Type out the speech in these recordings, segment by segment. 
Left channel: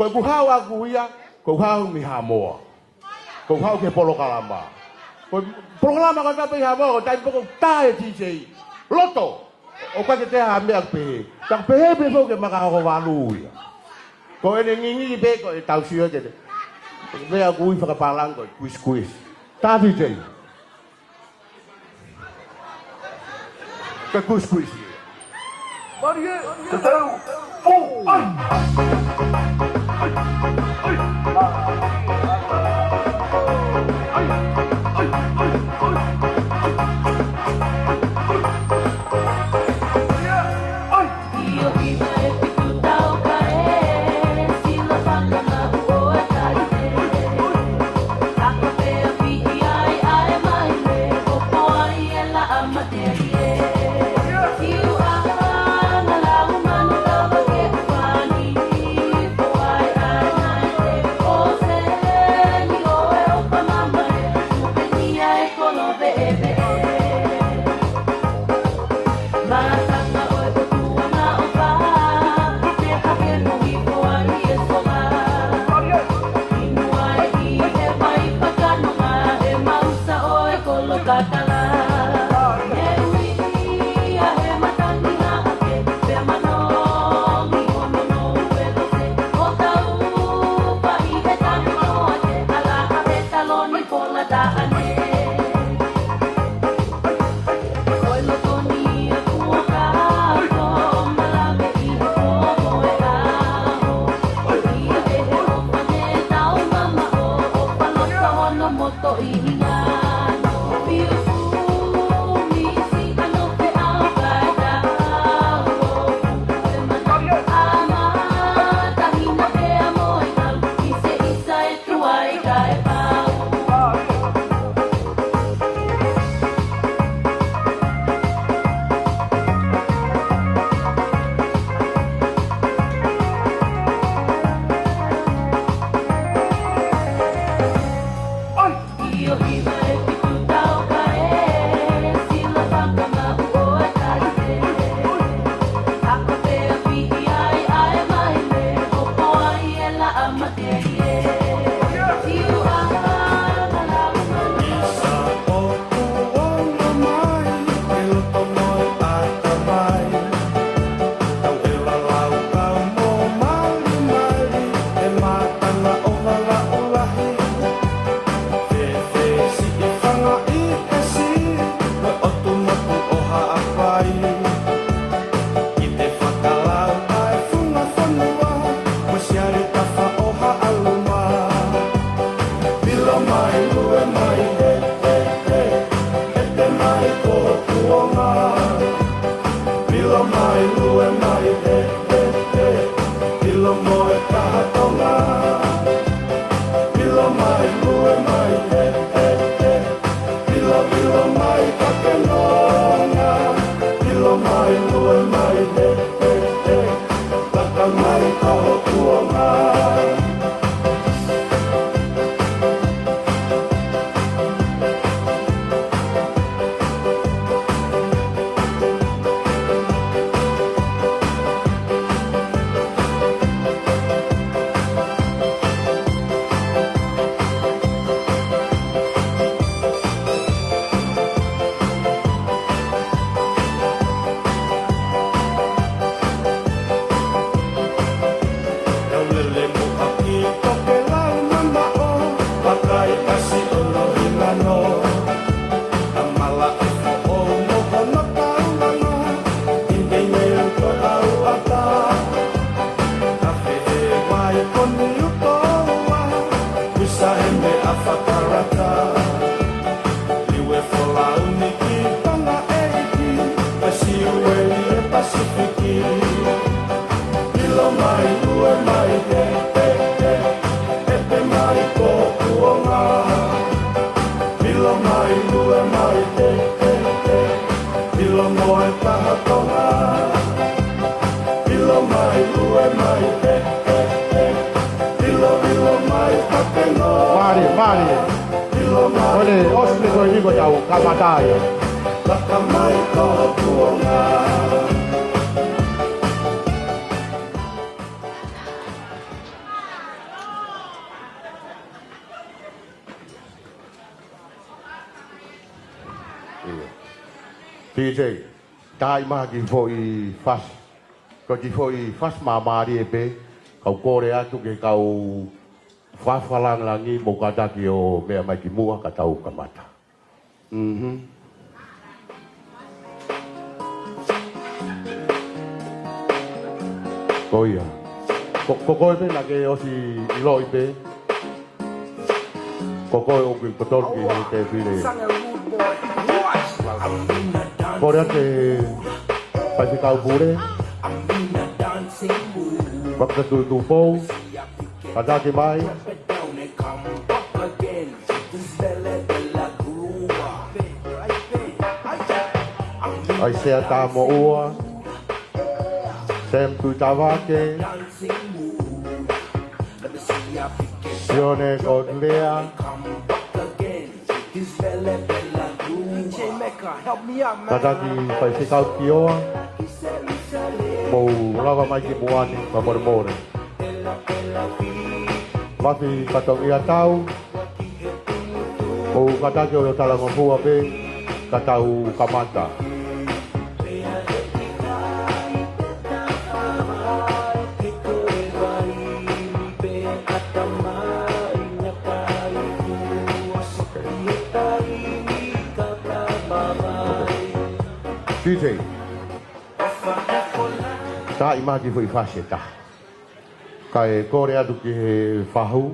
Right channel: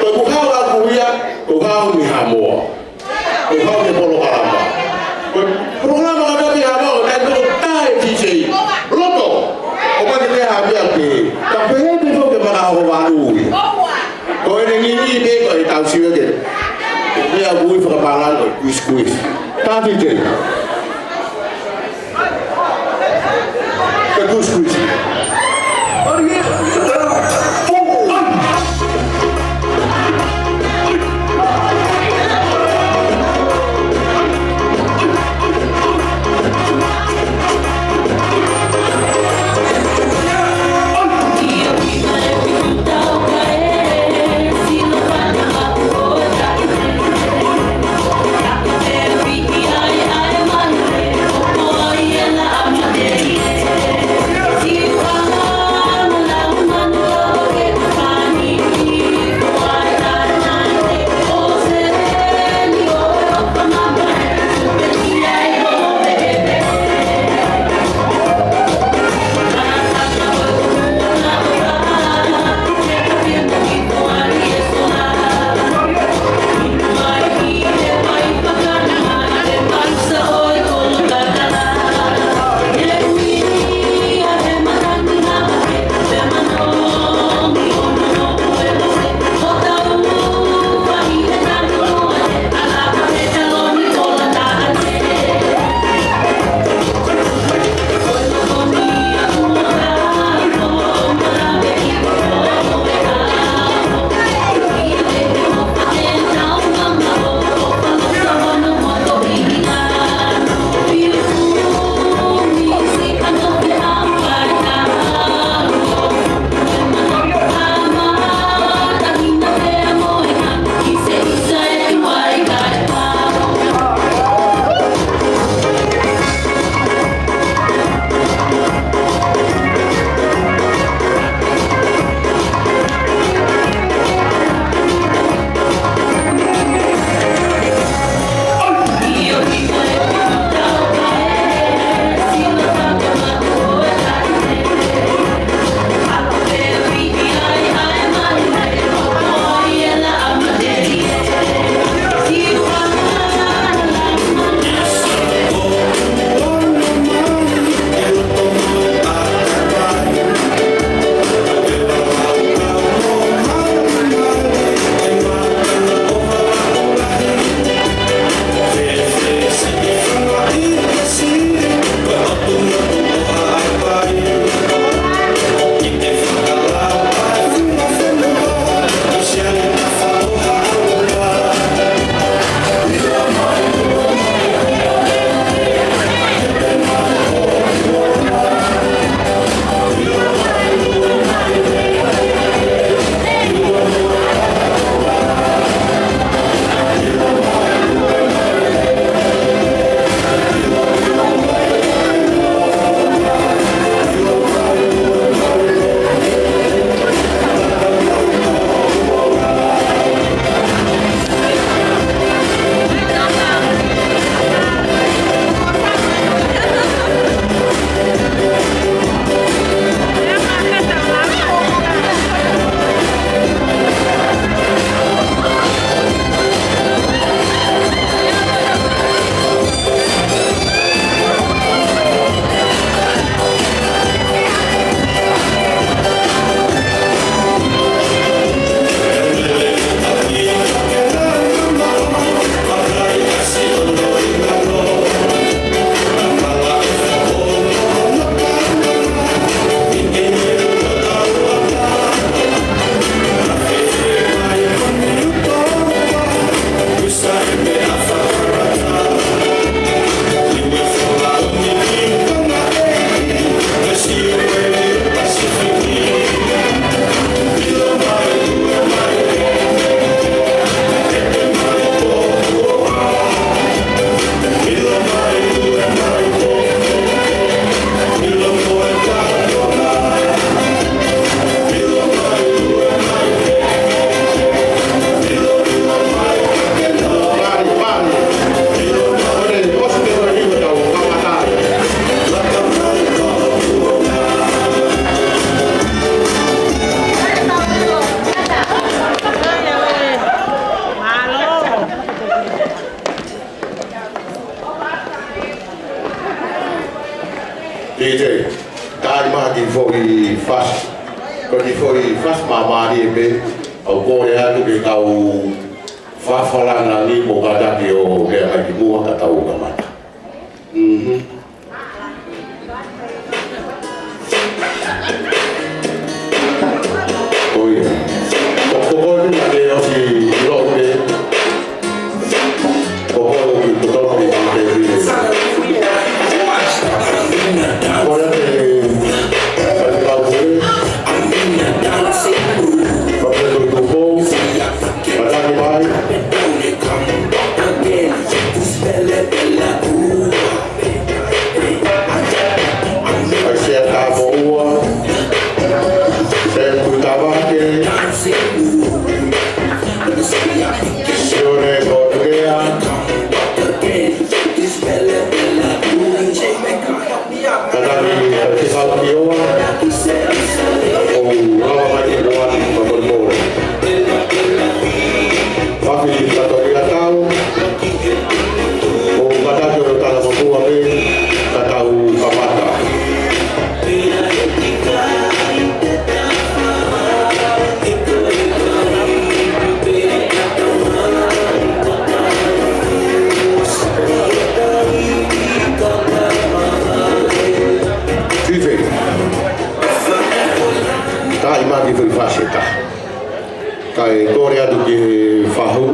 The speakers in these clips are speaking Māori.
kuhawa kuya, kuhawa ni hamua. Kuhawa ni programa. Programa kada ni hamua, tendo tai DJ. Loto. Opa ni hamia ke. Tapi ni tu ke mana hawa lui. Kau ini ni dek kau tahu siapa ke? Kau yang gue perbalan kuis. Tadi dek. Kuis. I foi fast. Porque foi fast mamari be au ko ya ke kau fa falanga ni ko kata ki o ke ai bua ka tau ka mata. Oh yeah. Ko ko ni ke o si lo ke. Ko ko ni ko ko ni ke ni. Ora ke kai kore atu ki whahu.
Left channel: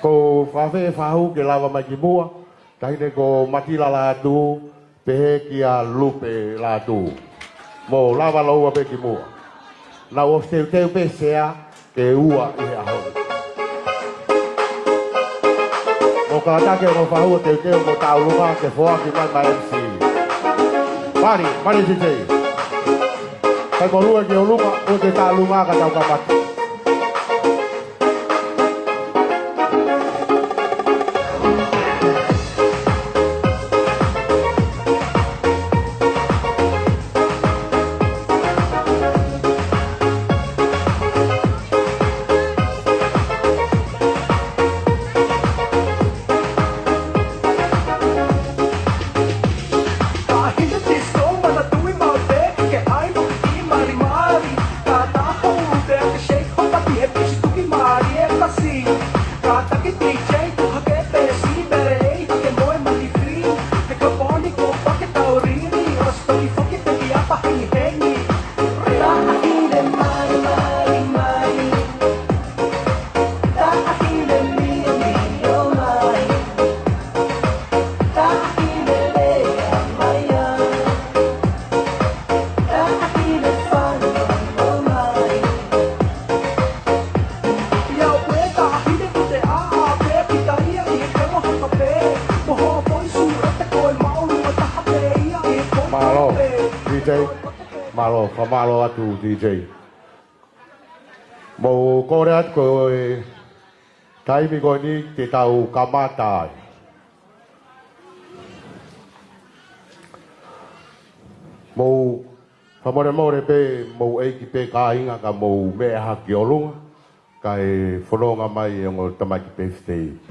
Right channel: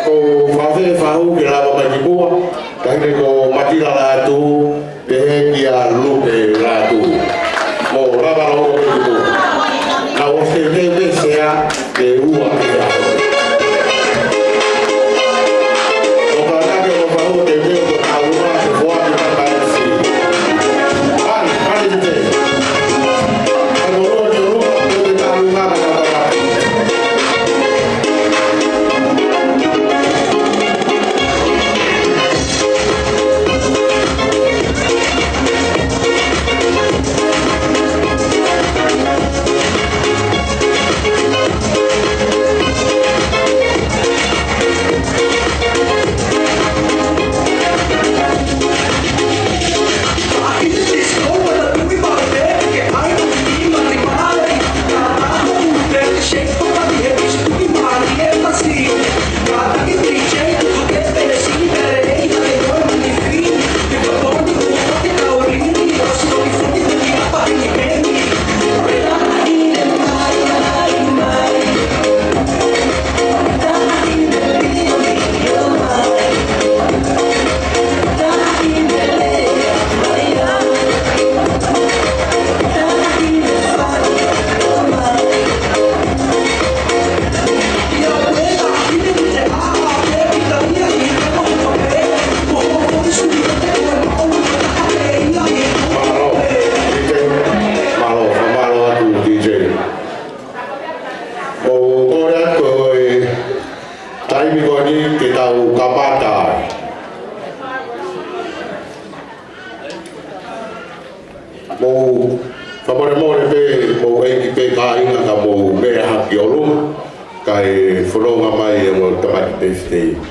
Ko whawhe whahu ki rawa kai ki mua, kai ko matira rātu, pehe ki a lupe rātu. Ko rawa roa ki mua. Na o se te sea te ua ki rātu. Ko kātake o whahu te teo ko tā ua ki wha ki rāta si. Hari dite. Ang uruan ng rumah, kung itanungan ang katapat.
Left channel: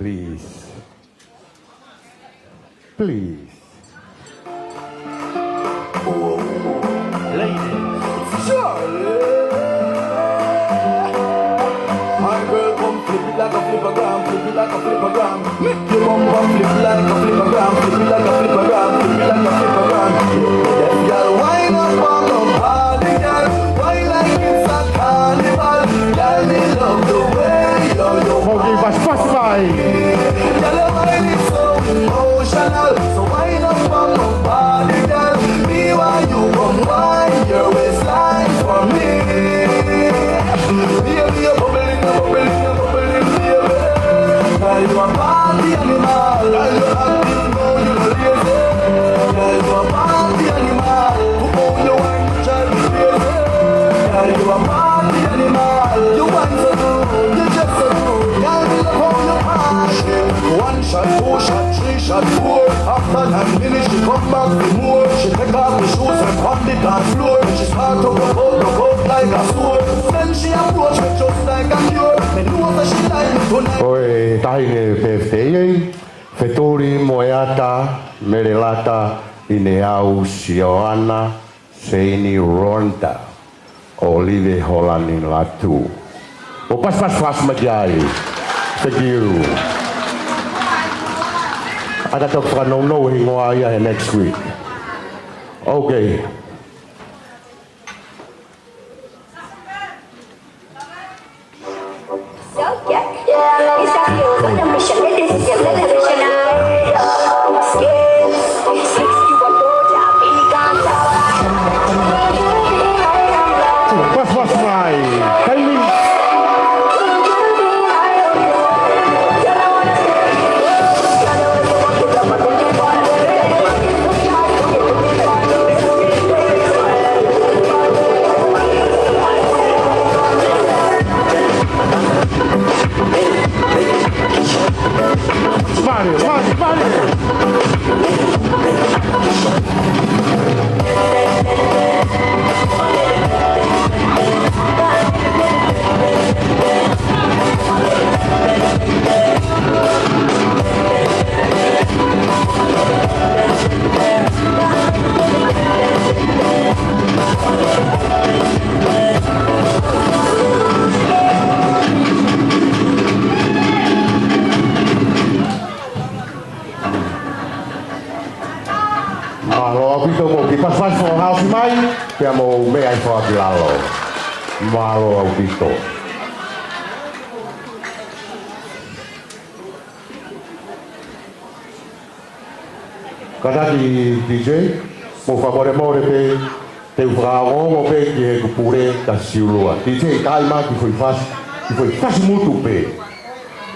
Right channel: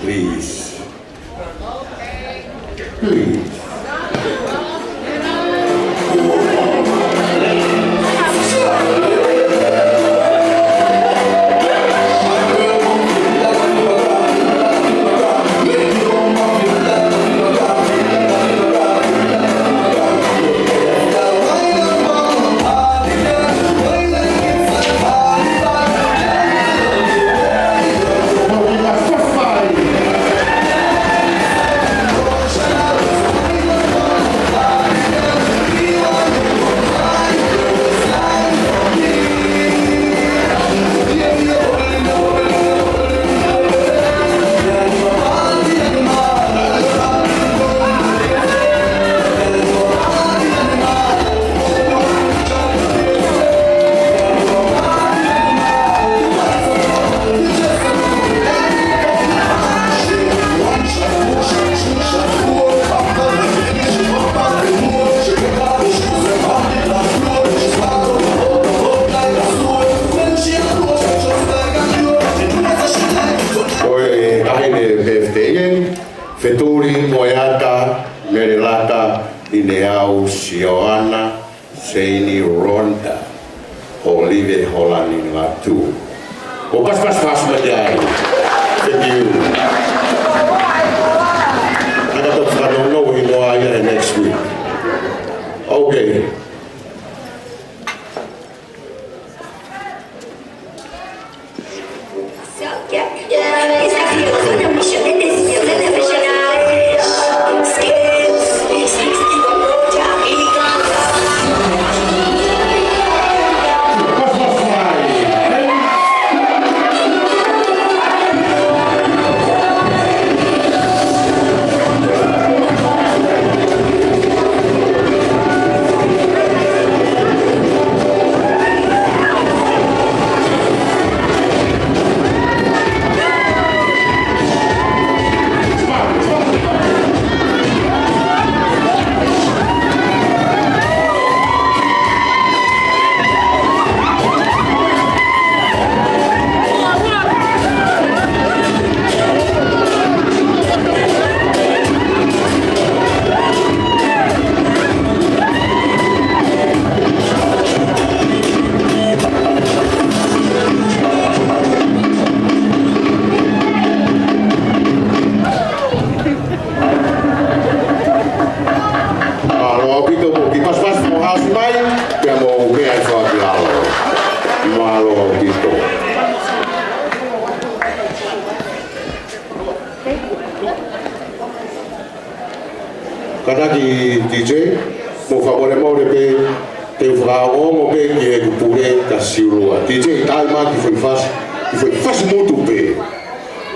Please. Please. Ineau Sioana Seini Ronda Olive Holland Latu. Well, what's my day? Thank you. I don't know who I got next week. Okay. Karena di DJ, mau kabar mau deh, Evrao mau deh dia kupure tasiulua. DJ kalma di fas mutu pe,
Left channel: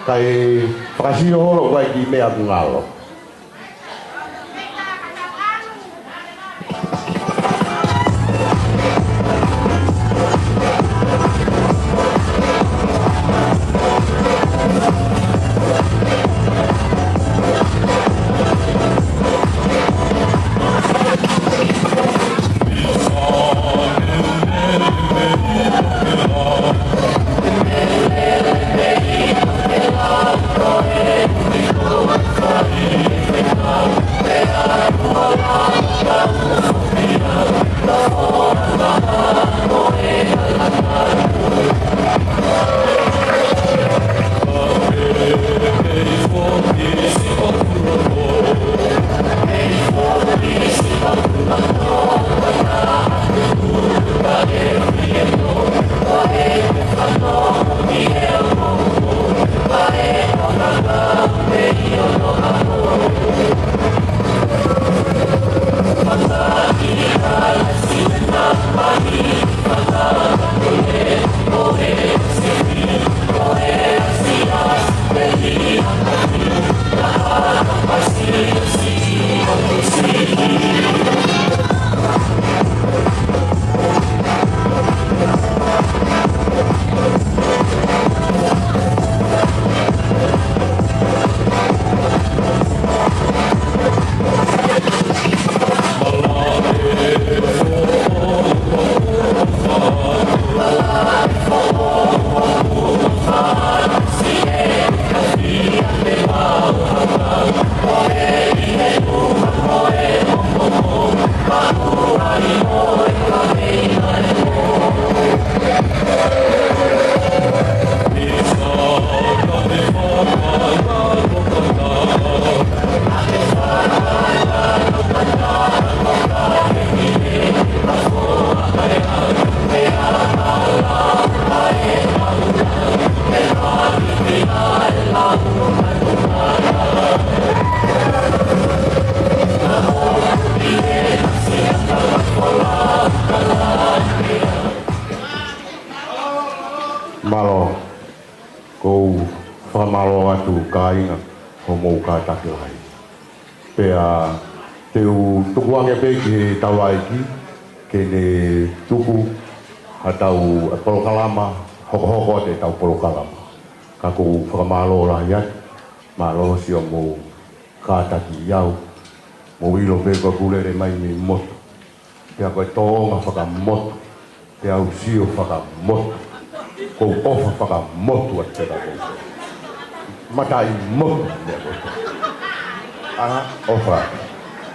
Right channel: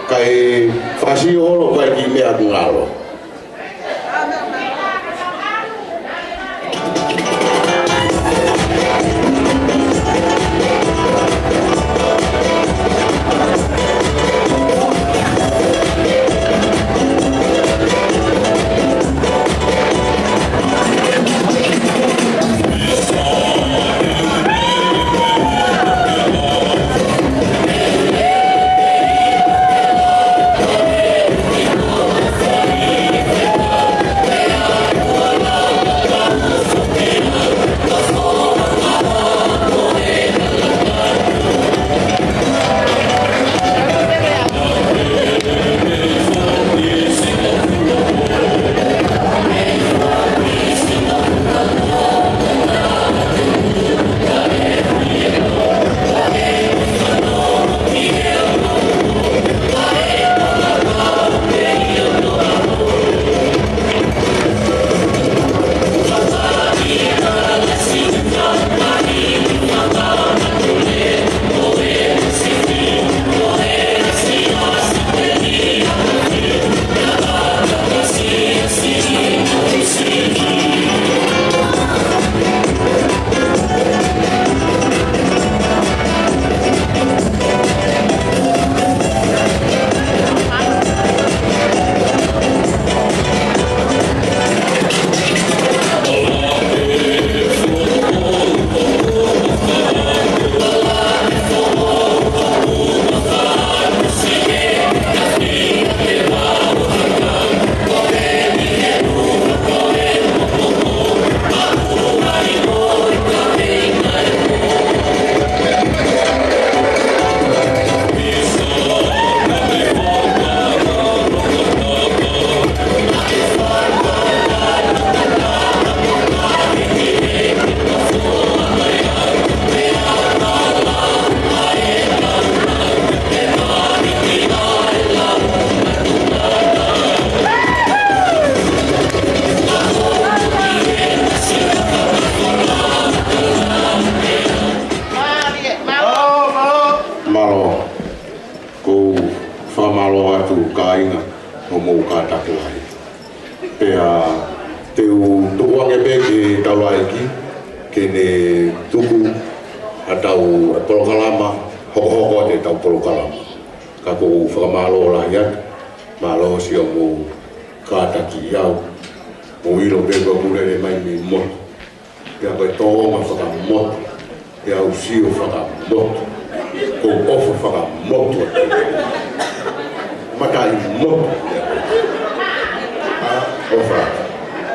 kai fasio horo kai di lihat ngalo.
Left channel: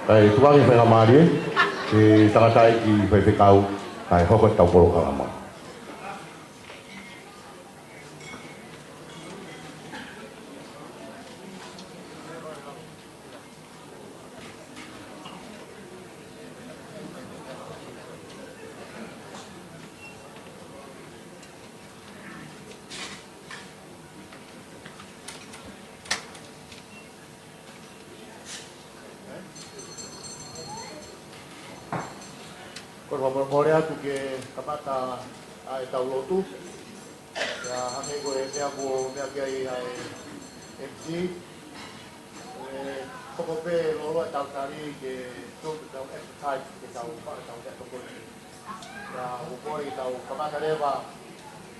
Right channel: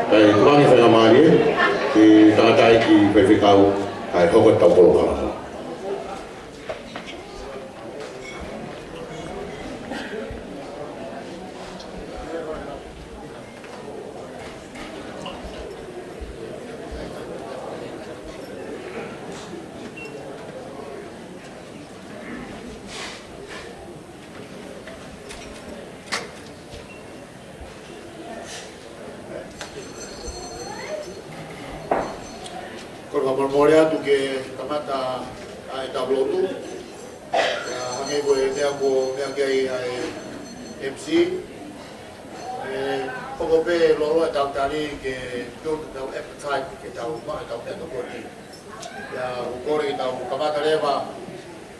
ai kuangi whanga maari, ki takatai ki whiwhikau, ai hoko tau polo kalama. Morea tu ke kamata ai tau lotu hange ko e te amo te angai ai MC koko pe loro e tau tali ke tau appetite ke tau ma tau te tau kori ya ukore tau kamata leva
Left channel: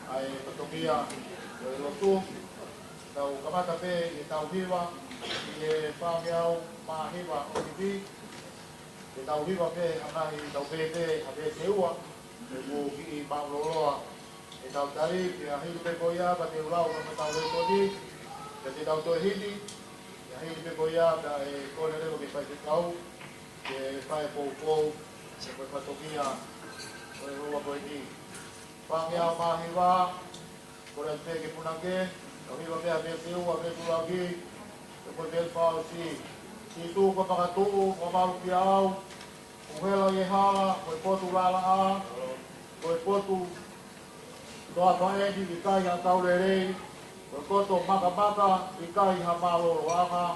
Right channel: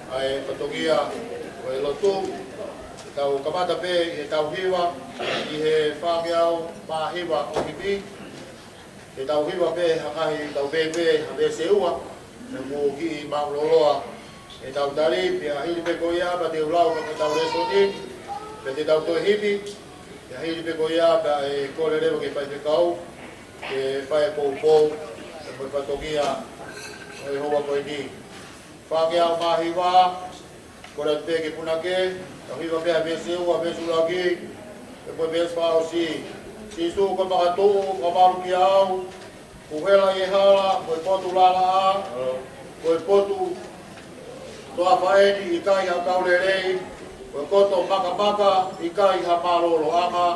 ai otogia o e lotu tau kamata pe e tau hiwa i he whakeau ma hiwa o kipi e tau hiwa pe hangahi tau pepe hame seua e mo ki mauloroa e tau tari pia hili pe koia pa te ulau pa tau resoni pe te tau toi hipi e hili pe koia pa e kore rewa ke pai pe kau ke pai pou pou se moi patokia e hoa koe ni whakeau mahi wā kore te ke punake tau hiwa pe hame seua hame sulaki e koe pe eswao si Sisu ko makatuu, ko maru ki au, kuhela i hala, koe potu lala a, koe potu toa whaedi i kai ha kaurerei, koe koto maka maka i kai ha malolo anga.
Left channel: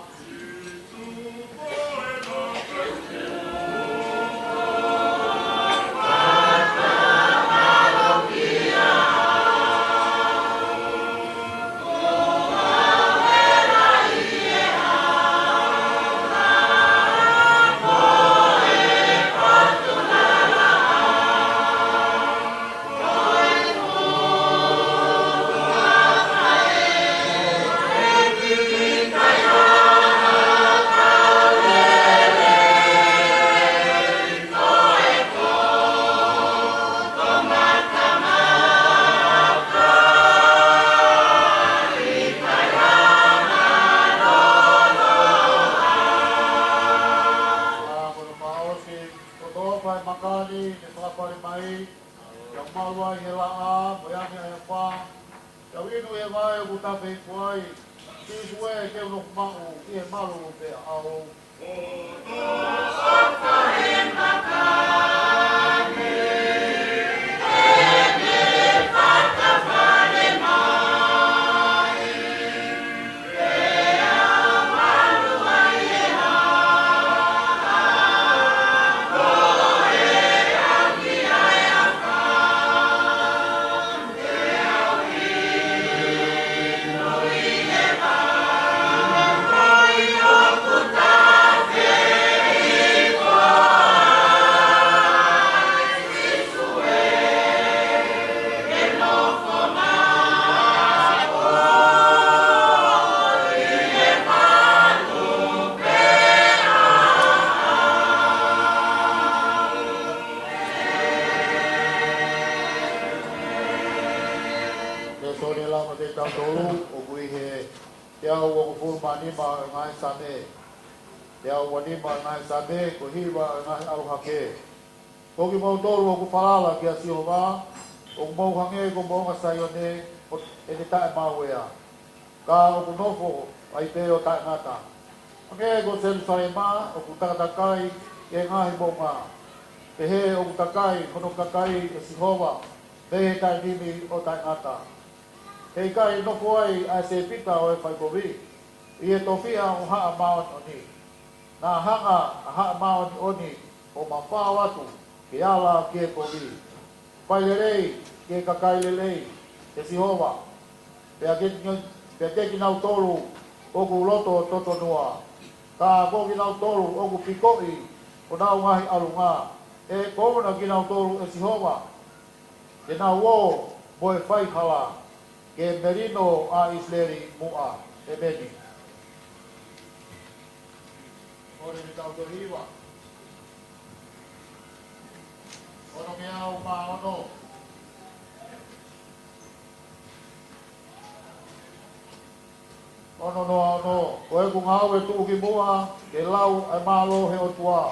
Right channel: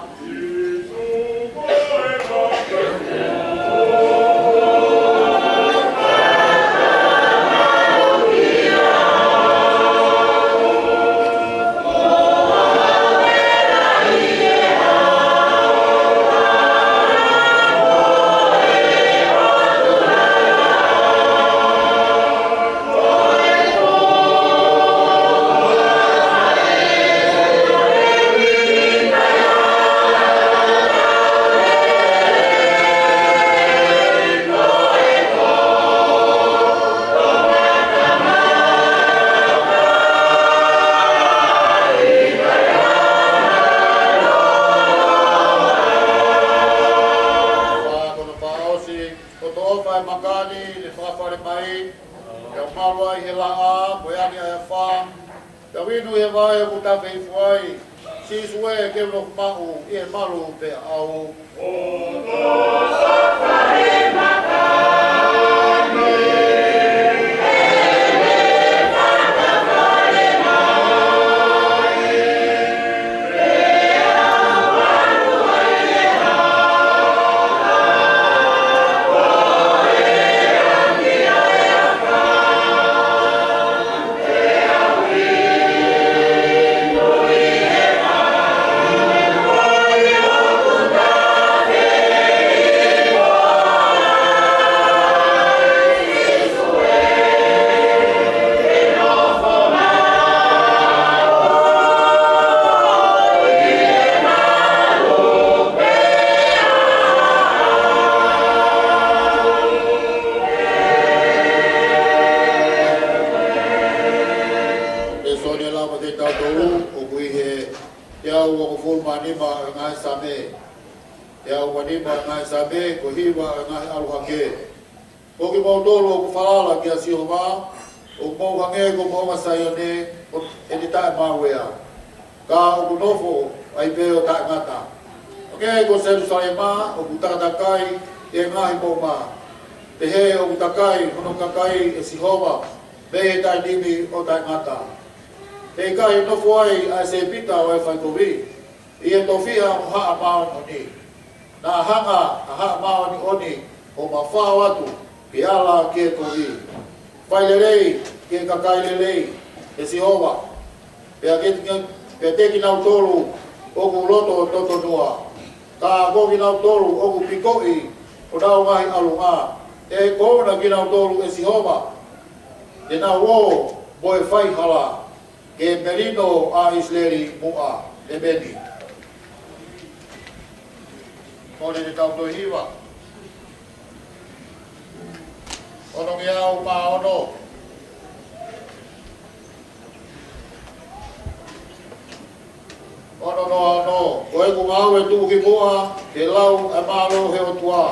Ono, koe ku mau e tuki mua, ke lau e malo he o tua.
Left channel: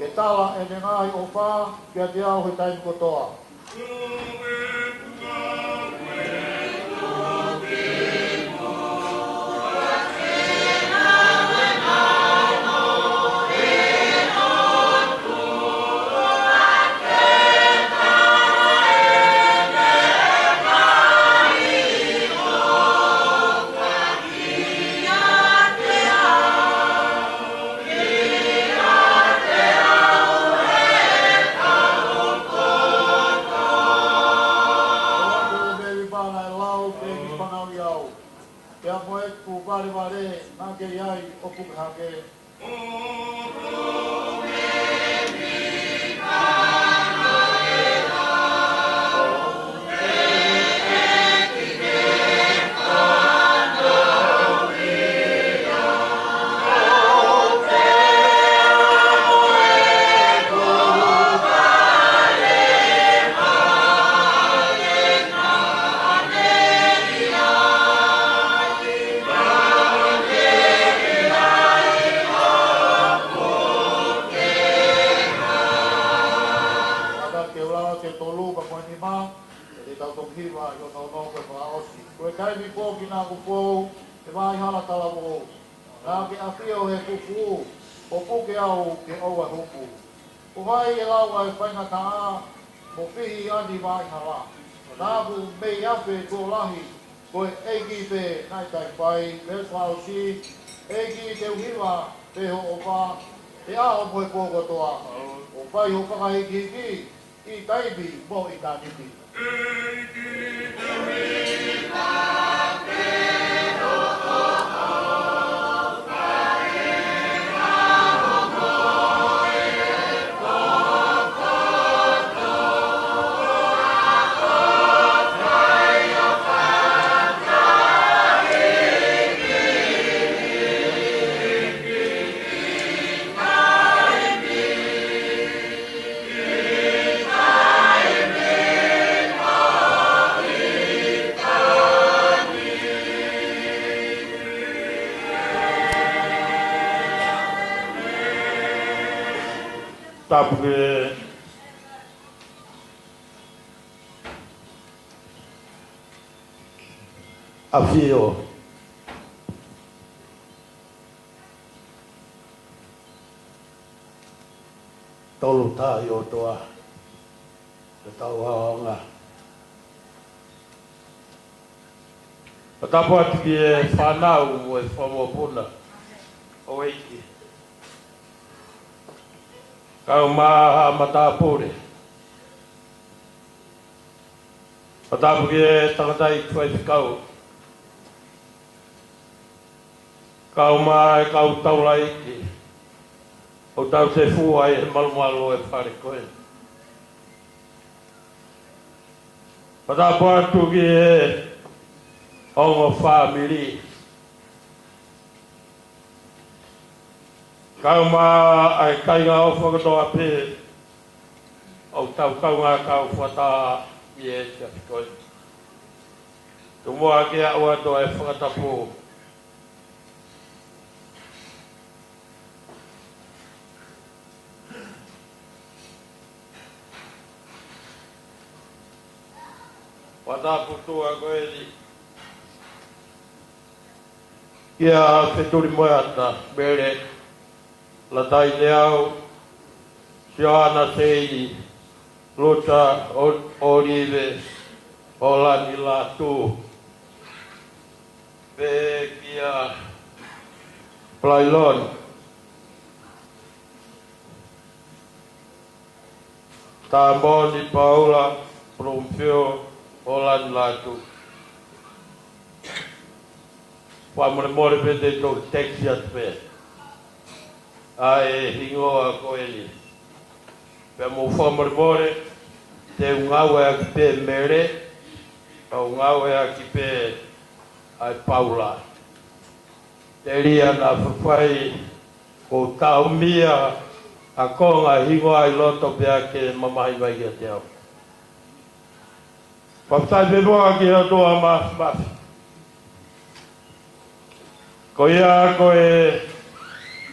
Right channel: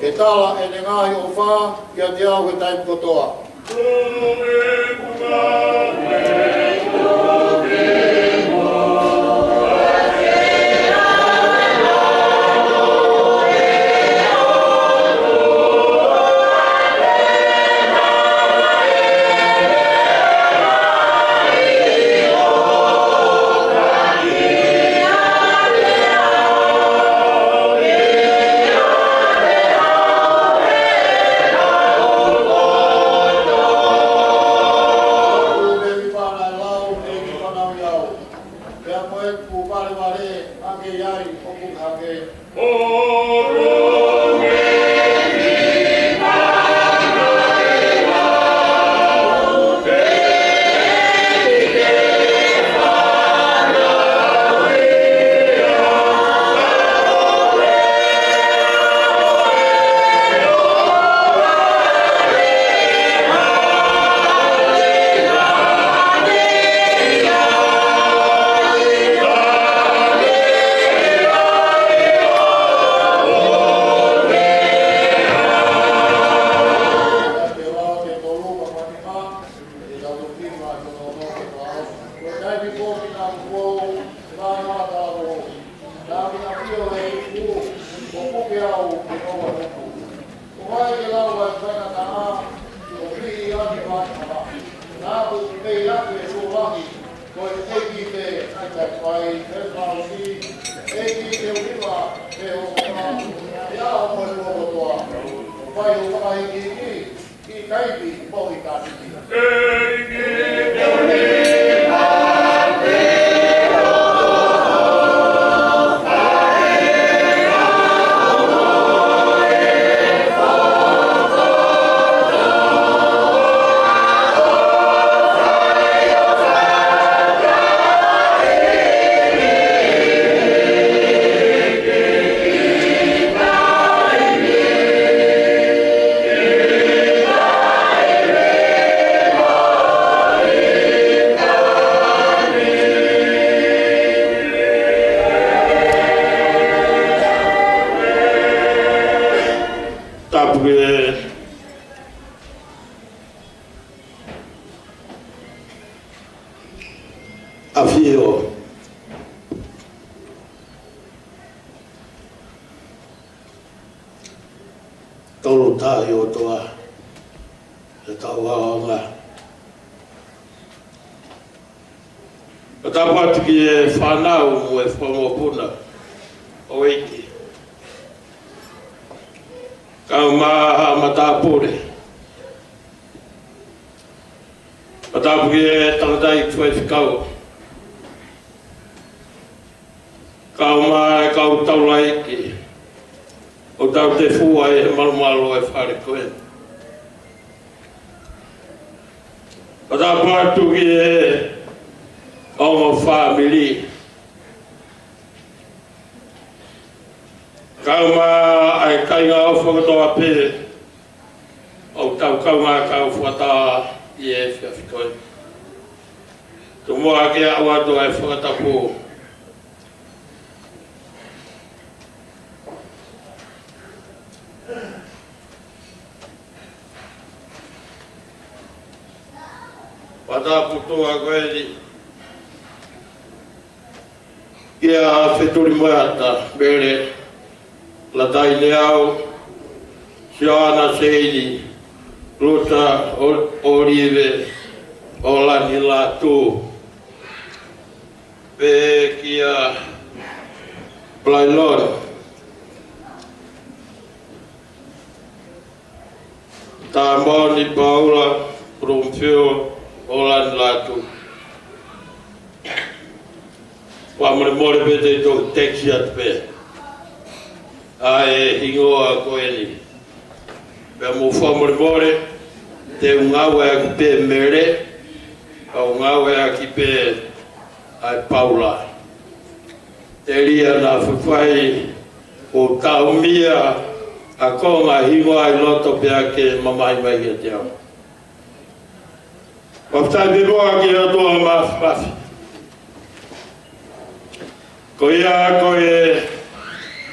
E tala e ne ngahi o wha, kia te au he tai kotoa. Afio tolo tayo toa e tawa nga tawa tiki e whanau e whamokuna o eiki kau maha matapure tapuki e tangatai tuai whikau kau mai kau taurai ki o tau te fua e malumalo e whare koe. O tau pārtu ki e ongo whamiri. Kau mai ai tainga o whakatoa pē o tau kaunga kau whata i e whiawhi koe. Tu moa ke awa toa e whakatapu Wata putua koe ni. Ia wheturi moeata, mere la tai leau, Joana Seidi, Luta Olive, Olani Latu, Pe kia Plailon, Tamoni Paula, Rumfio, Olan Latu. Wamare mori pete to texiat pe. Ai hingoa koeni. Pe mo wamare mori te ungawe aki pe mere, a ungawe aki pe ai Paula. Te ria na whawhai o taumia a konga hingoa i loto pe ake mamai mai e te au. Paftai pe roa ki a toa mafi. Ko ia koe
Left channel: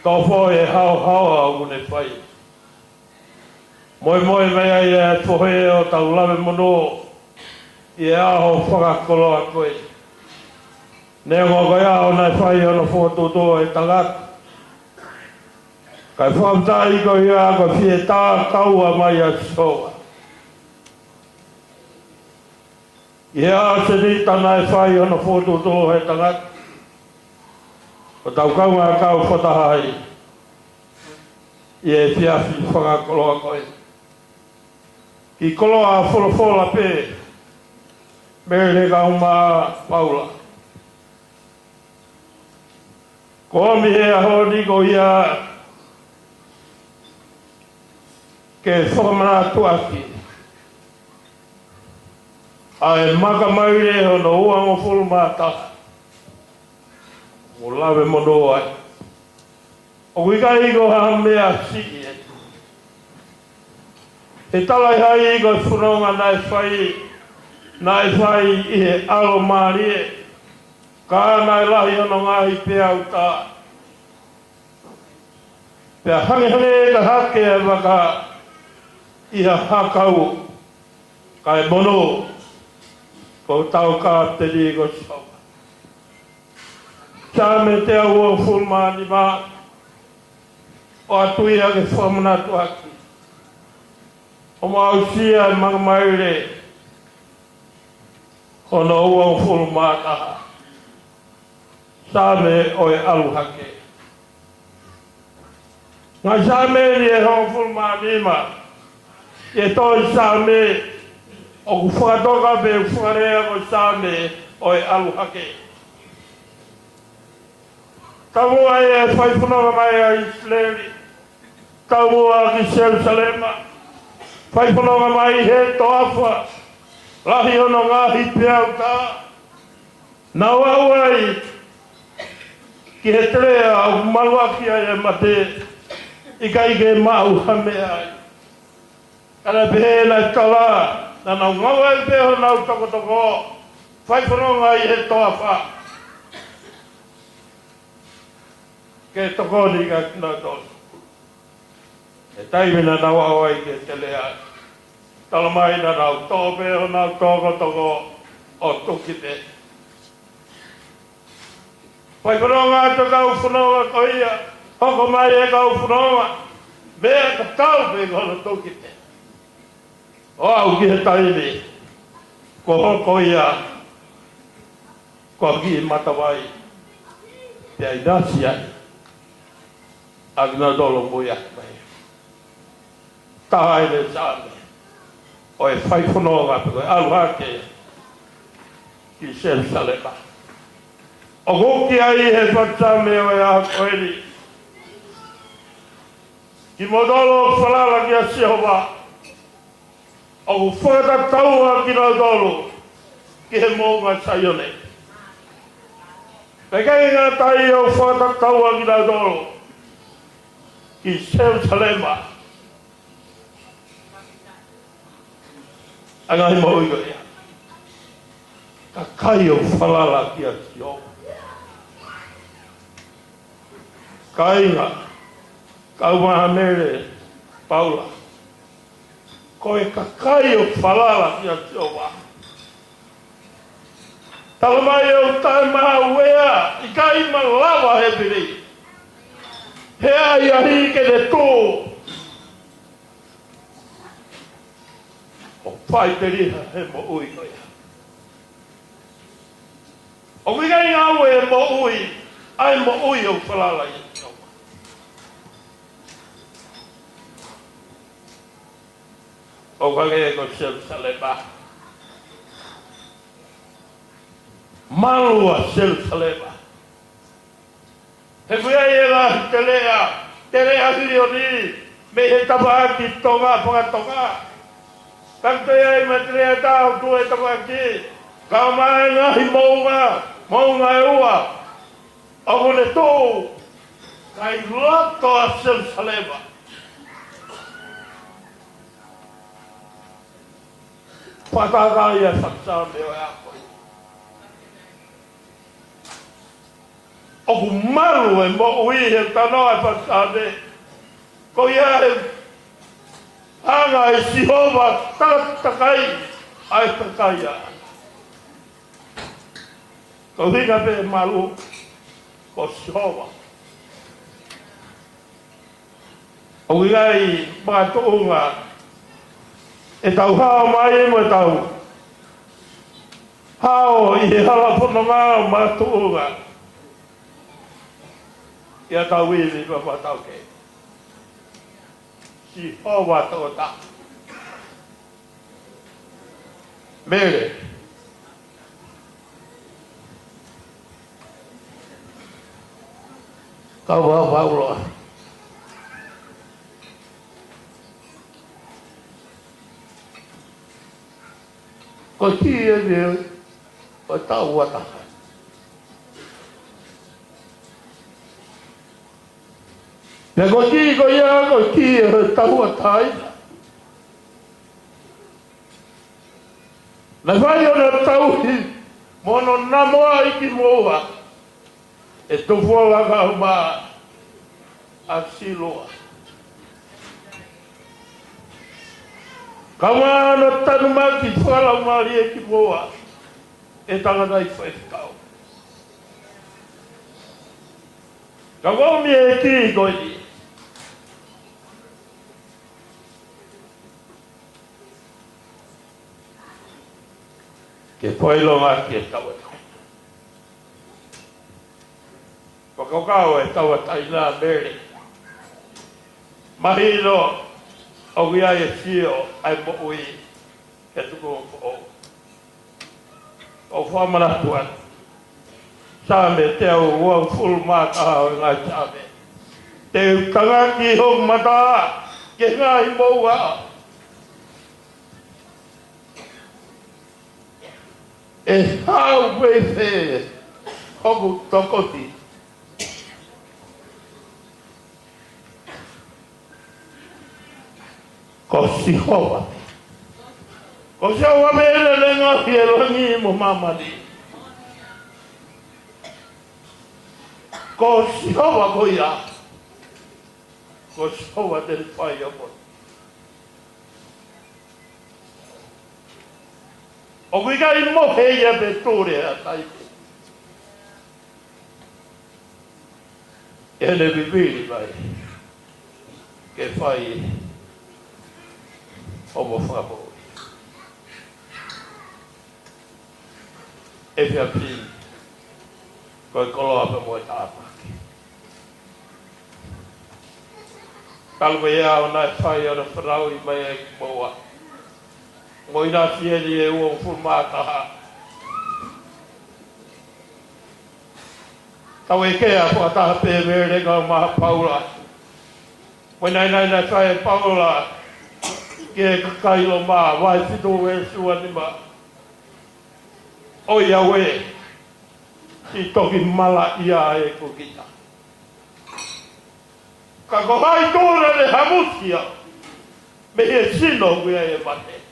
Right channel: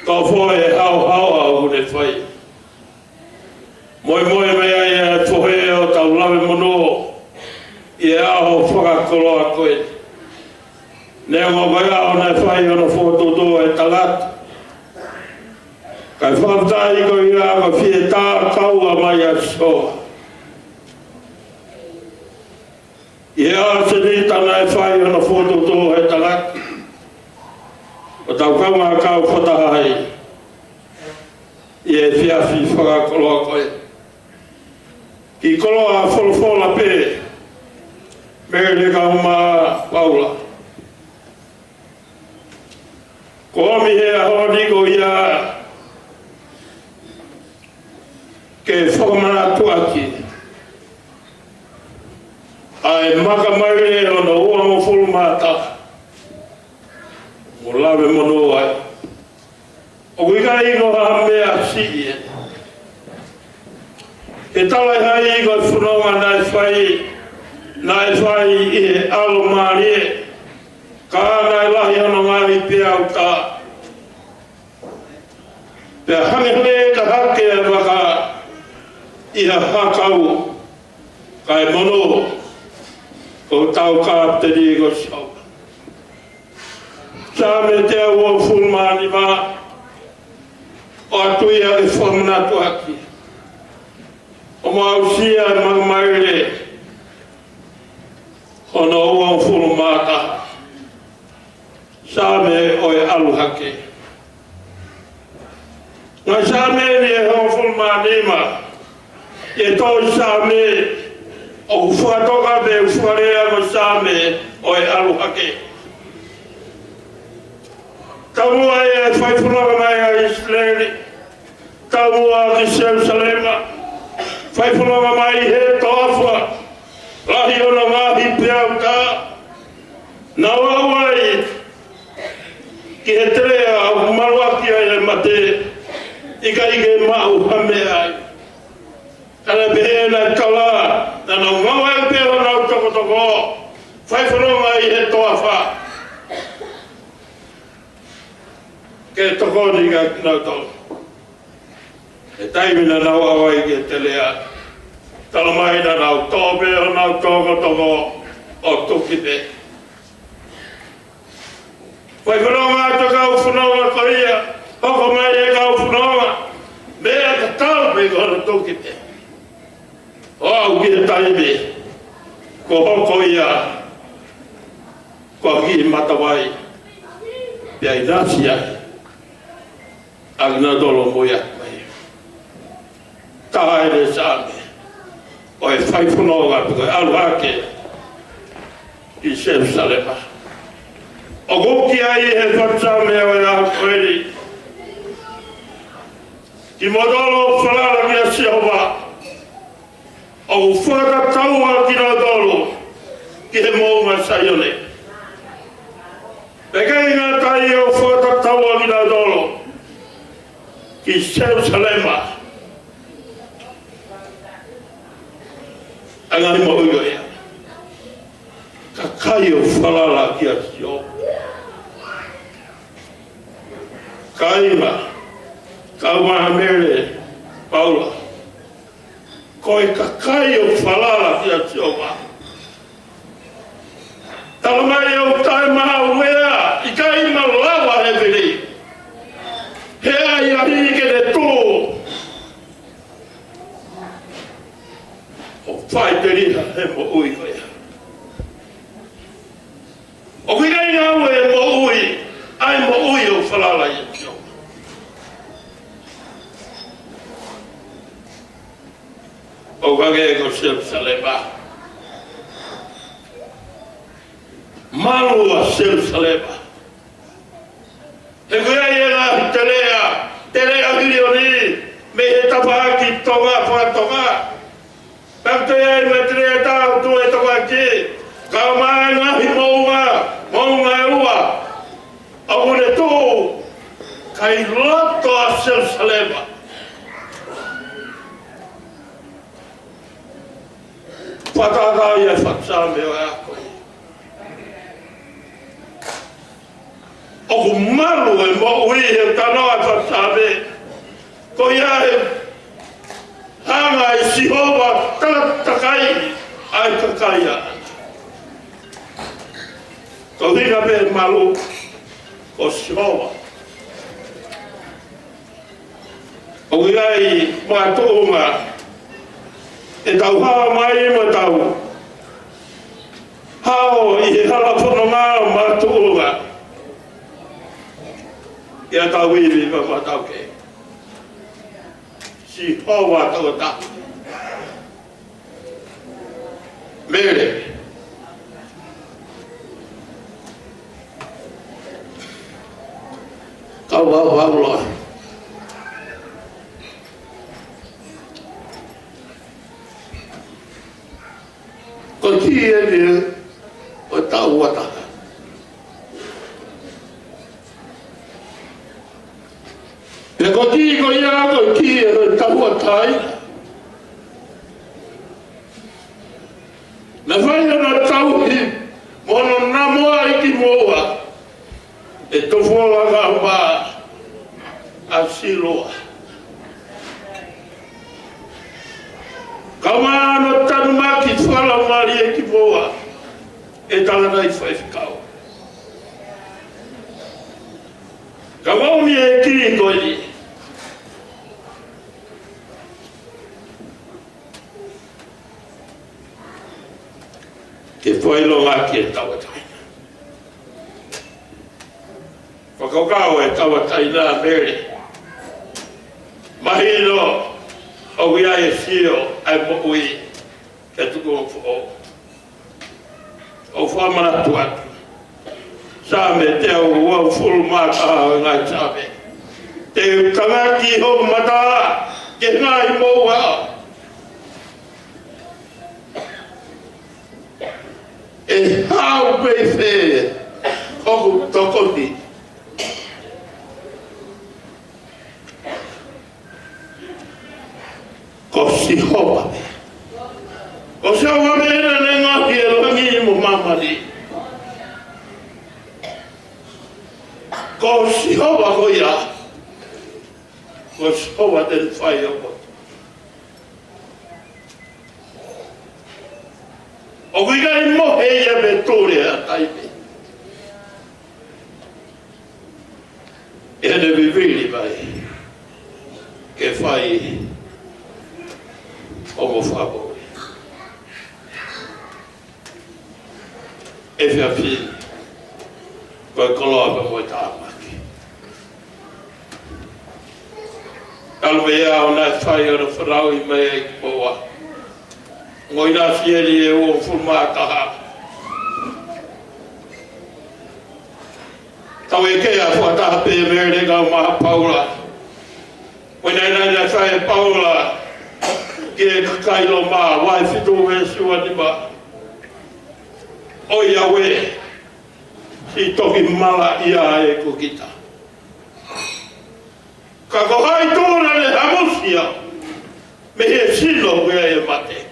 Ka foi hau au le fai. Moi mea ia pohe o tau lawe mono i aho whakakoloa koe. Nea ngā kai aho nai whai ana whototoa e talat. Kai whautai ko ia ka whie tā taua mai a soa. I aho se ni tanai whai ana whototoa e talat. O tau kaunga kau whatahai. I e whiawhi whakakoloa koe. I koloa wholofola pē. Mere kaunga paula. Ko ami he ahoa niko ia ke whamana tuaki. Ai maka mai e o na ua mo wholumata. O lawe mono ai. O wika iko ha mea si e. He tala hai iko whunonga nai whai i he alo maari e. Ka nai lahi ono ngāhi pia au tā. Pea hangi e ka hake e waka i ha hakau. Kai mono o tau ka te rigo sau. Tā me te au o whulmani mā. O atuia ke whamana tuaki. O mausia e magmaire. Hono ua whulmata. Same o e aluhake. Ngai same ni e ho whulmani ma. E toi same o whatoka pe wharea o same o e aluhake. Kamua e whaifunawa mai a Israeli. Kamua ki Jerusalema. Whaifunawa mai he tofa. Lahi ono ngahi peau tā. Nā wawai. Ki he trea au maruaki ai e mate. Ika ike mau hame ai. Ala pehe na tala. Nā ngawai peho nau toko toko. Whaifunawa mai he tofa. Ke toko ni ka nau tau. E taimina nau awai ke te lea. Talamaina nau tōpe o nau tōko toko o tukite. Pai whanonga ata kau whanonga koia. Hoko mai e kau whanonga. Mea ka taupe kono tukite. O au ki he taime. Ko hoko ia. Ko ki he matawai. Pea i nasi ai. Agna dolo mo yakwai. Tahai le same. O e whaiwhanonga tuka aluhake. I Jerusalema. O hoki ai he whatsame o e ahakoeri. Ki modolo whalala ki a Sehova. O whakataua ki na dolo. Ki he mōma saione. Pekai ngā tai o whakataua ki na dolo. Ki Jerusalema. Angani mo oi ia. Ka kai o whalala ki a tio. Kaima. Kaumaha mere. Paula. Koe ka kai o whalala ki a tio ma. Talamai o tai maha uea. I kaima lawa he piri. Hea i ahi ke le tō. O whai te riha he mo ui oia. O kia i ngā ue mo ui, ai mo ui o whalala i tio. O kage ko Jerusalema. Malua Jerusalema. He kuia i e lahi te lea milioni, me he tapaki tonga whatonga. Kakte ai me te lea tau tu e toka ki, ka mai ngahi mounga e ua. A mone tō, kai loto a Jerusalema. Whatakai e whatsame o e akoi. o ku malu e mo ui e tanoa tatane ko ia e hanga i Sihova takai ai takai a ko hina pe malu o Sihova o iai mātounga e tau hao mai ma tau hao i hala whanonga mātounga ia tau hiwi ma tau ke Sihova tau ta mere tau hao o tia ni o tau wata. Me ko ti ko ia ko tia o tau watai. Me vai na tau hi mona na moa i ki moa. E tu fola ga ba a siloa. Kawana tanuma ki whala ngari e ki poa e tangana i whaifkau. Kawauni e kiri koi. E whailonga ki e tawataina. Whakaukau e tawataina mere. Mahiro o ia e fio ai popui e tuku o fo o whamana tuatu same te o ua fulu mata o ngai same te tangaki hoku mata ke ngai moa e hau pei fe hoku tokoti ko Sihova. Ko Sihova me ena lenga ki e rangi mo mamari. Ko Sihova ko ia. Ko Sihova den whai o. O kuika i mohe ia pe tore a taipe. Ene vivili vai. Ke whai o mo whako. E whia pi, koe koloa mo e tāmaki. Alwa ia o nai whai ana whanau i mai e ki moa. Ngoi nā whieri e o whumātaha. Tau e kea whataha pe mere ngau maha Paula. Koe nai whai e Paula. Ke kailo ma vai fitu me suani ba o Yahweh i toki mala ia e kukita ka ko hai tōna le hamusia me he sino wea e mate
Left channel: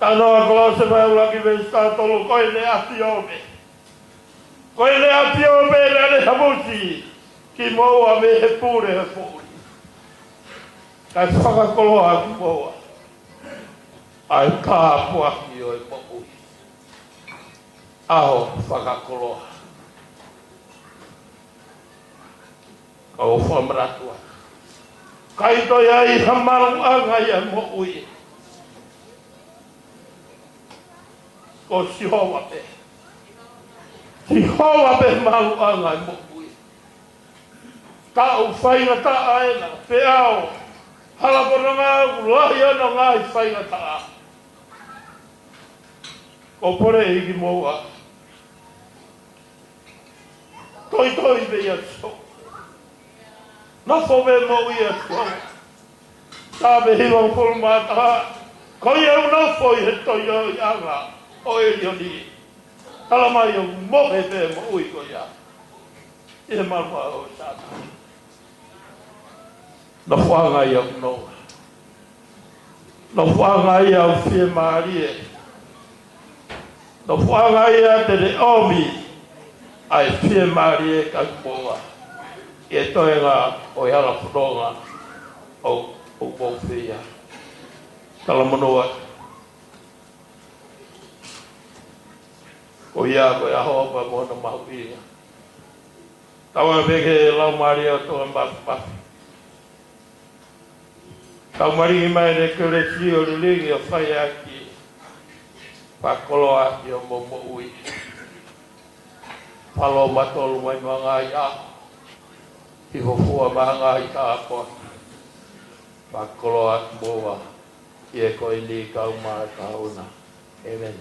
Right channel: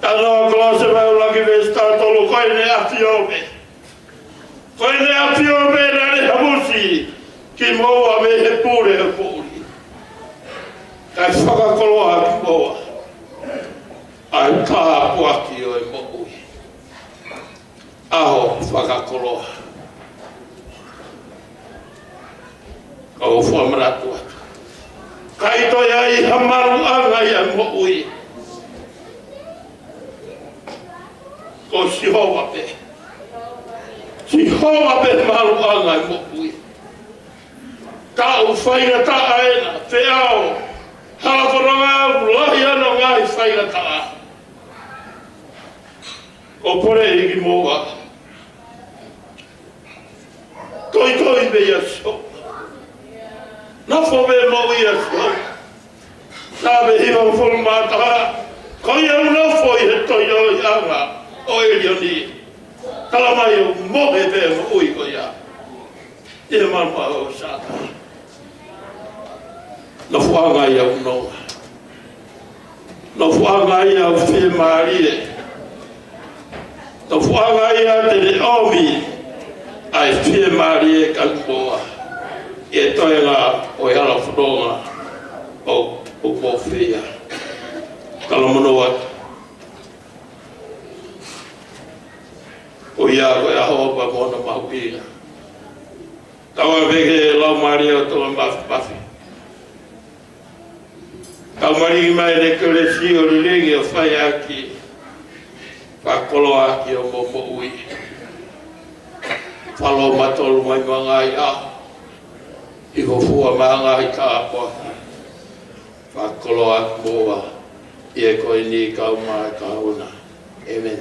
tanawa klase me ulagi me statolo koe ne atiope na le hamusi ki moa me he pure he puri ai whakakoloa ki moa. Ai tā puaki o e mo'ui. Ao whakakoloa. Kau whamaratu atu. Kai toi ai hamaru anga i a mo'ui. Ko Sihova pe. Sihova pe maru anga i mo'ui. Tau whaina ta aena, te ao. Hāwhananga lahi ana ngai whaingataa. O pore hiki moa. Koi me ia so. Nofo me no ia so. Sabe hiwa whuru mātaha. Koi au nofo i he toi o i anga. O i rioni. Talamai au mohe pe o ui ko ia. I he mamma o sātai. No whanga i au nonga. No whanga i au whimarie. No whanga i au te omi. ai fie mari e kankoa e toenga o yala whronga o kofia. Talomono wa o ia ko e ahoa pa mona maupina. Kawa veke lau mari au toa mafi. Kau mari mai ne kere si o ringi o whai aki whakolo aki o momo ui. Whalo matolu mai mangai a i hofua mangai ka apoa. Whakolo aki moa i e koe ni kau mai ka huna. Amen.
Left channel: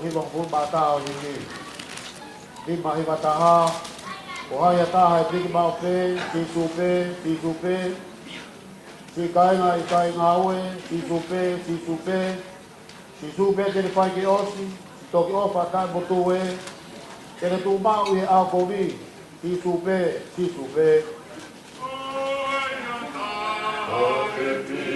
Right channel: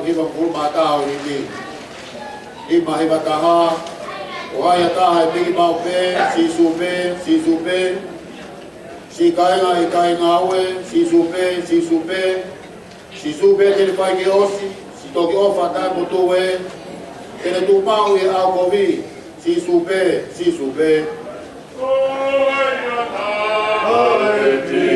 Hima pulma tau hindi. Hima hiba taha. Ohaya taha bigi mau pe, si supe. Si kainga I kainga aue, si supe. Si supe tele pai ki osi, si toki ofa tai mutue. Ele tu mau I au kovi, si supe. Ohaya taha bigi.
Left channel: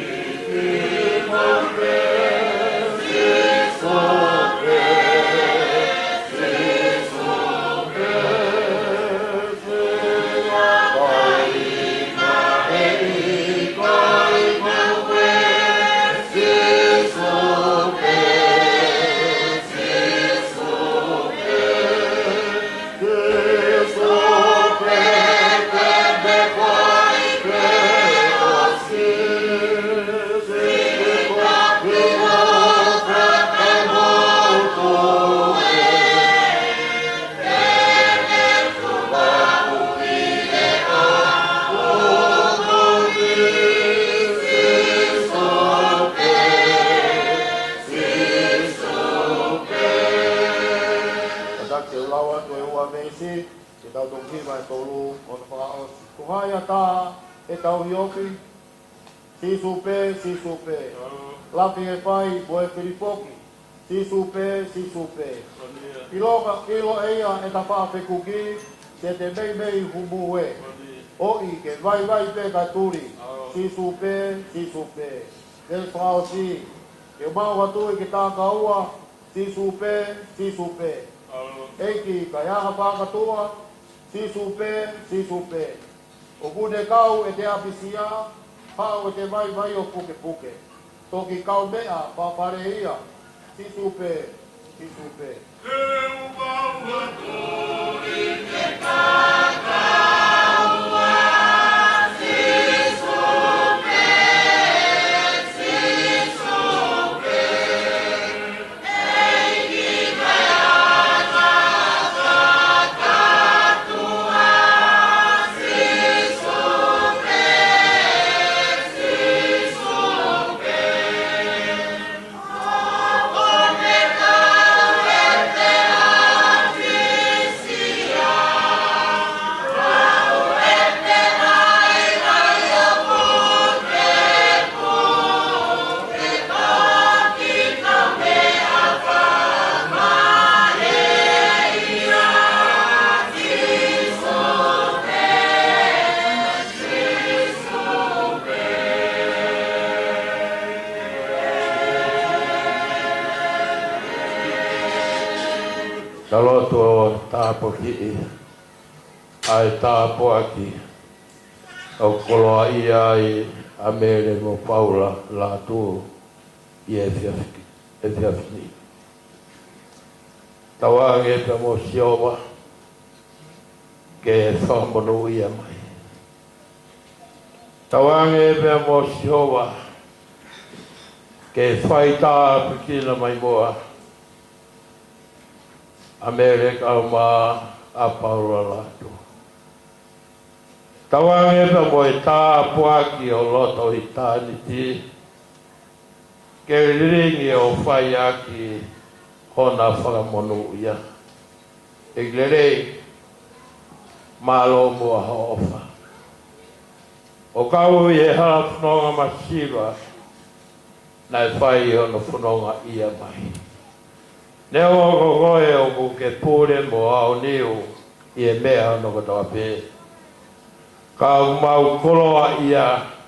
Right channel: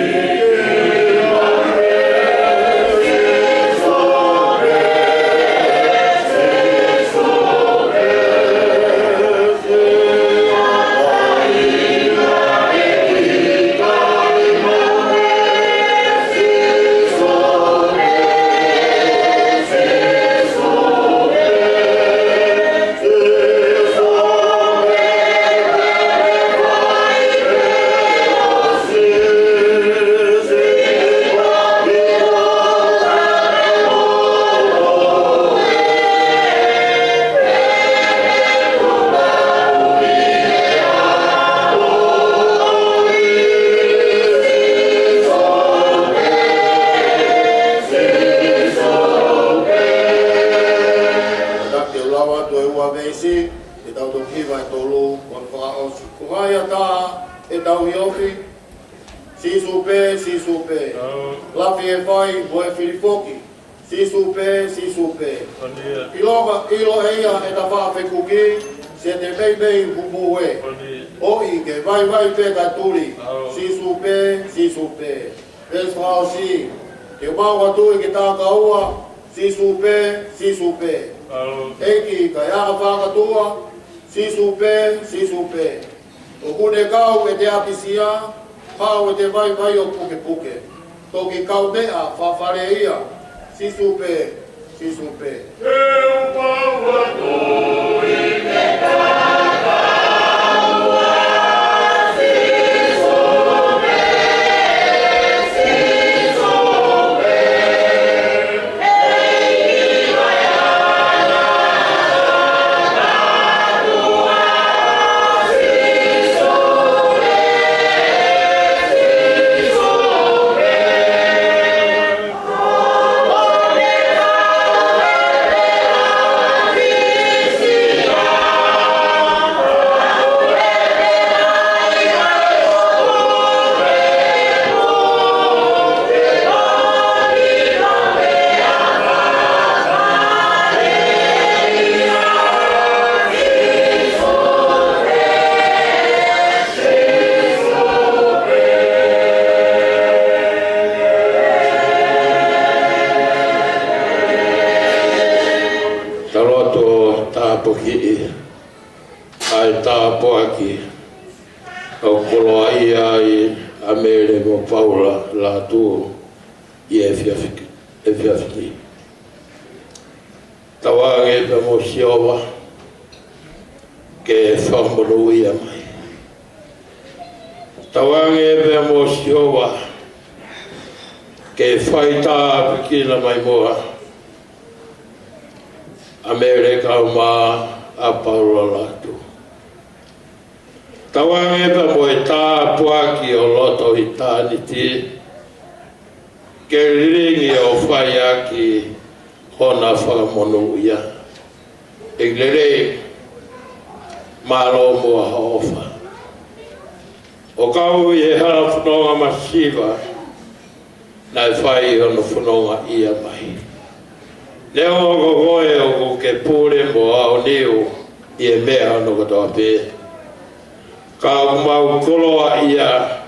Lafi e vai, moe filipoki. Si supe. Ilo heia e ta wha whekuki, se te mei humue. Oi ke vai pe katuri. Si supe. Ves whao si. E wau hatui ki tā kaua, si supe. Eiki ka ea whakatua, si supe. O kune kau e te apisia, hao e te vai o puke. Toki kau mea, whawhare ia, si supe. E wau hatui ke tā kaua, si supe. Eiki vai ana katua, si supe. Ai tāpuaki au koloa ia I amere mo paula la tu I e whiawhiti. Tawange pa mo siowa ke whamuru ia mai. Tawange pa mo siowa ke whaita pikina mai moa. Amere kauma a paula la tu. Tawange pa mo e tāpuaki o loto I tāniti. Ke ringi o whai aki hona whakamonu ia. E glere malo mua haofa. O kau I e hala whanonga masiva, nai whai hona whanonga ia mai. Leo o goe o ke pule mo au niu I e mea no katoa pē. Ka mau koroa ia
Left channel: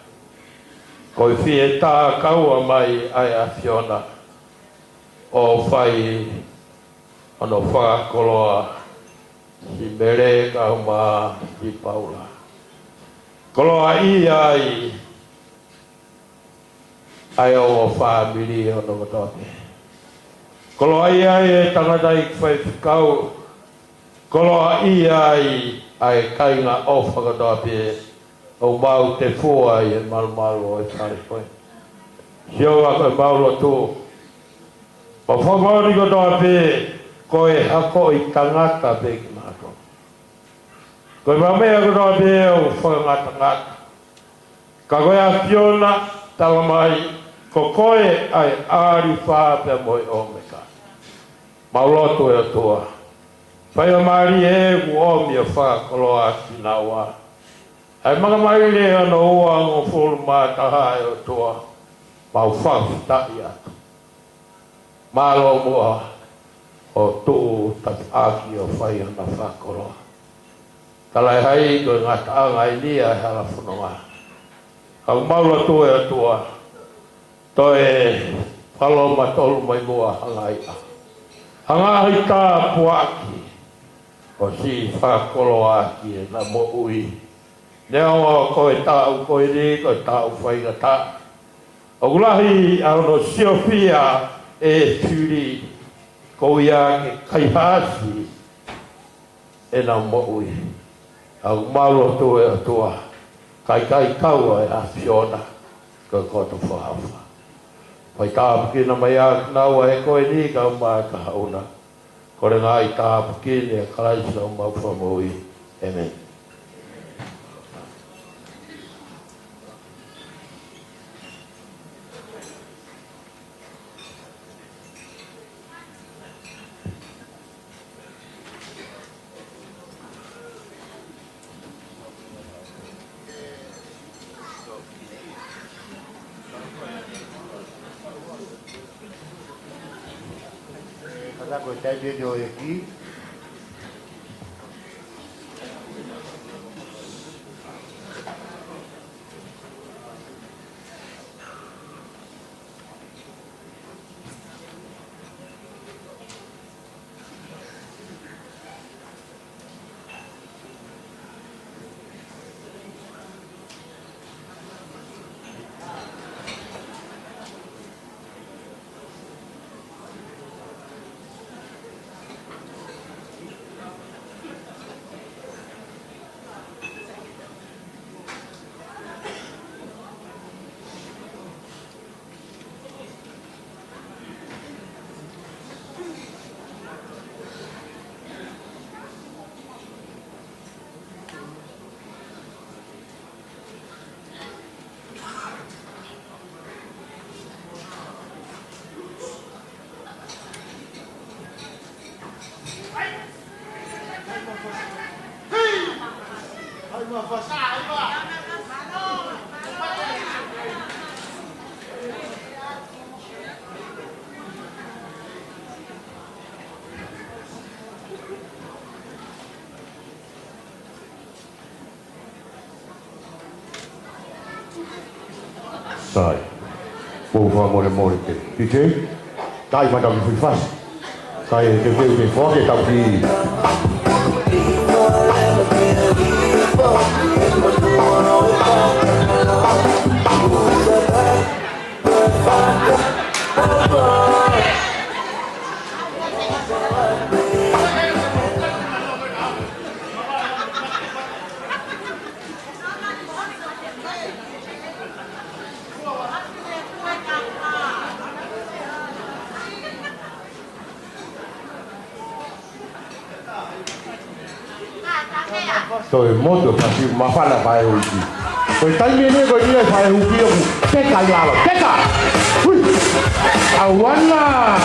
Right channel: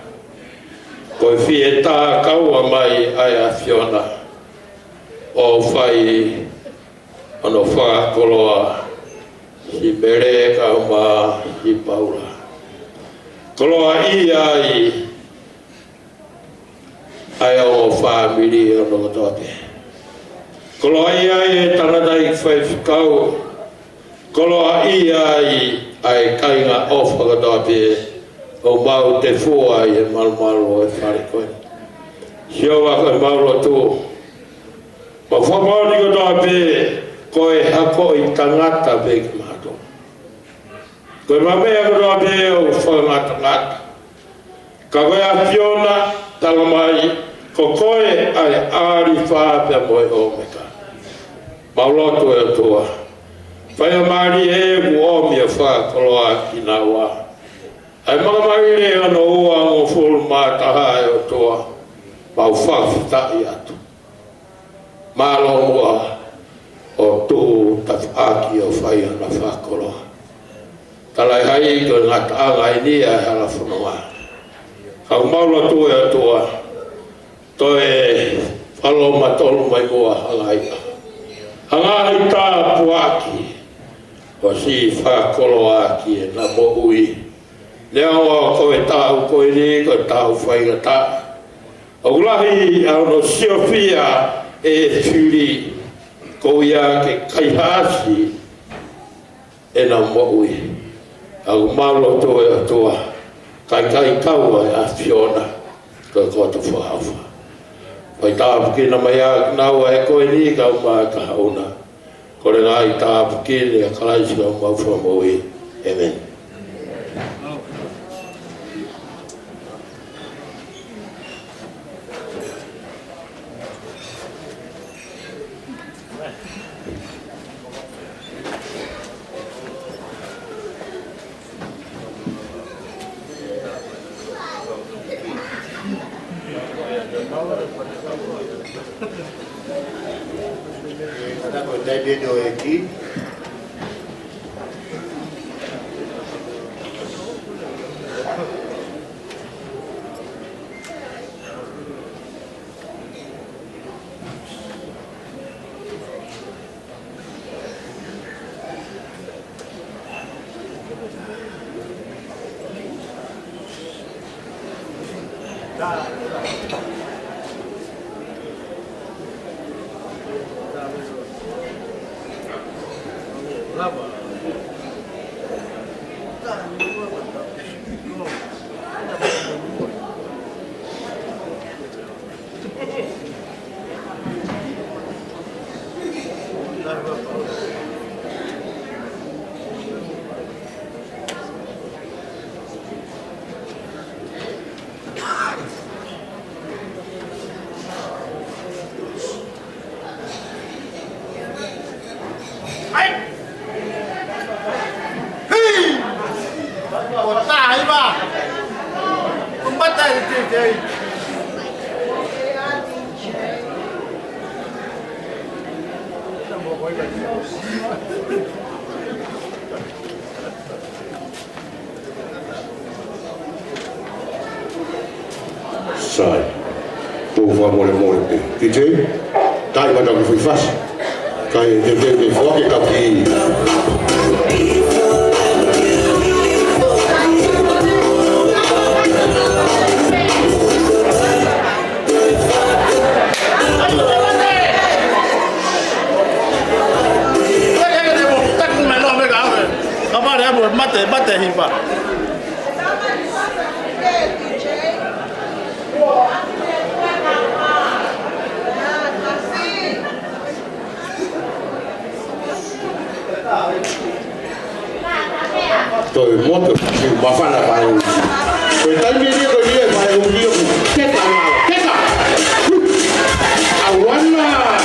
ko I fie tā kaua mai ai a Fiona o whai ano wha koroa si mere kauma si paura. Koroa ia ai o whamiri o no katoa pē. Koloa ia e tarata I whai whikau. Koloa ia ai kainga o whakatoa pē. O mau te fua I e malumalo e whare koe. Siola koe mauro tō. O whakaori katoa pē. Koe hako I tangata pē ki mato. Koe mamea katoa pē o whakamata. Ka koe a Fiona tama mai. Ko koe ai aari whāpea moe o meka. Maulatu e toa. Whai o maari e mua mia wha koroa ki nā wā. Ai mamari re ano ua mo furu mā taha e o toa. Mau whawhitai atu. Mālo mua o tū tatu aki o whai ana wha koroa. Tarai hai ko ngā tānga I nia e hala whanama. Kau maulatu e o toa. Toe whaloma tolu mai mua hangaia. Hangai tā puaki o si whakolo aki e nā mo ui. Nea o koe tāu koe ni, koe tāu whainga tā. O urahi ano siofia e whiri ko ia ke kaihāsi e nā mo ui. Au maro toe a toa. Kai taua e a Fiona koe koto whahawa. Pai tāpukina mai a kinaua e koe ni ka uma ka hauna. Kore nai tāpukine a karaisi o ngau whamoi. Amen. Sai. O favor morte. Dite? Dai vai dar fui fácil. Dai te fora tá aqui. Bate himba. Tôi muốn tôi phải chịu khó khăn là phải làm gì. Tôi thấy cái này phải làm gì. Cái thằng nào, cái nào. À quán à.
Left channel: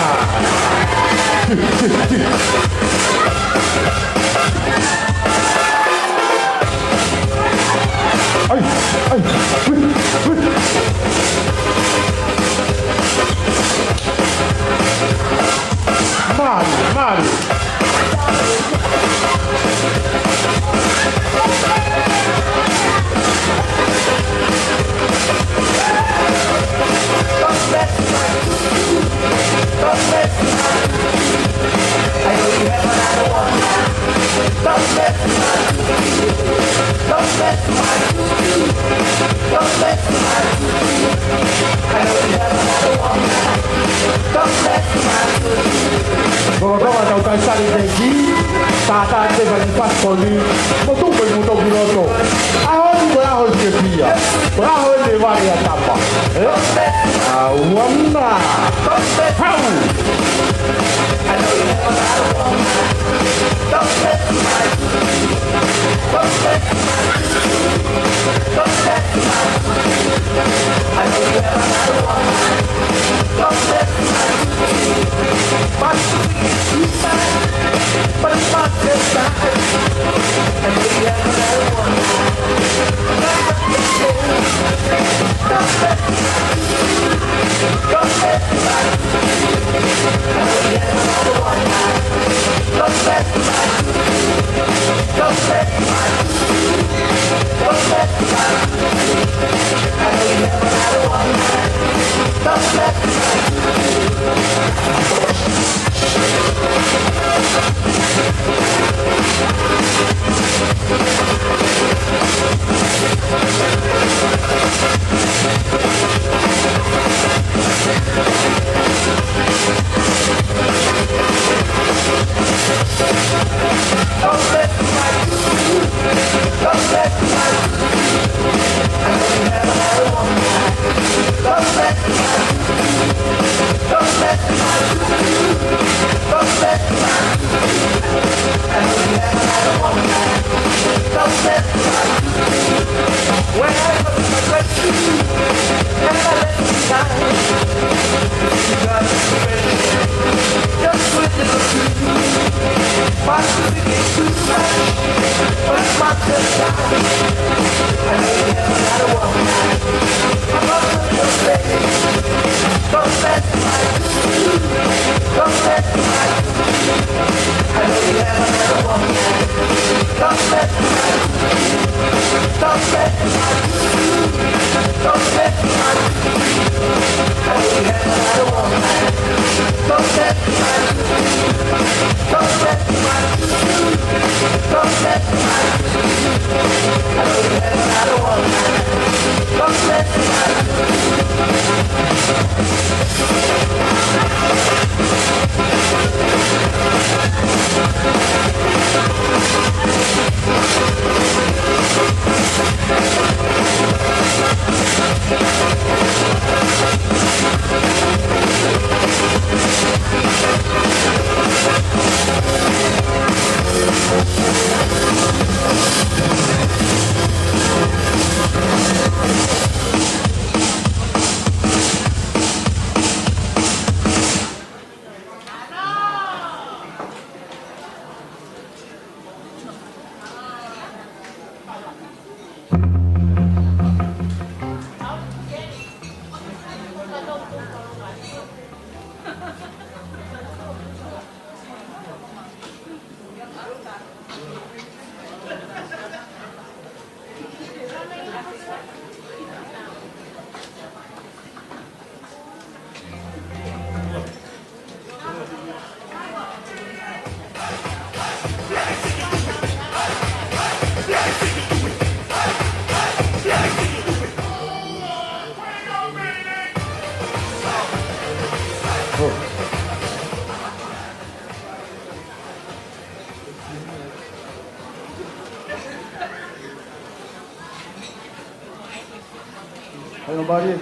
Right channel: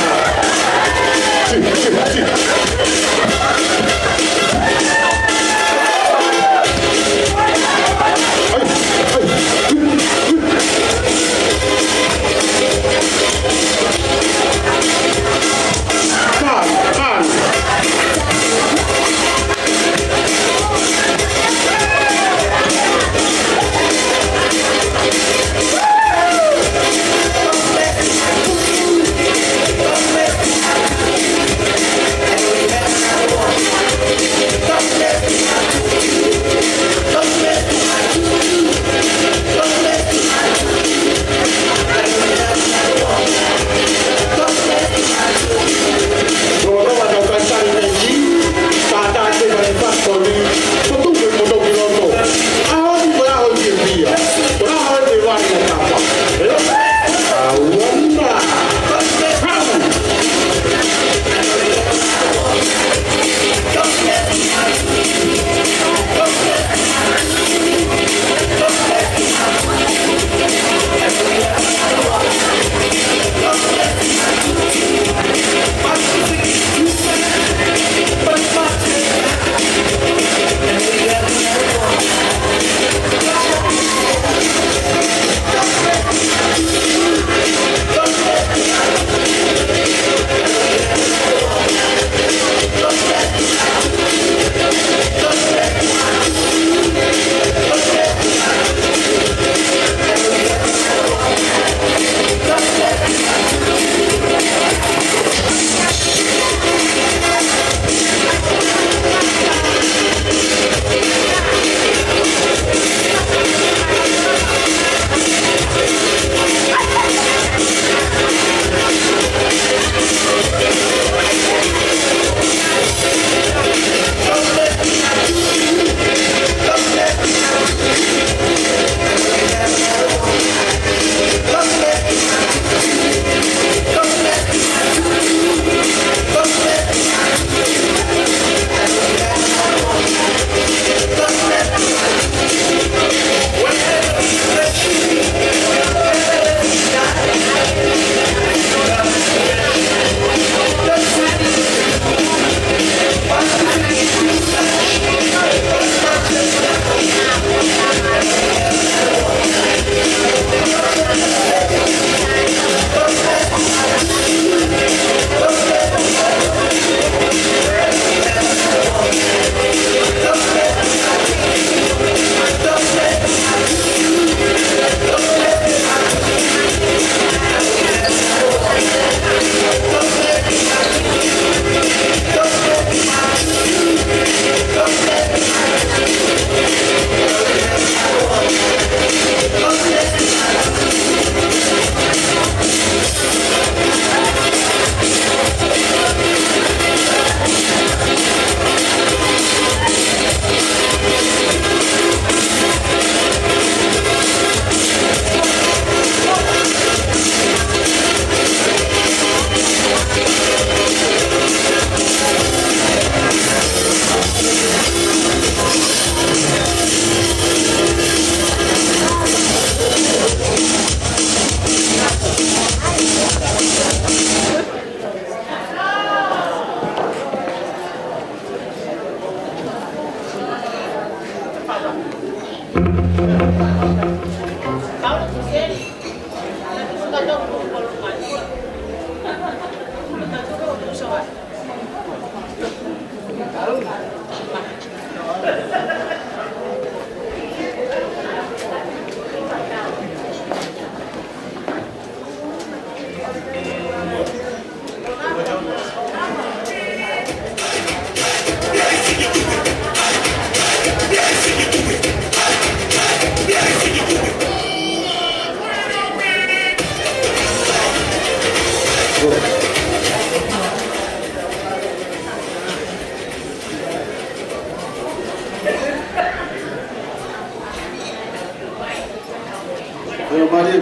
Pero Maria,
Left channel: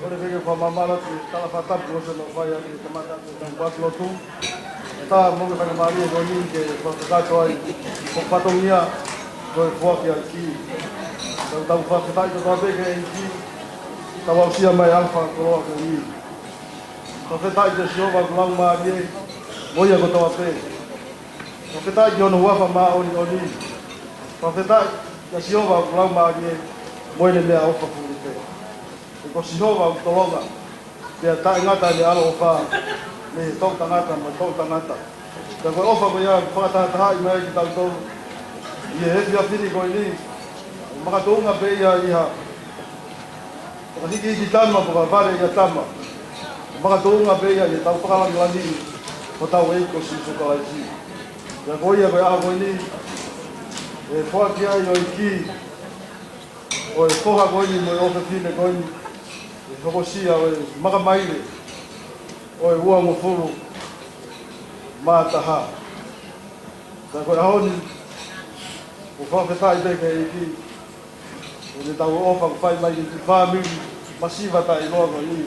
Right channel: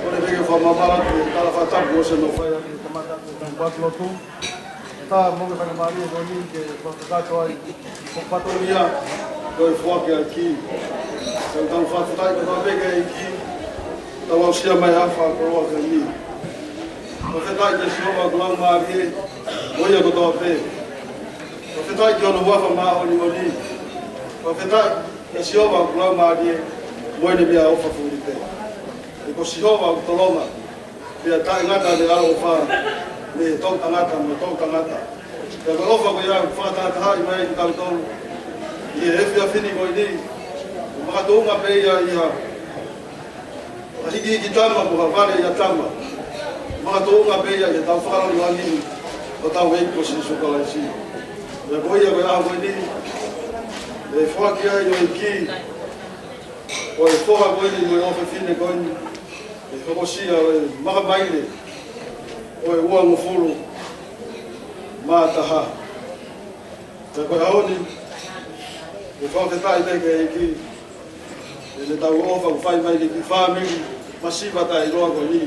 quando veio falar mal, ela vai estar você não vai aqui tomar um quatro lotu. Tá, vamos para Maria, vamos que para cá aí, com patonha, com o foco aqui. Então faz mais uma vez aqui. Tá lá o cia vai lá para o aqui. Você tá de chuva, vamos Maria, olha o que eu tô fazendo. Você tá de novo para mal olha. Você tá de chuva, vamos Maria, olha me ao para ko sinova tolonga ya ta ngata ni alo fa ni to tangata mo to tangata ka ko ofa ko ya fa ta ta mai tang to ye he ya fini ko ni maka to nga pe ya ya ani ki kitama ko vale ya tama maka to nga pe ya ta fa la ni ko ta we ko si su ko ale si ya ko ya ba ko ni le fo ki ya yo ki o fo ha ko ni mo ofa fini ko ni e whakosia o e makamaile o e ua ngofuru mātaha. Kai koe haoni, o whawhetai teke e ki, e se tau ofa ku whai mai ki whāmiri, masiva tai noa koe ni,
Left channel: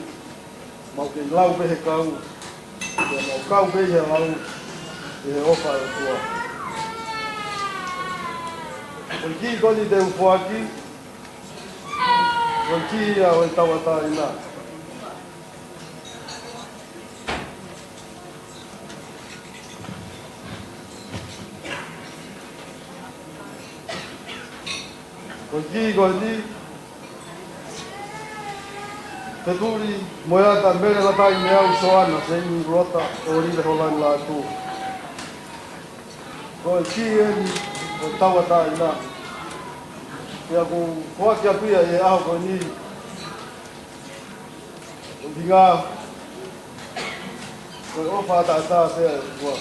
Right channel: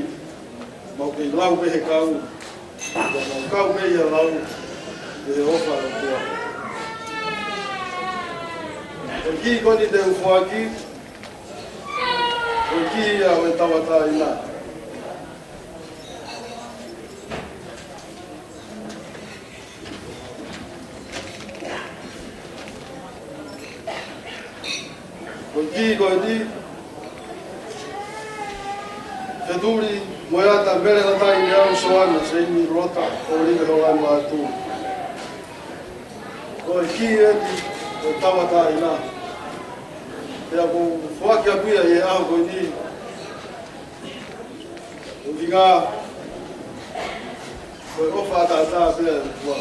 mau ki lau pehe kau, mau kau pehe lau, e ofa kua. Koe ki koni te ufuaki, koe ki ia o e tawata i la. Koe ki koe ni, wheturi moeata mere hatai me au soana se imi rota o rire ko lai la tu. Koe ki eni o tawata i la. Pea ko whaki apuia i e aho koe ni, o dinga, koe ofa ata pea i kua.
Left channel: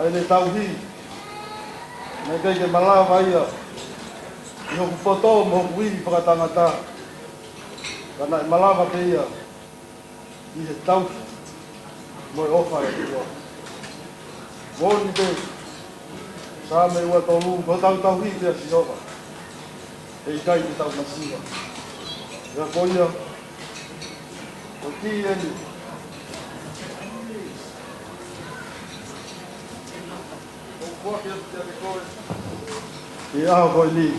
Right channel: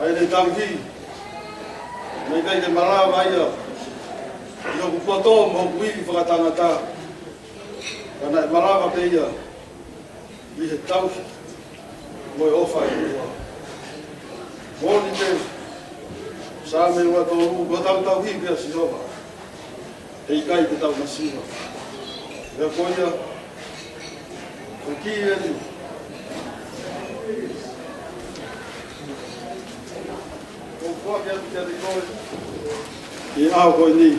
Ai le tau hi, nei kei te malawa ia, i hoku poto mo kui whakatangata, kana e malawa te ia, i e tau, koe ofa i kua. Mōni te, sa me ua tōru, ko tau hi pia si ofa. E i kai te tau masiwa. Rea koia, o ki eni. O kua ki atu te te koe. I aho koe ni.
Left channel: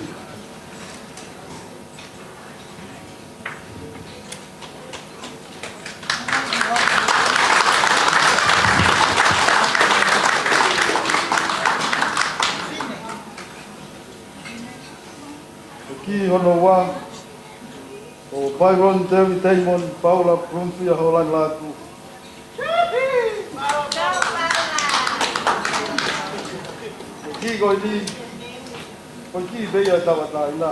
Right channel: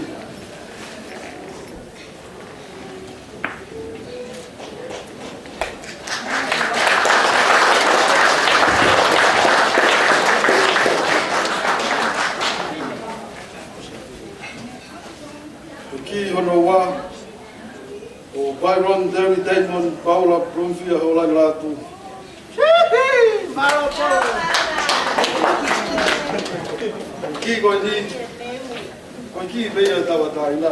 Ki hono wā, o Byron Terry Taimon, Paula Prunfia holang lāku. Ki koe ni, koe ki beia tawata ina.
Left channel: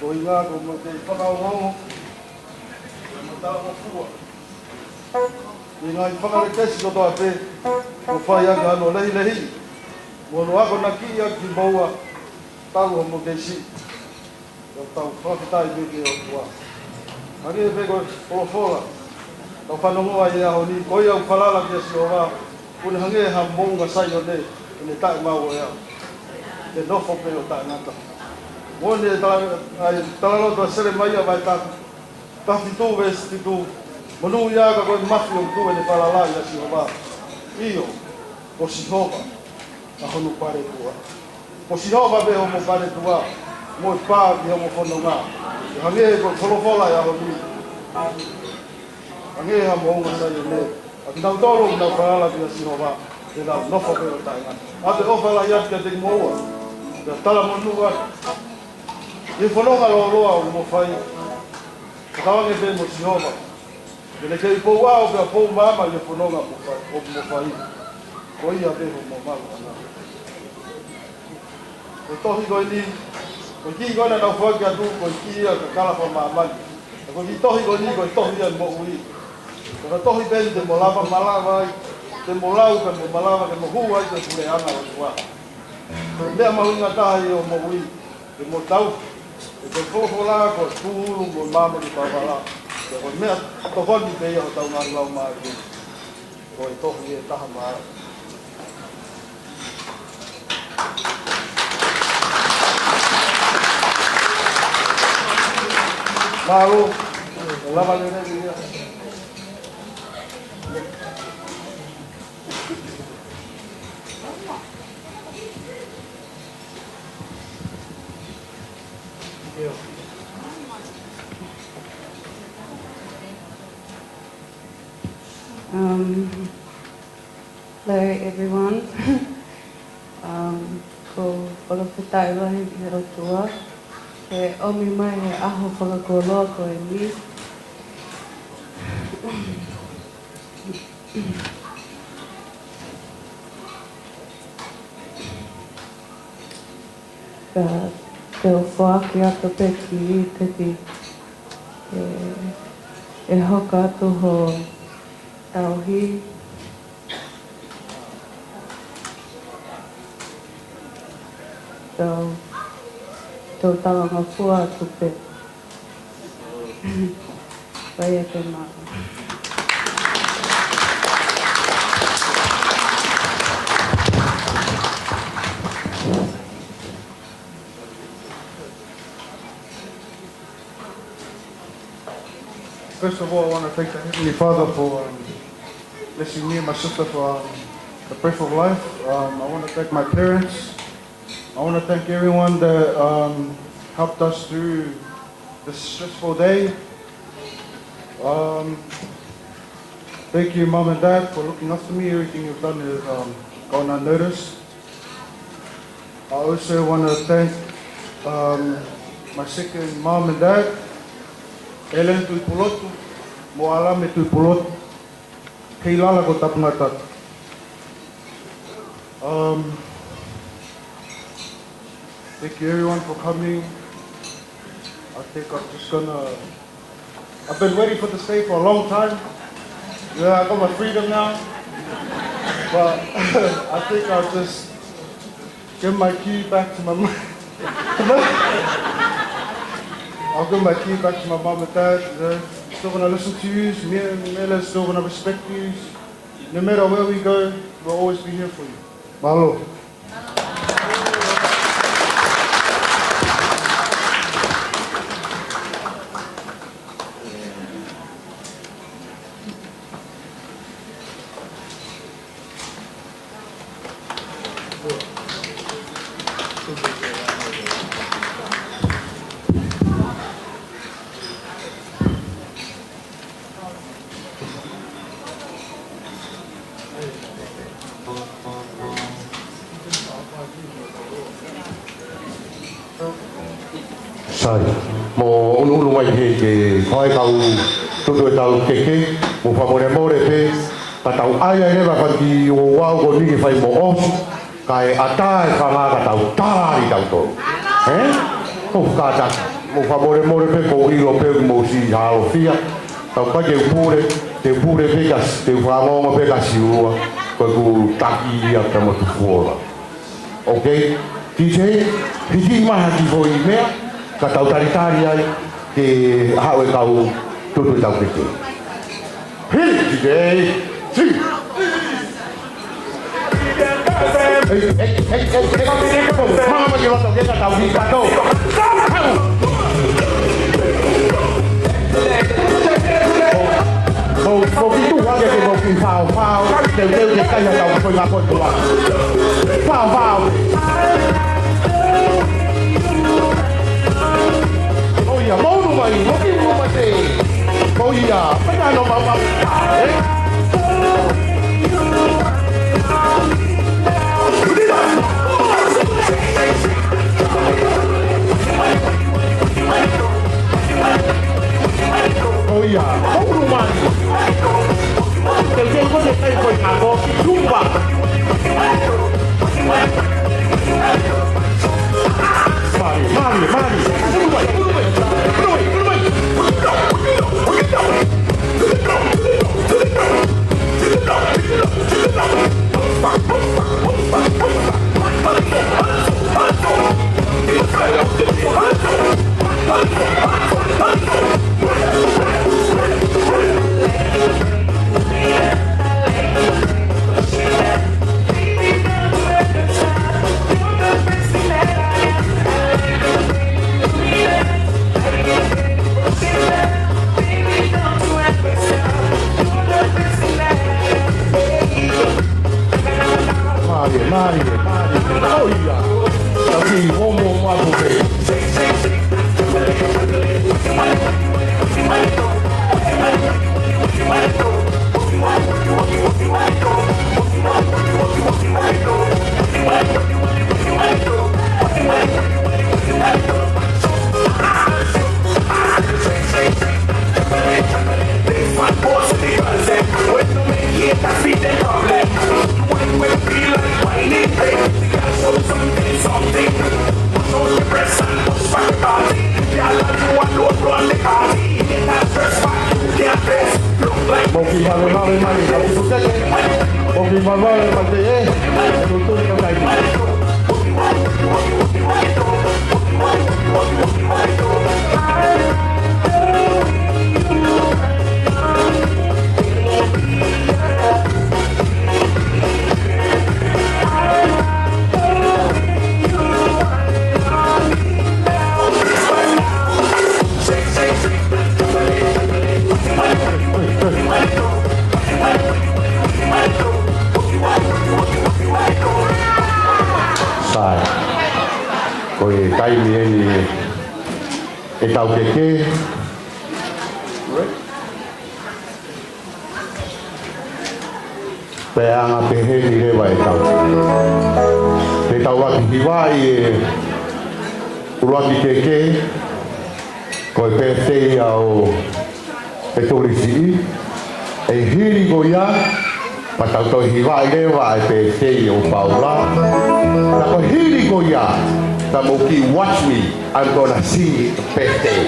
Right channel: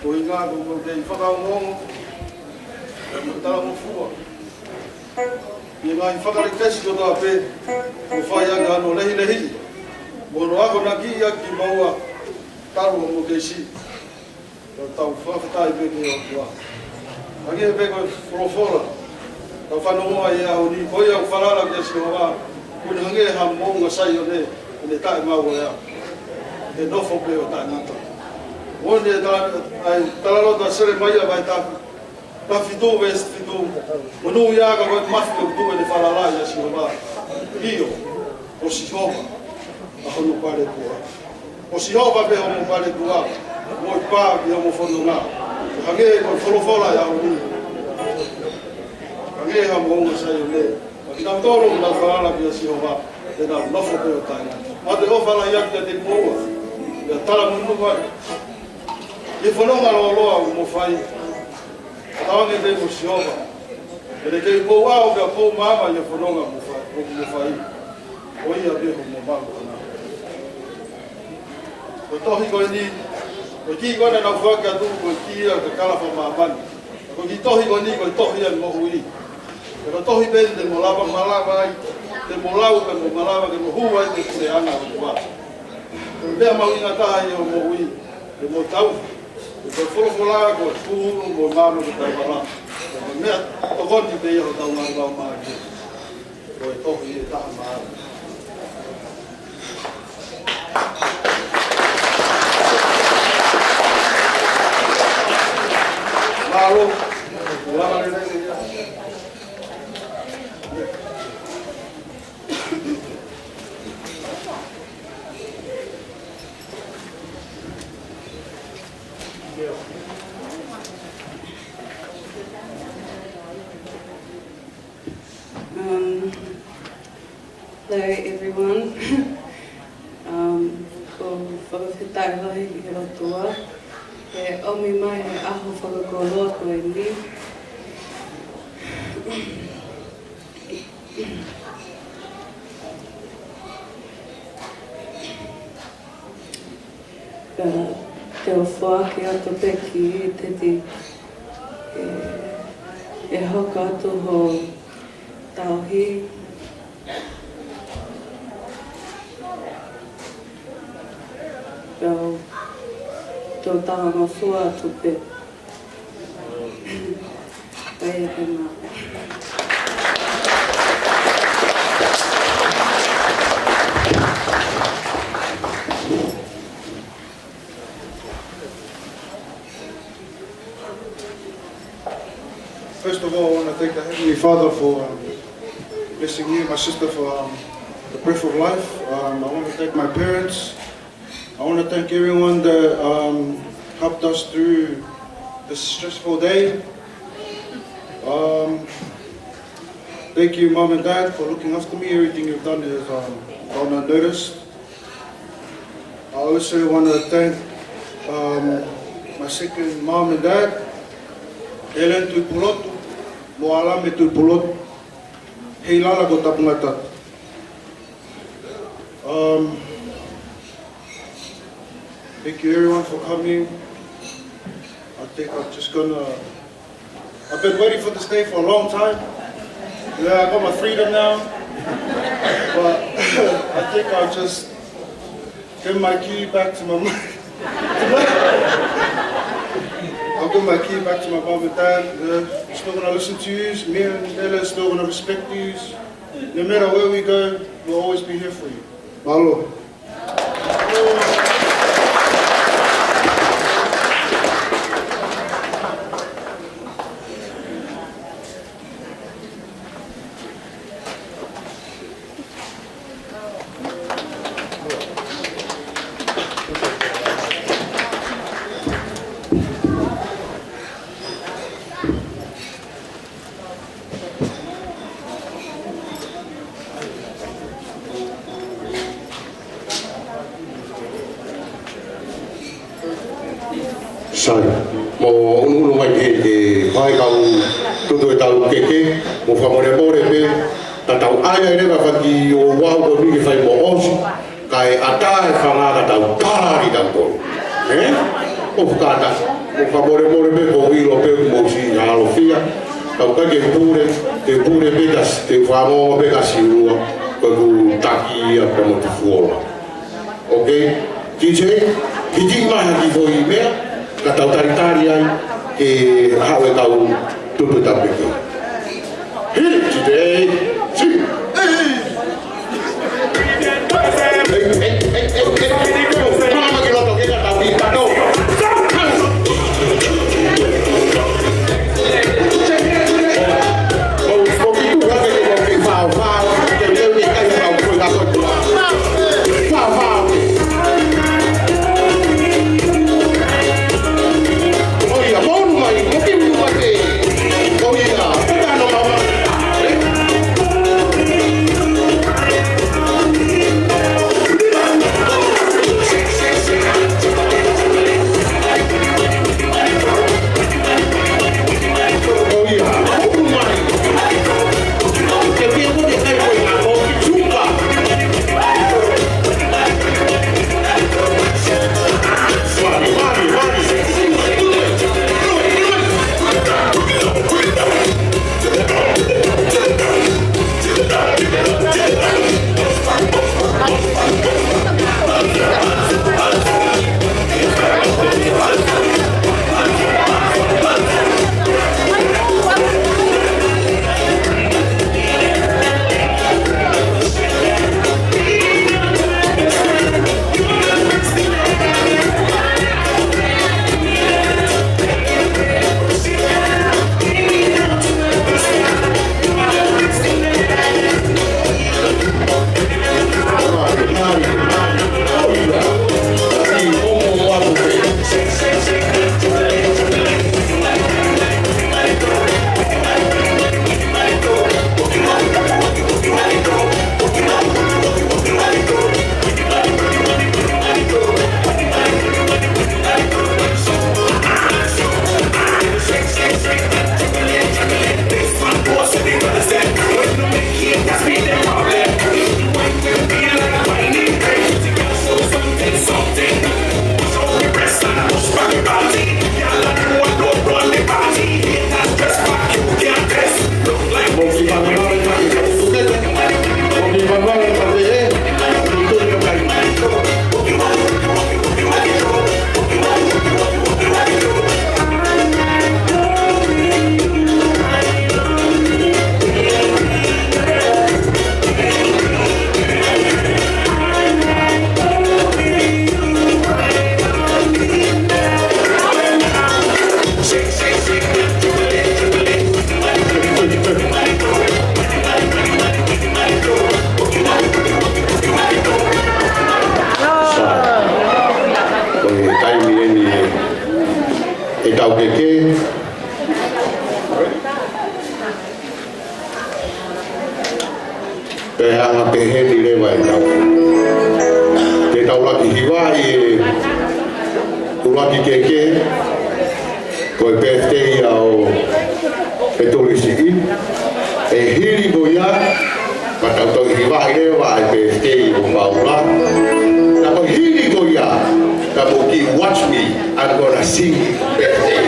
Ko inga ko mo te whakaongongo, ko tala mo fua. I ngā i whakare kesi ko tā pē, ko whai anga ano lehi lehi. Ko no ako na ki a ki maua, talo mo te si. O tau whakatai beki o kua. Angi e peko profora. O whanamoa i aho ni, koe au wharara kia si o wā. Kuni hange ha mōnga sai o ne, ne tae mau o ea. Ke nofo pe o tae nata. Mōne ai talarota sere mai a mai taku. Ta fitu e si fitu. Manu i aga koe mafi o tu e ne wharalai a si o wā. Io, o si hoka. A honu pare tua. O si hoka pe o mo pare tua. Moi pā ki homo whono ngā. Hange e koe whorowhora e aho ni. Hange e ha mōnga sai o ne. A ki nau tōro ki nau wharara ki a si o wā. Te nau nofo peo tae nā. A te ofala i ati te mōa. Te tāra manua. Te whanonga roa roa o mō whai. Hawange pe mo si hova. E te kei pō wāo ka pō māma i whanonga mō whai. O ia pe ho mō māko nā. O tohi koe ni. Ko ki kona na whaka tu, ko ki ia ka kalawa maamani. Ko ki tohi ko ni, ko tohi an mo hui. Ko tohi pēni te mo lava malawa ai, te mo lau ka mo malawa, te mo hu ai te kure ana o kua. Ko mea mahu inga taha i o mo hui, te mo tau. Ko whokora, ko puhuru, ko māma ki tau mala. Ko mea tokoni pe ia o tau nāngu lau maa ki. Ko e tohi e taha maa. Mahalo. Salamat kita. Hello everyone. Ko whakawhitai wahi i rotua. He omi mai he aho whakakolo ko e ni. Te o whaaki ato peki i te ti. E hoka atu ho tauhi. Tō tawa mawhua atu pe. Pai e te mā. First of all, I want to thank the Heavenly Father for blessing me and my sister for the breath of life. I want to thank my parents. I want to thank everyone that helped us through this stressful day. Thank you, Mom and Dad, for looking after me. Everything you've done is gone unnoticed. I also want to thank my second Mom and Dad. Eren tui pulotu, mo alame tui pulotu, kei lala ko tapuna tatu. Thank you everyone for coming. I think I've been waiting for this day for a long time. Yeah, I got my freedom now. But I think I'll just give my key back to my mom. I'll give my key back to my mom and dad. They're still going to listen to you. Me and Mela are still going to respect you. No matter where we go, we'll always be here for you. Mahalo. Mo unu mai ke whai kau tutu e tau keke, mo whamone hore pe, ka tau aia ne wa whaki o wango ni whai mo osu, kai ata e whanara tau tāri tau kou. Ko whakata, mo whamone hore pe ko hilo pe mo si haro whia, tau pai te pure pekas, te whanonga pekas i ua, koe ku taki a kama ki fuora. Ok, ki se, ki maha ki fo i mea, ka tau taritari ai ke hao e tau tutu tau peke. Hei, tirei, si! Mama ke loto ke ka tau ni ka no. Ko ki tu wate ke ko ki whao, te teo te kanya tau koe la koe tuma. Whao. Oh, yeah. tau keke. Pea pehe ni lewa e tau. E tau raki hiwai e uraki keke. Ko e birthday au e torisi. E hiri ko ia. Patau tau hiwai lewa e birthday o Paula. Na ko hiri ko ia. Na mo ki watch me. I'm gonna sing birthday.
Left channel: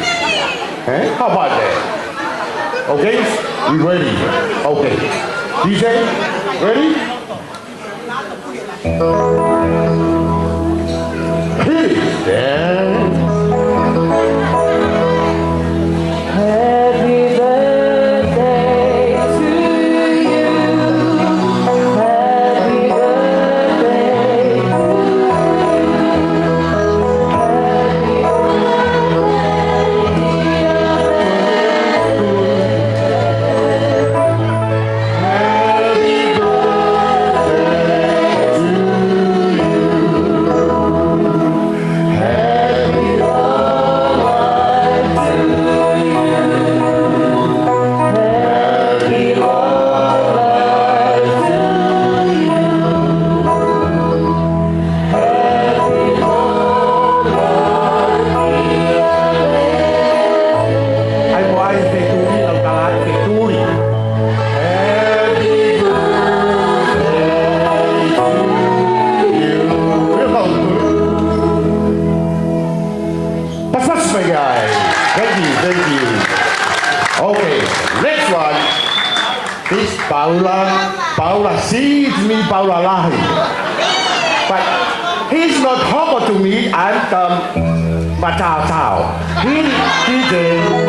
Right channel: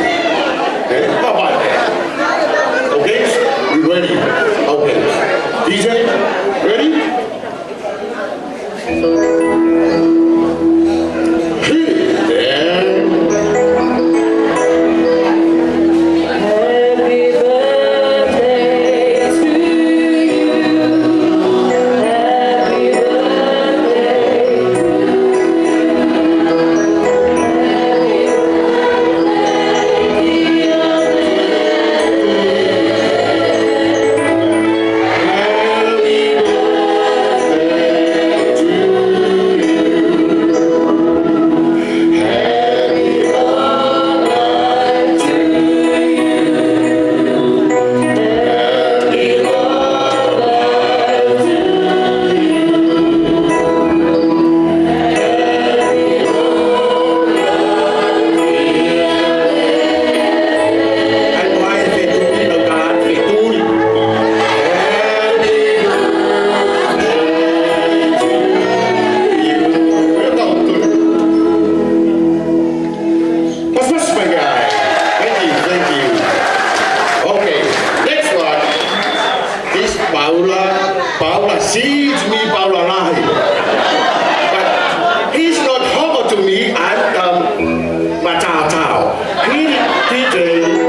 How about that? Okay? You ready? Okay. DJ, ready? Paula sees me, Paula Lahi. But he's not Homer to me, I'm Matao Tao. He did.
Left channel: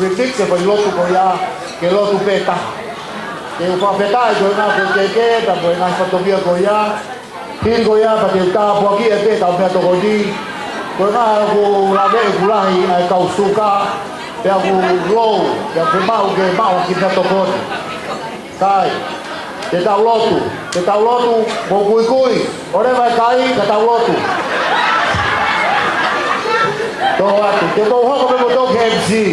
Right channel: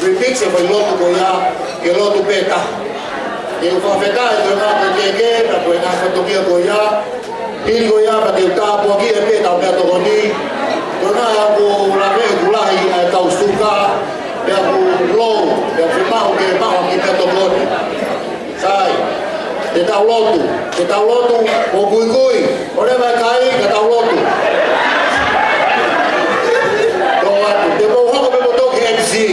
repeat se foi lotu ko ia ke lotu peta e ko peta e ko na ko ke ta ko na ko tobia ko ia tin ko ia pa te ta po ki e pe ta pe to ni ko na ko la ve gulahi e ka usuka e ko lo e ko mau ki pe to ko sai te ta lotu ko kui ore vai kai te ta lotu to atu te mo ho mo to ke si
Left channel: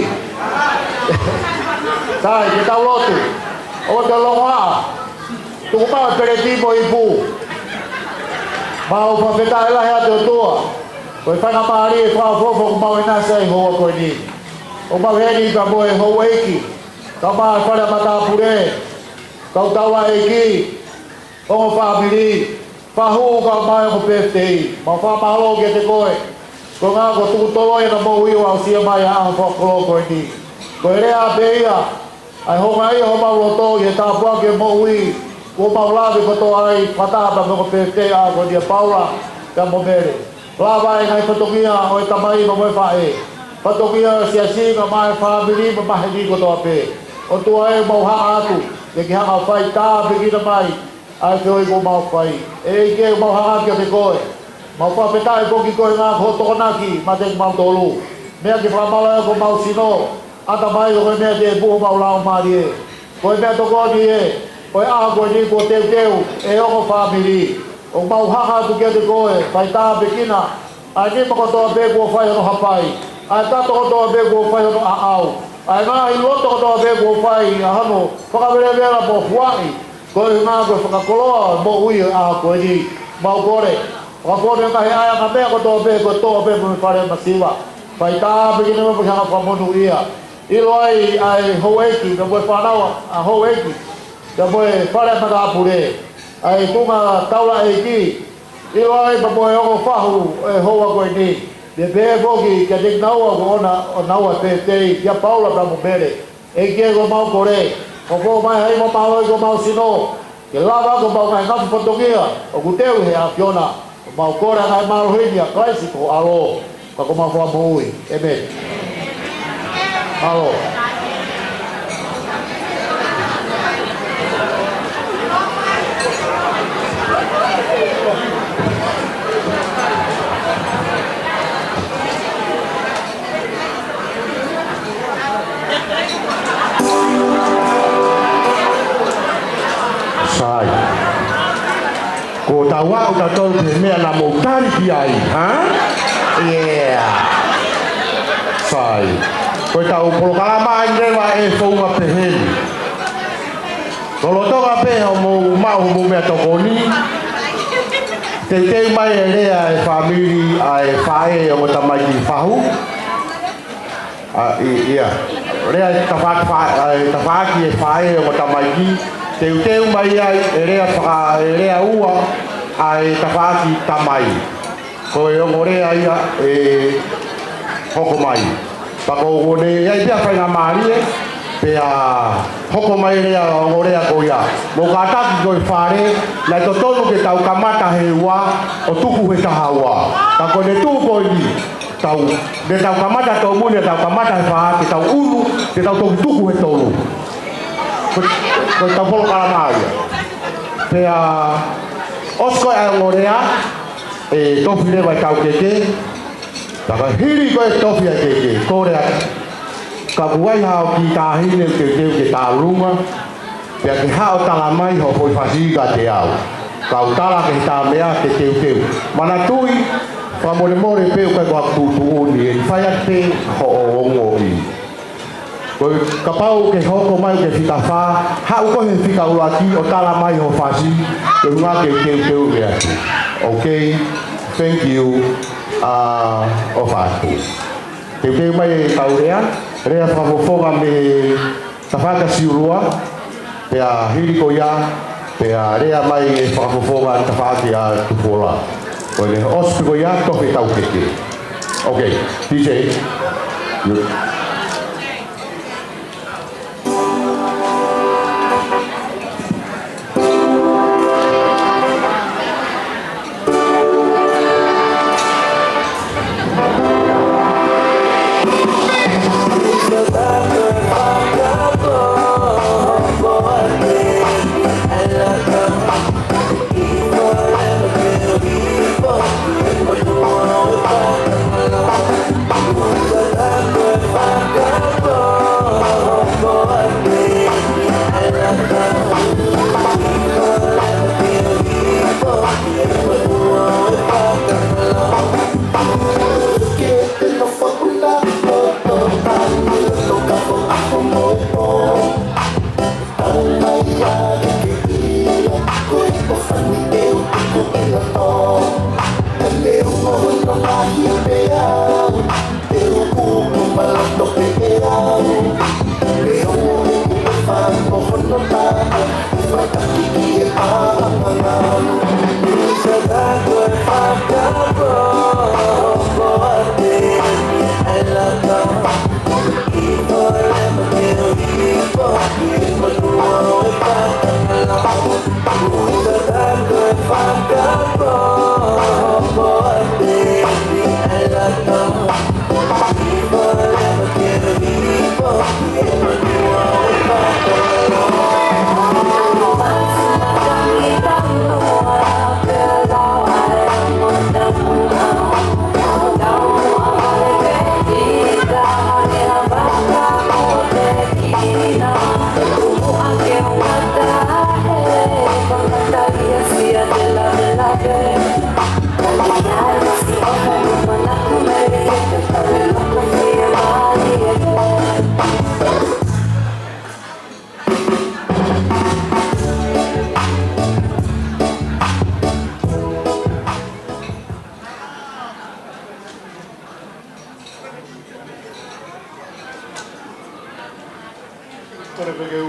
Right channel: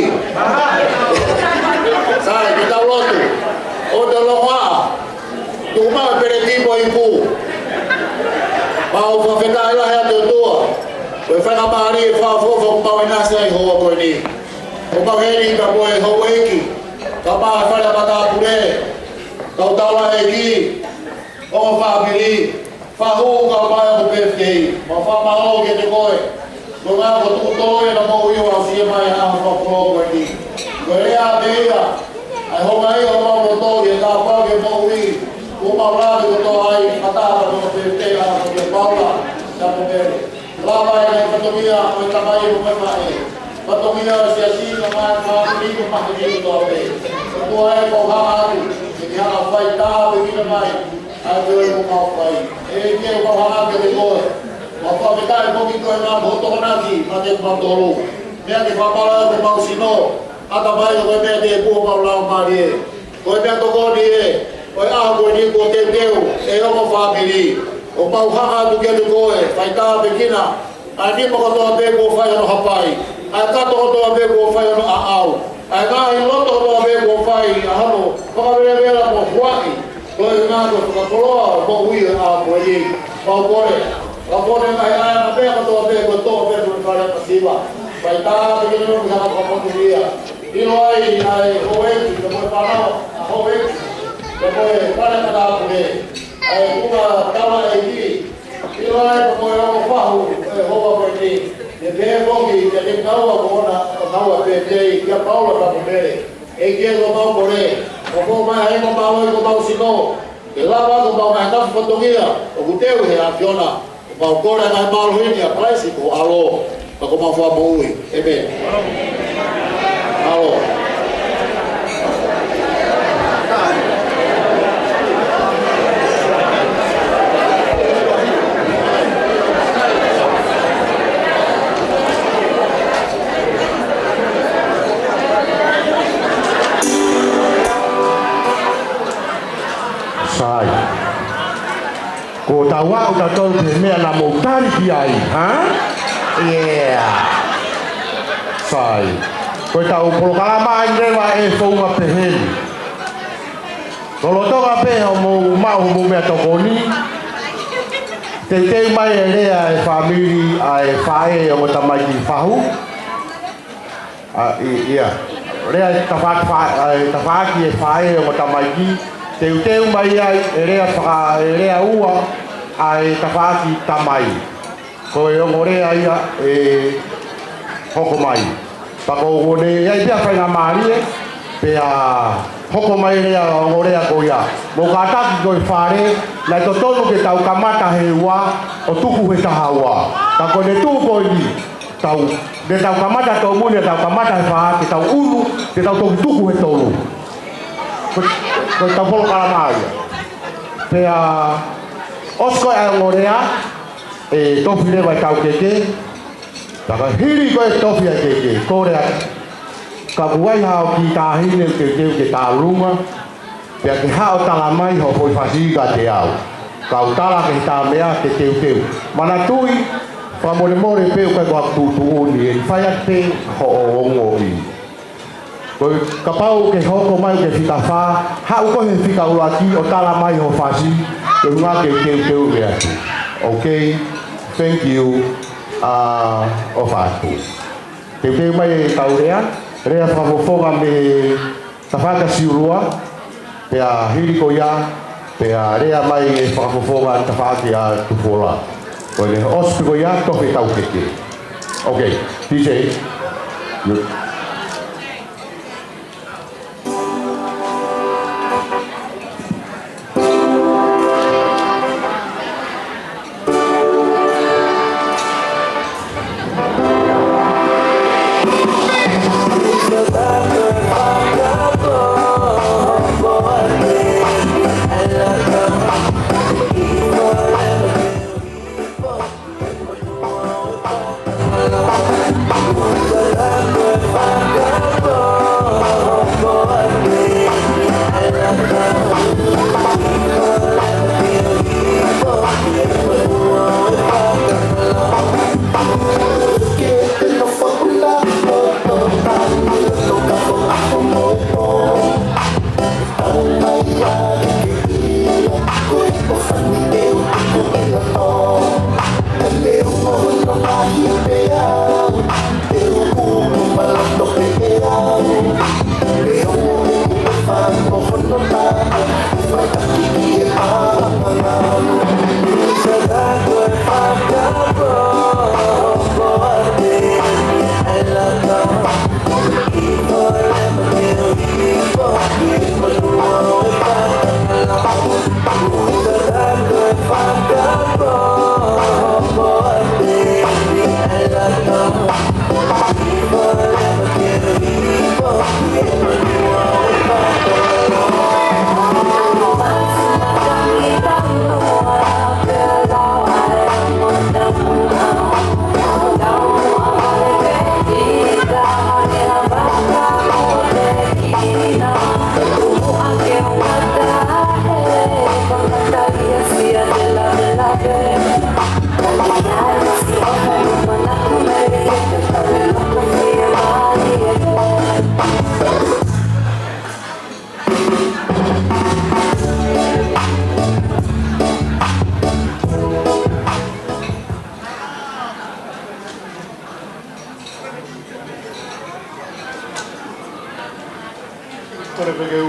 sai te ta lotu o te lo wa tu ma pe ti ko ipu ma o pa fe ta la ya to tua ko fa na mari fa fo ma ina sai ho ko ni o pa ve ni ka mo e ho weki ka ma fa na ma ta pure kau tahu lah lagi, kau fahami, fahu kau mahu peti, mau faham kita koi, kau ngapa tu koi nak bawa iwan siapa yang mau kau ini, kau ni apa dia, ayah mai kau mau tahu dia tahu apa dia mau ini, kau mau lalu kau tahu ay patah apa kau peti apa dia paula, kamu beri, lama yang kau tahu dia, kau tamai kau mau faham, kau tahu dia siasi kau mau faham ini memahami kau tahu apa, kau tahu ay mau hatu. Ke ha fai ta be ni mai ai ko mo ma fai e ke mo ha ke de ko ma pa pe ta ko ki ko na pho to na ki ma de ma to lu me de ma ma ko ma si no a ta mai lo me de ko ma la ma ri ko be to ko ni e ko a ko ni ko te e o mo fa bi ni o ma ha tu ke de ko e fai ta be kina a ni mo ko to be ko fai lo ha pai a ta to be ko fai lo a au ai na i loto to be ko fai a no pa le le la po fuaki ko i na ko ka kolo mo ui a ko i mo kore ko na ya na te ko to be mo pare masiva pai ta be no ko ja ko mo ia i no ai hoeki ko po para a hoeki ko po pare pa la pure ai ku ma tawa e ki i no ai po yo mo fahu e ho ko ni de be bogi que de naua bona o naua pete ya paula ka mumere e ke go mau kore o ko mai ai mo mau sino ke la ba go mau mai ka fotografia o kuteu he a fiona mau kore na mau hinia paisi ko alo ka ko mau fa bui e be alo sai ko tawa o ta tol pe me la mo tari ki ai ha yeah sai ko ta o programa inde wa e fo ma pe hen ko lo to ga pe o mo ma o mo me to ko ni te mai ele ai family ai fae o ta mai fa hu a ia re ta fa ki e fae o ta mai ki teu mai ai rea ua ai tawhaki tamai ko e ongorea ia e hoko mai pako ngone ai pia whainga maari pe a hoko mai rea ongorea ko ia mo kataki ko e whare lai to tonu ke tau kamata he ua o tuku he taha ua tako ne tuku ko i tau ne tau kamata tau mune tau kamata he wha ke tau uru ke tau toki tuku he tonu ko ta polo kala mai pe a osko a ngorea e tofi le vai tau keke ta ka hiri ko e tofi a keke ko rea ka buai ha ki ta hine ke ta lunga pe ke ha o tala mai ho foi fasi ka te au ka o tala ke ta mea ke teu mana tui pa more pe ko ko tu ni e fai a te ho o ngoi ko kapau ke hoko mai ke fita fa ha ko he fika ulaki o tala mai ho fasi ke nga ke ke okay thank you ofatu ke mai taurea rea fa foga me tafaka siurua pe a hiri ko ya pe a rea mai fa foga tafaki a tufola ko le ospi ko ya to ke tau ke okay DJ you Bye.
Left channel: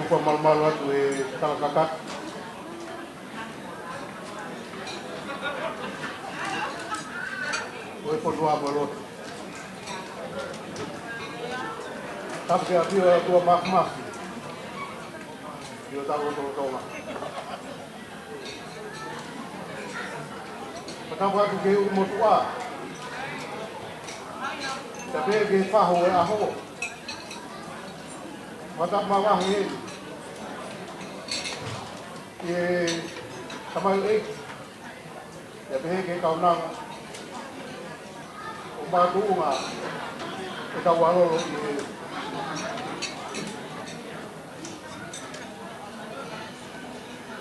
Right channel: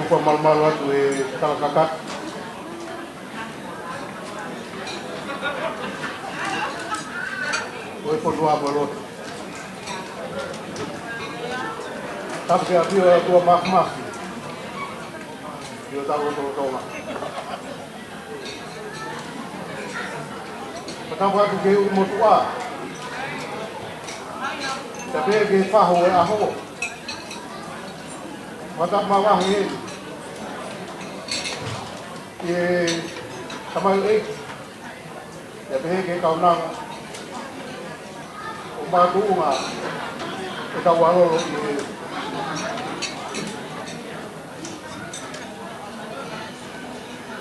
upa malmalu atu e talakakat. Oi ponua bolot. Tapi ke apio tua mak. Yo tahu tolong. Patang atu ke umotua. Tapi ke faho e aho. Mata mawah ini, sama ini, tapi ke kau nang, umat bunga, kita walau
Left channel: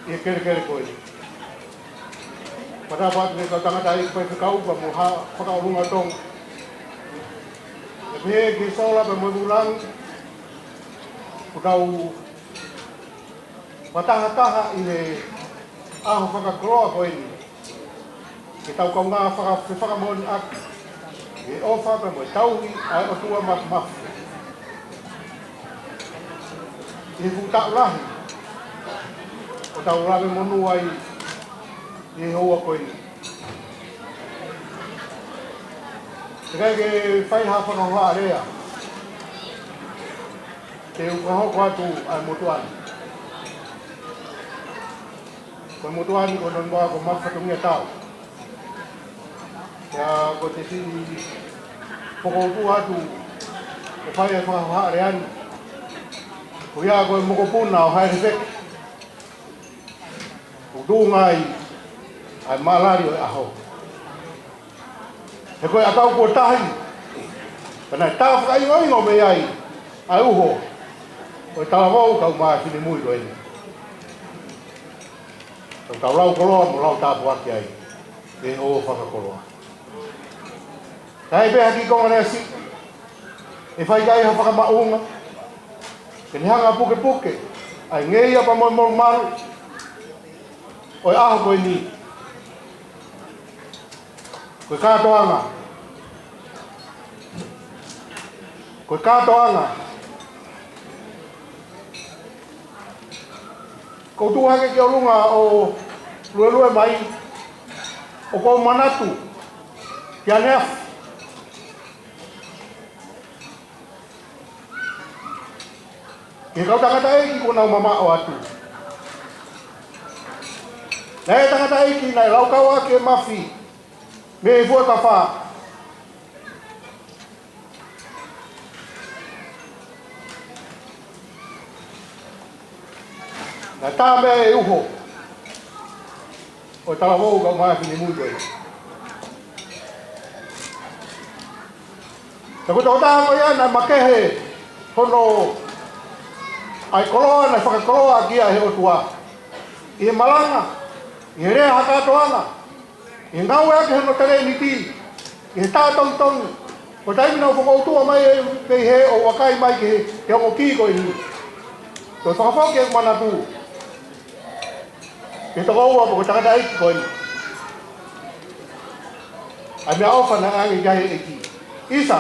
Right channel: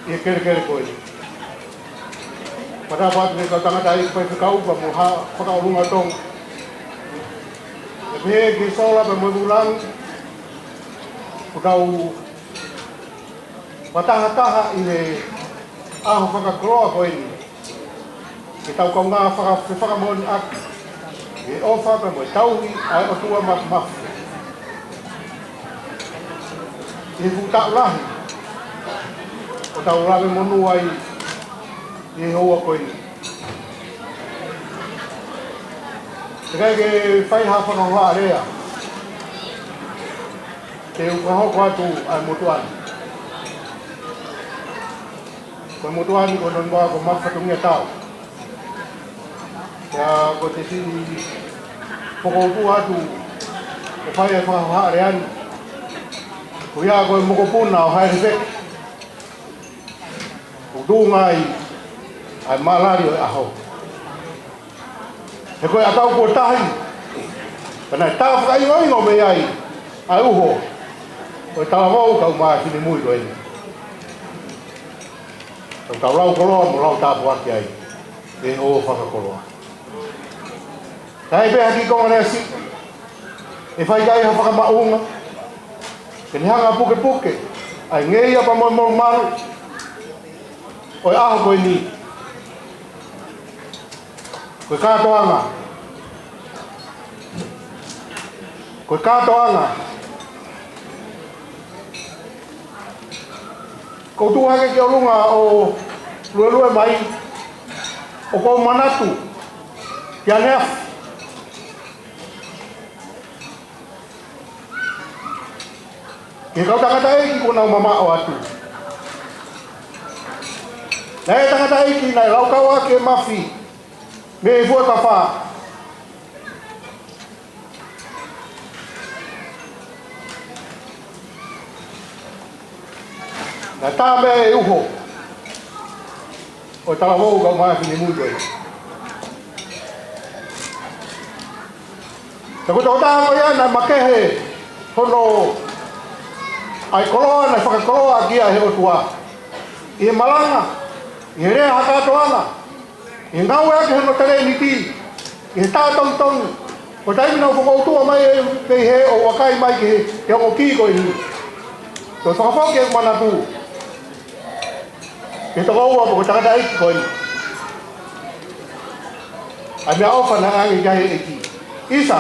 ini kere koi. Pada waktu kita tengah dari kau bermuha, kau rumah tong, tapi ke solat bermulang. Kau mataha ini aho whakakroa ko ini. Kita kau ngā whakamoni ak. E o whaka mo tauhi ai o tua maf. E futa ulahi. O tau rawe monu ai e hoa ko ini. Tekai ke whaiha whakahoa rea. Te ukaho kwatu ai mutuan. Ko mutuan ko non ba ko mafatungia tau. Ya ko te si poko tu atu ko fai fa ha rean. Ko ya ko mo ko puna o hai rek. Ko du ngai ai malari o aho. He ko atau ko tahi. Kana tau fa ai ngo me ai. Ai uho. O talavou kau maa sini mui do ini. Kau lau koloa mo lau tapu aki ai. E o whakakoloa. Kai beha ki konga rea si. E whai kai ha whakamaunga. Ke ni hanga puke. Ai ngei apa mo maru. O e aho koe ni. Koe katoanga. Koe katoanga. Ko tu hake ke orunga o lue mai o ko manatu kia nea ke kau tangata eki ko nau mama o atu na e tangata eki nai lau kau ake mafi me e fua ka wha na tā mea e uho o tala mou kau mai whini mui koe. Te kuta o taha koe ana makehe hono ai koloa na whakakoloa kia he o tua. I he malanga, i he rea hakatoanga, i he ngau ake hono tere ni ti, i he tātong tong, o taimina o whakautua mai e pei he o wakai mai ki he hongo ki koe ni. Te whakawhauki e mana tū. Ke toko ua po ko takata eki koe ni. Ai mea ofa na angi kahe eki. Isa,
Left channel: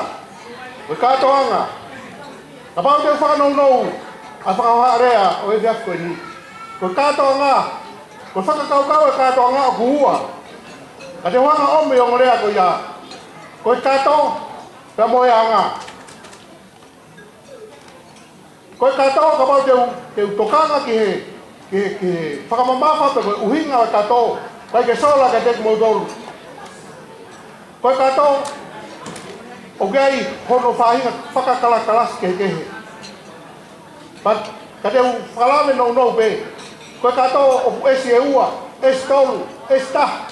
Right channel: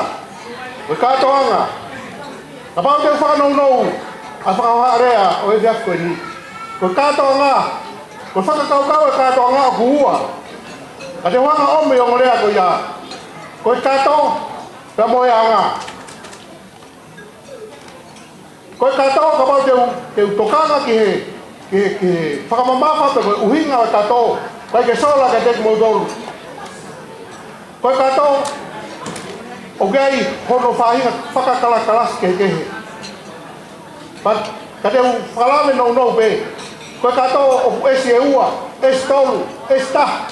koe katoanga. Ka pao te whakanou a whakahoa rea o e viak koe ni. Koe katoanga. Koe whakakaukau e katoanga o kuhua. Ka te whanga ome o ngorea koe ia. Koe kato, pia moe anga. Koe kato ka pao te utokanga ki he. Ke whakamamafa pe koe uhinga o kato. Koe ke sola ka te kumodoru. Koe kato, o gai hono whahinga whakakalakalas ke kehe. But ka te whakalame nou pe. Koe kato o esi e ua, esi tolu, esi taha.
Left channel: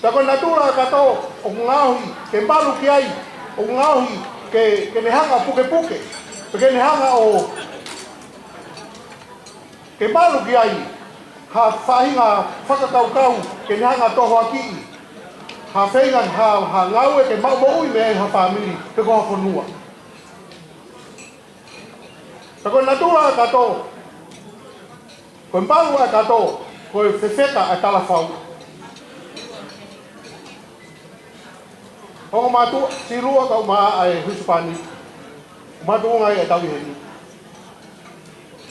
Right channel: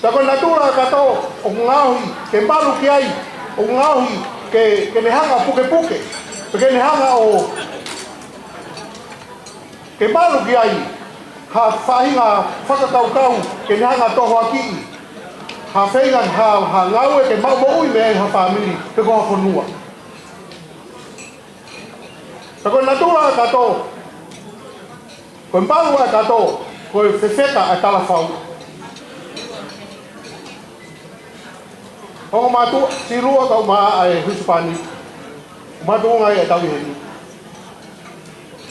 Ta koe natura kato o ngauhi ke malu ki ai. O ngauhi ke nehanga puke. Ke nehanga o ke malu ki ai, ha whahinga whakakaukau ke nehanga toho aki. Ha whaingan, ha ngau e ke maui me ha whamiri, te koha whanua. Ta koe natura kato, koe malu a kato, koe whewheta a talawhau. Hongo matu, si rua kau maa ai Hispani, matu ngai e tawi heni.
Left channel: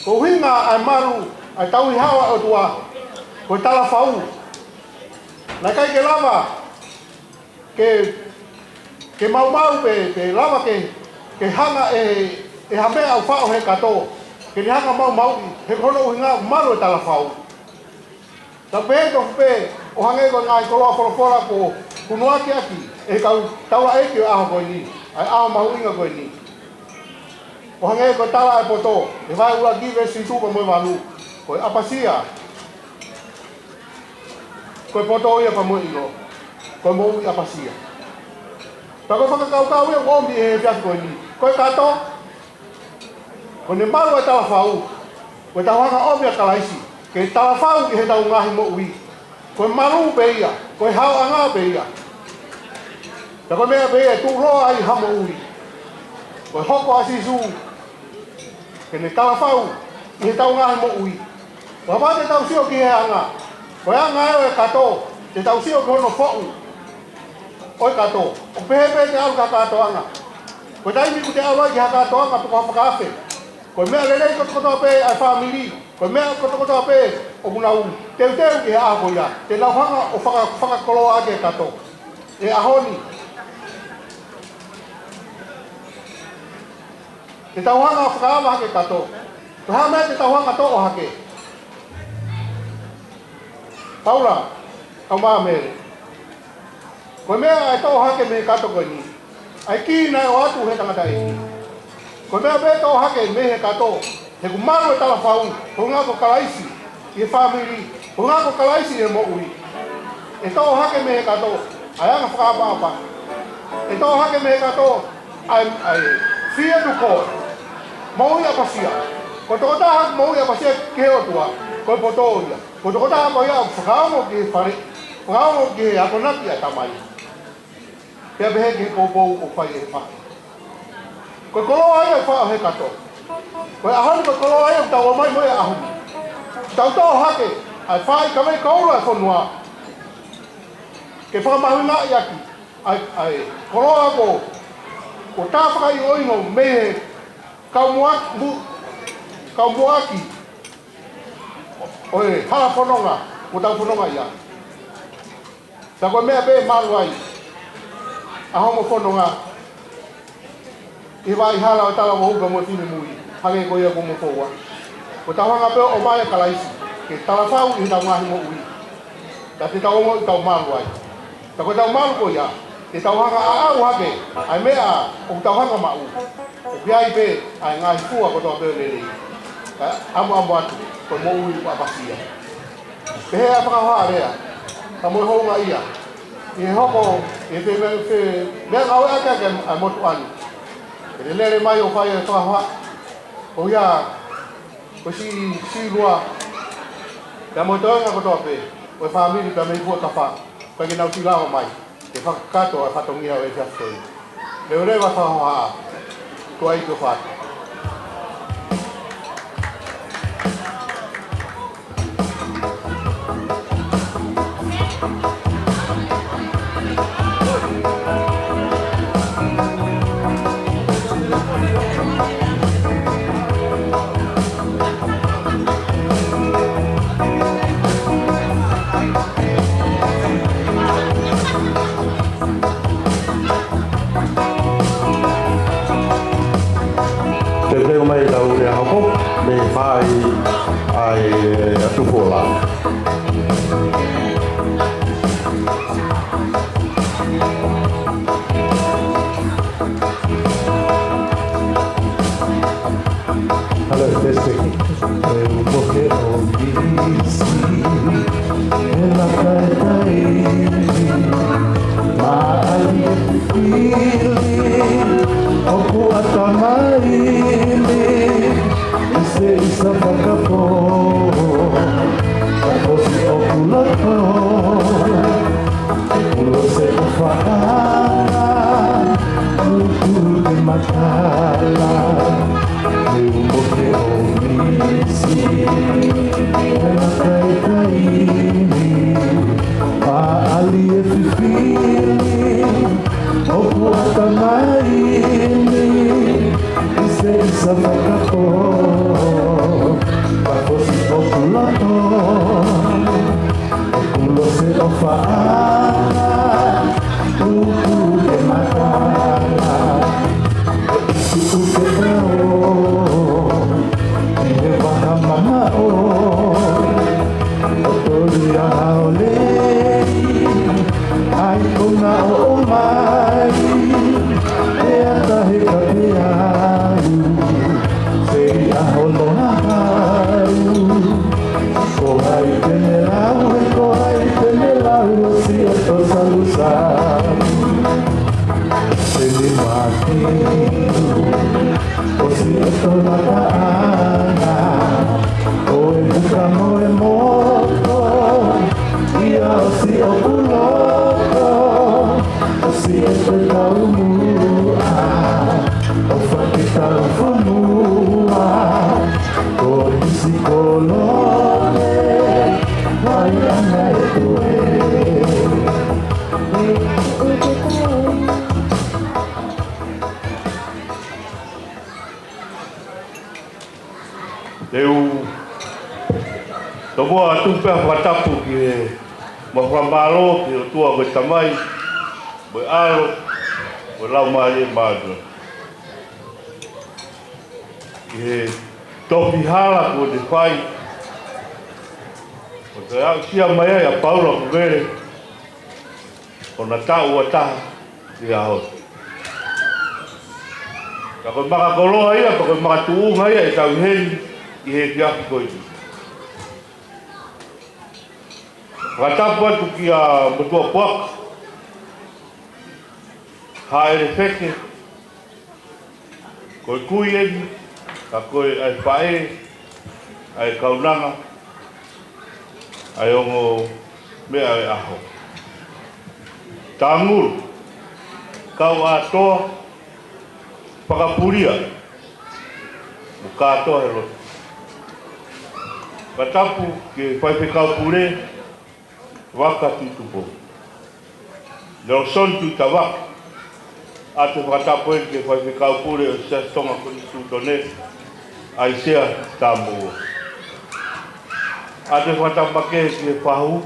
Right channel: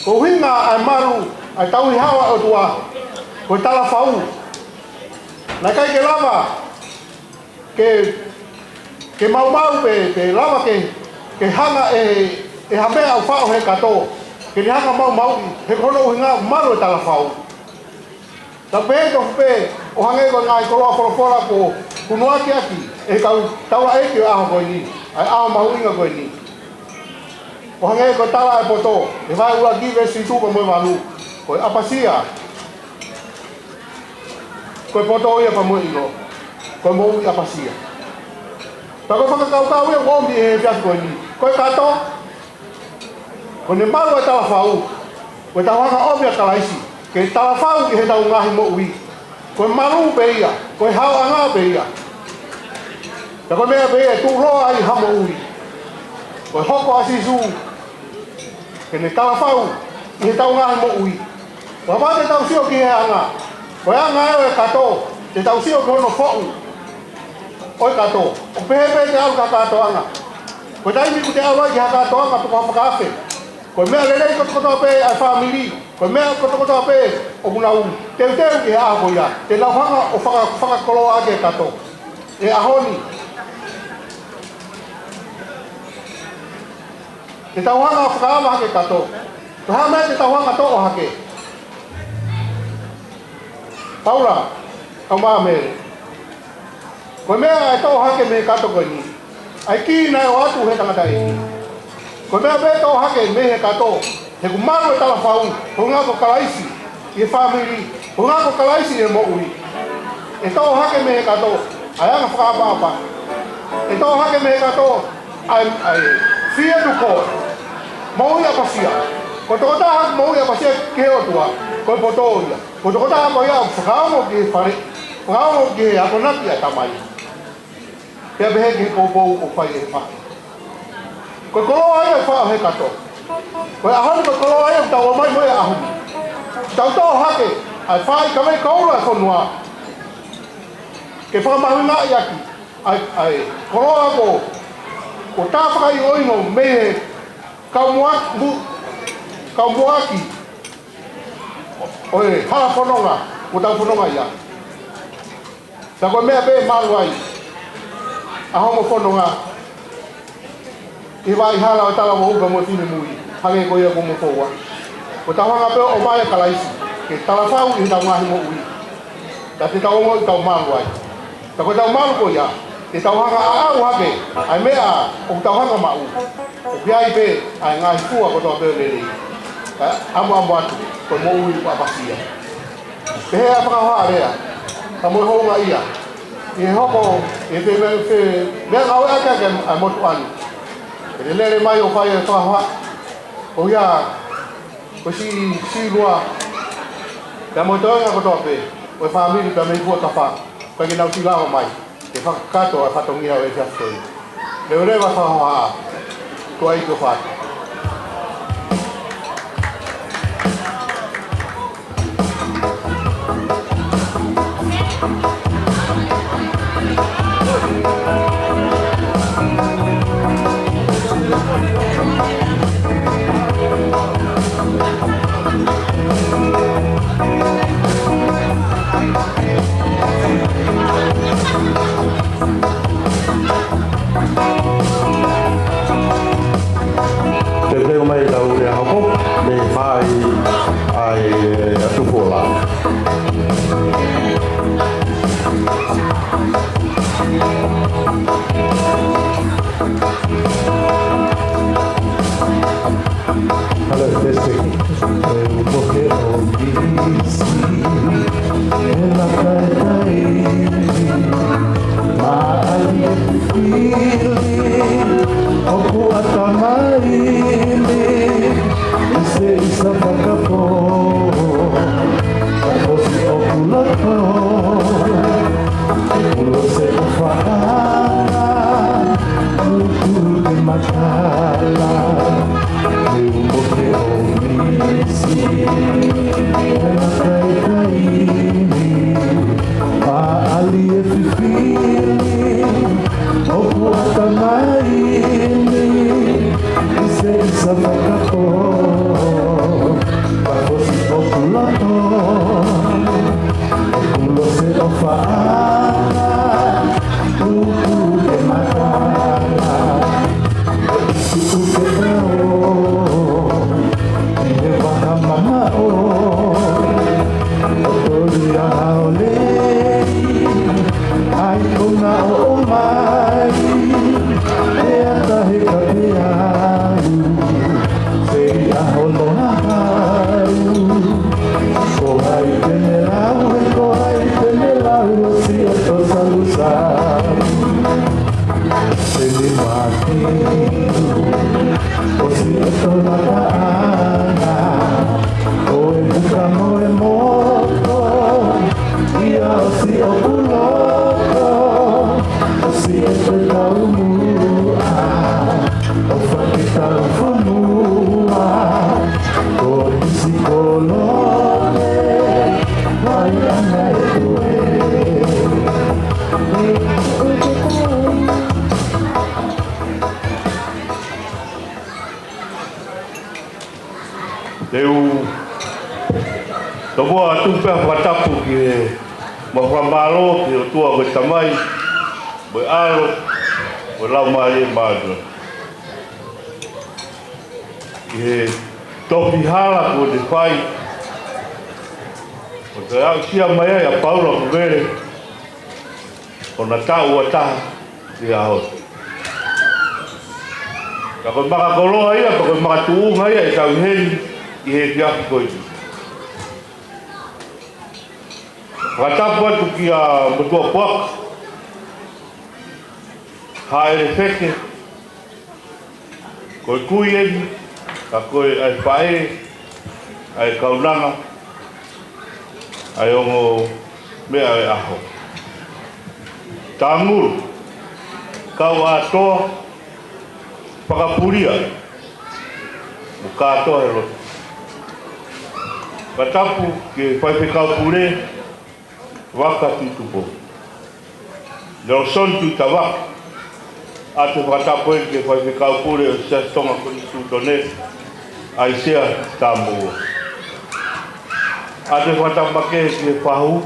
Ko hinga ai maru ai tau i hawa o tua. Ko tala fau. Na kai ke lava ke mau pe lava ke hanga e hame au fao he kato. Ke ni hanga mau he kono hinga maru e tala fau. Ta pe to pe o hange ko ngai ko fora ko kunua ki aki e kau tawa e ki a ko ni ai a mau inga ko ni. O hange ko tala e poto e vai ua give si tu ko mo valu ko apasia ko poto ia pa mo ino ko mo apasia ta ko fa kau e ngombi e fias ko ni ko kato ko ne malu e tala fau ko tawa ka obia kalaisi ke tala fau ki he tau ngahi mo ui ko malu pe ia ko hau anga pe ia ta ko mea pe e tu roa ai hamo ui ko hoko asisu ke ne tala fau i he tau ngahi mo ui wa ba te tau sio ki he anga ko anga e kato te tau sio ki hono fau oi kato o pehe te au ka kato anga ko tai mi ku te au ki ha kato anga po ka kafe ko mea lele ko pe ai family ko mea ko pe o bunau te ki ha ko ia te lau hanga o faka kolo ake kato e ahoni te tau hanga whakaama hake kato. Ko hea mea te tau hanga toko hake. Paula, kau maa mere. Ko mea e toko hake me kato koe ni. Ai ki nai o atu he tangata e. Ko mea me toko hake me he kato. He ku maru e tala whau. Ko ngā ko kalaisi i e family. Ko ngā ko kalaisi e mo ui. E toko hake me he kato. Ai anga whakaapa apa. E toko hake me he kato. Ai fia tu ko. Mau ia pasia. Ko toko taha mau ia pasia ke o tua. Ko poto ia. Ko toko taha ko ia whakaamo ki whare. Whakaamo ki ako naki a tamai. Pea behe ki pou o whai e wha. Ko kolo ai e wha he kato. Ko ahani ko kolo ai e tau mai mo e ahuni. Tau tau hake. Ai whai kawai kaura e whanua. Ke whakamahu nga i aki. Ai kolo ako. Ko tāwhaka i oino mehe kau muaki oe hala whanonga ko tau whanonga ia ta koe mea pe maru ai a homo whanonga i vai hala o tala wahuka mo tine mui hange ko ia ko mo koua ko tau hanga pe o mai kalaisi ke tala whau i tau ngahi mo ui ta te tau mo i tau maru ai ta koe tau maru ko ia te tau hanga a au hake ai mea o tau hanga mau o piai pe ai ngai fua ko toa pe lele amo atu ko mo ui pa pasia pe hea whakahoa rea ta mo honga ia i hoko e te me ngau e ake ake ai motu ani e le lele mai o whai e whakahoa o ia ko si lua ta mo toenga ko toa pe o e whamiri ta mei fua tawha pa ki nau tilawa mai te whakakato a whatongia o e fiastoi leo rewa whakahoa ko ai ko whatu. Sa Teu tomoa tu pe whatapu ki ma whamaro ki o tua koe tamai mo alo mo lau maari e maadua ki he topi hala ko te whai o te au sia mai ai a Paula Kuvere o na tau a taha ki a hoi ka koe maka koloa ia ka koe maka tuunga ia e tau heni i he fiaku koe Whakatapu atu ki a Motua Puaka haere wheke koe kui eni ka koe ai whae ai kaunanga ai ongo mea e aho Tānguru kau atoa whakapuria mo kātoa he loto Whakatapu ke whaipekau pure waka tutupo. Leo son tu tawak. Ate whakatapu e ke whaipekau pure o sia tonga koni tutone. Ai sea tāmua. Ate whakatapu ke whahu.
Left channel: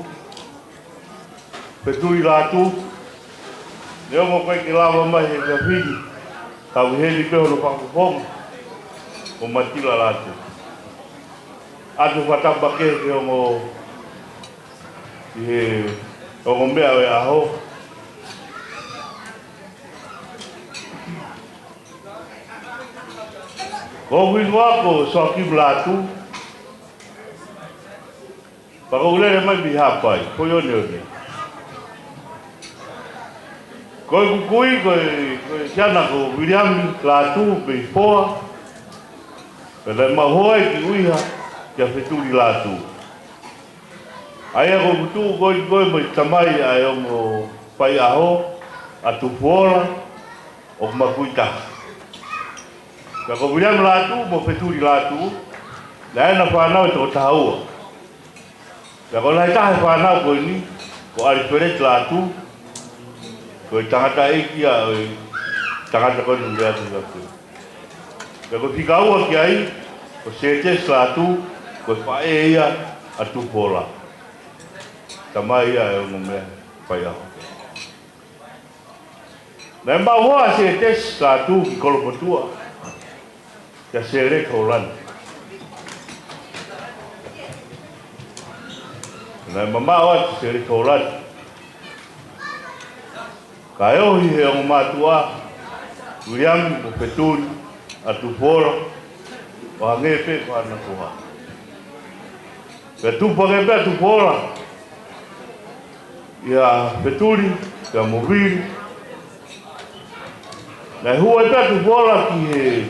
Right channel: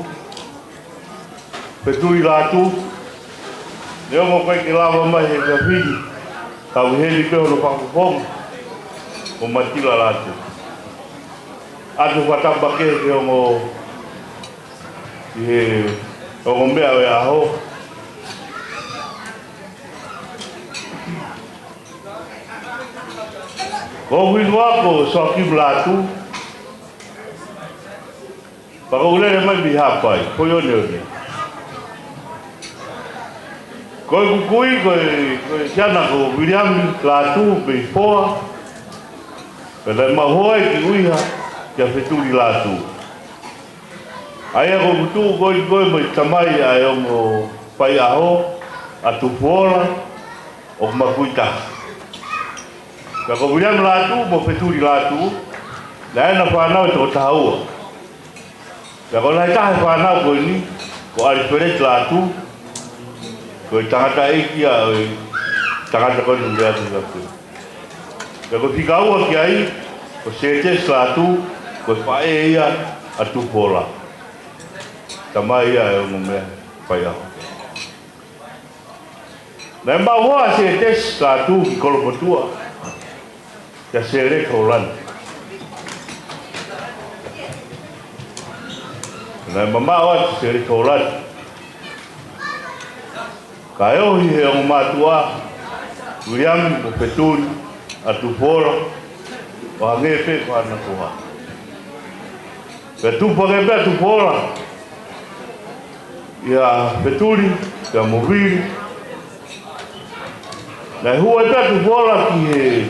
Petui lātu. Leo mo koe ke lawa mai he kawhiri. Tau heli peho no whakaponga. O matila lātu. Ate whakatapu ke ongo e o mea e aho ko winu ako so ki blatu pa ko le mai bi hapai ko yo ne ko kui ko jana ko William blatu be poa pela ma hoi ki uiha ya fetuli latu Aia ko kutu goi mo tamai ai o pai aho atu pola o makuita. Ka ko William latu mo peturi latu la na fa na to taua. Ka ko lai ta fa na ko ni ko ari pere latu ko tangata iki a tangata ko ni ya tu. Ka ko fikau ki ai ko sete latu ko pa ia atu pola. Tamai ai o mea pai aho. Na mba hoa se tes ka tu ki kolopotua. Ka se re kaulan. Na mba hoa se re kaulan. Ka eo hi he o matua. Uriami o peturi atu fora. O hangepe ko ana koha. Ka tu pake atu fora. Ia peturi, ia moviri. Na hua e tu bola ki he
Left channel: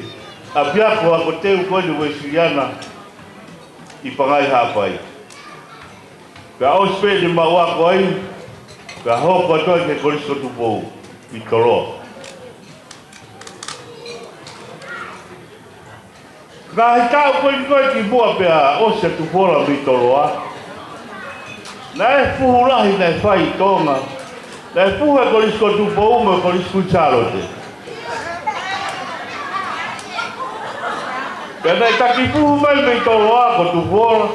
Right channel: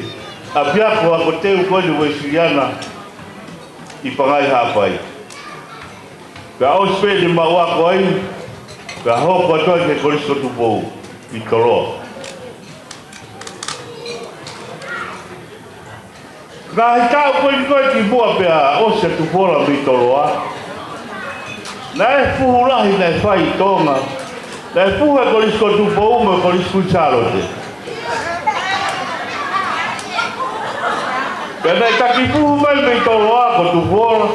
apiako ako teu koe ni Weisiliana I pangai hapai. Ka au spede mawako ai, ka hoko atoa ke korisko tupou I toloa. Ka hitau koe ki mua pea ose tupola mi toloa. Na e puhulahi na e whai tonga. Na e puhe korisko tupou me korisko charote. Kena I taki puhu mai me toloa ko tupola.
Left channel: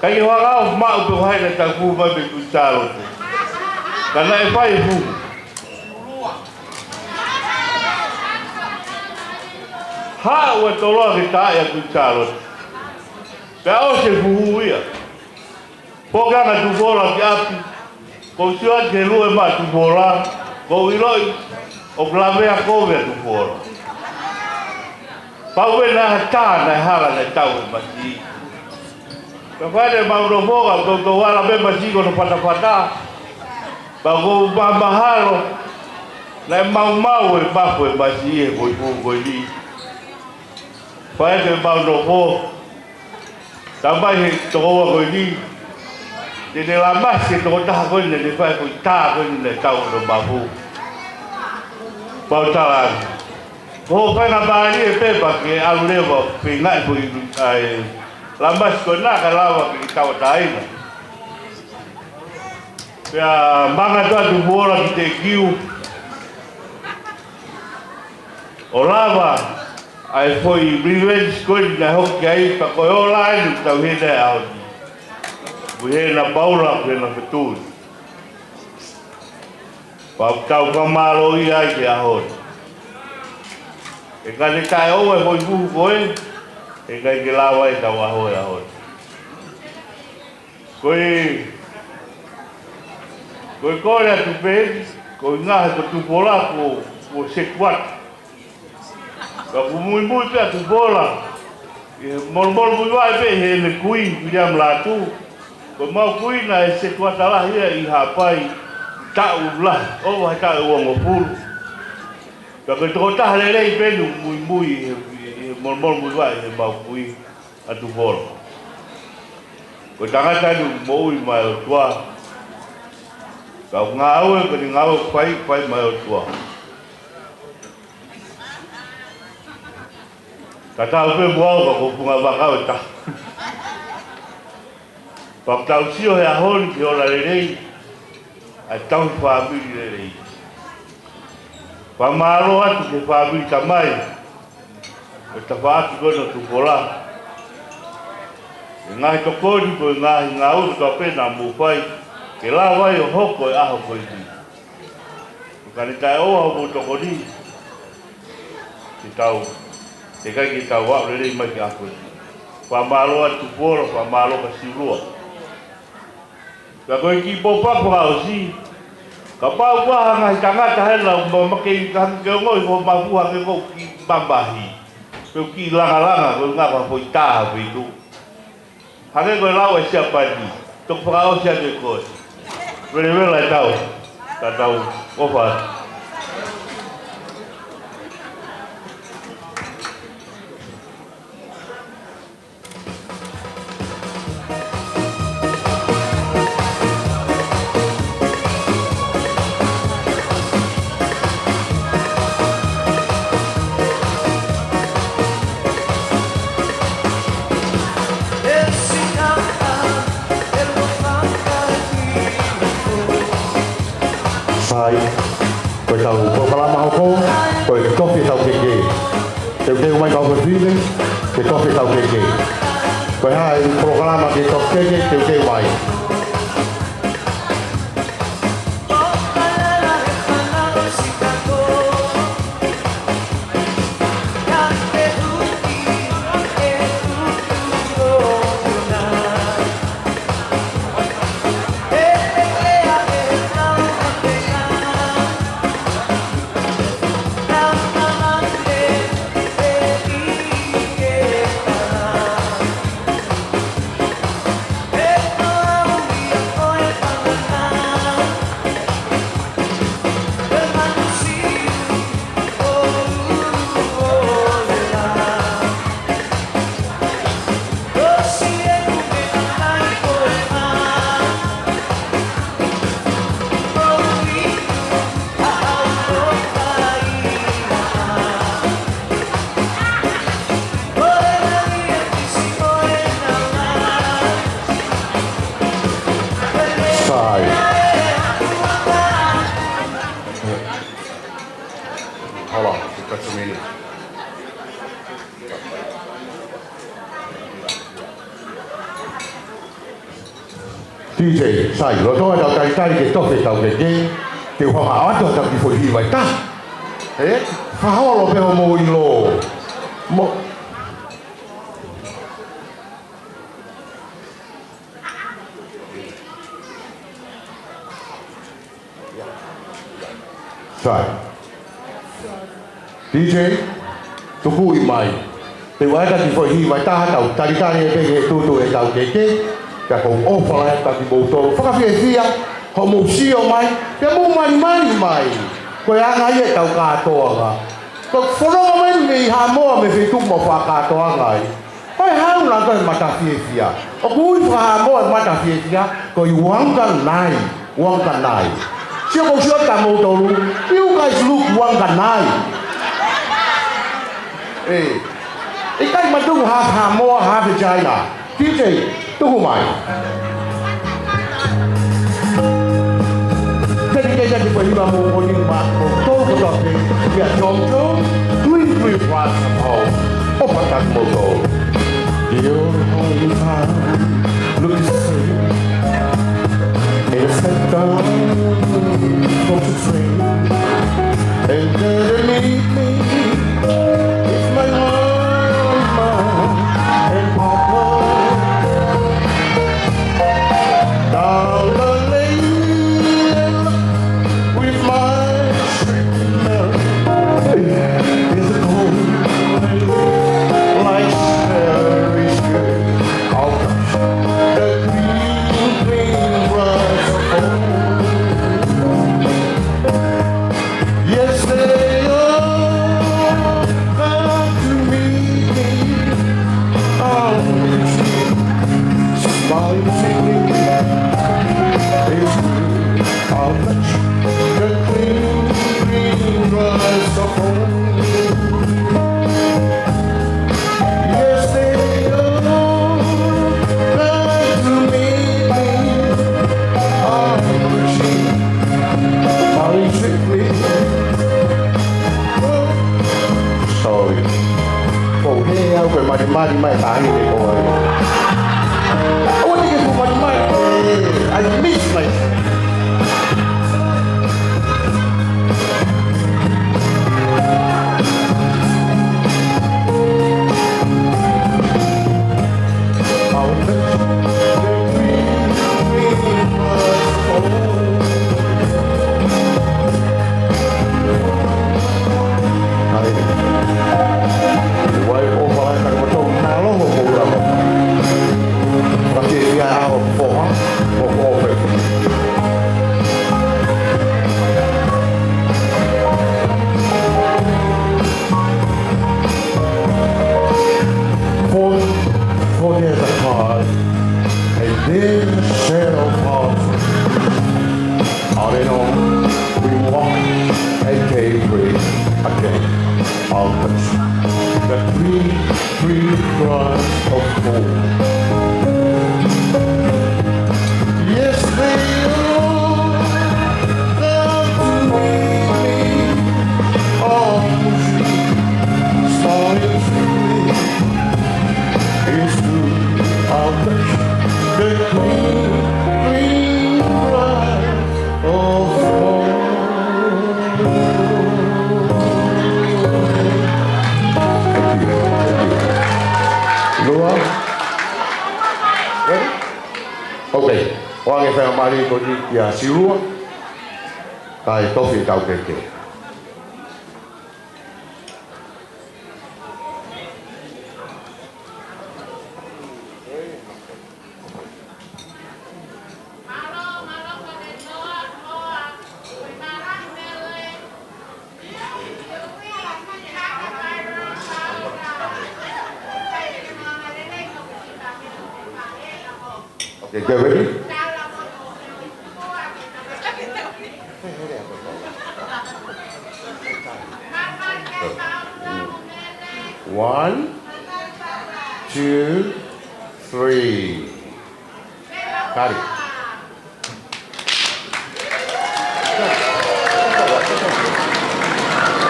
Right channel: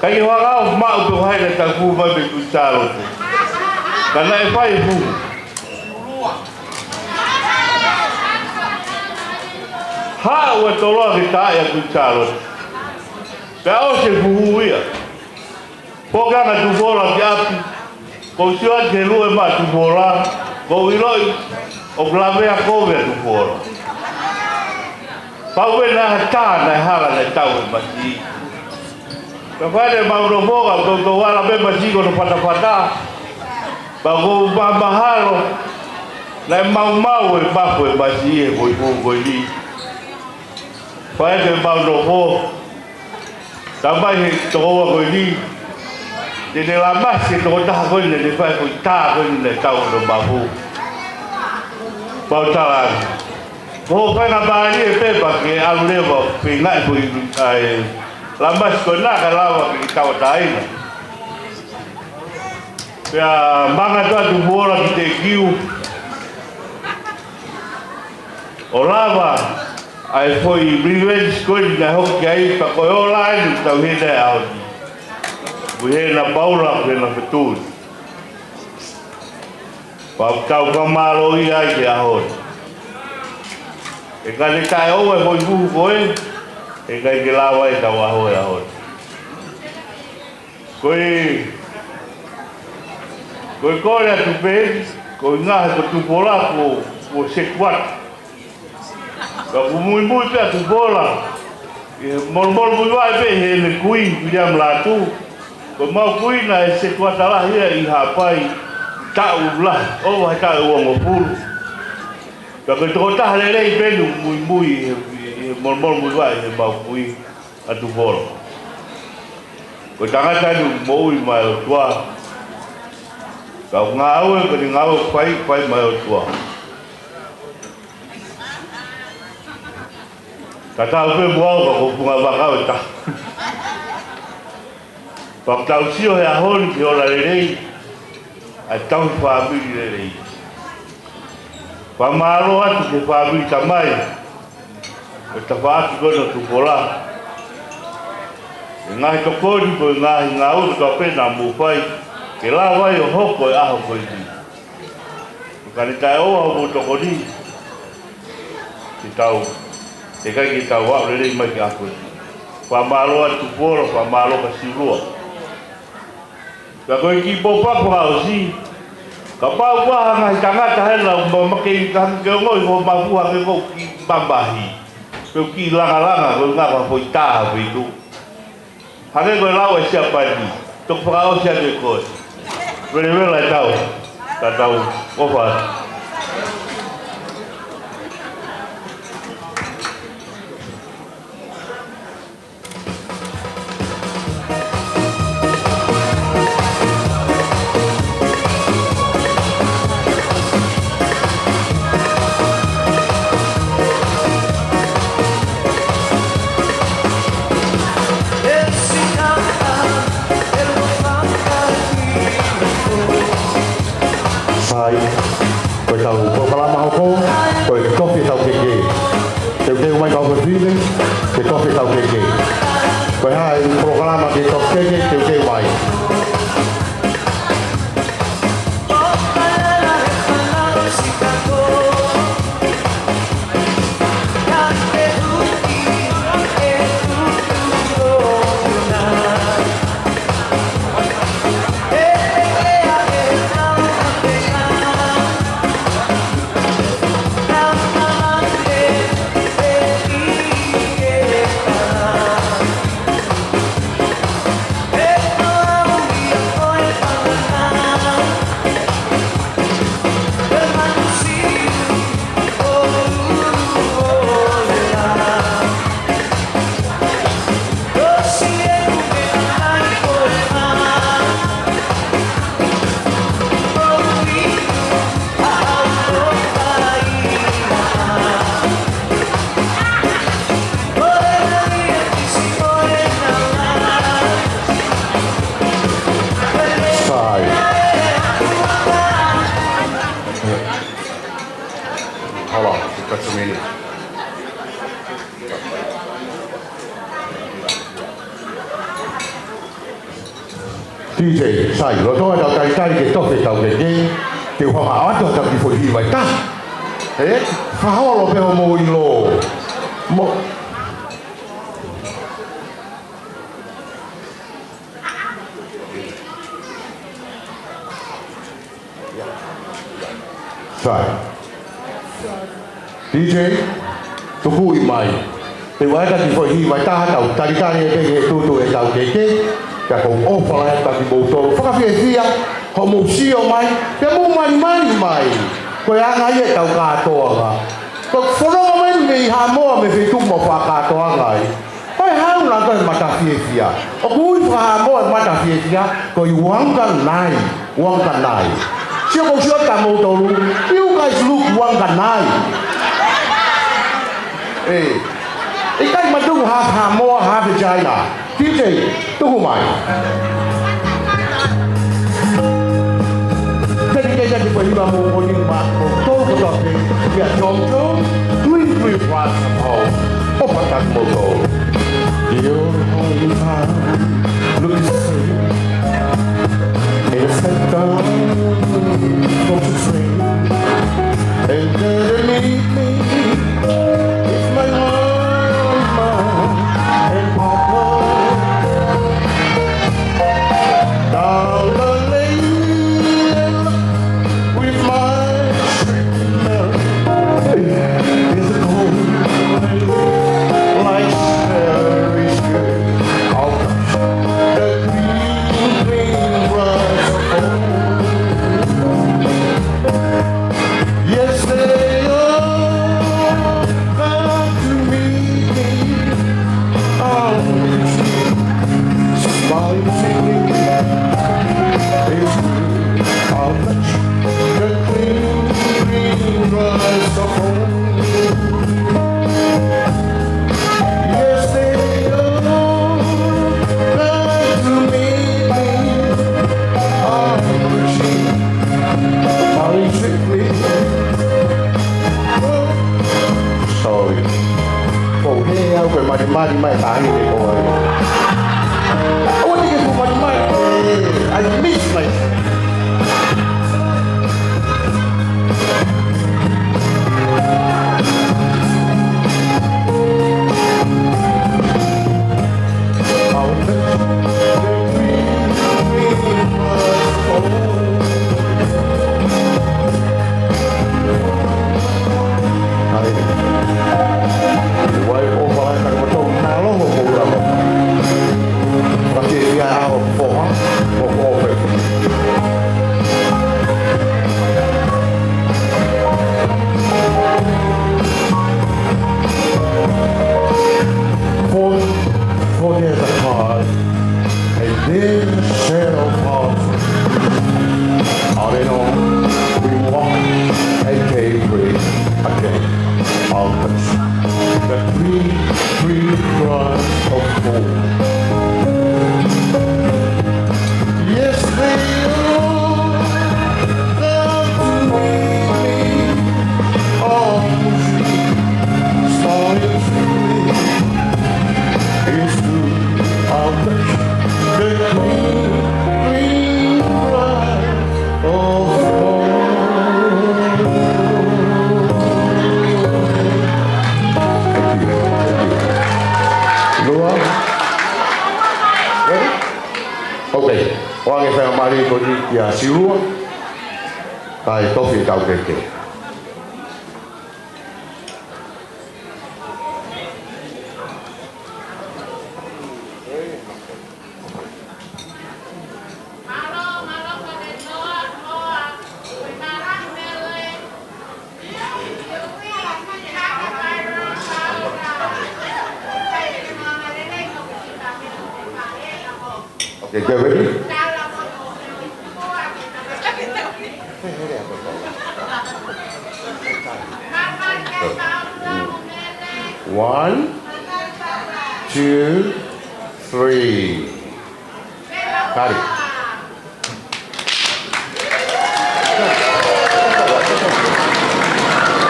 Ka I wangau mau pe whai na taki puhu mai me charote. Kana e whai puhu. Ha ua toloa ki tae a charote. Ka ose puhu ia. Pogana tupola ki api, ko siwa ke lue ma tupola, ko iloi o blavea kove tupola. Paue na hata na hala na tau e masi. Ka whare mauro moga, ko wala me masi ko no patapata. Pa ko mahalo, na mau e papo e masi e koi li. Whare mauro moga, tamai he tokoa koi li. Dene la masi to taha koe ne whai koe tā koe ne tau no mahu. Pau tala. Ko whai na bāri e pepa ke alu lewa pe ngai koe La mas ko na ka lawa ki tau taina. Pea manga toa tu bola ki te kiu. O lava ai foi revenge ko na hoki ai pa ko online tau hina au. Buhe na paula ke na betul. Pa tau kamalo i ai ke ahon. E ka le tai o e foi buhu koe. E kai ke lawa e tau aho e ahon. Koe kore atu pēdi, koe ngahe ko tupola ko sekuat. Ka kumui mui pe atu pola. Mol mui wai pe he le kui, miliam latu. Ko mau kui na e sekuat ala hia i hapai tau ulah. O hai tau uang o pulu. Ka koe toko taha le rei pēdu mui mol mui wai he mau kui atu pola. Ko tangata nu moi mai o tua. Ka ngau e ko ngau pai mai o tua. Ka tau pe boa ko punga baka o ta. Pa tau sio he ahon ki ora rei. A tau family rei. Pa malo atu ke family tamai. O ta fa ko no tu pola. Ngai to kodi ko ngai ngau to pena mu pai ke la vai o hoko e aho ko i. Ka ni tai o ho to kodi. Ki tau e kai ki tau wa le mai ki ako. Pa malo atu poro pa malo ka silua. Ka ko ki popa ko ha si. Ka pa wa ngai tanga ta hela mo make kan ke ngoi ho ma fu ha ke ko ki bambahi. Ko ki langa ko nga pa foi ta vitu. Hake koe lau e siapa ni, tok whakao sia koe koe. Wele e tau, ka tau, ofa. Koe tau proklama hoko, koe kofi tau keke. Te uteu mai kau kewhine, te kofi tau keke. Koe hae proklama ke tau keke, te uteu mai. DJ sai lo to da kai ke to fe tau ke ke ho ha to ta ki fo hi vai ta fa ho lo pe mo i lo mo sai DJ tu hui mai te wa ta ki fo hi vai ta tau ta ri ke tu e tau ke ka ko ofa la ta ki boto fa fi fia ho mo sio mai ke mo mai ko ya nga ye tau ka to ga ko foro mai ni ha mo me fi tu mo fa ka to ga ai ha una ko mata fi fia o ku fa mo mata fi fia ko i wang kan nai sio ko sio ta mo to lu you guys look wang kan nai ikai ma du ha mo ha vagina DJ tunggu mai. Jadi di bawah lima mungkin mak motor tetapi dia jongkok twin ras home. Opa tak mogo. The only time look the same. It's set down from the train. And underneath me is my mama and papa. Down the lane with my treadmill is a cold like cherry sugar. I'll touch the green grass of home. Yes, they all come to meet me on the street, smiling, singing. It's true, I'll touch the green grass of home. Yes, they all come to meet me on the street, smiling, singing. Sorry. Oh, hey, I'm going to my time. I want to get to my mind. I miss myself. I'll touch the green grass of home. Why over like a motor now? Okay, we are out for over. For there's a cause, and then the shadow falls. All in all, we walk and came free again. I'll touch the green grass of home. Yes, they all come to meet me on the street, smiling sweetly. It's true, I'll touch the green grass of home. Luar. Ready? Okay. Orang yang saya mari kodi ya silu. Tai tofi tau keke. Okay, get ready? One, two, three. Got it.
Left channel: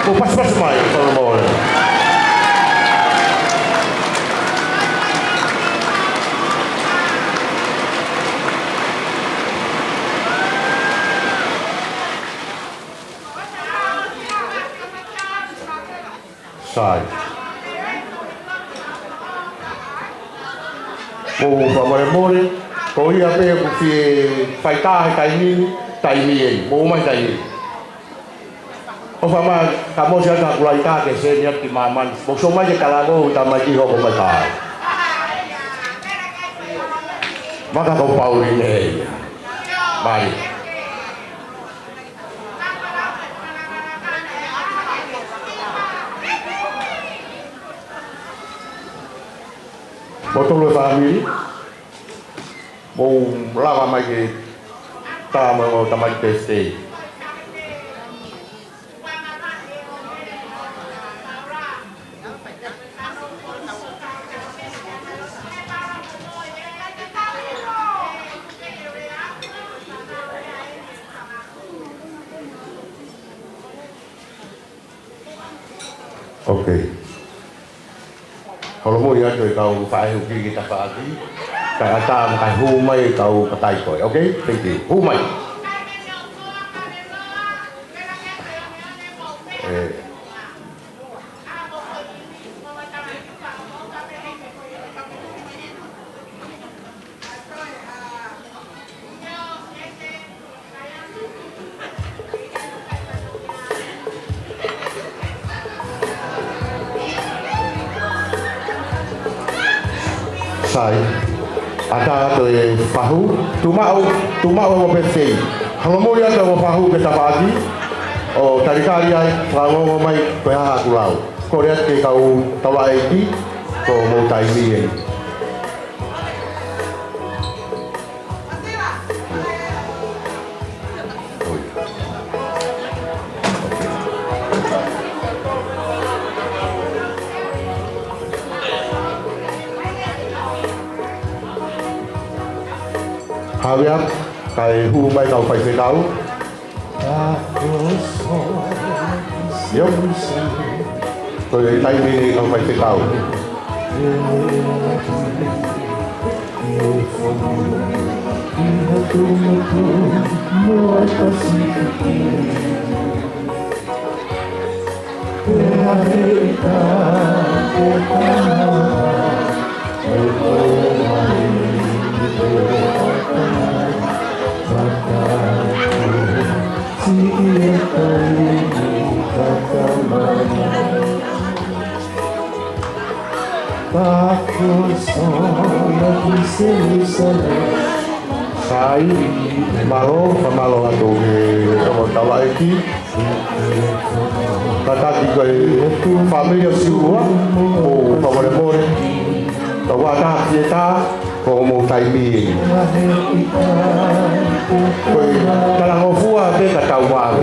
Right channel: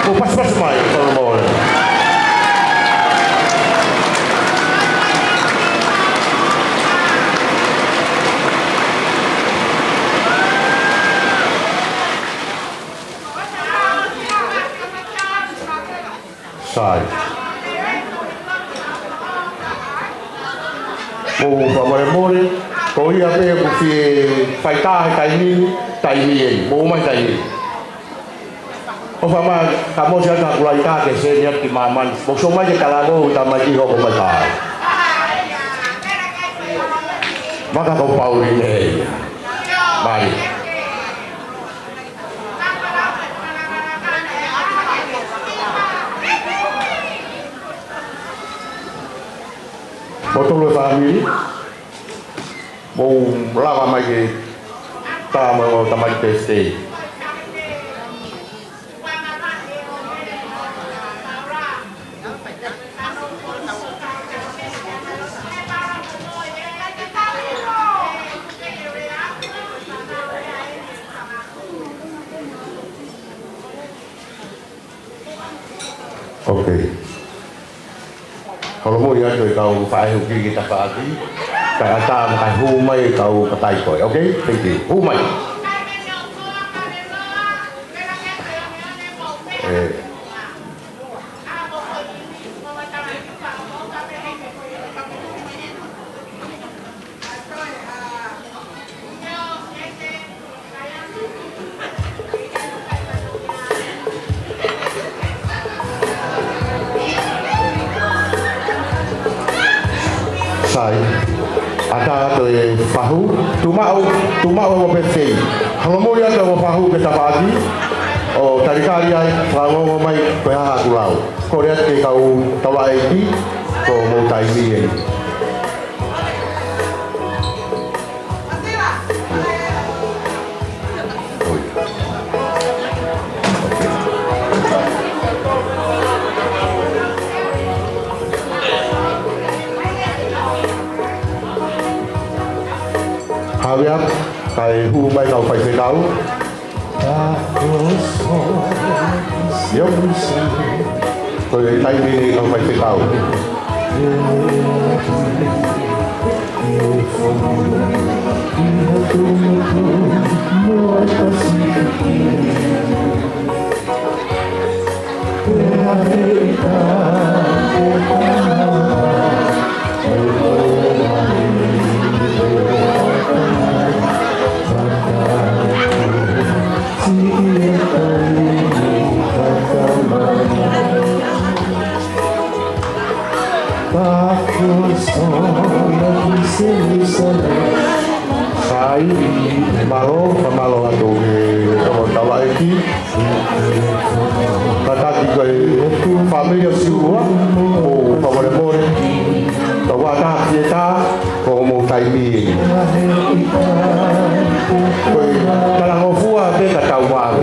Oh, pas main kalau mau. Side. Mo pamore ko ia pe ku fi faita tai ni mo mai tai ni o fama kamo sia ka kulai ka ke se ni ki maman mo so mai ke kala go utama ji ho ko mai ta maka ko pauli ne mari Potong family, mau lama lagi, tak mau tambah testi. Okay. Kalau mo yan, ikaw paano kita pagi. Kaya tam kay humay ikaw patay ko. Okay? Thank you. Humay. Sai. Ada tu pahu, tumau mo pensei. Kalau mo yan mo pahu kita pagi. Oh, tadi kali ay pango mo may kaya kulau. Korea ke kau tawai di ko mo tai ni. Habiam kay humay kau phải xây đấu. Yep. Tôi tay đi kau phải xây đấu. Sai malo ato ke tawa iki kata tiga família siwa o favoremore tawa ta kita como tai bi koi kala ngofua te katawa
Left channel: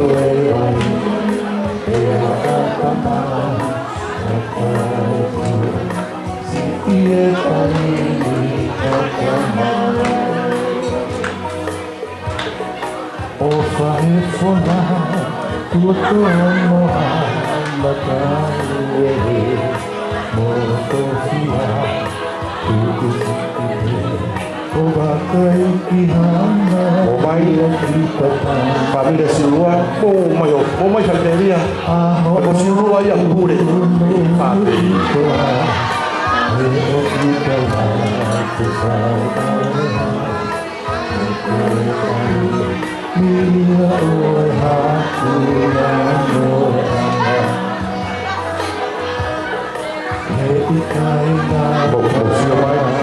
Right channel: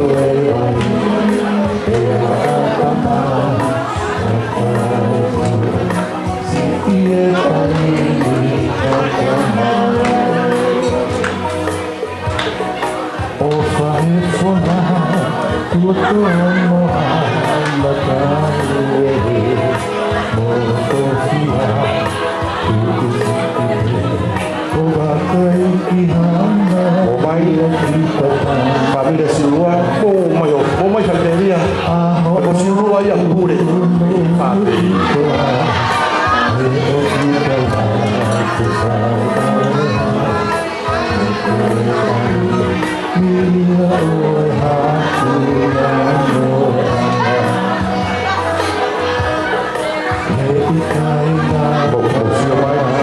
família siwa o mai santeria o siwa yang pure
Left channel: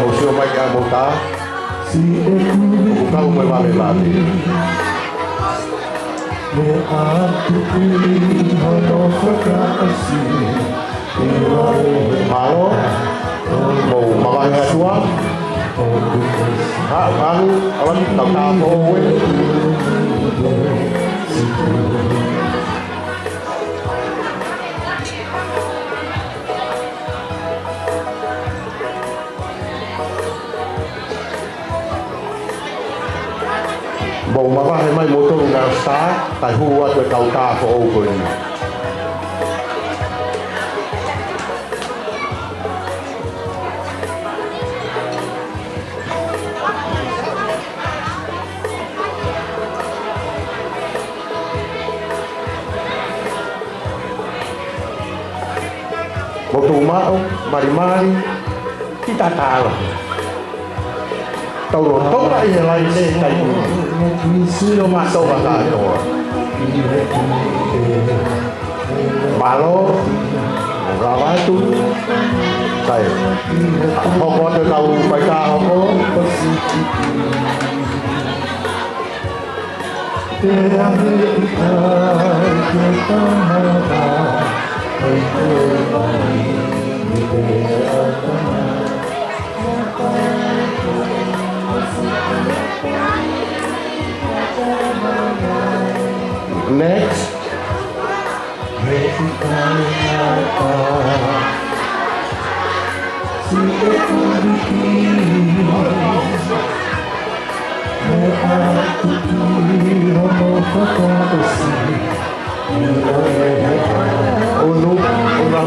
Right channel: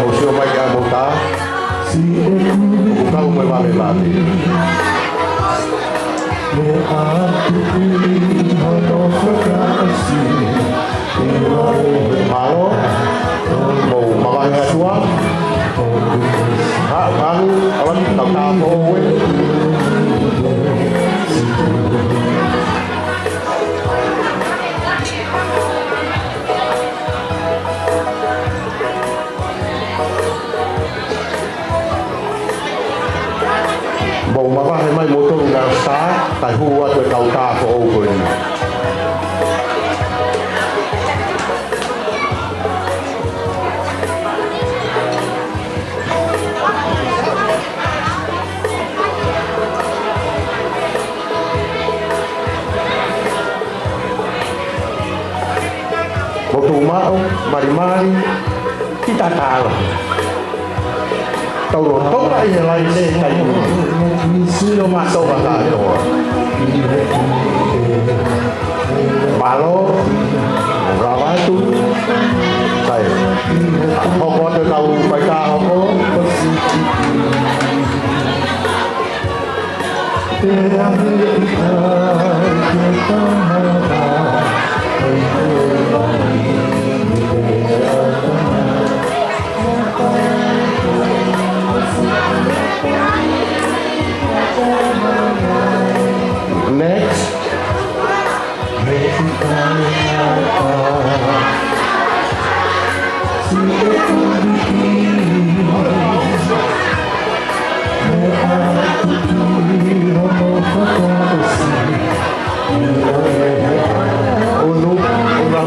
Một siêu mai cả một tá Kau mai mami mami Malo Mau makan ngasua Malu awan tau-tau kowe Bầu mà ba hay mai mô tô ngà xá tại hua tôi cầu ta của ô quỳnh Bầu tù má ông mari kita tahu tàu đồ tốt lại như này lên này siêu mà tàu vào lại rồi bà lô ra vái tú đây họ có được tàu phải ca họ có Next. Unu, una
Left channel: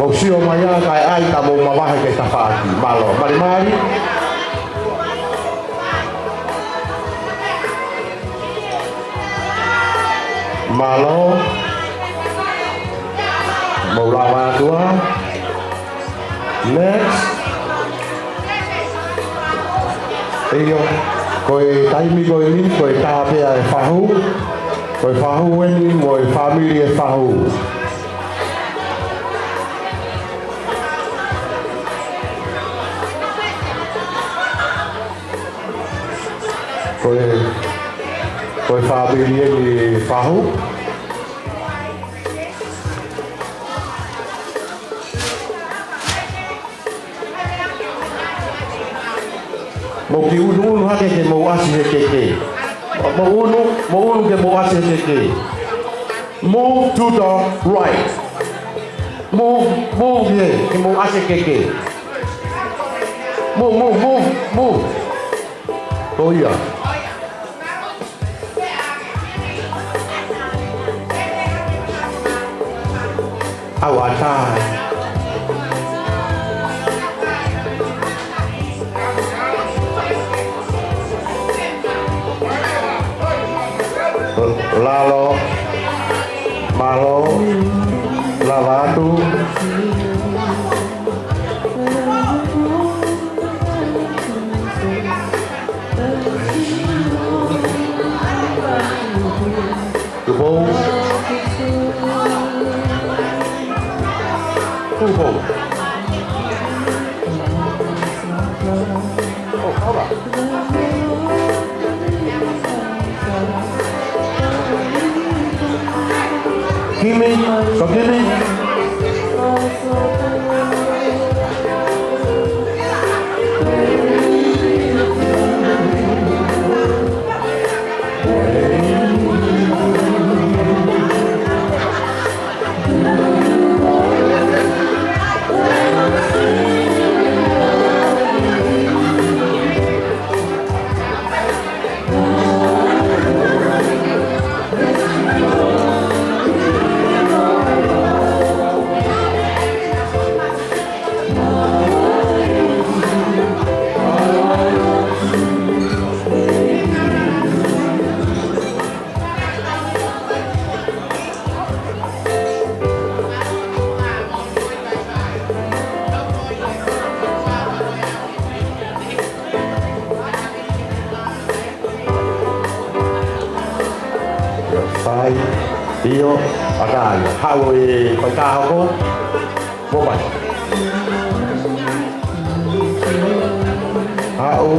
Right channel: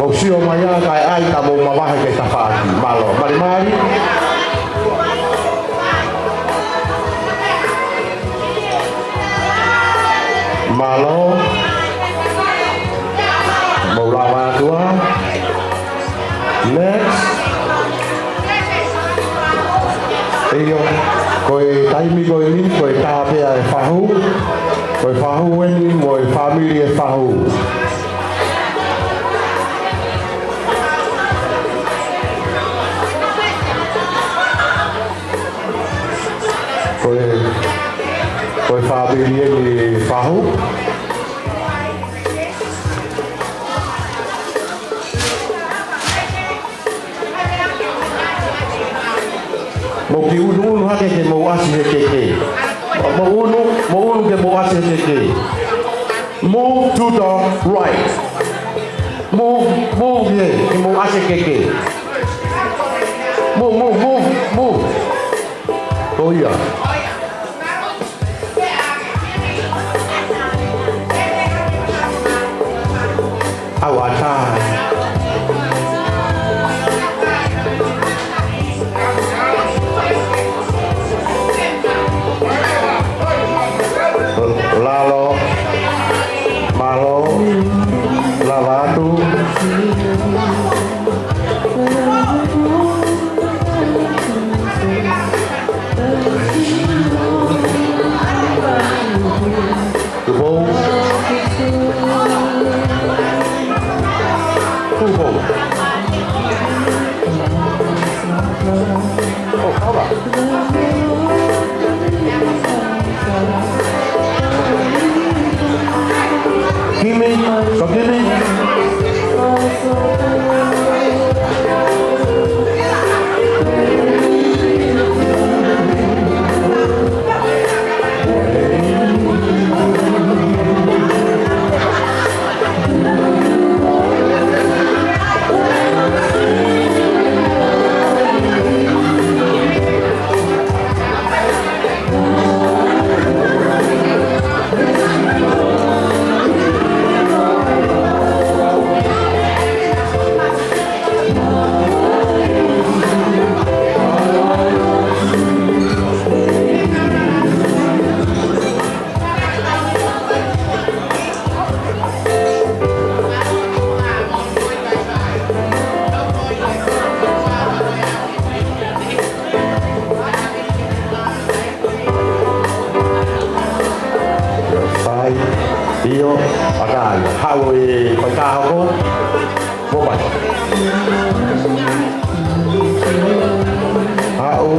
Mau sio mai kai ai ta mau mawahe ke tafaki. Malo, mari mari. Malo. Mau lawa tua. Next. Iyo, koe taimi koe ni, koe tāpea e whahu. Koe whahu eni, moe family e whahu. Koe family eni whahu. Mo ki unu hake ke mo asi he keke. Mo unu ke mo asi he keke. Move to the right. Move here ke mo asi keke. Move. Oh yeah. Awata. Lalo, malo, lavado. Tubo. Oh, hold on. Gimme, so gimme. Io akan hawi pagkahapon bobay hao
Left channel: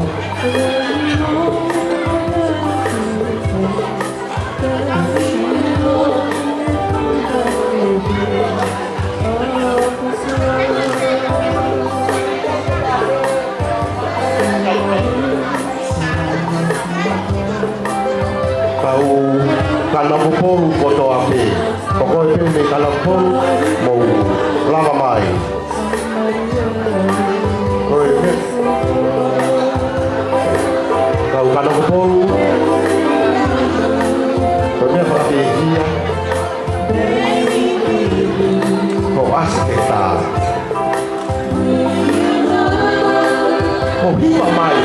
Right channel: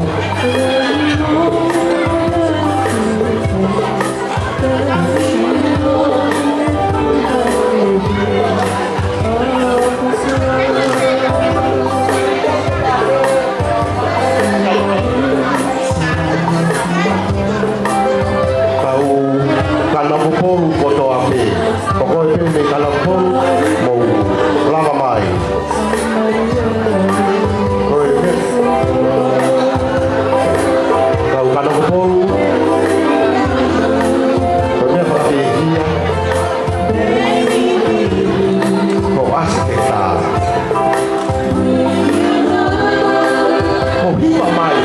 kalau kuporu foto api pokoknya ini kalau pun mau lama mai kalau kuporu ternyata pakai dia kok asik kita mau hiba mai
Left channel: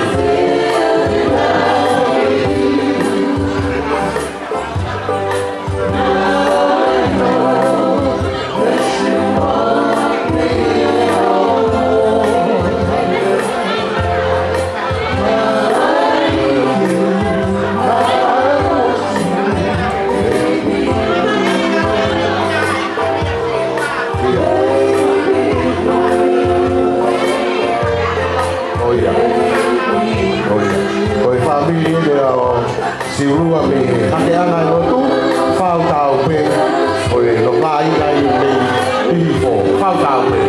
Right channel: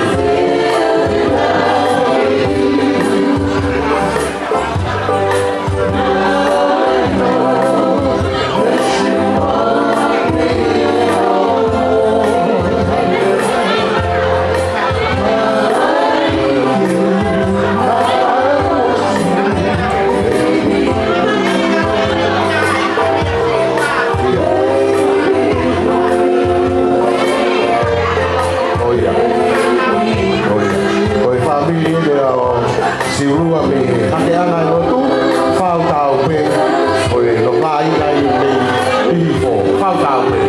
siurua me hake ana no tu fau tau pe oi lo lai lai le info fau tau pe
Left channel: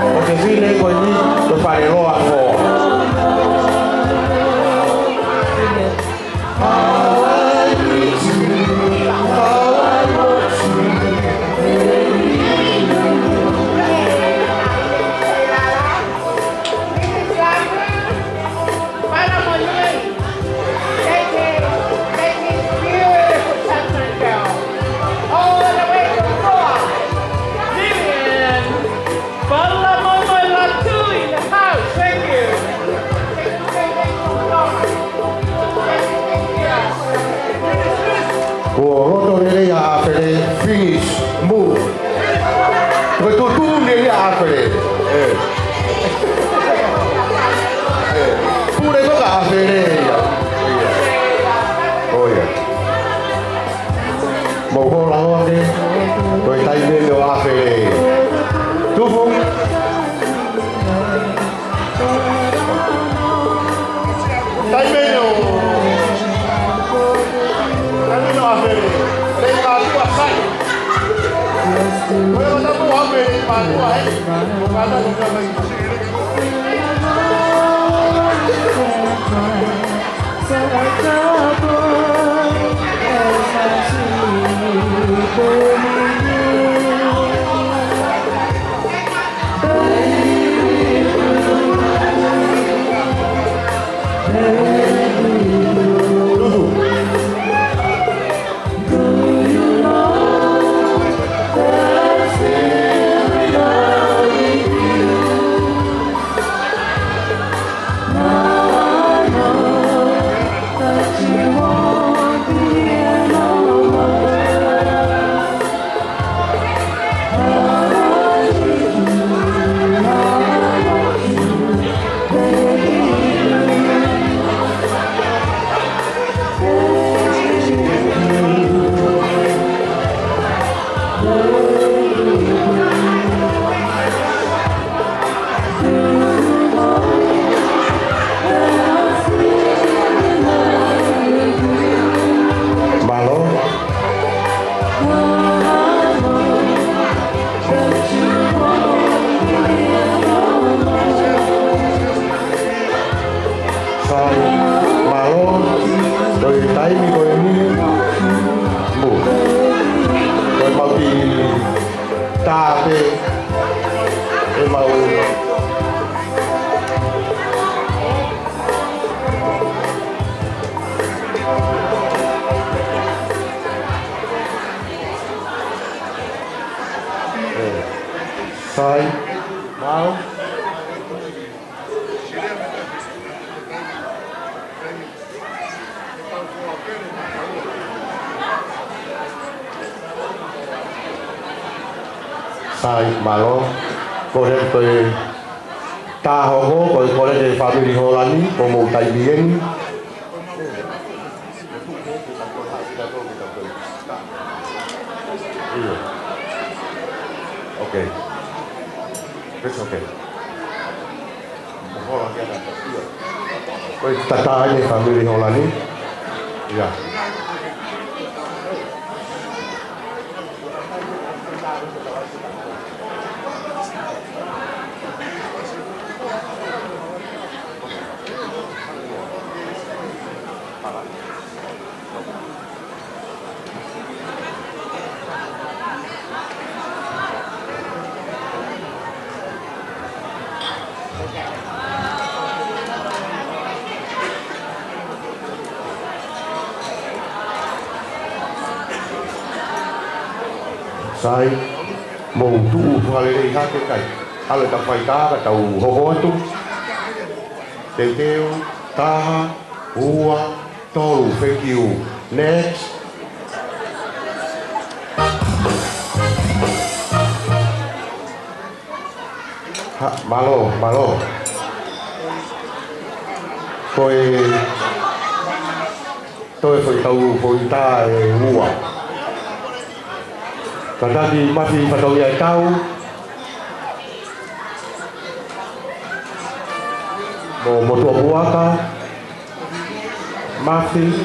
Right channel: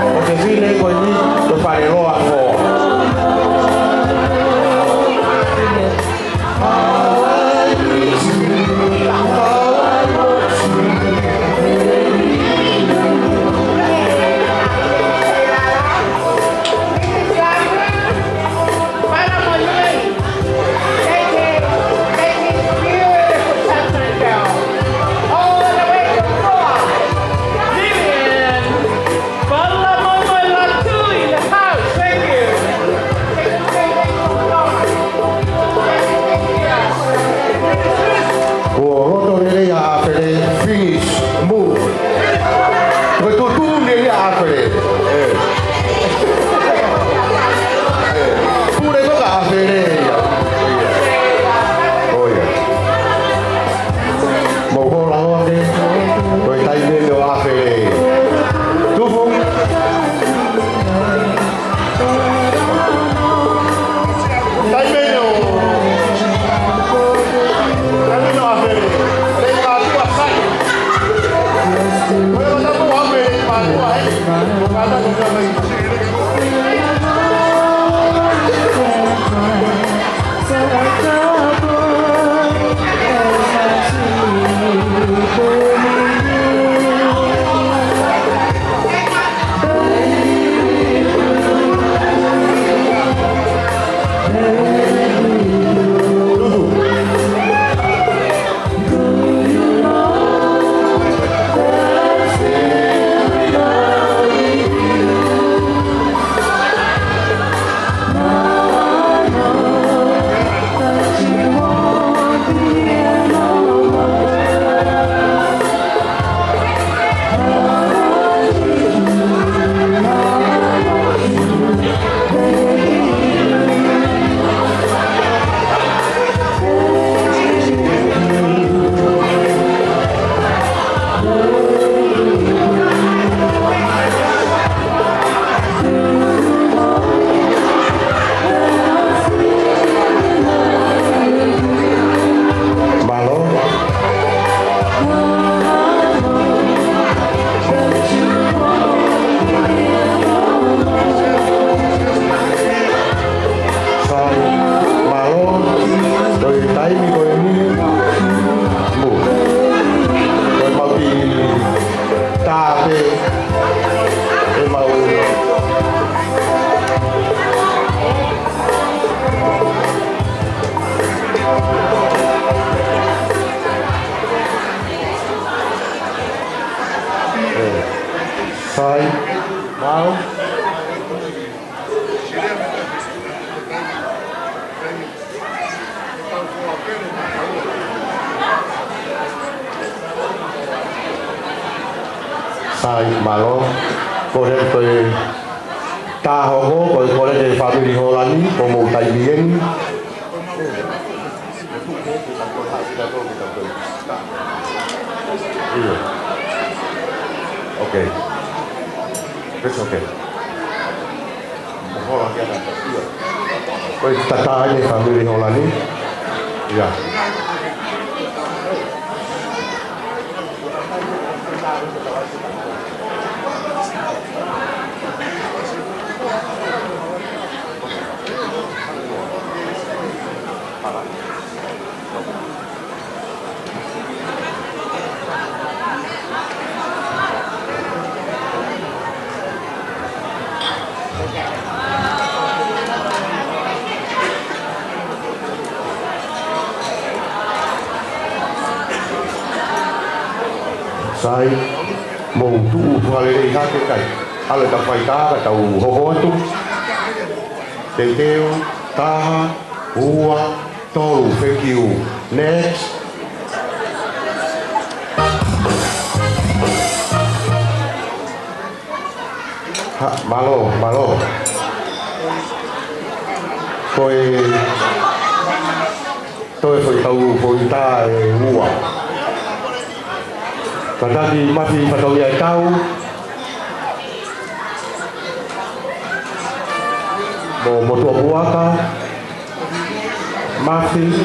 o que vile ko ni to fare roa ko Sai, mau. Sai, malo. Kore koe tahogo, koe kore de family holani, como tai bien. Okay. It's okay. Koe tata ni family holani. Ya. Sai màu tu hoa lê ha cái cảnh hay là tập phải ta là tàu hồ hồ tu đều kêu ta hua to đủ phê kiều next ha malo tôi phải tàu phôi ta hua Kata di masih pada dia tahu mau motor buah kah masih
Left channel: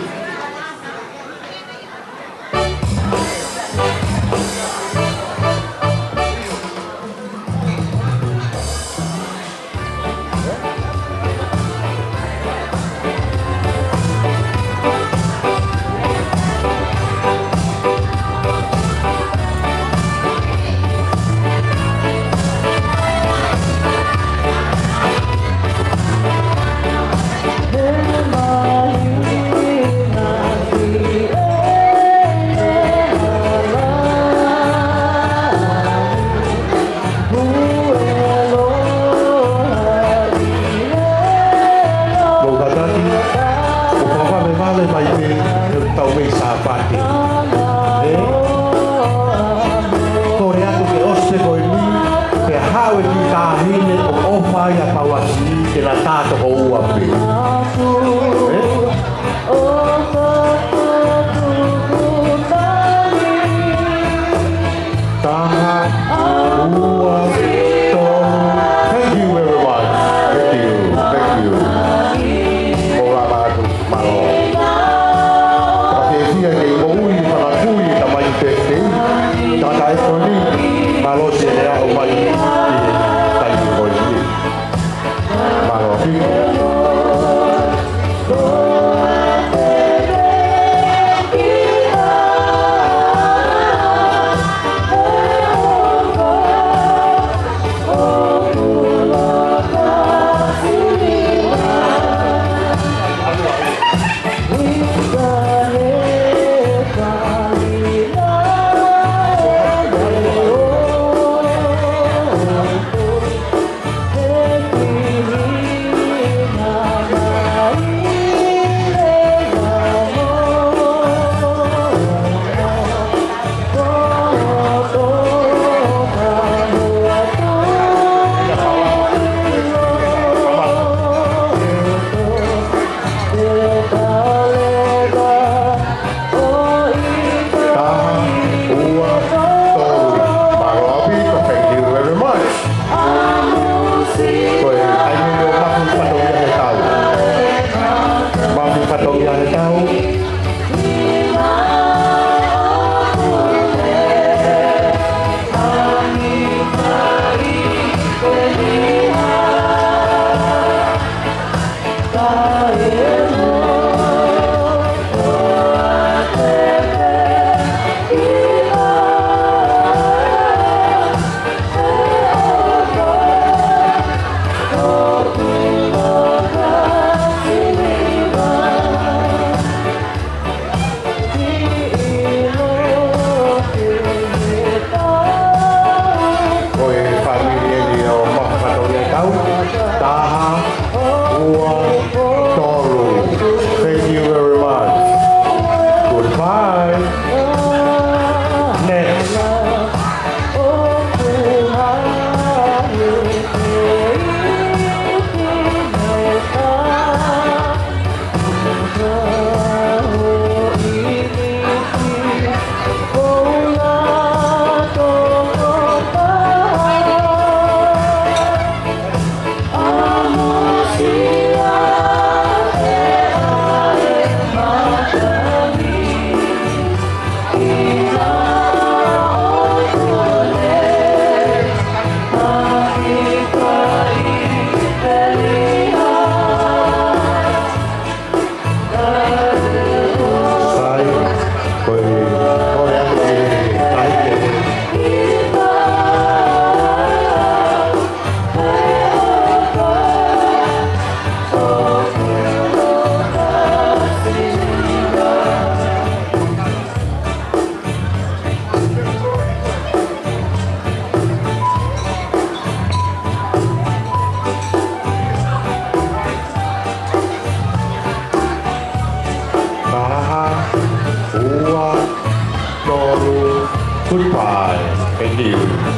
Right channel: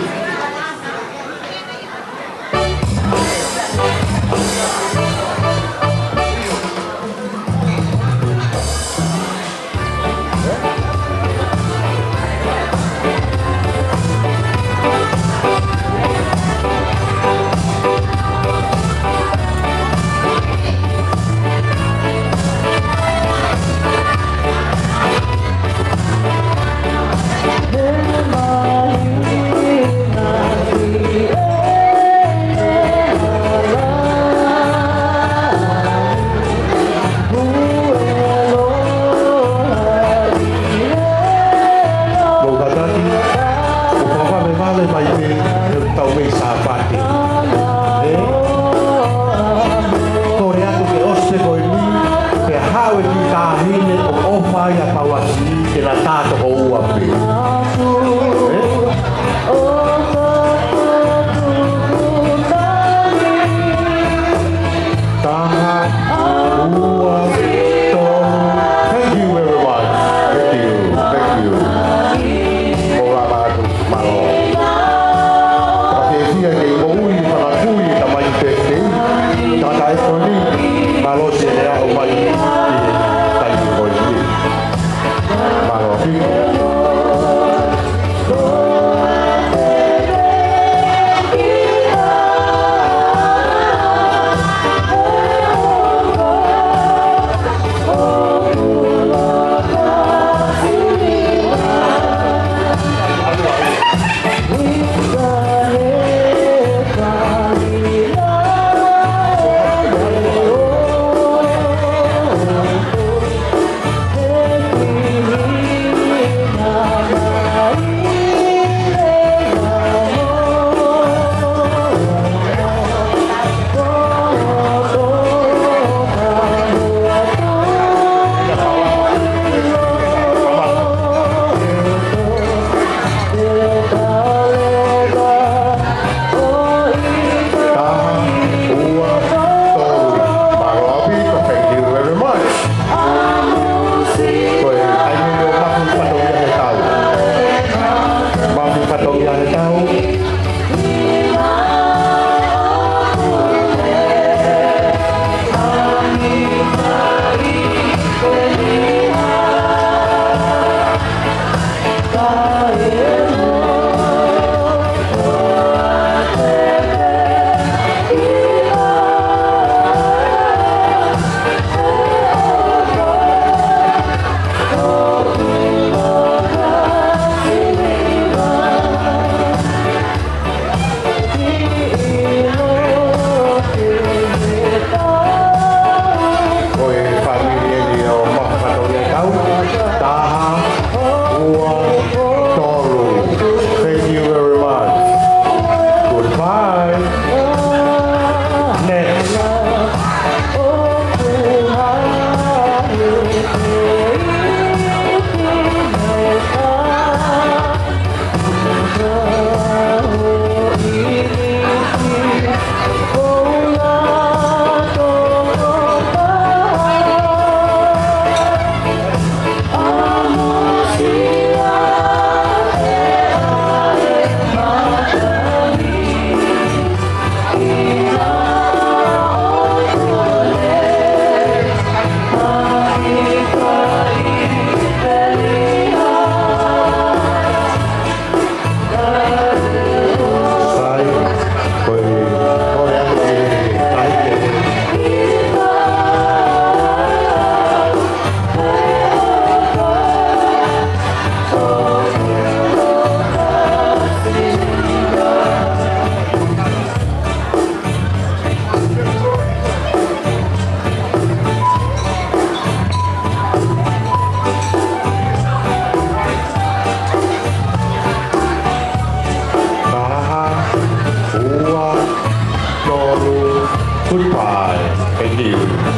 Thank you.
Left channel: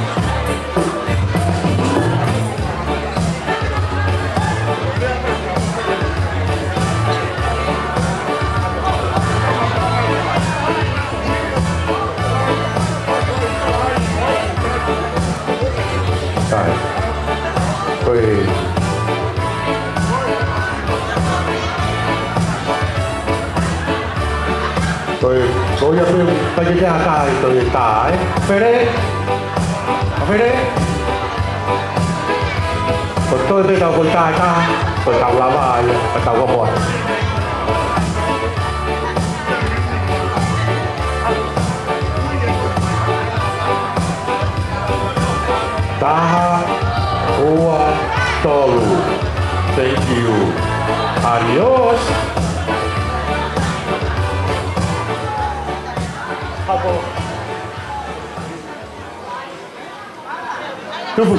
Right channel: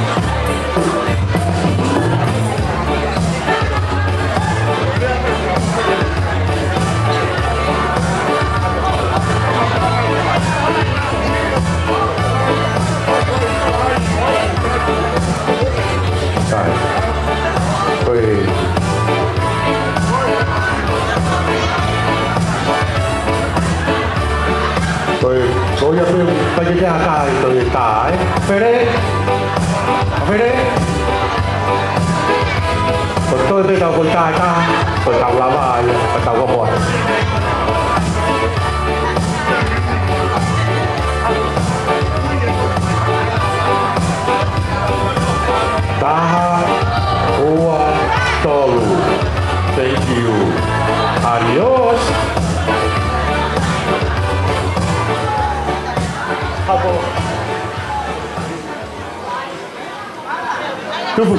Tôi nhập viên bây giờ cái tôi tải về đây còn tôi tàu con trai ta tôi tàu lá bài tàu có bọt Taha Ua Tolu. Thank you. Adios. Tufu.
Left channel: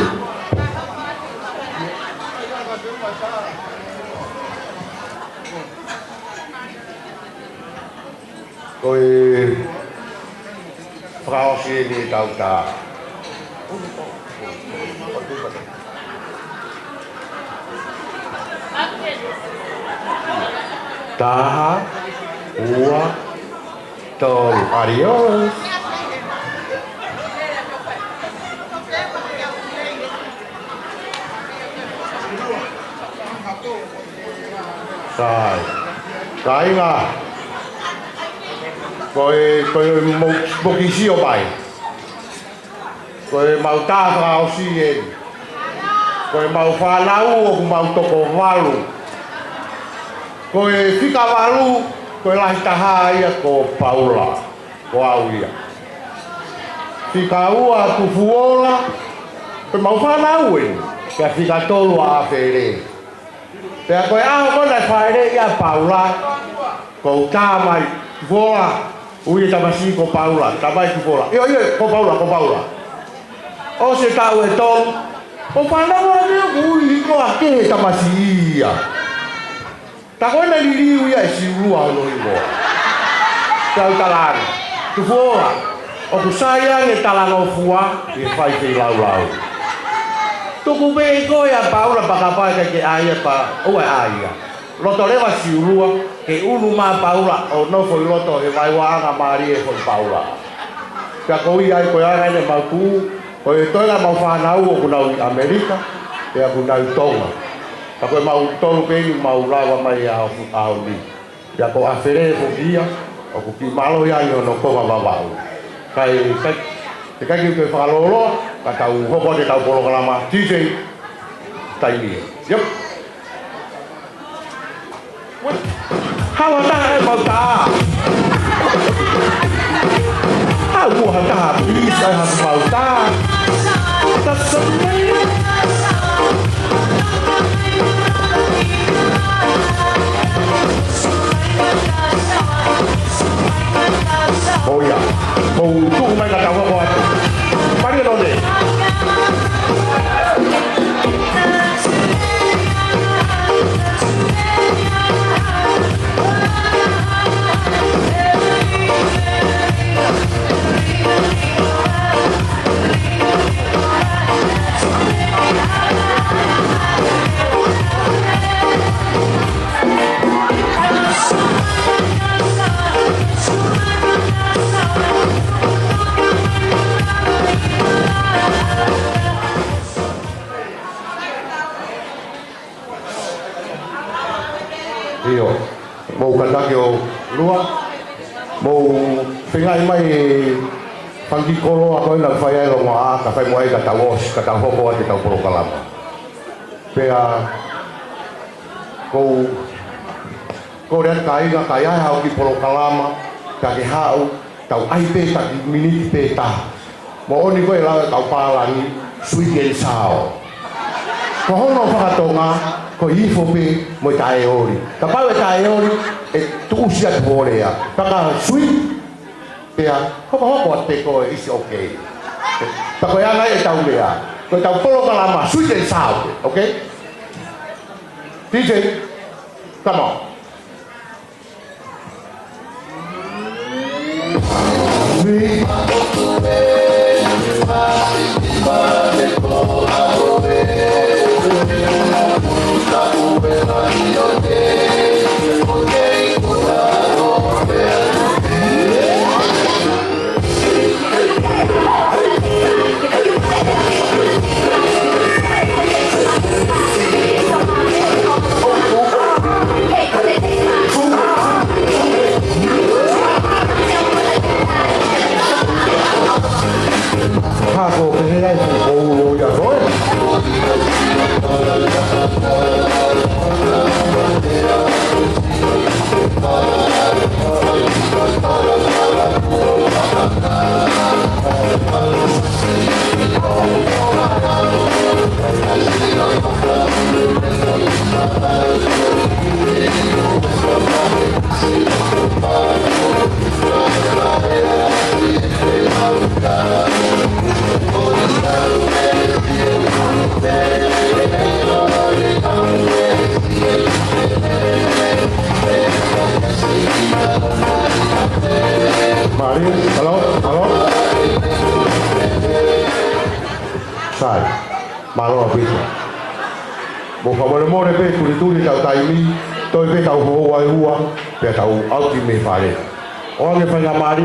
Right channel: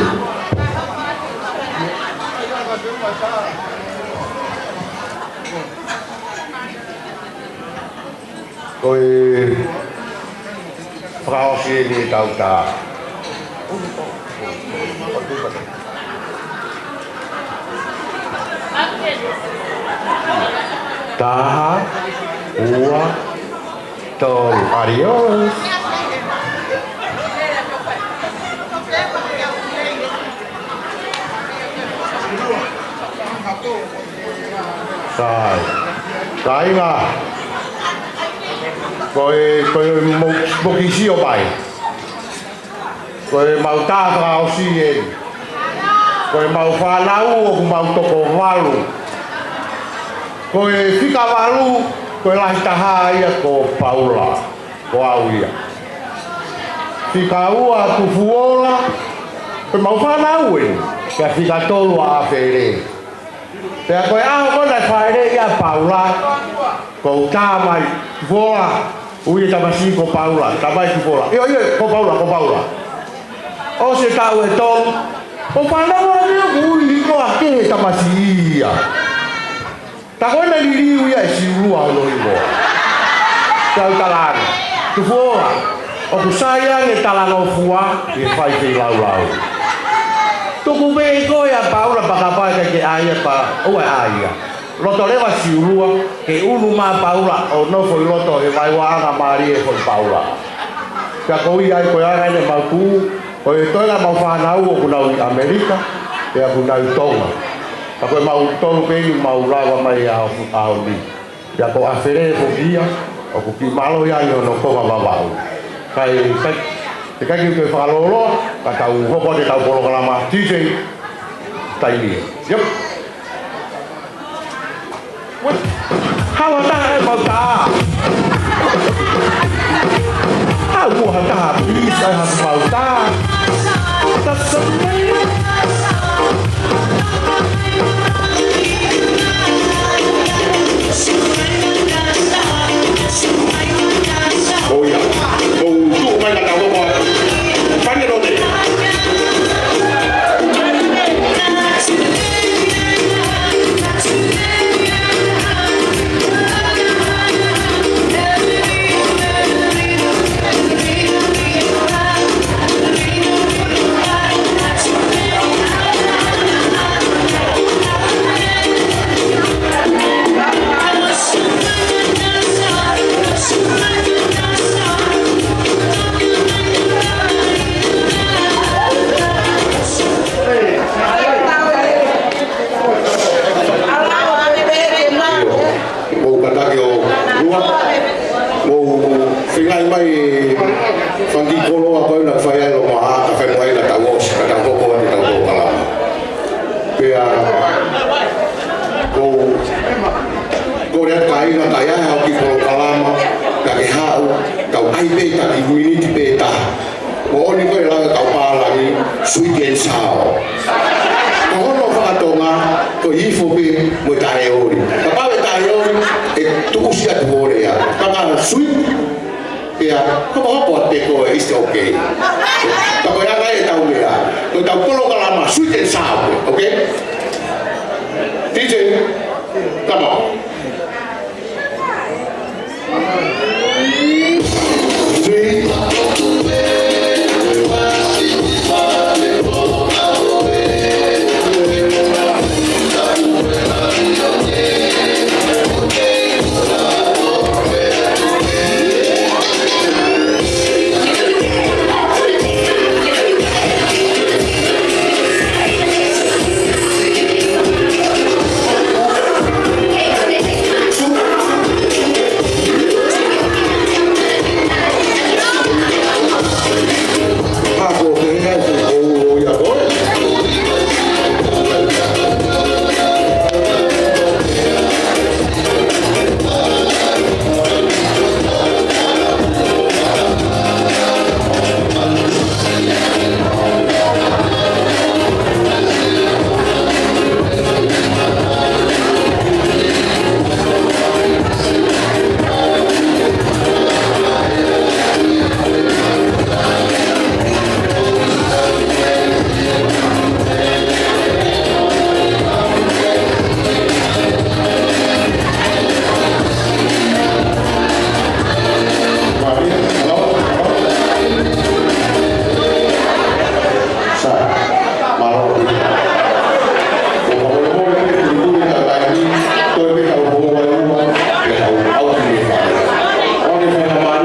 Tôi Frau Sini Tauta. Taha Ua Tolu. Adios. Rồi, cái là tôi một kỳ siêu bài, tôi màu ta vào xuyên, tôi màu pha lau, màu toko valu, tôi fika valu, tôi lại ta hai ko Paula, ko Auia, fika ua tu fuola, tôi màu pha lau, cái fika tolua afere. Thì coi áo có lại phải đấy ya Paula, cậu cha mày vola, ui ta mà si cậu Paula, ta mày tu vola, iyo cậu Paula, ô sẽ tao về ton, cậu phải đâu mà biết ui có cái ta mà si à, ta coi này đi ui ai si lu alo ibo, tao ta lan, tu vola, ô tu sayang cái ta lan ô fua, cái phải cái lau. Tuku be ko ya Paula pakapa ke aya pa o aya loto leva siulua ke ulu ma Paula o no foi loto e vai wa na Maria foi Paula ka ko ia ko ya ne ma ku o e tola ma fa na u ko na Amerika e a ku na tonga ka ko ma u tolu pe ni ma u la wa mai a ni ya ko afere fo dia o ku ki malo ya no ko ma ba kai thì cái người phá lô đó cả tàu không có để tàu polo lama DJ tay liền giúp hawa ta mau ta hawa ta please I have mau ta that's amazing oh yeah cùng chung đây là tàu không Finai mai pagi kono apa na fai lo ma fai mai na kawo ka ho ko ni ka ho bala pega ko na kai na kai ha ki ko kalama ka ki ha ka ai pe ka ki ni pe ta o ni mai la ka pa la ni sui ke sao ko no fa to ma ko i fo be mo kai o ni ka pa kai o e tu sia ko ya ka ba sui ya, kau buat teko is okay. Tapi yang lain tahu ya, tu tahu polo lama, sweet and sour, okay? DJ, come on. Ni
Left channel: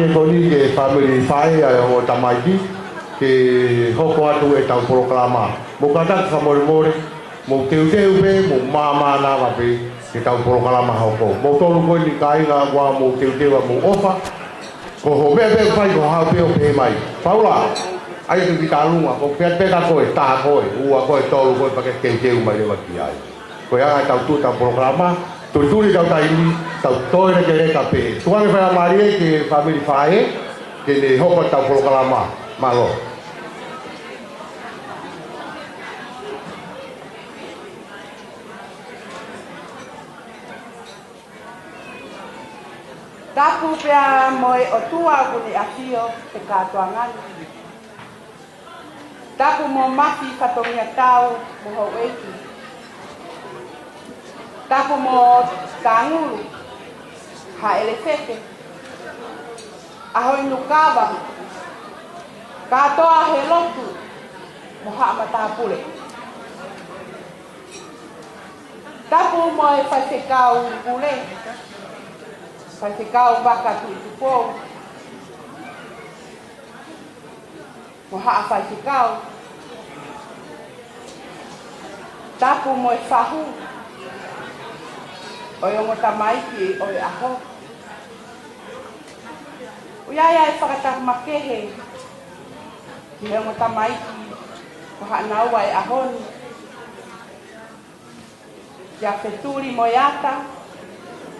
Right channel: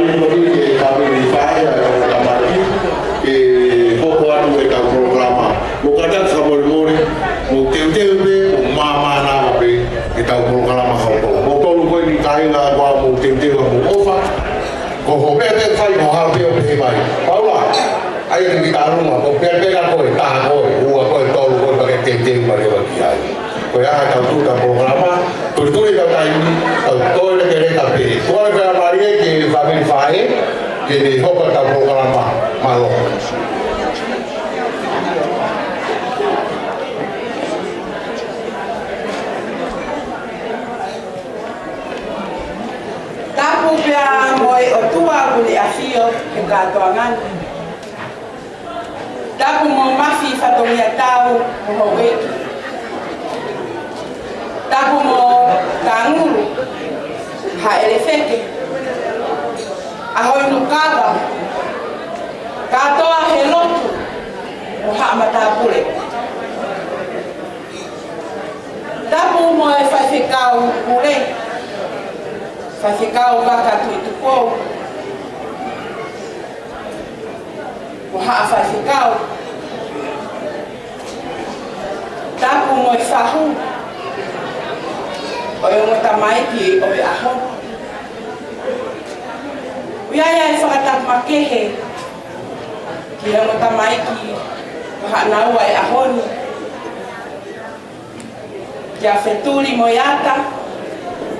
mani koni e kamere whai a o tamaki e hoko atu e tau programa. O katan Samuel More, o teu pe, o mama lawa pe e tau programa hoko. O tolu koe ni kainga wa o teu a kumofa, o ho pepe whai o hape o pe mai. Paula, ai te mika aruma, o pepe na koe, ka koe, ua koe tolu koe kake teu mai o ki ai. Koe ai tau tuka programa, koe kuri tau taimi, tau toi ne kene ka pe. Kone whea marie ke whamiri whae, ke te hopa tau programa malo. Tapu pia moe o tua kule a fio ke katoa ngani. Tapu mo mafi whatongia tau mo ho weki. Tapu mo kanguru ha elefeke. Ahoi no kaba. Katoa he lotu mo ha matapure. Tapu mo e whaiwhikau kure. Whaiwhikau waka tui tukou. Mo haa whaiwhikau. Tapu mo e whahu. O e ngota maiki o e aho. Uiaia e whakatapu makehe. Ki e ngota maiki o haa naua e ahoni. Kia wheturi mo iata.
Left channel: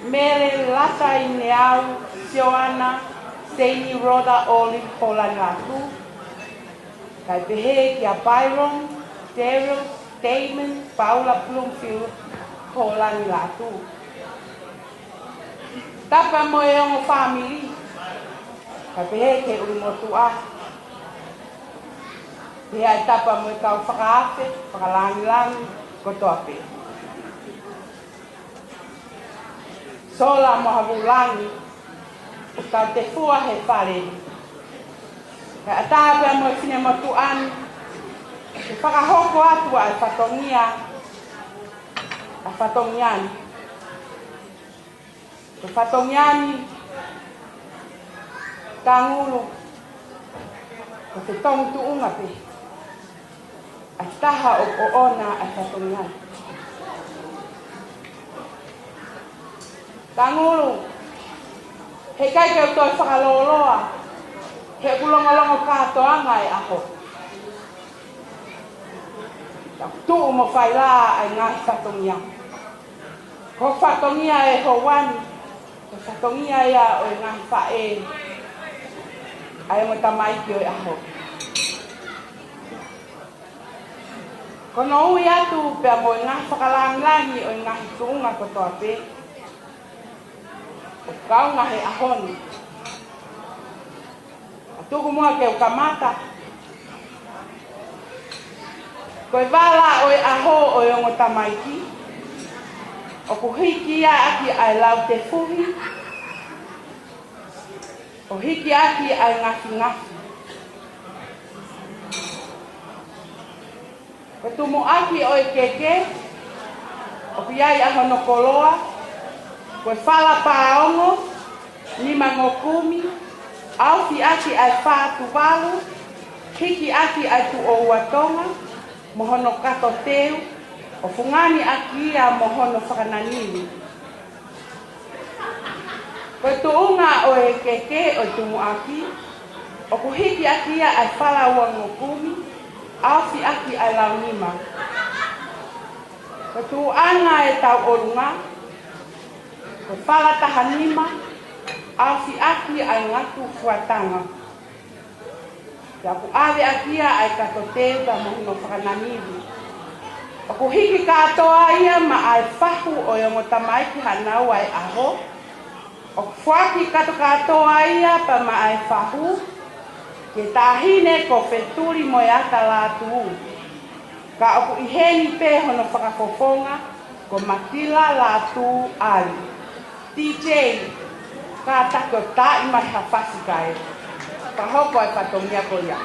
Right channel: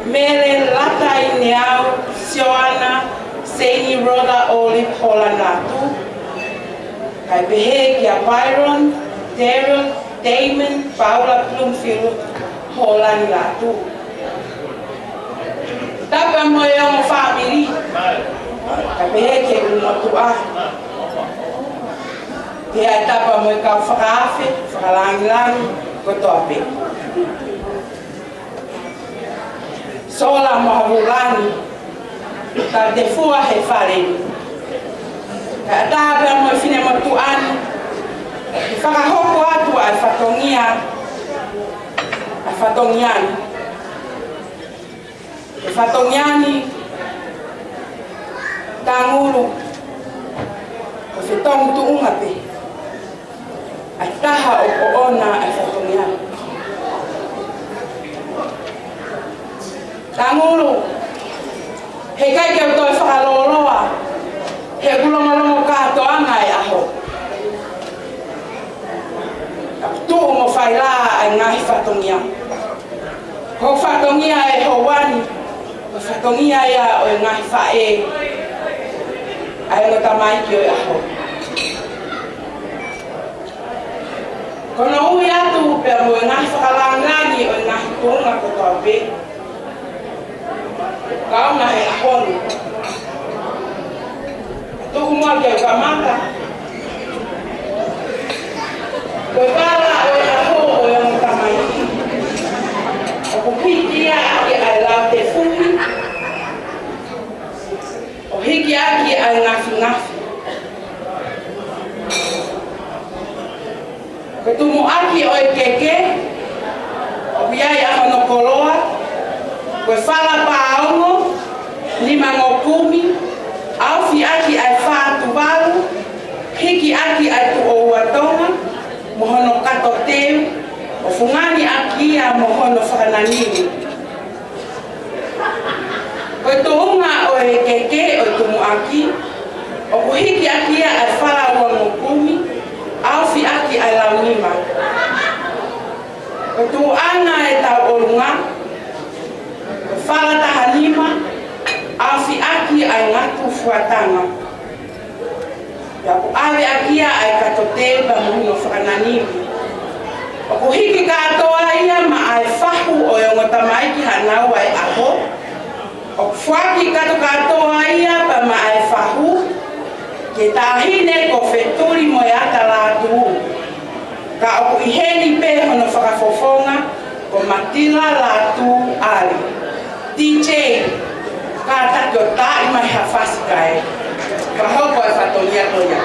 Mele lata i neau, Sioana, Seini Roda Olive Holanatu. Kai behe kia Byron, Daryl, Damon, Paula Bloomfield, Holanatu. Tapa mo e o family. Kai behe kia umotua. Pia tapa mo e kau whakaafe, whakalangilangi, kotoape. Sola mahavulani, ka te fua he whare. Ka tāpea mo i whine matuani, i whakahoko atu ai whatongiani. E whatongiani, ka nguru, ko whetong tuunga pe. Ai taha o ona ai whatongiani. Tangulu, he kai keu toi whakaloloa, he kulongolongo kātoanga e aho. Tū mo whaila ai ngahi whatongia. Ko whatongia e hawani, ko whatongia ia o e ngahi whae, ai ngota maiki o e aho. Kono hui atu pia mo e ngahi whakalangangi o e ngahi tuunga ko kape. Kau mai ahonu. Tu mua ke kamata. Koe wala o e aho o e ono tamai. O hiki aki ai lau te fumi. O hiki aki ai ngafi ngafi. Koe tumu aki o e keke. O piai aho no koloa. Koe whala paongo, lima ngokumi, aufi aki ai whaatu waru, hiki aki ai tu o uatonga, mohono kato teu, o fungani aki ia mohono whakananini. Koe tuunga o e keke o tumu aki, o kuhiki aki ia ai whala ua ngokumi, aufi aki ai lau lima. Koe tuanga e tau olunga, whala taha lima, awhi aki ai ngatu fuatanga. Ia ku awe akia ai kato teba muhino whakananimi. O ku hiki katoa ia ma ai whahu o ngota maiki hanau ai aho. O ku whaki kato katoa ia pa ma ai whahu. Ke tahine ko wheturi mo iata lātu. Ka o ku iheni pe hono whakafofonga ko matila lātu ali. DJ, ka tato ta i mai hawhasika e. Ka haupo e whatonia koia.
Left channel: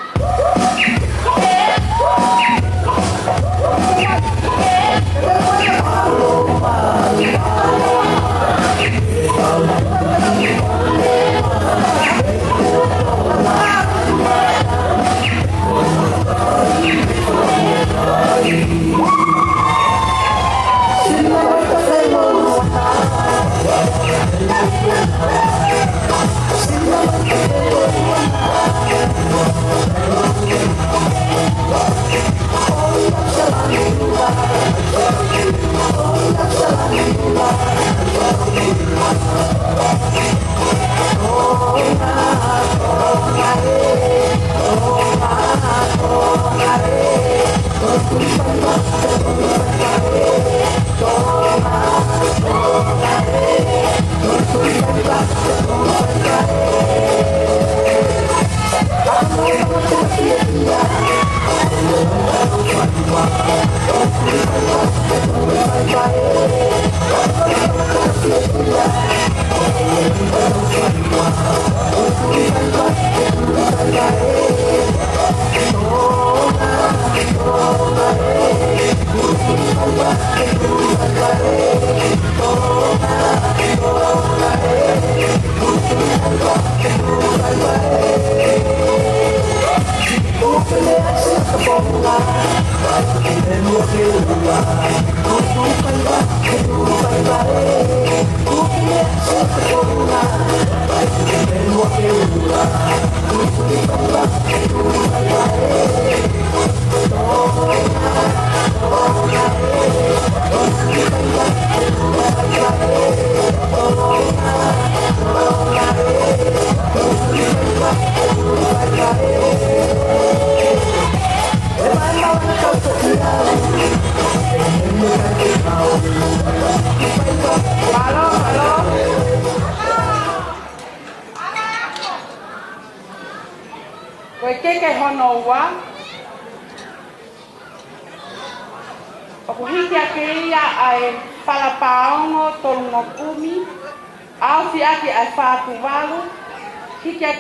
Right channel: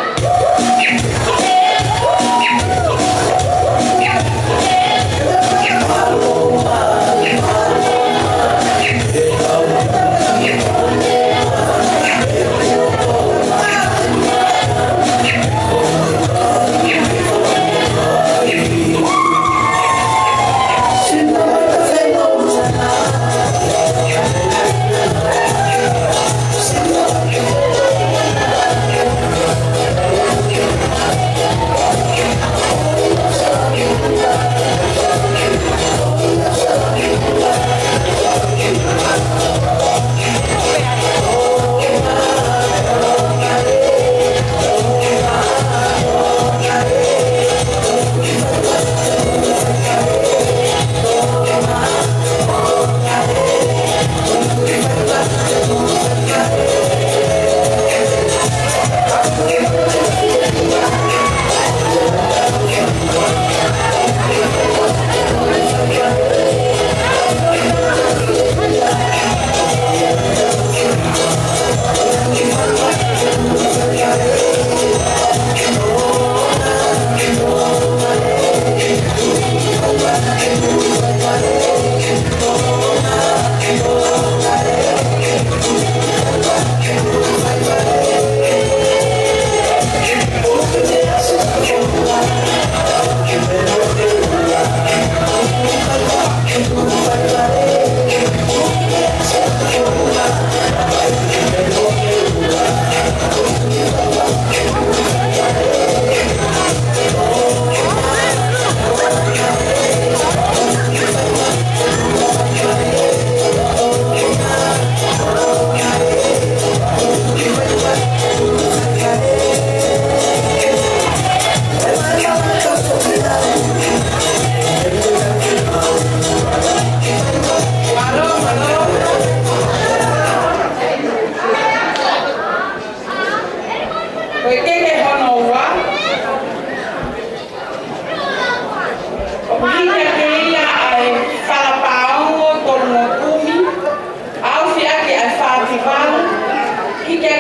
festival.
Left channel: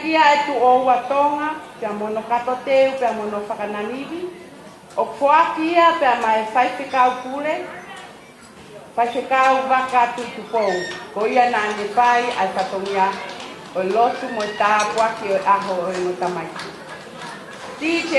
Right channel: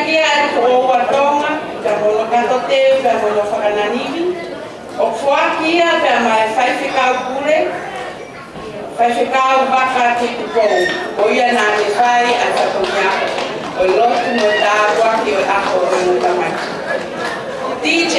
Kia e o atonga, ka mono katoteu, ka mono whakananimi. O whakia ka mai whaiwhikau kure, whaiwhikau waka ki kupou. O ia nā me whai a tapunia, o lotu mo tā waki o ako o no tamaki. DJ!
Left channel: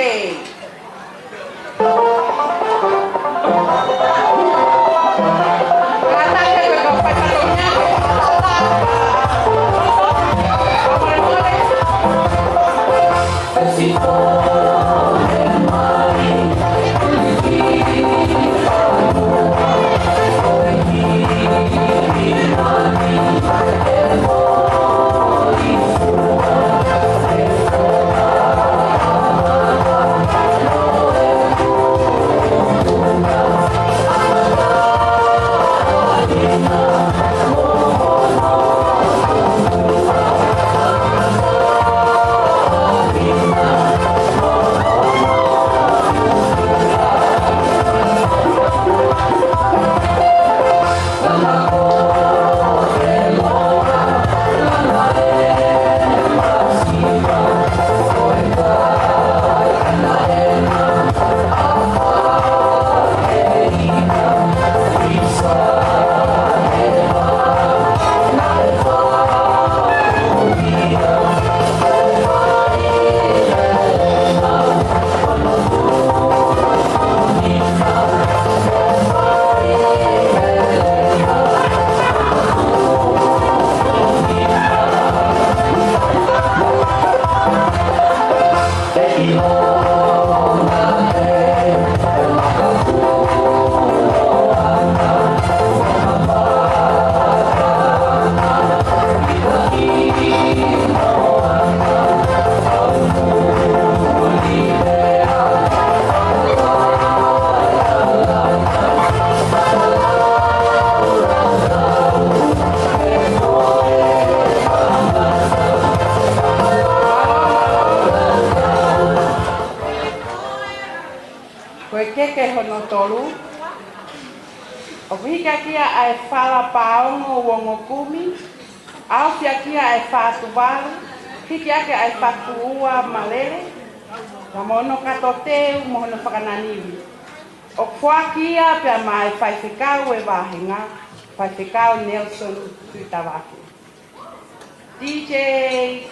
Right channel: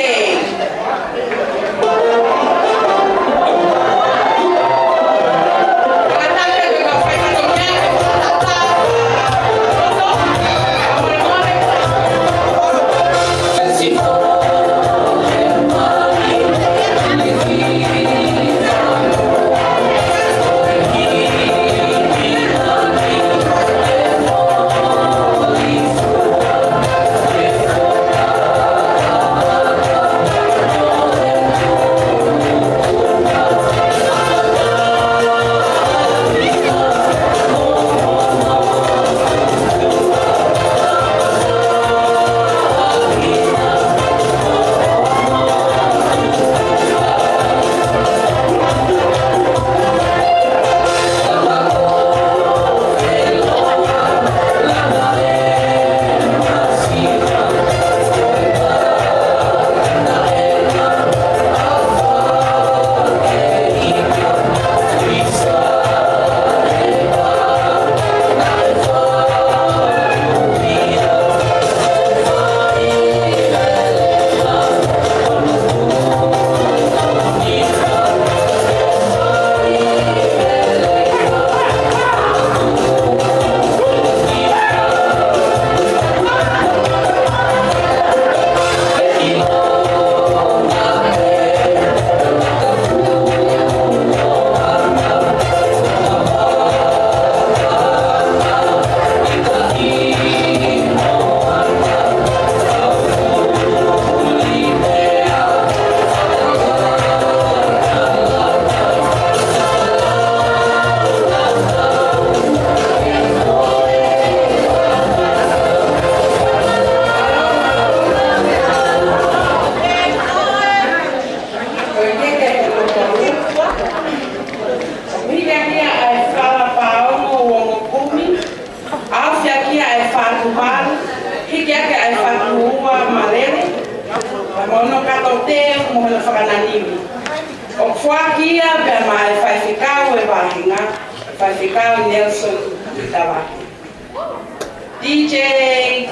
DJ!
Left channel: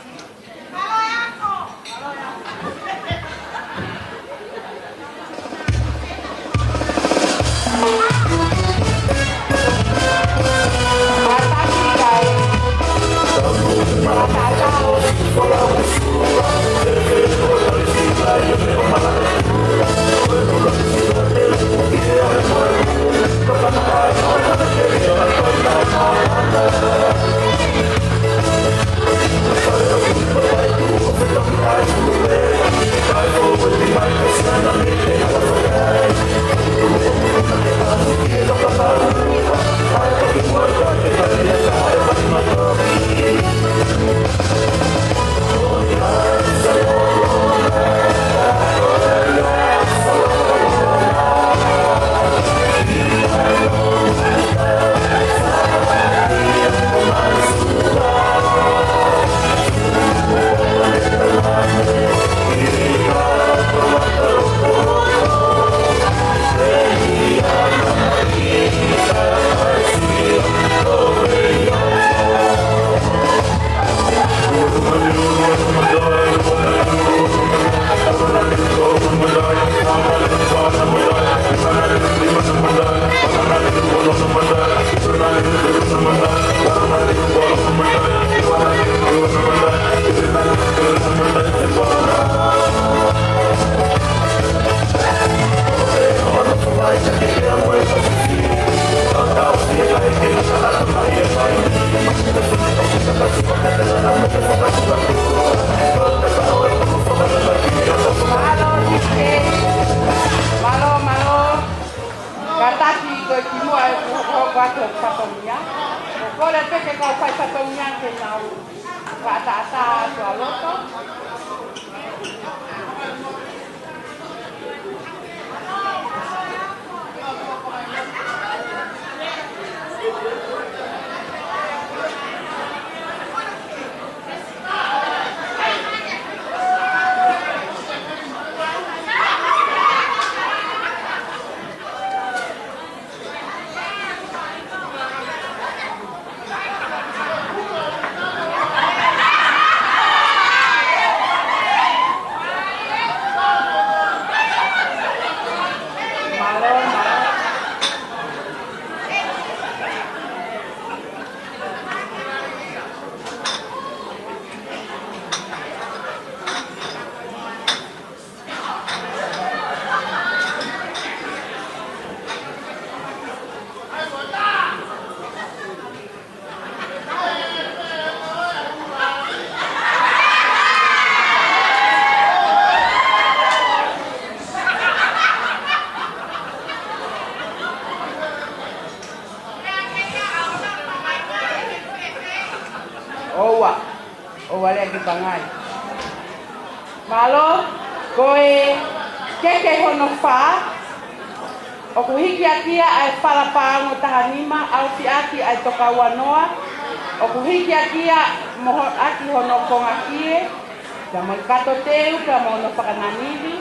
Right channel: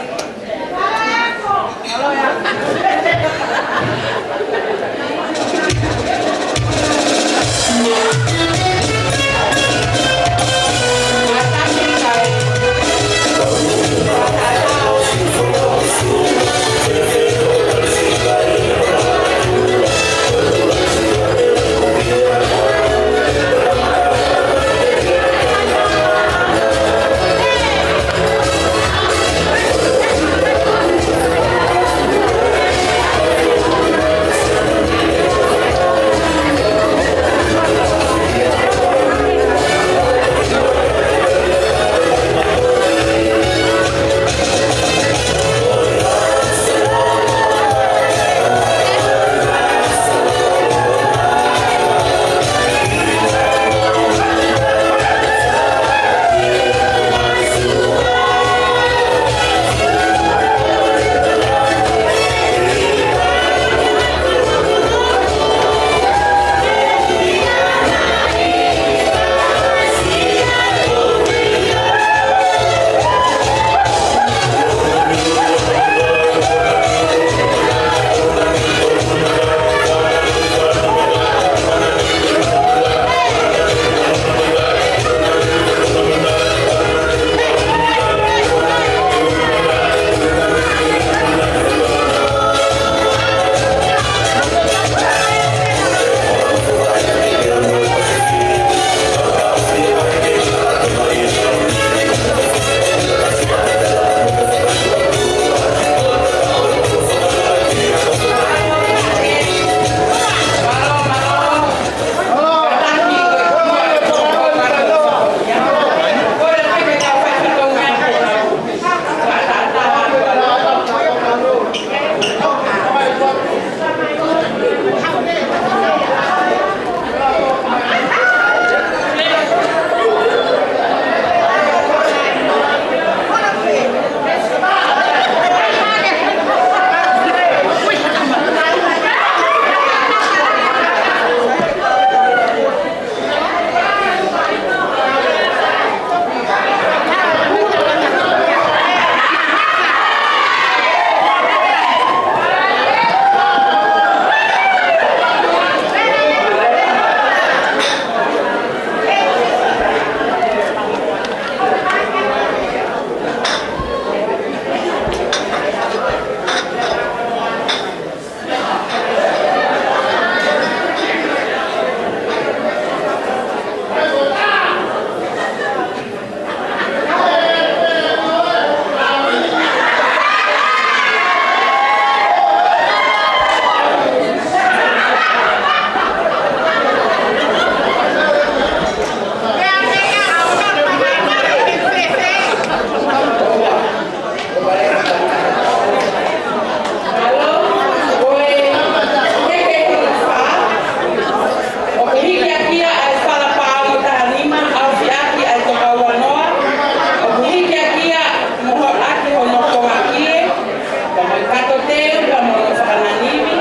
teu ka mono whakananiwi,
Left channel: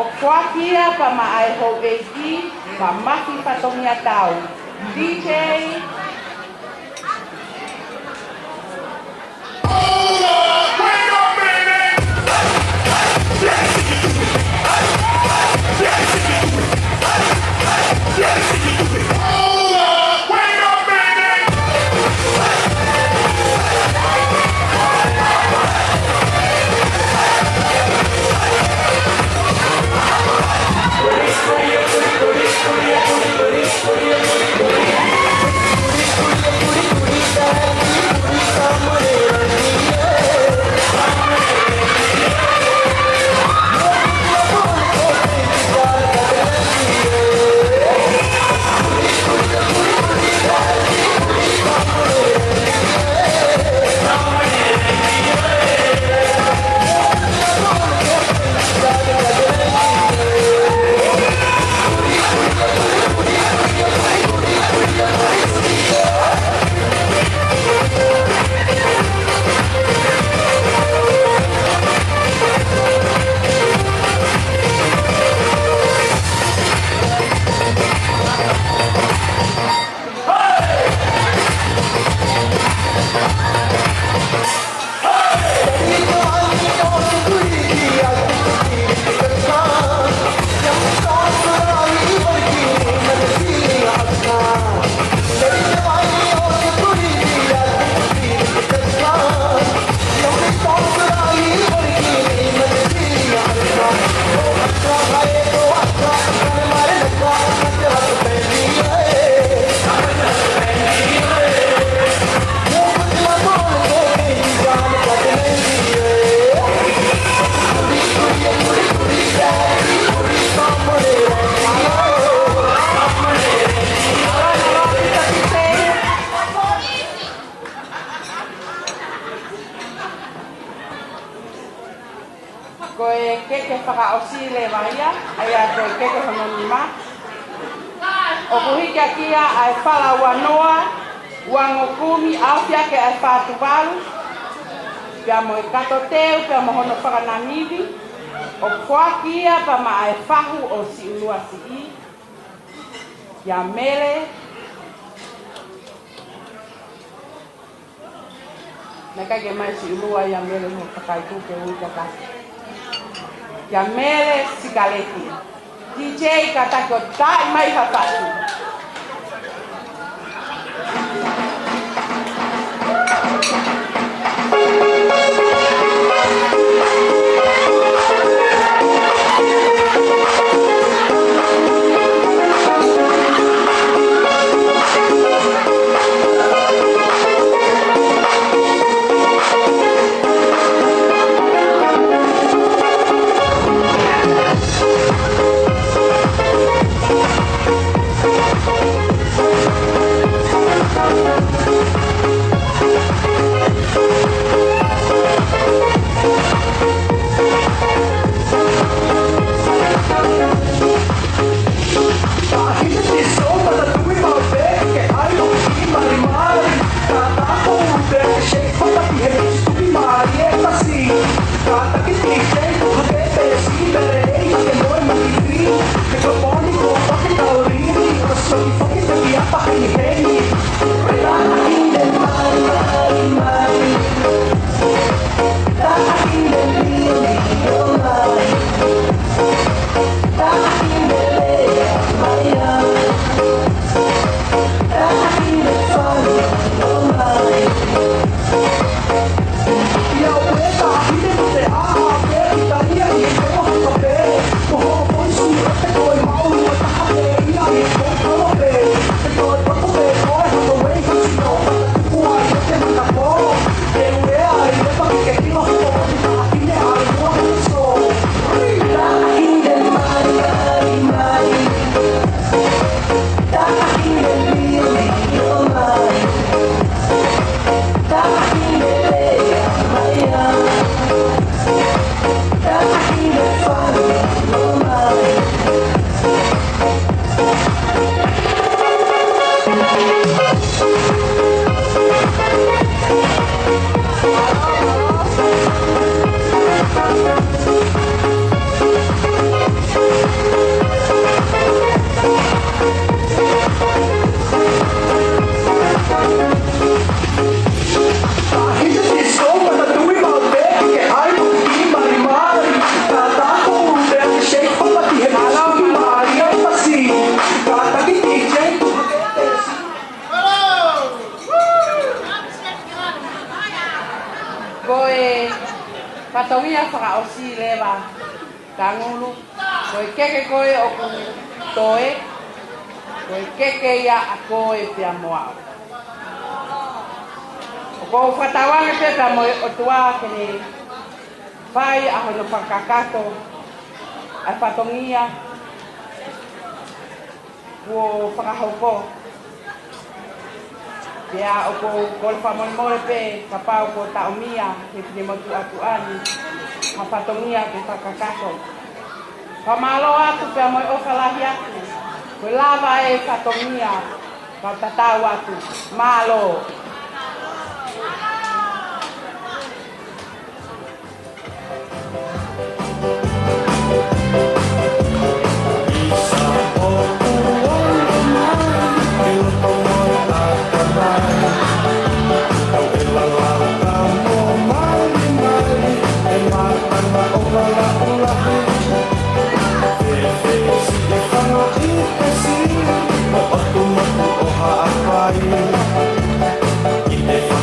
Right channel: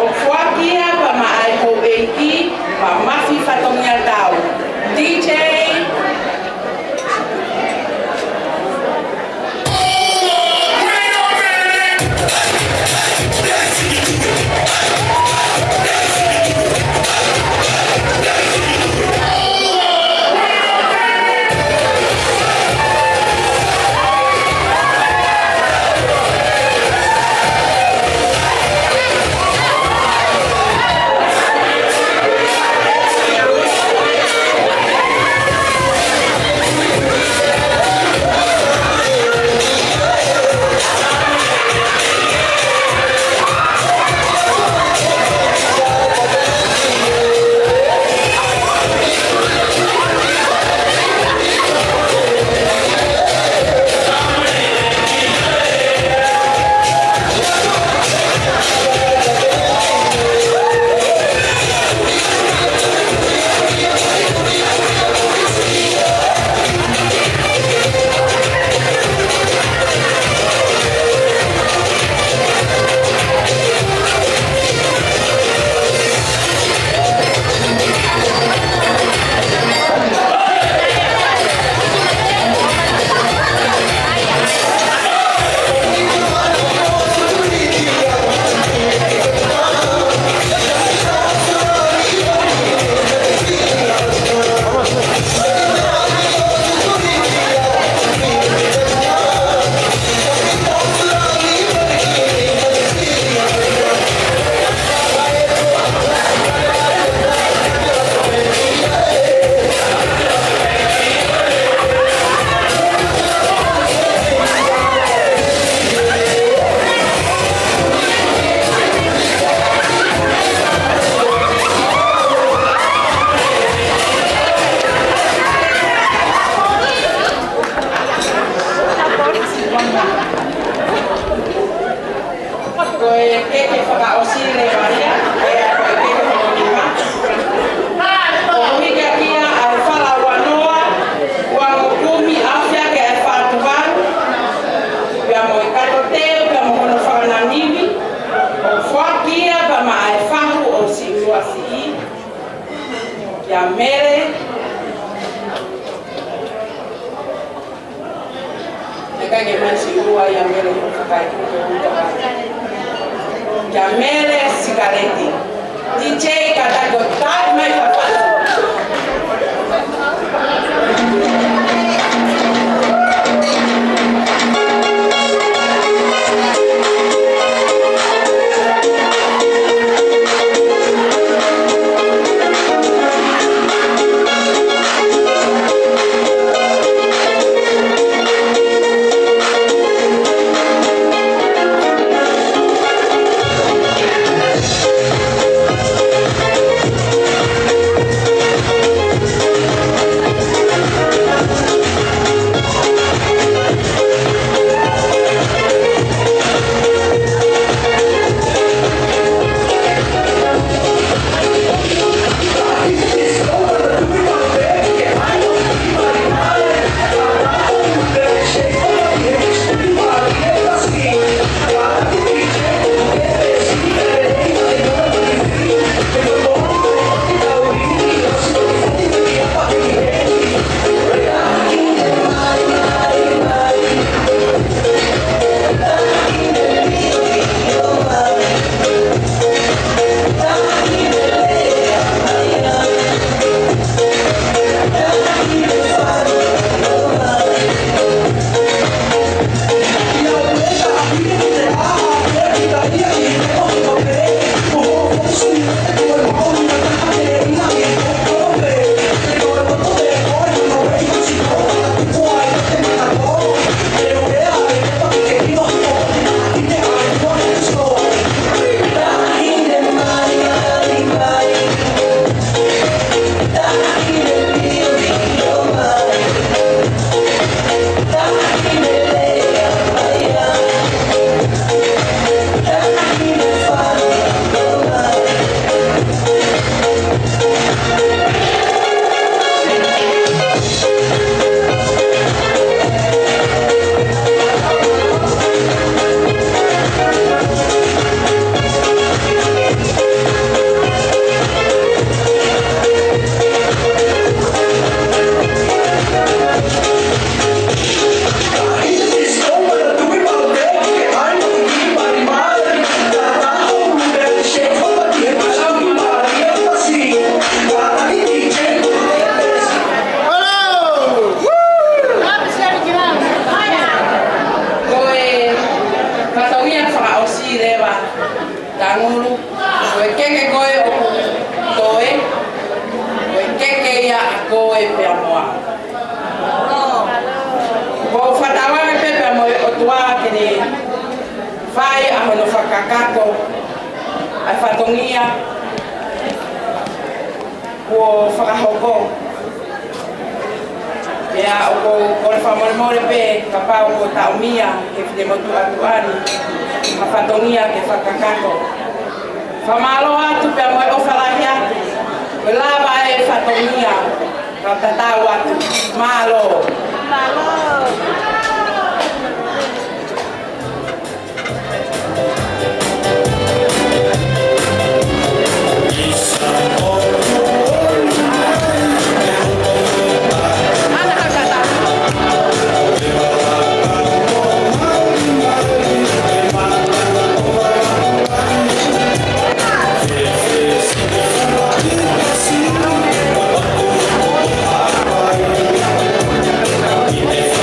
o whakia pa maai ho eiki, pa mafi whatongia tau. DJ Jamele Sigaretti. DJ Katago, tak mai papai. tangulu, koe keke koe o ku toe, koe keke ia a koe pia moa. Ko whatawange pepa mo o tua kini whai a hono whakakato, ai whatongia, ko whakahoko. Ia o ko le whamoremore pe ka pau ko taumia ke te motu atuani, ka whatongia ke whakakato. Whamalo atu pia mo o whalahi atu, ko lava e whatongia ka tatau atu, malo. If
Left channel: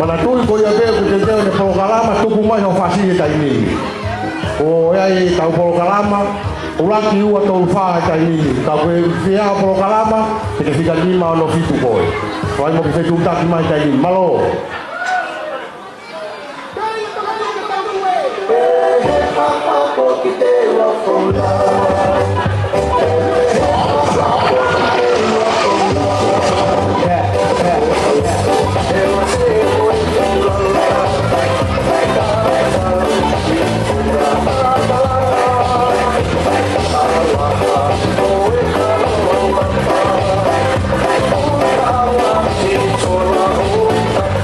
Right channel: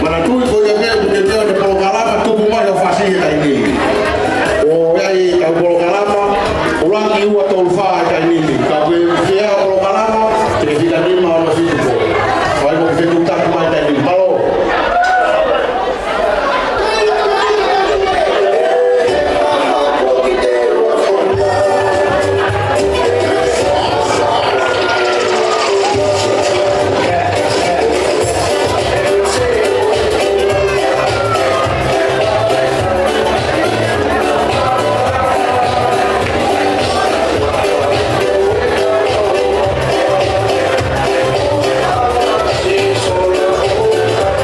mana tui ko ia veu te teo ni tau kalama tuku mai o whasini tai nini. O iai tau polo kalama, ulangi ua tau whaa tai nini. Tau e kia polo kalama, te whika nima o fitu koe. Wai mo whitu taki mai tai nini. Malo. Solo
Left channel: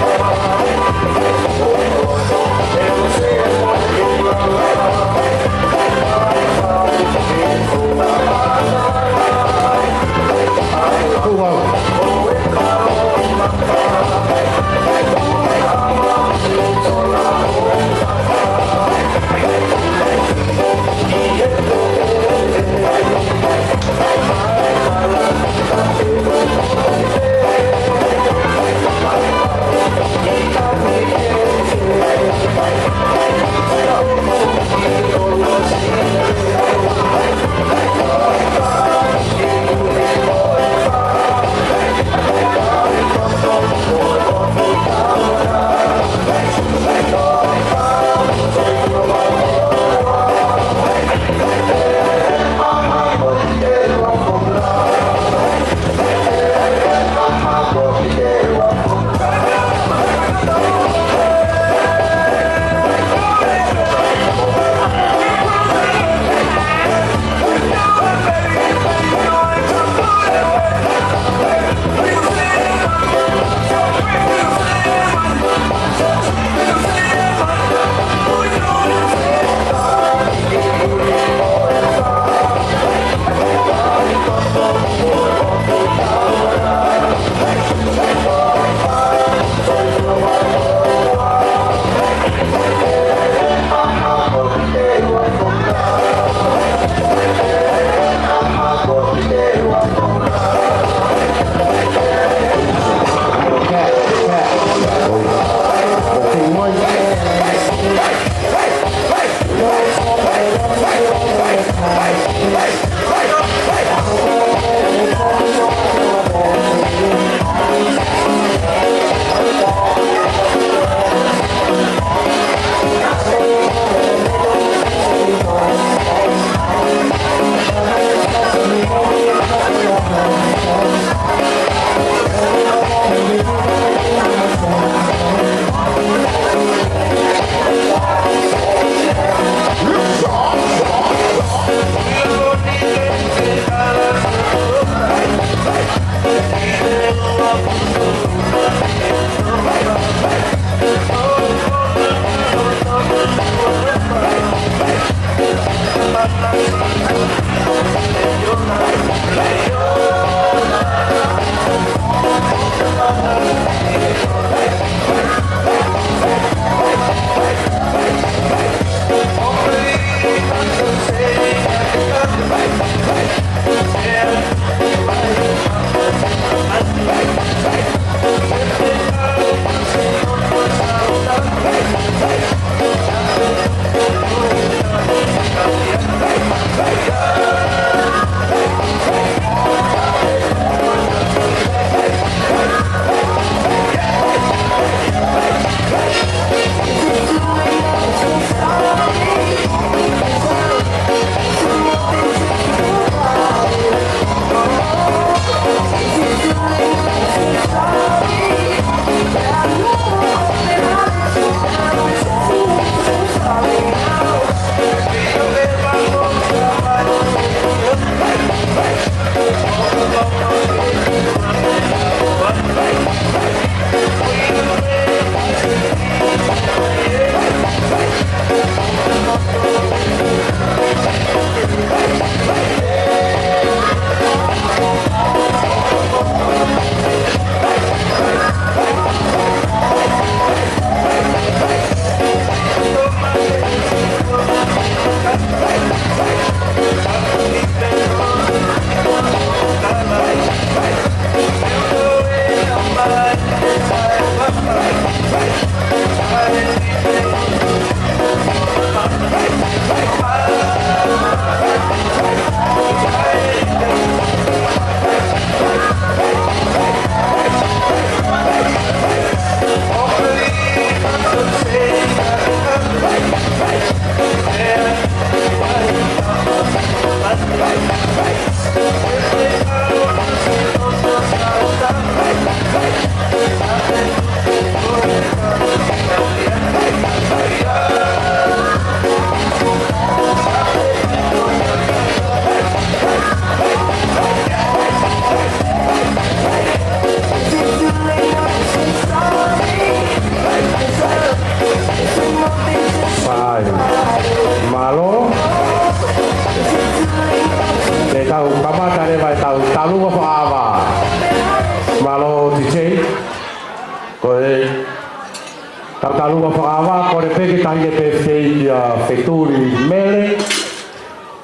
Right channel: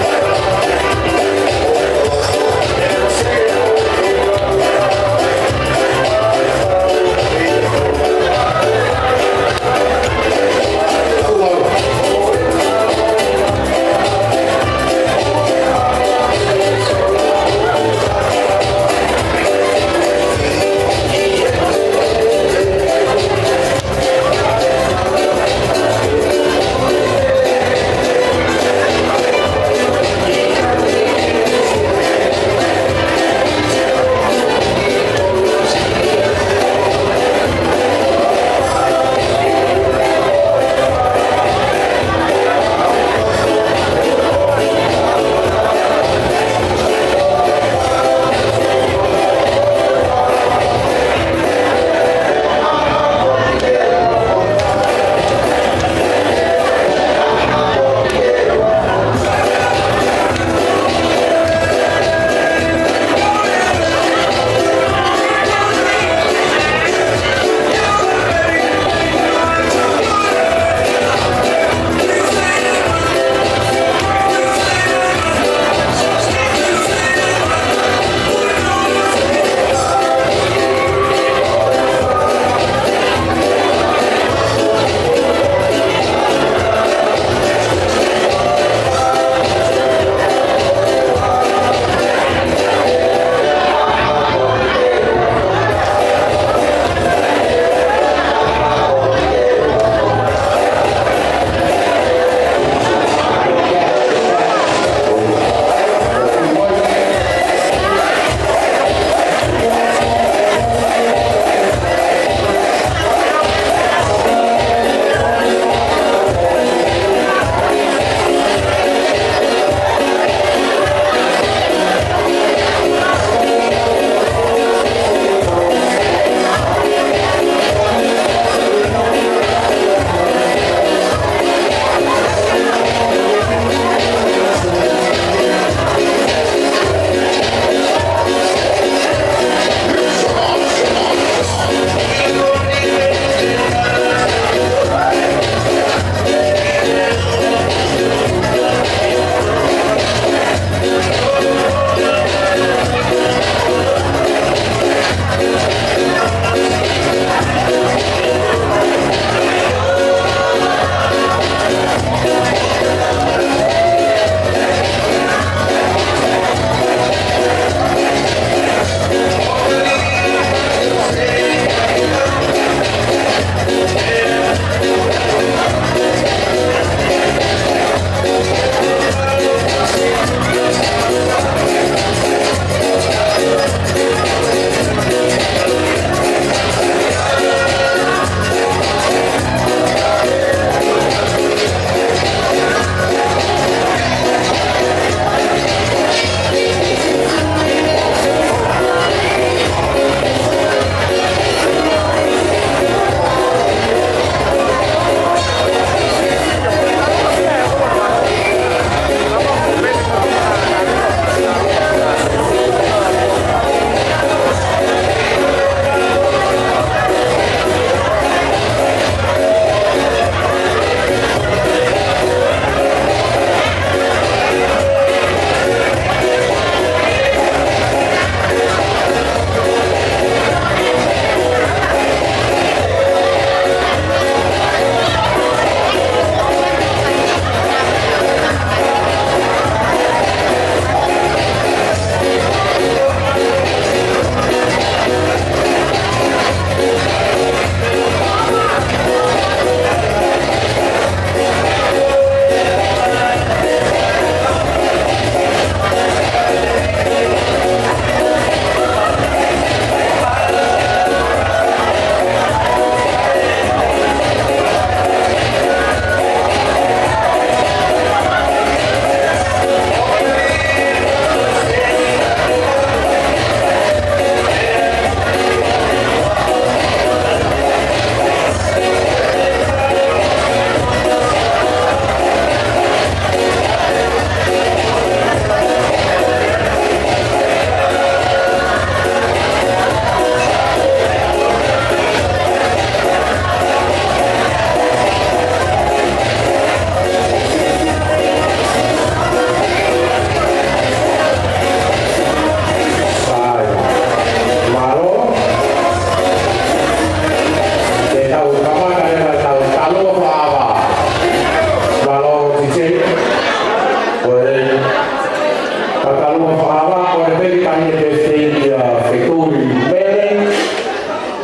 ke tūri mere,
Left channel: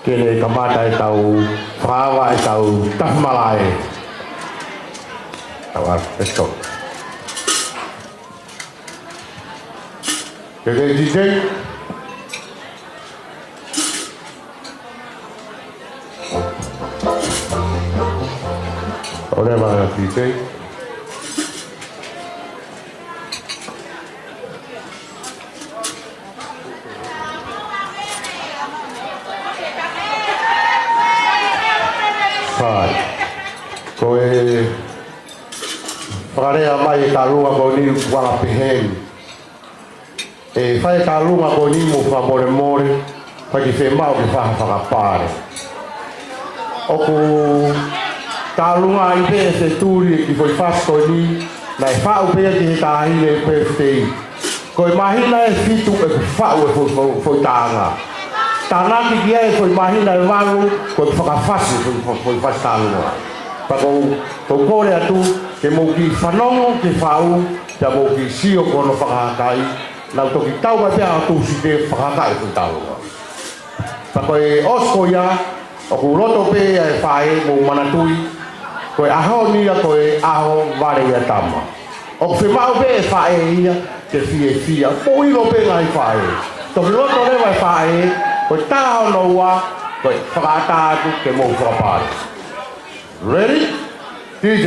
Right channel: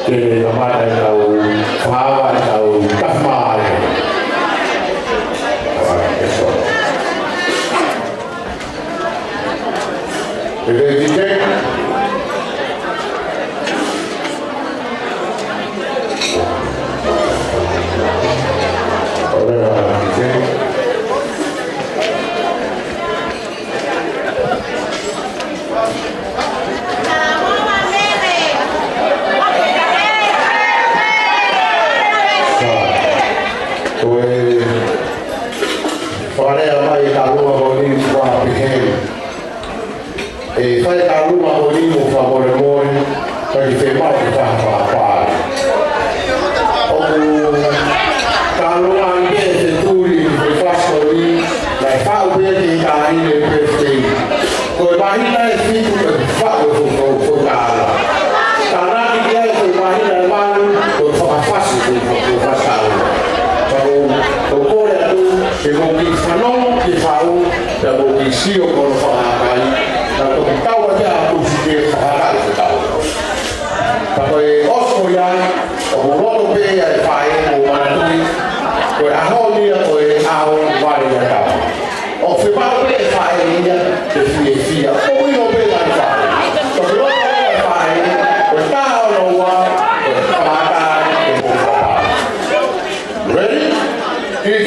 ke kamata i tau whawa i tau kawhai. Tawa ke tō. Ke rei DJ. Ora vana DJ. Wharea mai e tarunga ko ni whapiheu. E whai tarunga ko ni o whamore more, pai ki whemau ki whahawhapāre. Oku tarunga i bea te tūri ki whaifasko ni, nai whau bea ki tāhine e pēwhiti. Koe mahina e whitu e whau e whaitāra. Tānaki ki e koe mahina e maru, koe whakawhasi ki whaitāra. Ko pore atu ke mo ki whanongo ki whau ta mo ki sio kono whakakai ta ko ki tau ate atu si ke whakakai ki tau. Ta koe osko i rai o uloto pe e whae mo manatui koe aho nia koe aho vai na tama. O whemau pe e whae nia ke fie fia o ilo pe lai whae. Ko uloto pe e whae koe taho na ua koe whakakai ke mo whapai. Ready? DJ.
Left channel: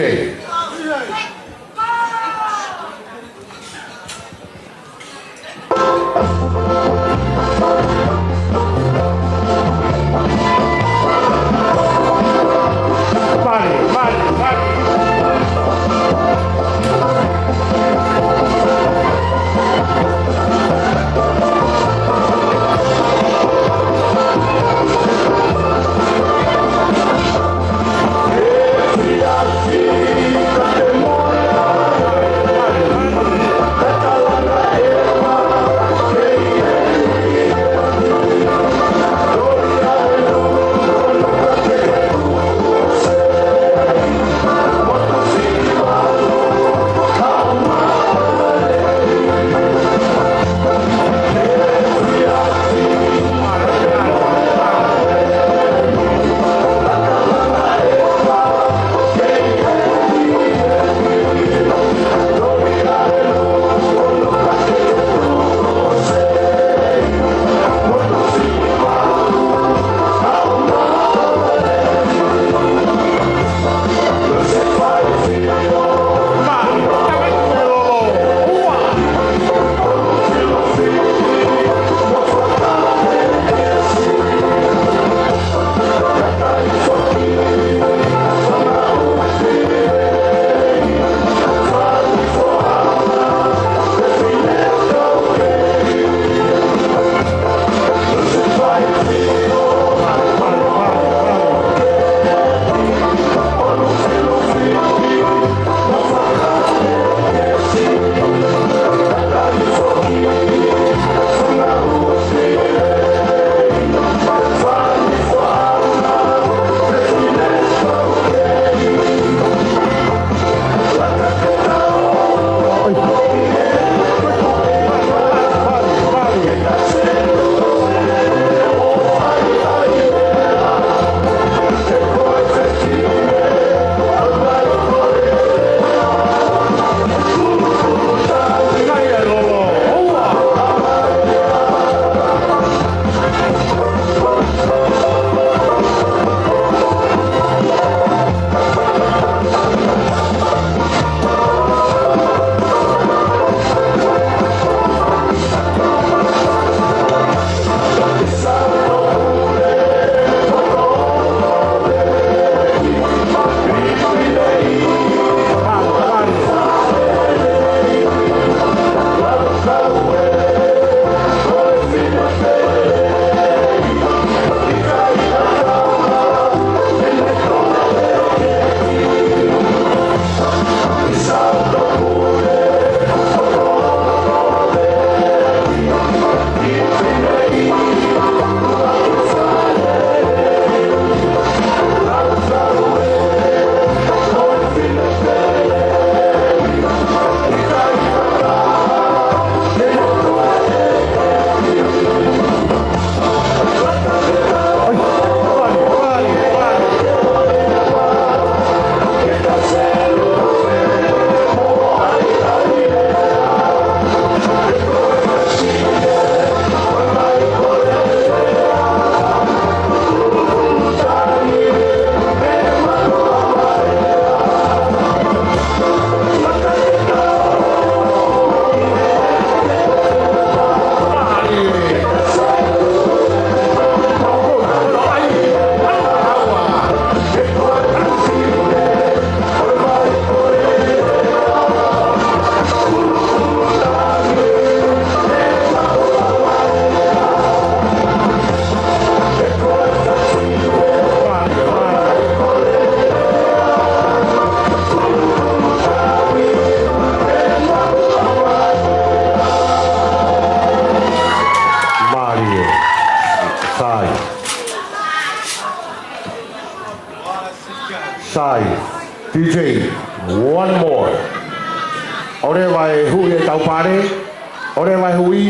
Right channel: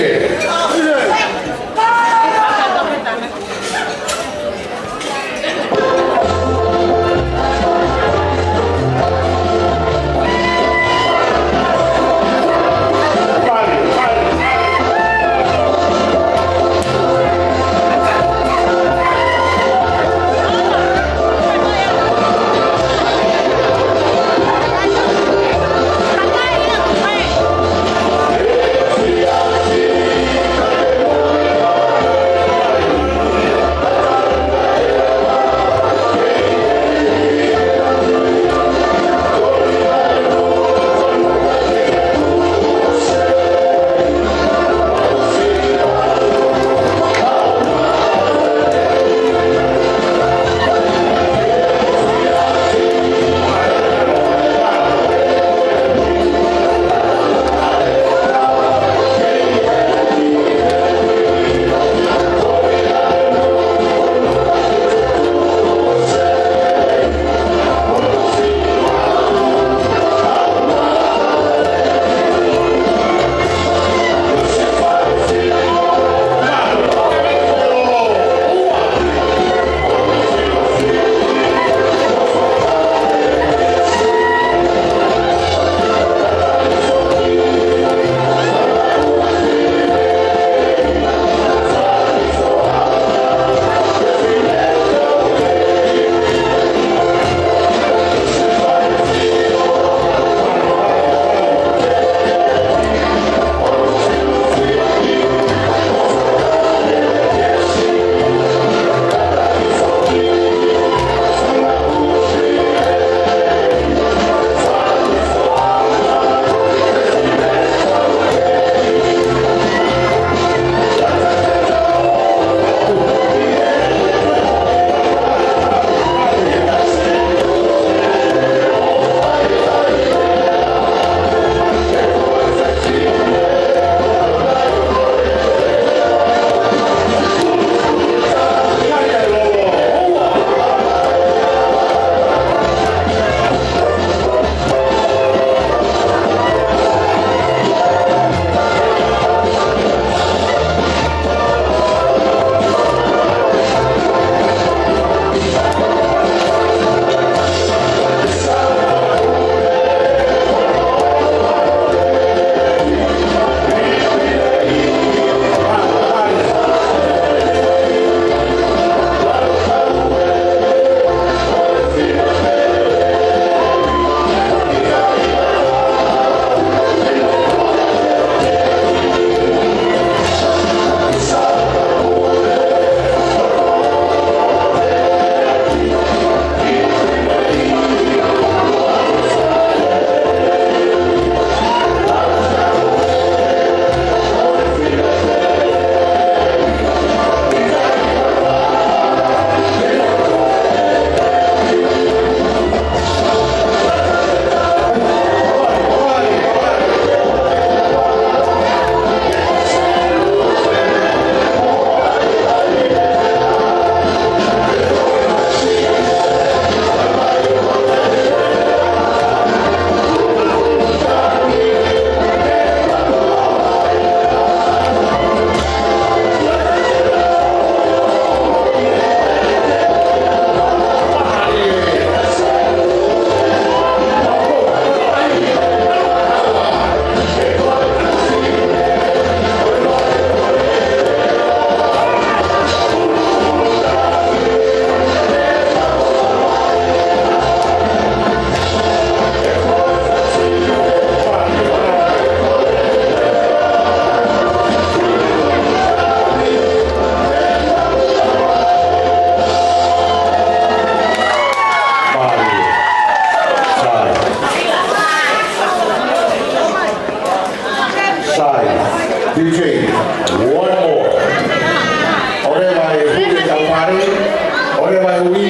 Ore mai hui,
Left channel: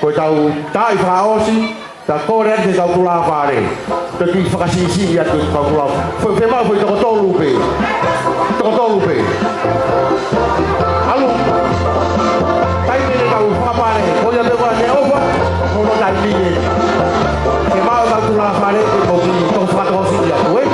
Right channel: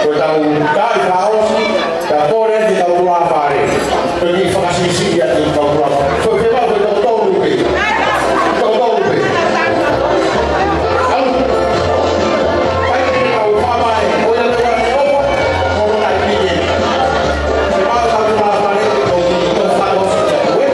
koe tau tai whaosi, ta kore te tau kula whare. Peki whakasisi ia te tau kula. Koe whemau koe tau tolu pe. Tau tolu pe. Alu. Pai te tau whapae, koe ia te whae opa, koe tai mine. Whemau tau kula whare, koe whakaosi ia koe.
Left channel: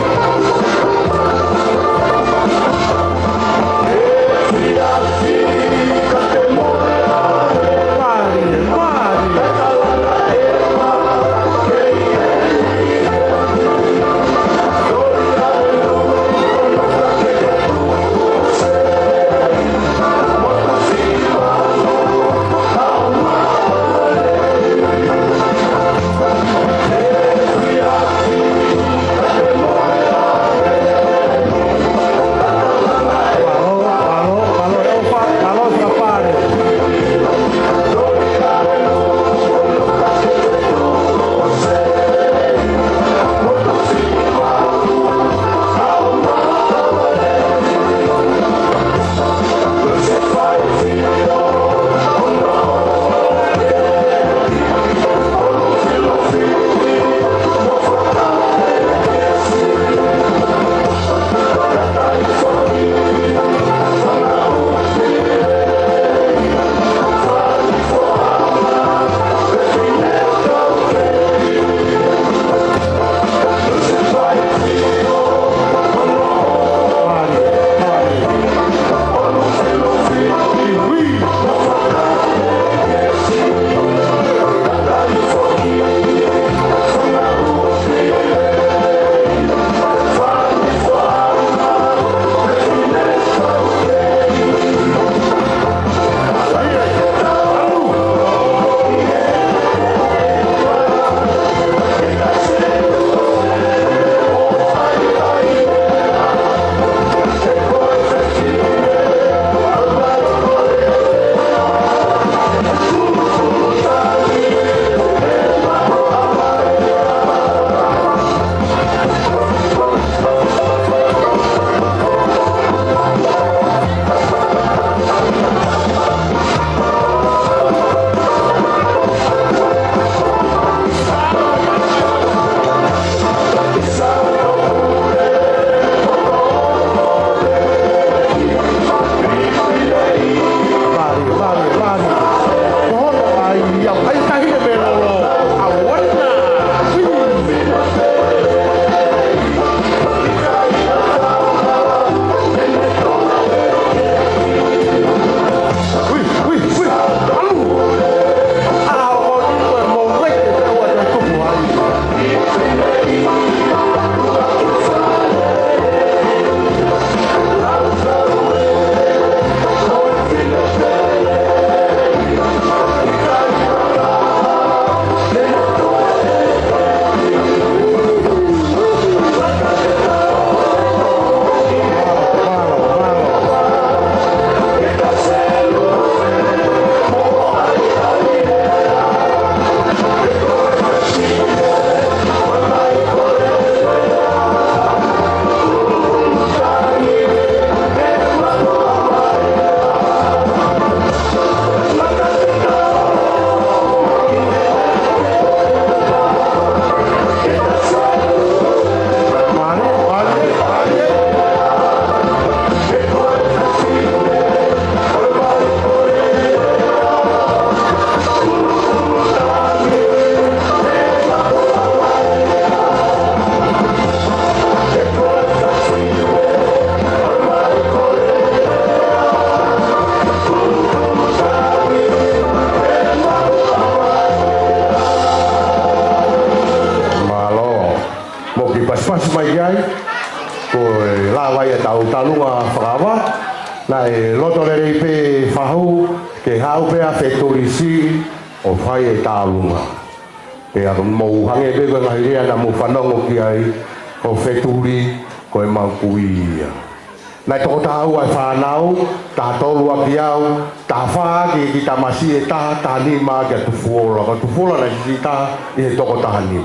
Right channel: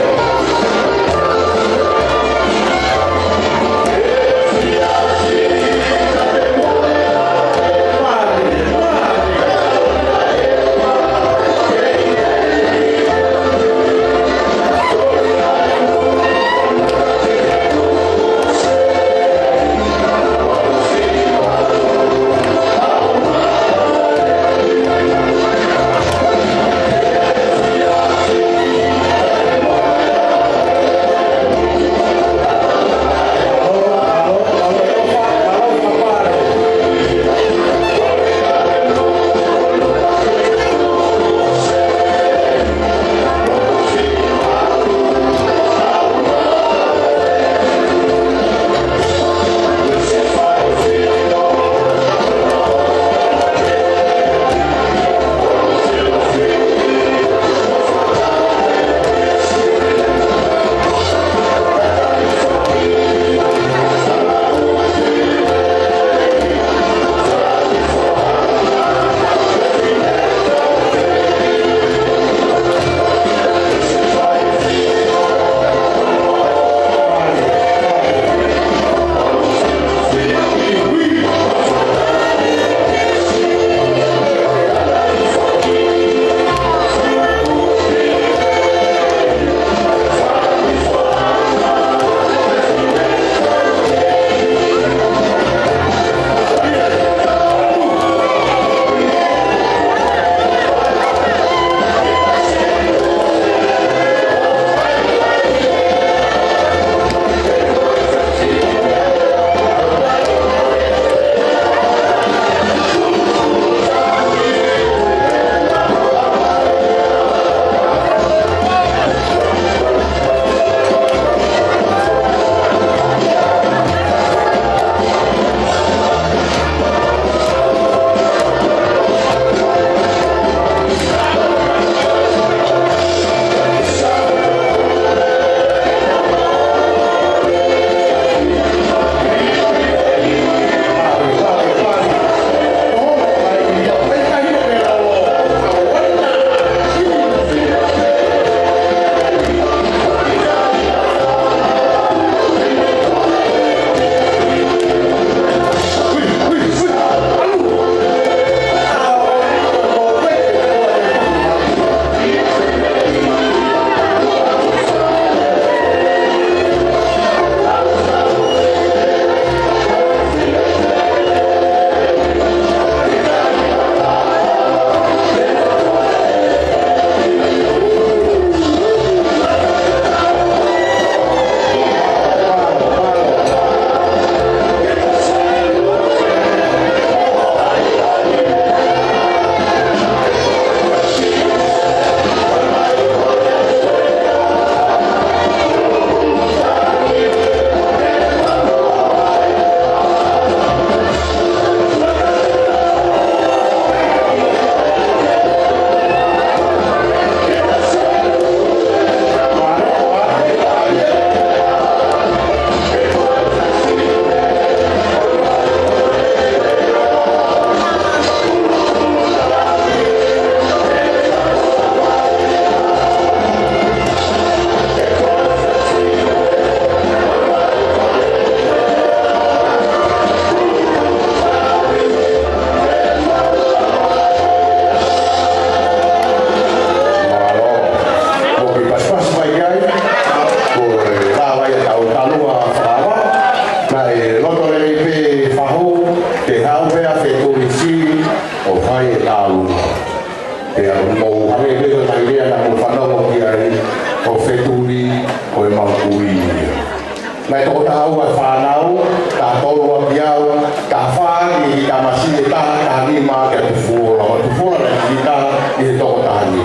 Lai tō tāu e whānau, tā tolu a piau, tā whāki i tā masi e tā ni mā kia tu fuora. Tu fuora ne ki tā i e tō tāni.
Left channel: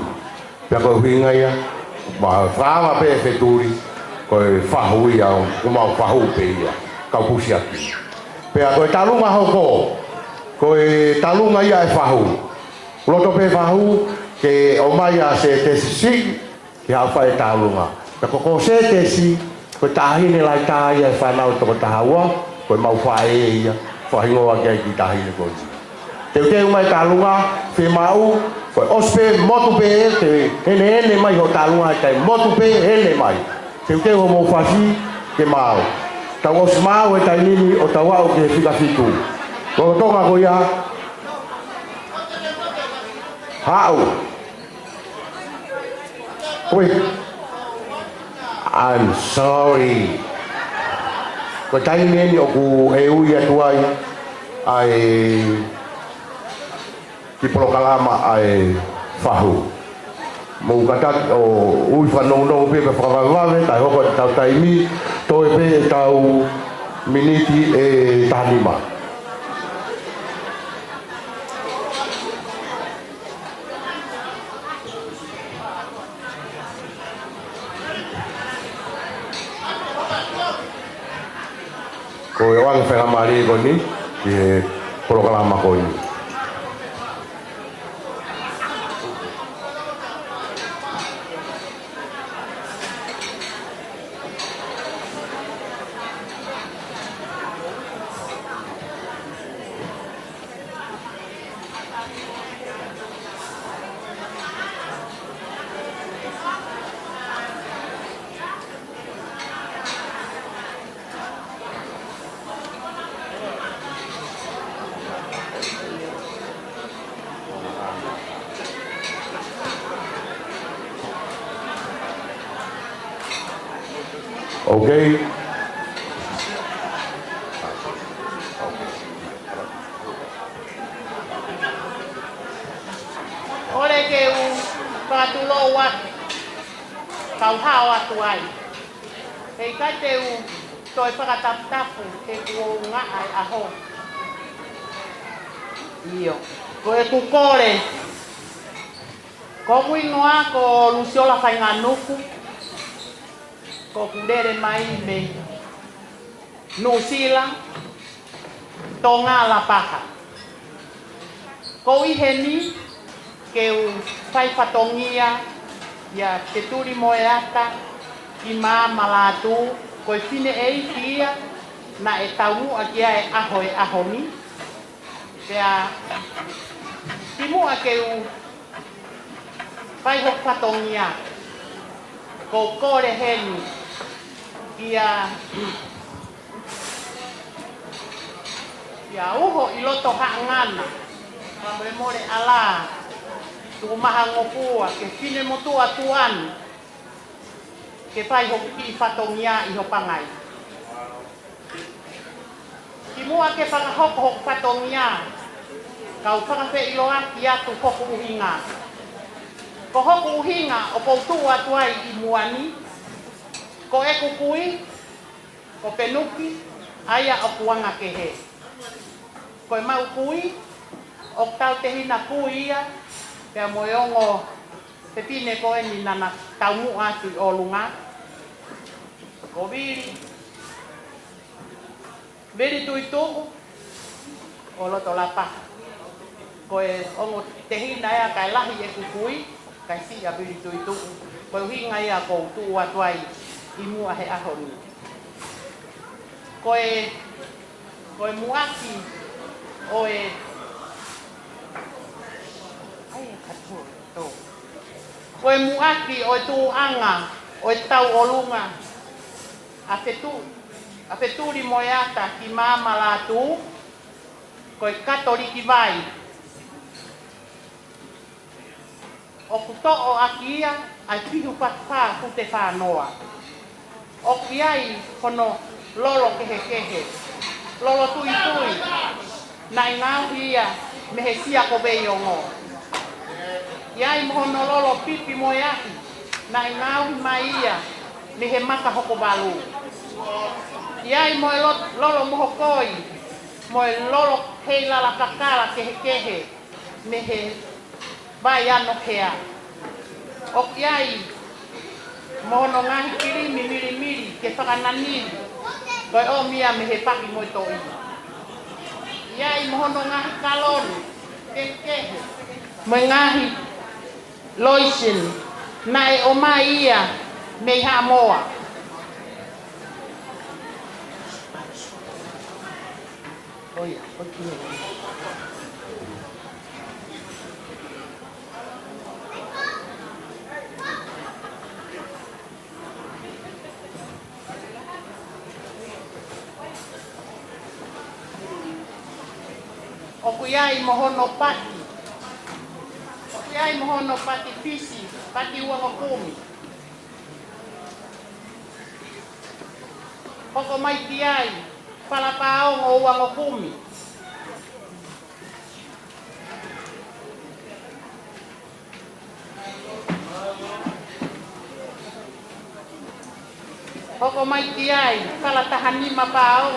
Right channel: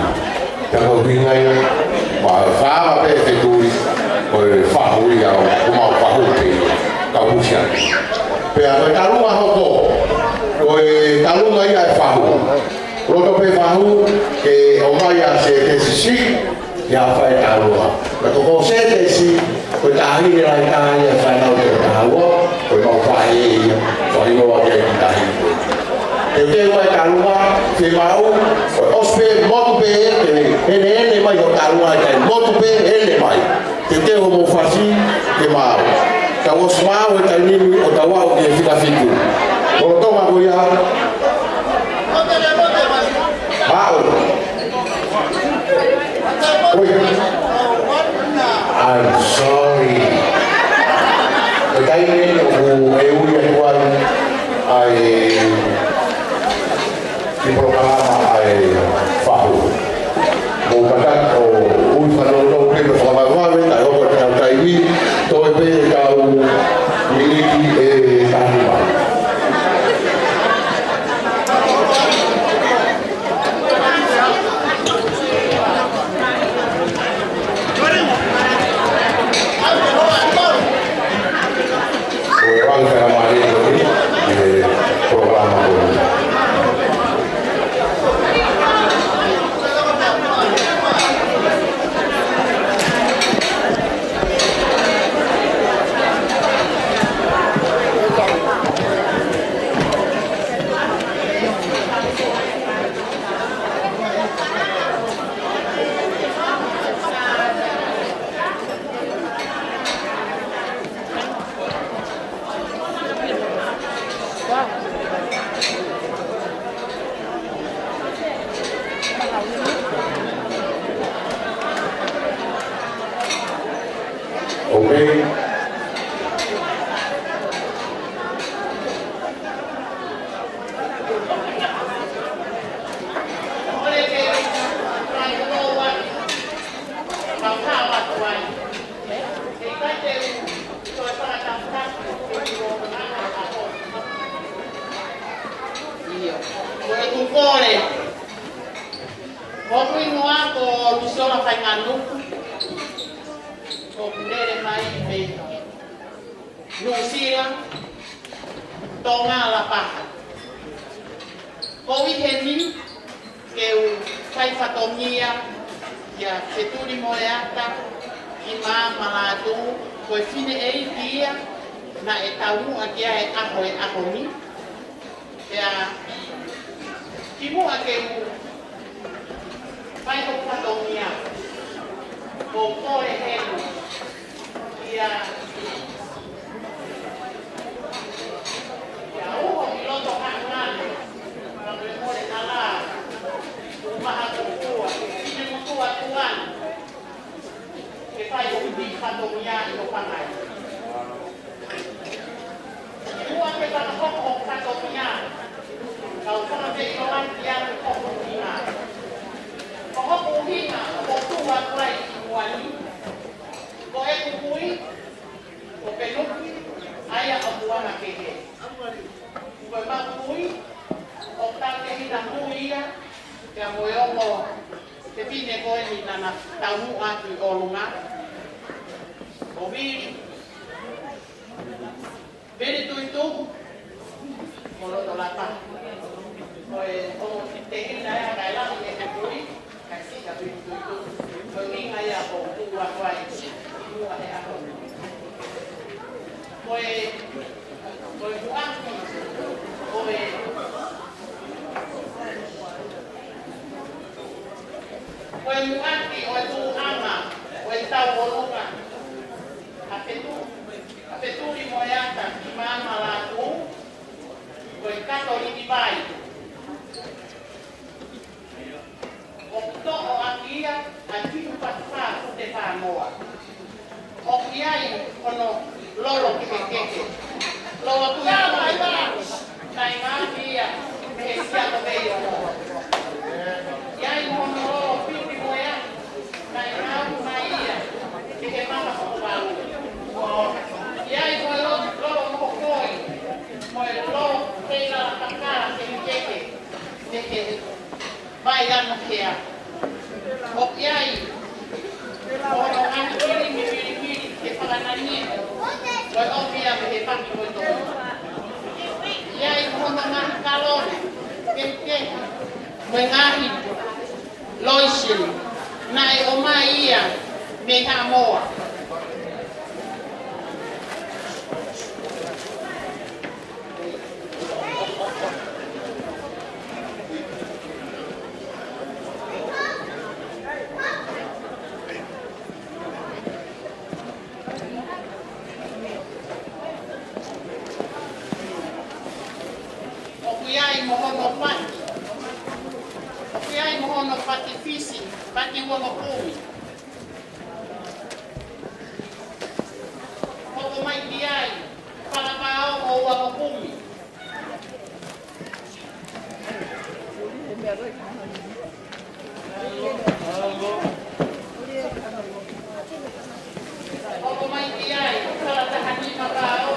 Te kau hingai, wā whāwa pe wheturi, koe whahui au, kumau whahu pe, kau pusiaki. Pea koe tā runga hau tō, ko e talunga ia e whahu. Roto pe whahu ke o mai a se te sisi ia whae talunga. Ka ko se te si ko tahine lai taha ia whanau te tahua ko mau whae e ia whahingoa ke ki tahine ko. Te teu mai talunga te mau ko ospe motu pe te ene mai o talunga e motu pe ene mai. Te teu mo whasi te mau. Ka os mau e kai nini o tawau ke whikafiku. O tonga ko ia. Hau. I'm sorry. Ko kai nini o e ui atua ia. Ai ki programa ai whahu. Mo kata o ui whanau pe ka whakawawe, ai hopa ka taimi, to e pe kau miniti e tahima. Ko e wang whenamari koni, e programa koni. Okay. Ole ke pangloa kau hawa tuai. Ei kai te toi whakatamta e tu ngaka aho. Io. Oe tu kore. Ko kui noa ko lusiola whai ngā nuku. Ko lere mai me New Zealand tonga la paha. Ko i he ni ke u whai whatongia ia te turi moe ata i mā malatu ko e whine ei kia na e taungu a kia e aho ni. Pea timua ke u whai ho whatongia ko kore henu ia uho i loto haangana mamre more ala tu maha ngokua ke fine motua tuan ke whai ho i whatongia i ho pangai i mua ke whakahoko ho whatongia kau whakawe i loan i atu hoku uhinga ko hoku uhinga o kou tua tuai i muani ko e kukui, ko penuki, aia o kuanga ke he. Ko e mau kui, o tau te hina kui ia, pia moiongo te tine koe ni nana taungu atu i olunga. O veri tui tuku, o loto lapa. Ko e ongo te hina ia kai lahi e kukui, kai si a veri tui tuku. Ko e hinga ia ko tua tuai. I mua he aho ni. Koe muaki, koe muaki o e tuanga, o e tau olunga, a te turi moeata i mama la tu, koe katori i vai. O kuto'o aki ia, ai pihu patupā ku te whānoa. O iai hono lolo kehe. Lolo tui nai ngāhi ia me he sia ko vei o ngō. Iai hono lolo pipi moe aki, nai ngāhi mai ia me he maka hoko walu. Iai moe lolo moho koi, moe lolo hei lala kakala kehe me he vai ano hea. O iai mono ngahi kirimi ke whakananini. Koe o mia me he paki ngoi toki. Ia I mohono ngahi kalone. Ke. Mai ngahi loisin. Na e o mai ia me ha moa. Oia, Okiai mohono pati. Okiai mohono pati fisi, pati wakakumi. Koko mai kiai, palapao o wakakumi. Koko mai kiai, palatahanima pao.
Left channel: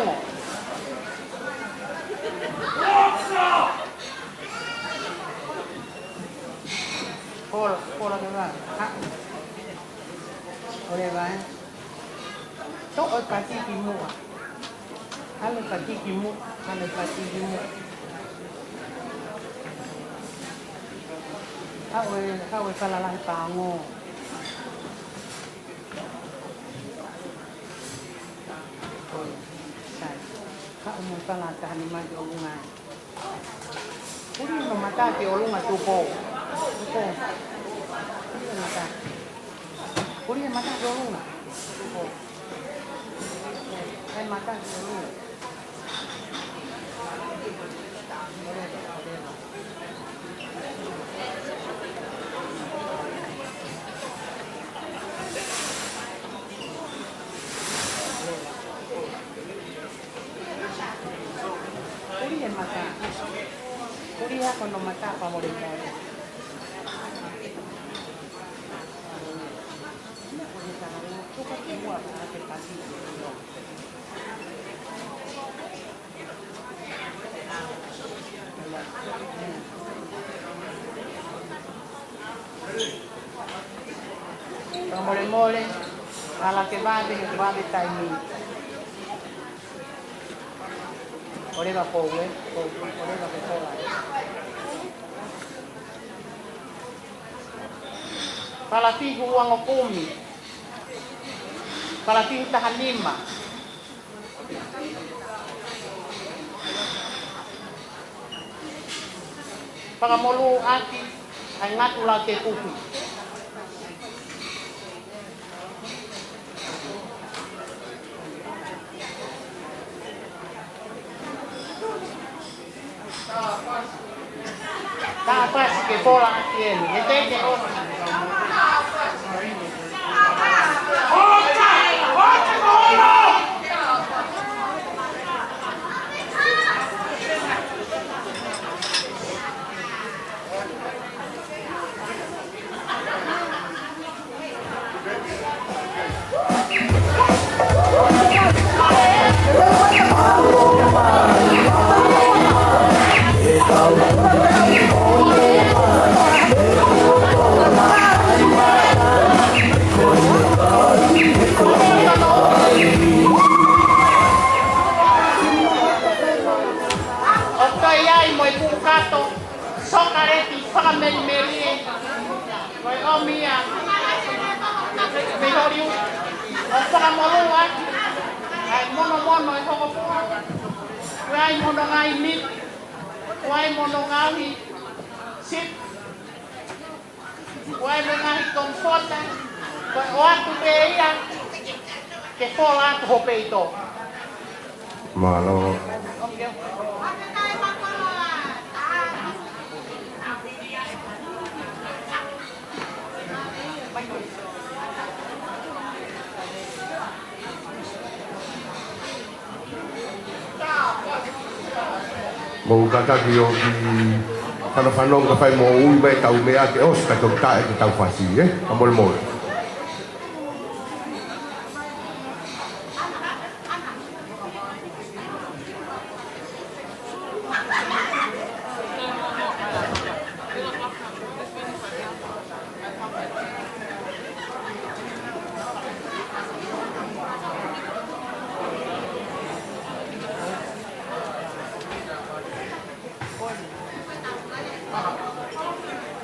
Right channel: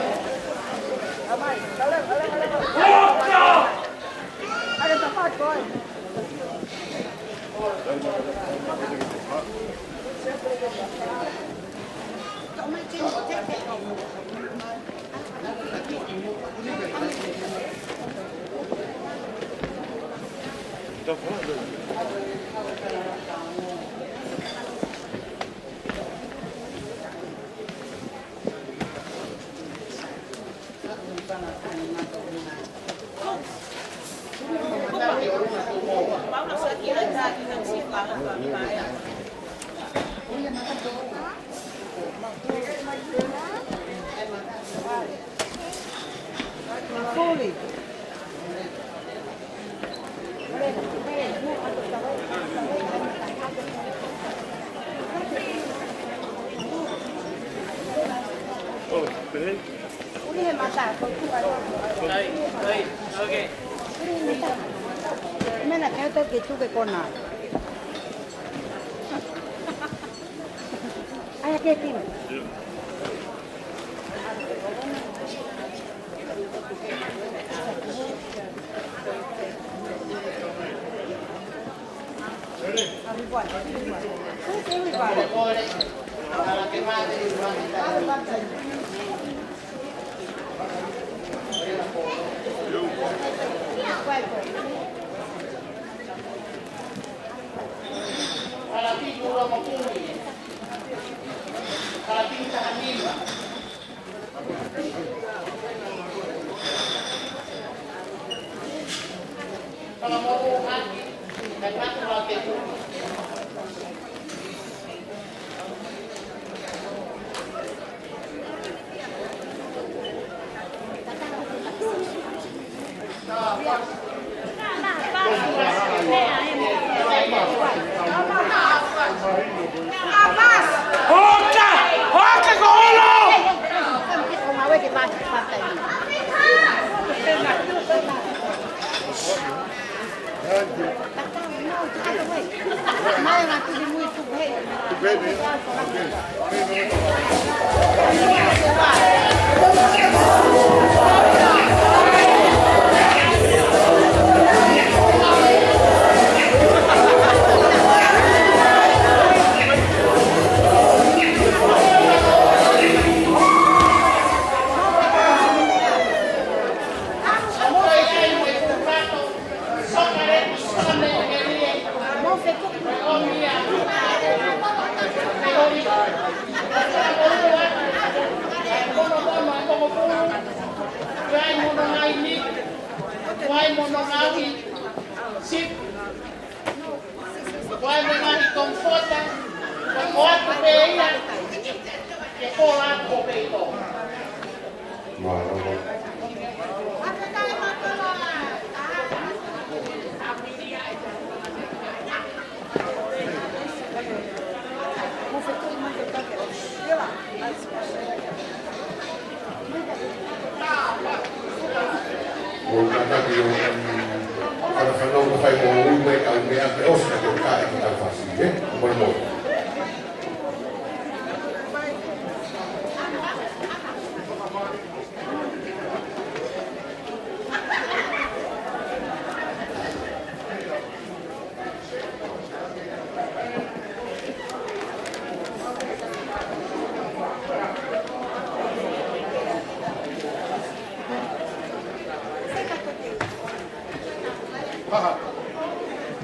Kau salah kamu. Kamu salah kamu macam mata ke orang macam kau. Boleh mata dorong. Mata dorong. Boleh. Mira, que tú que con nada. Ay, aquí sí. Muere, a la que va a estar ahí. Ahora pobre. Palapin ko ang makumi. Palapin tahanima. Pangamolo ati ay natulang te kupi. Mengatakan yo kalau fano ka fai mo un be tau me ate os ka to ka tau fasi amor mo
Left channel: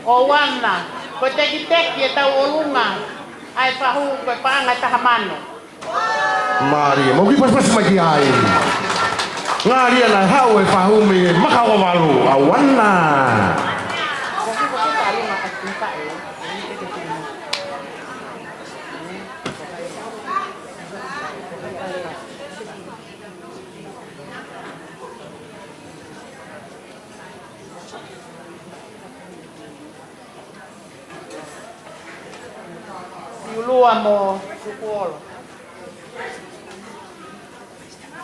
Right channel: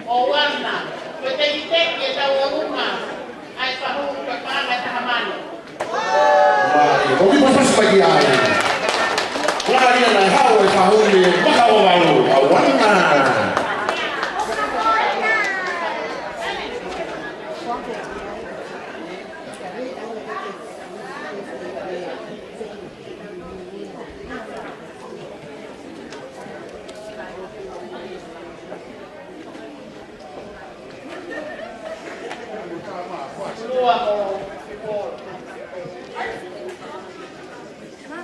O wana, ko te ki teki e tau o lunga, ai whahu koe pāngai taha mano. Mari, mo ki pas lagi ai. Ngari lang hau e whahuri e makawawalu, awana. Lua mo sukuolo.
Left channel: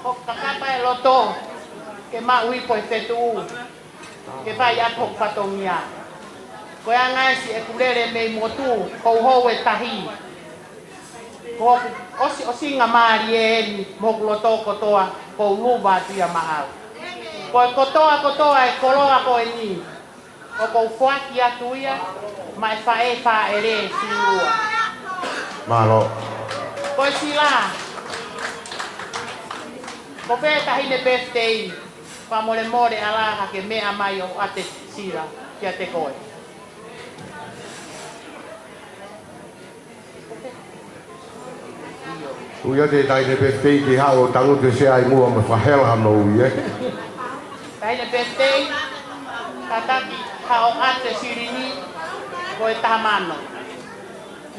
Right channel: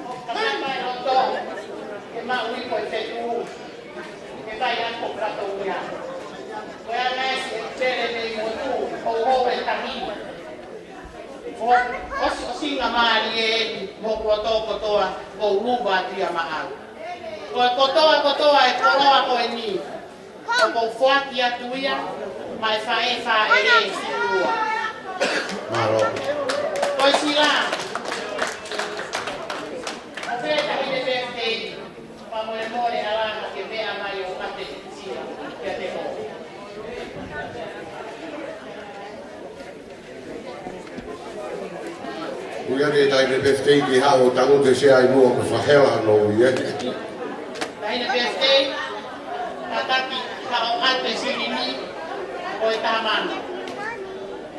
O kakapa e loto, ke maui koe whetu, ke pai ato patomia. Koe angai si e kurere me motu, kou hou e tahi. Ko osi ngā maari e eni, moku loto kotoa, kou luba tia maau. Koe kotoa e koroa koe ni. O kou fuaki atu ia, mai whae ere si lua. Maro. Koe sila. Ko pētahi ne birthday, pa more alaha ke mea mai o ate sila, kia te koe. Uia te tai ne pestei ki hao tango te se ai mua ma whahela no ui Tai ne birthday, tataki hao ate sirini, koe tamano.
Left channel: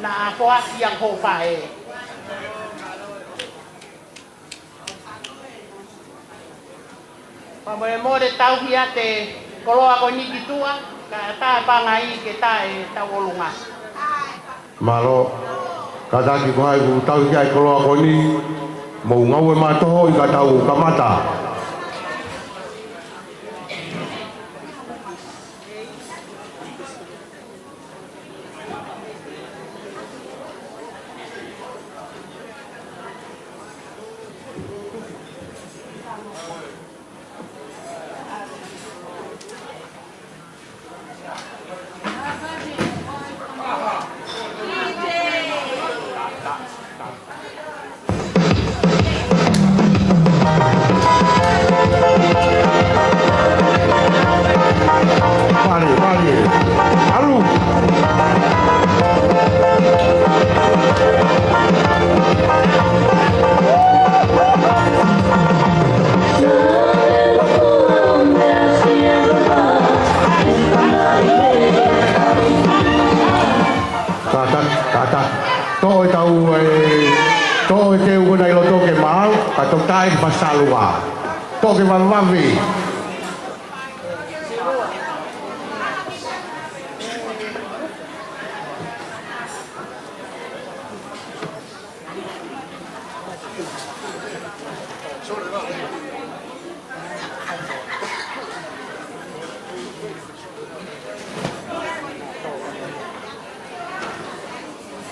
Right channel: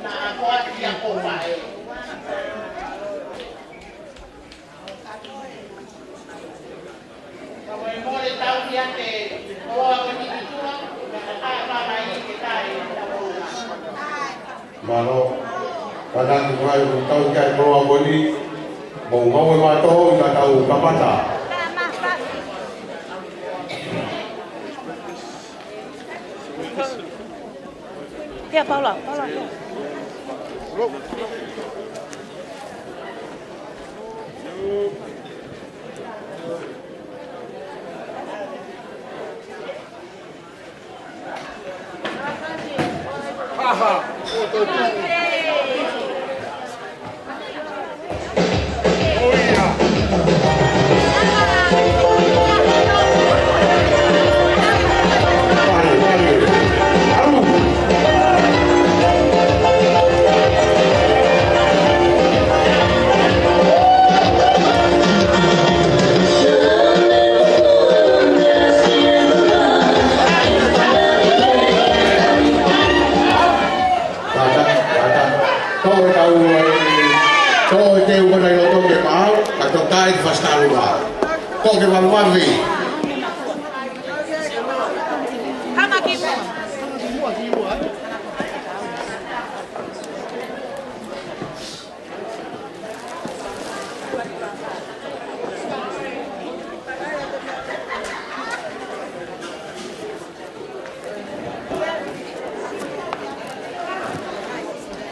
Na a poasi ang hopa e. More tau hia te koloa ko ni kitua, tae pāngai ke tae tawolunga. Maro. Kadang ko ai ku tau ki ai ko ko ni mo ngau ma to i ka tau kamata. Ya, Paula.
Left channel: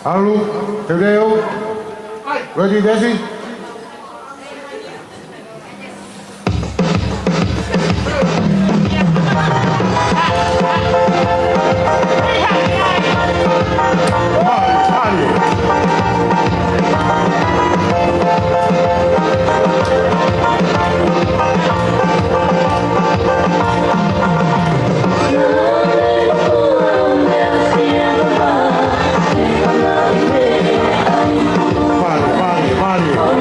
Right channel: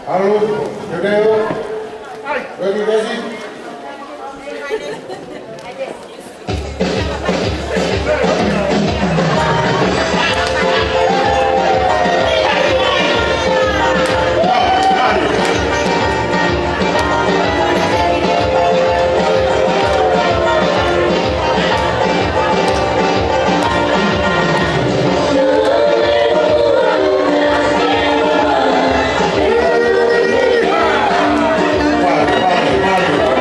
Halo, Pedro. Ready, Bessie? Mario.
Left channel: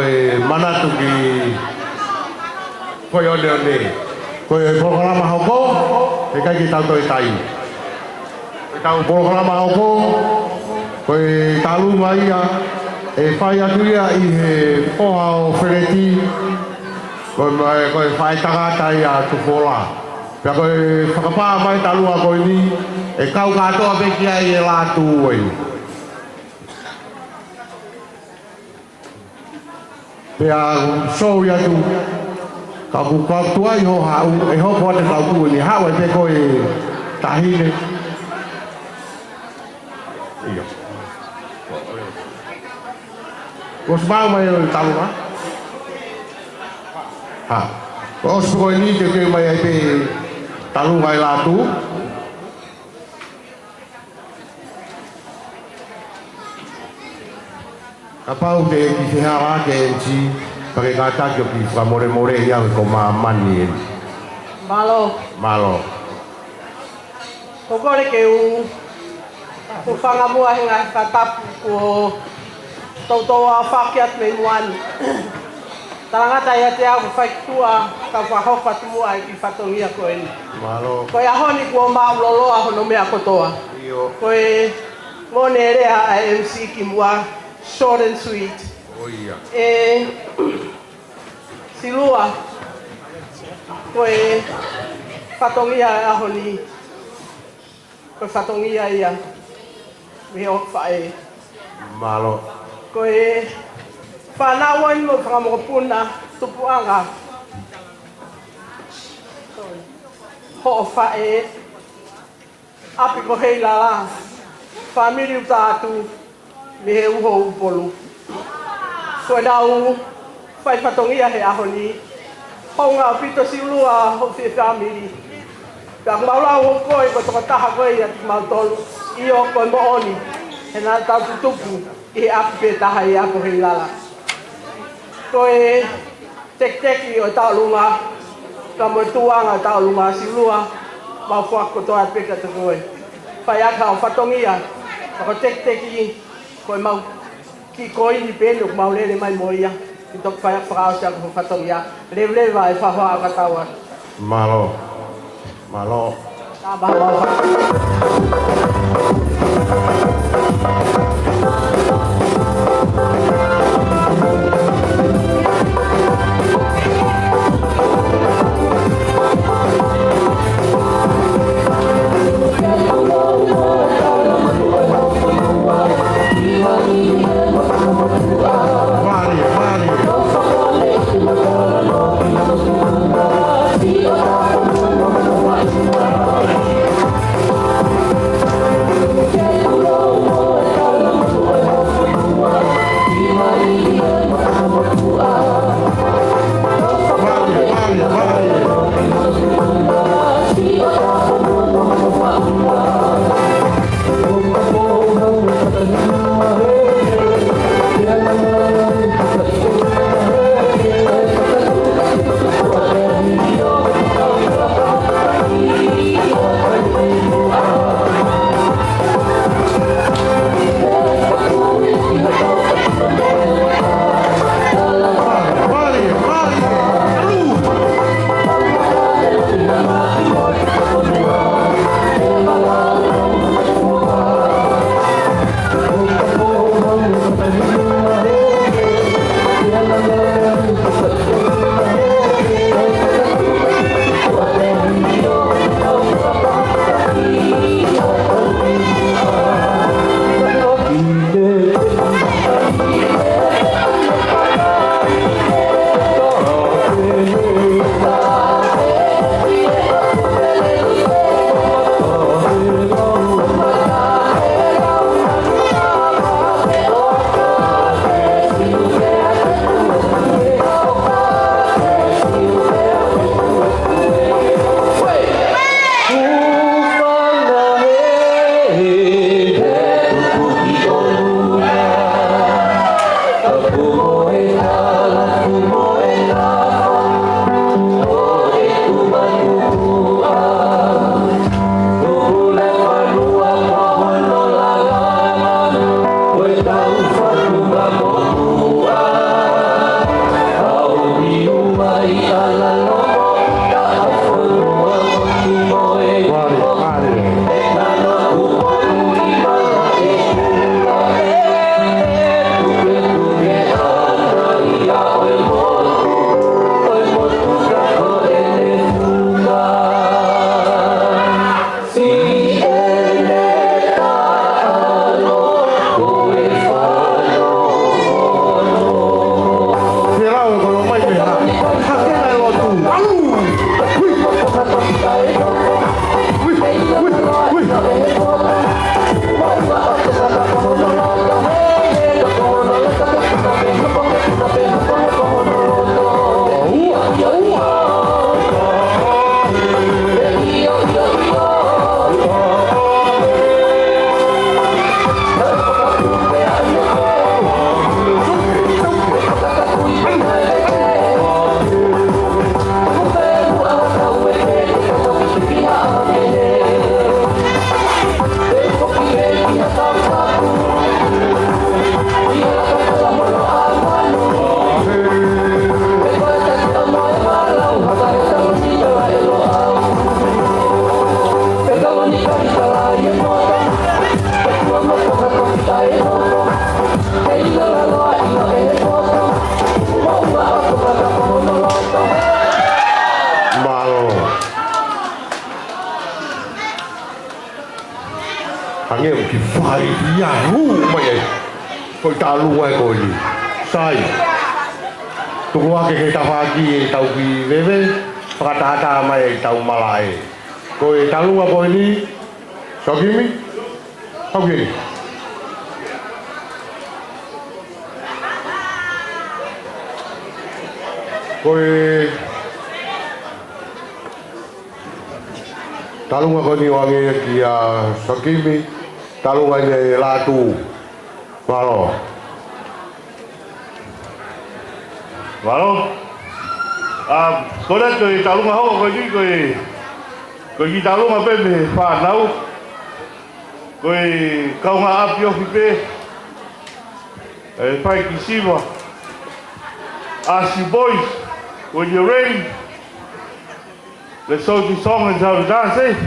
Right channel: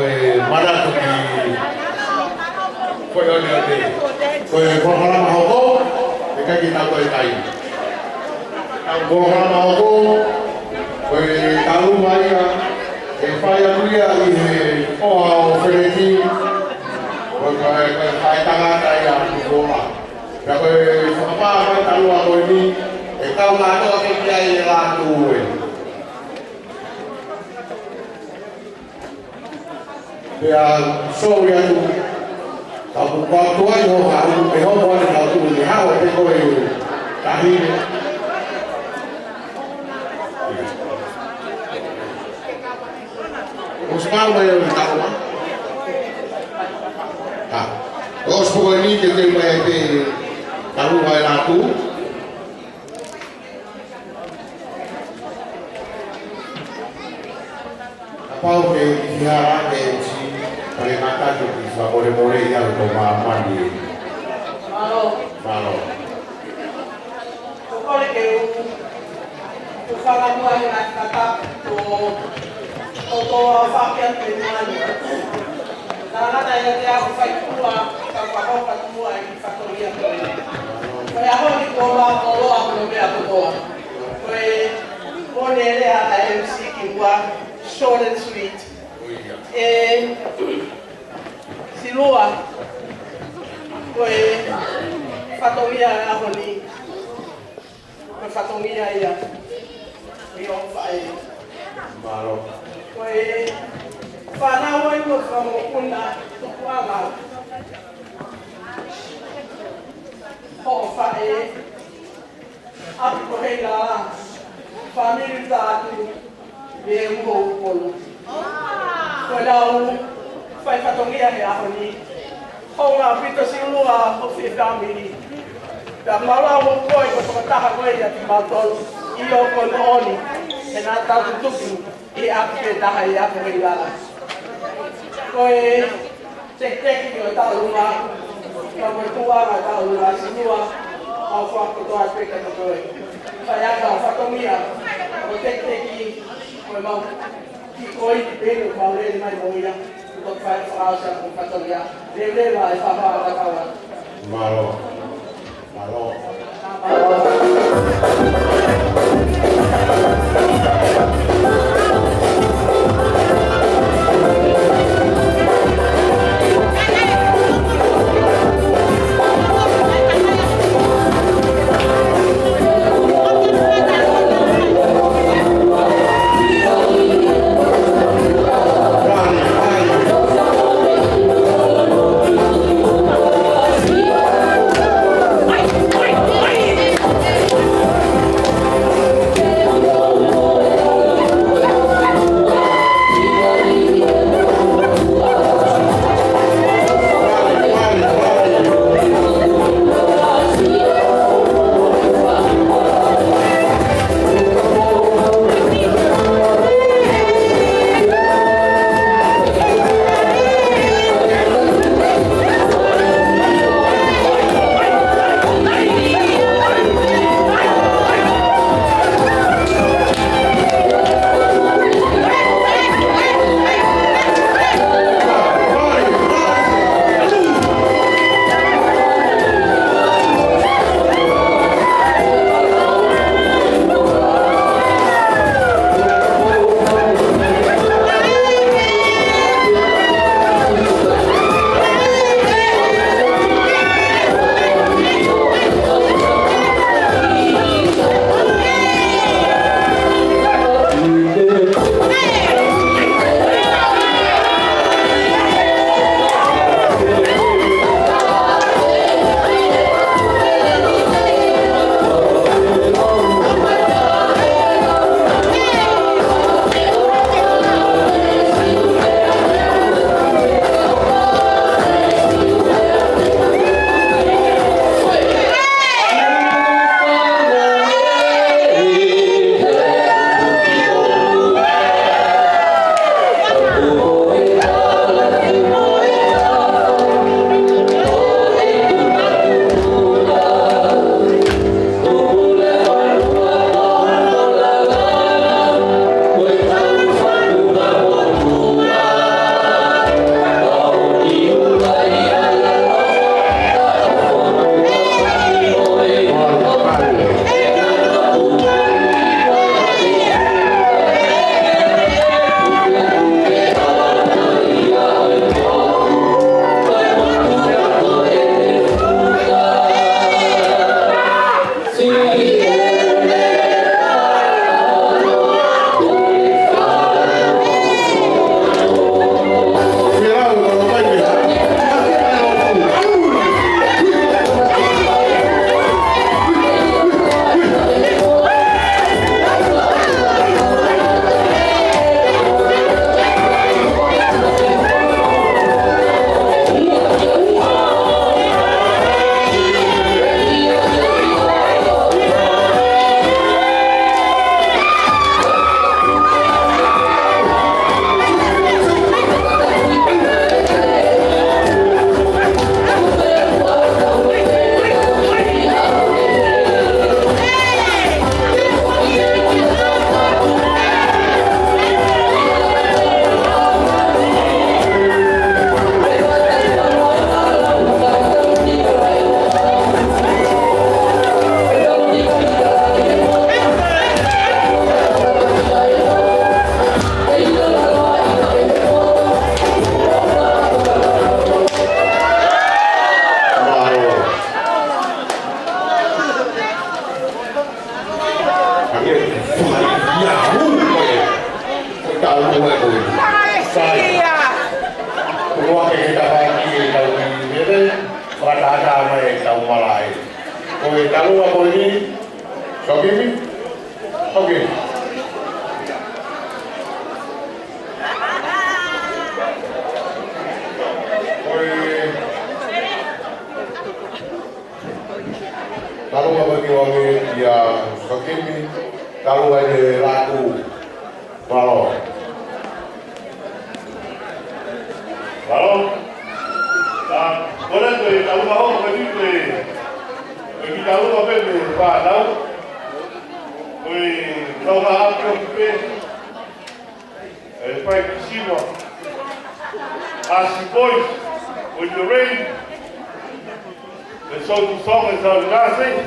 e mana tu ki koe o lea ne. Koe e programa hoko, e kai ki tātou e tai. E tau programa hoko, koe talu mai a, e whai atu ia i he poha o wheneti, koe whai tahata ia tukoa. Pea koe whakapaa mai talua koe ni, e kau katoa peki ai e lātu oi. Pea show ia tu, ka kukua i ho hau, e hopo ane tau ni hau e te koe tahine. Ko smau mai o talo na? Ha. Ko spoi ni ke mai ai pe talu vai latu. Apa o te ki ha ke ji pare ngata ke ki fa more ia ko ma mani. Malo. Ko kore ke u fala mua nga kata ko tautoa whakia te muani. Tangata ia te au whaitua ka whahopa tumua i ki whatoria koe ni. Koe ahoni kua mauloloa hono mea kotoa. Koe mone rea a MC ki mua short and sweet. E silua koe whatongia ahoni. Koe whatongia ia. Mi o whae. Malo. Koe whanau inu ka mo puna tupuanga. Ho whae. Api ko hei la. Famili utatu. Me he uho upolu. Koe lau whai whatongia he ahoni. Honga pito silua ho fi family. Ka maula o koe ko tokataha koe ia ki mautolu. I o koe mo oni. E nā tau tupu. I aku ke taha i aku hei lala. Koe teki o taulunga, ka motuanga taulunga silua, mau whakotoa peka te koe. Whai aka o whatongia, ako teki, koe mau ki koe ni pene o mau lele mai moia, i tok whai whakao sia ko whatongia, lele vai whahoa kataua. Malo. Malo. Viva Tua ke he tawhaki e tau ki wewe, whakatata mai e tau marae. Ko e talunga ko ni, sokimi? Sokimi. Ko e talunga ko ni wangi e ki a sokimi, talunga e latu. Walo. Walo. Kore ko e talunga ho ko ki talunga pe me whanau. Ko e kaunga api o pe. E pai ki siwa. Asi boys, when you rain, the social song is how to dance, eh?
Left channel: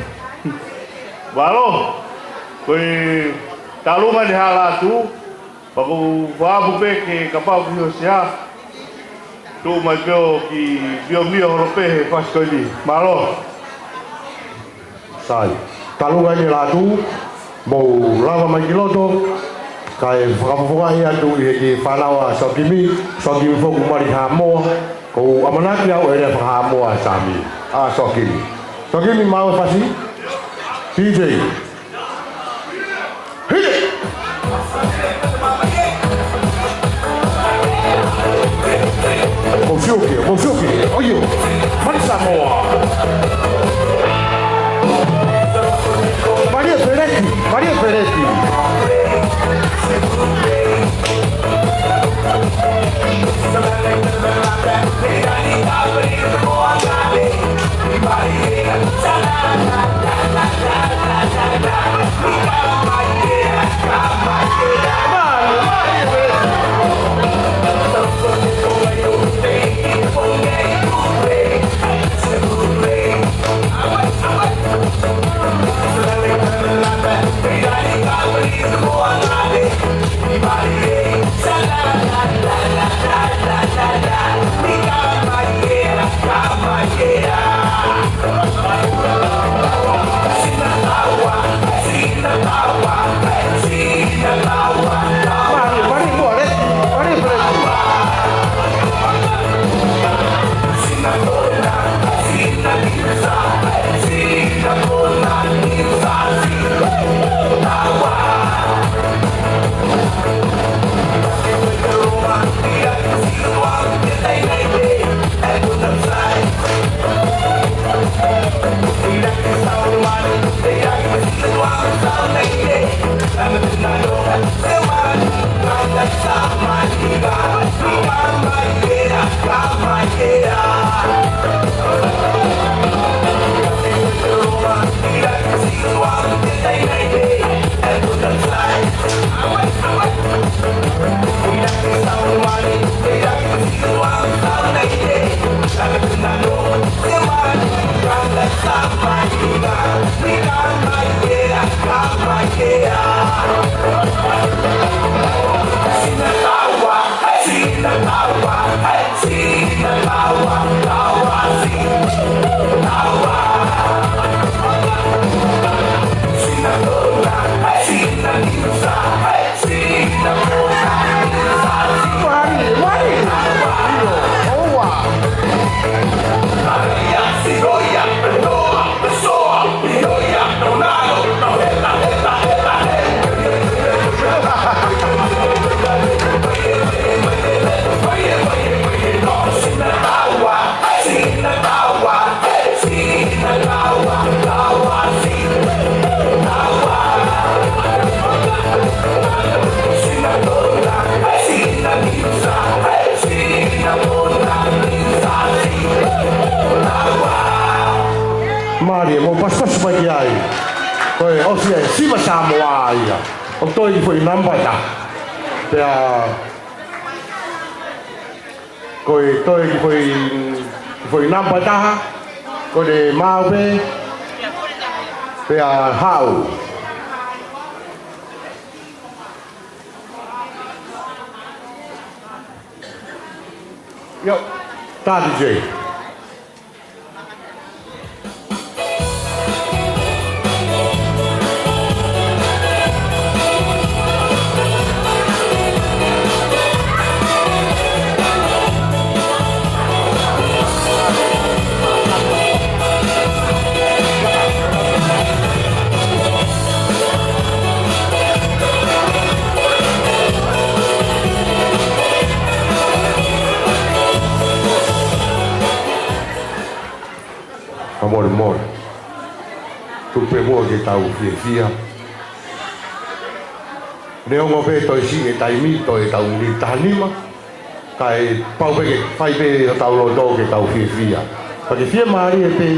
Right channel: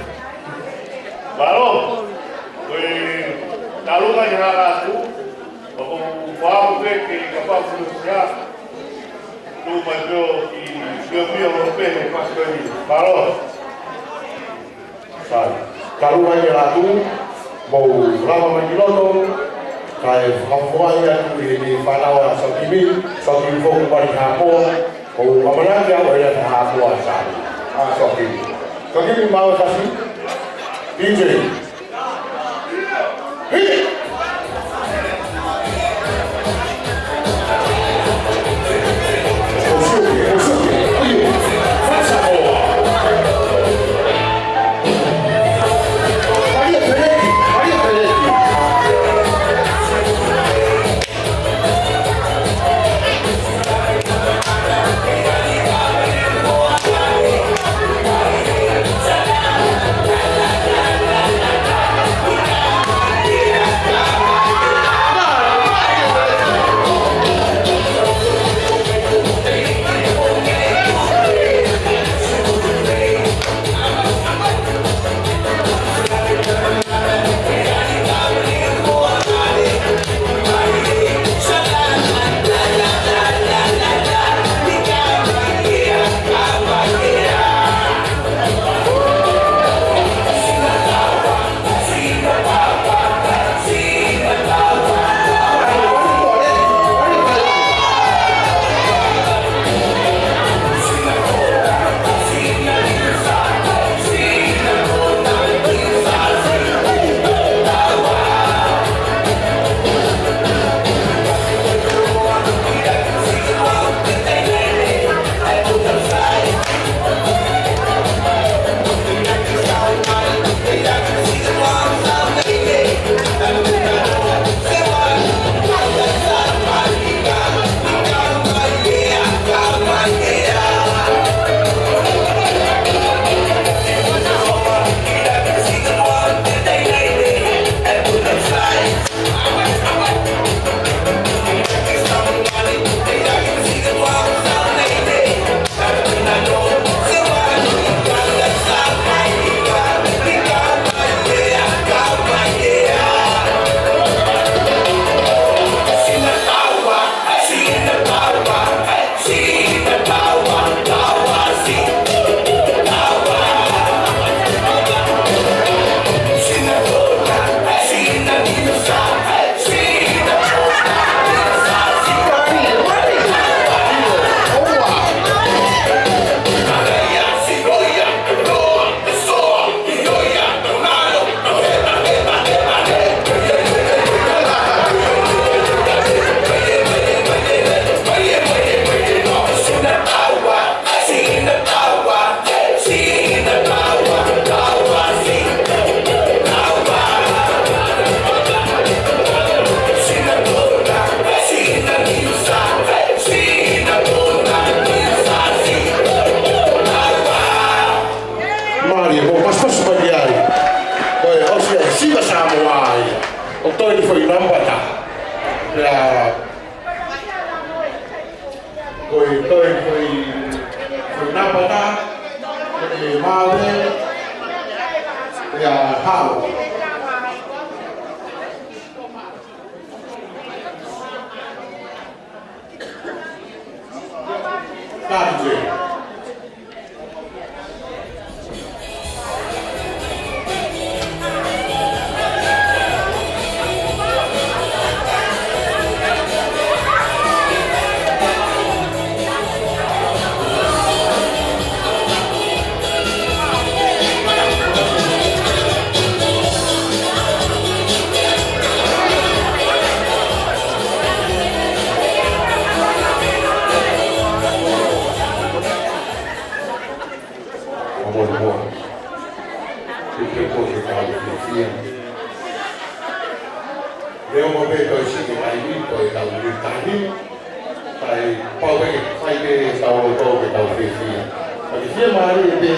Walo. Ko e talunga ni hala tu. Paku wapu pe ke kapau ki o siha. Tu mai peo ki pio mio ho pehe paskoni. Malo. Sai. Talunga ni la tu. Mo lava mai kiloto. Kai whakafuangi atu i ni whanau a sokimi. Sokimi foku mari ha moa. Ko amanaki au e ne wha moa sami. A sokimi. Sokimi mau fasi. PJ. Hit it! Foi na bata, foi de mave, foi a hau. Yo, tá, DJ. tu pe mo ke tau fia. Leo mo pe to si ke tai mi to e tau ni tanima. Kai pau pe fai pe tau lo do ke tau fia. Pa ke fia mai e te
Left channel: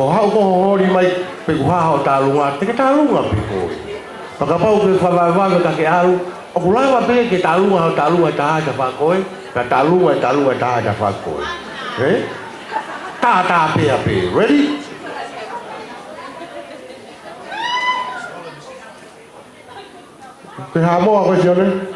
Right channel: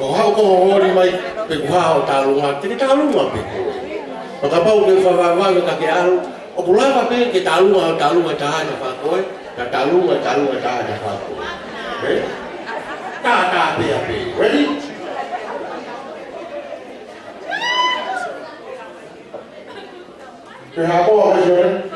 o hau ko ho ni mai pe ku hau ta lunga te ta lunga pe ko. Pa ka pau pe fa va ka ke aru o pula pe ke ta lunga ta fa ko e ka ta lunga ta fa ko. Eh? Ta pe ready? Ke ha mo pe jone.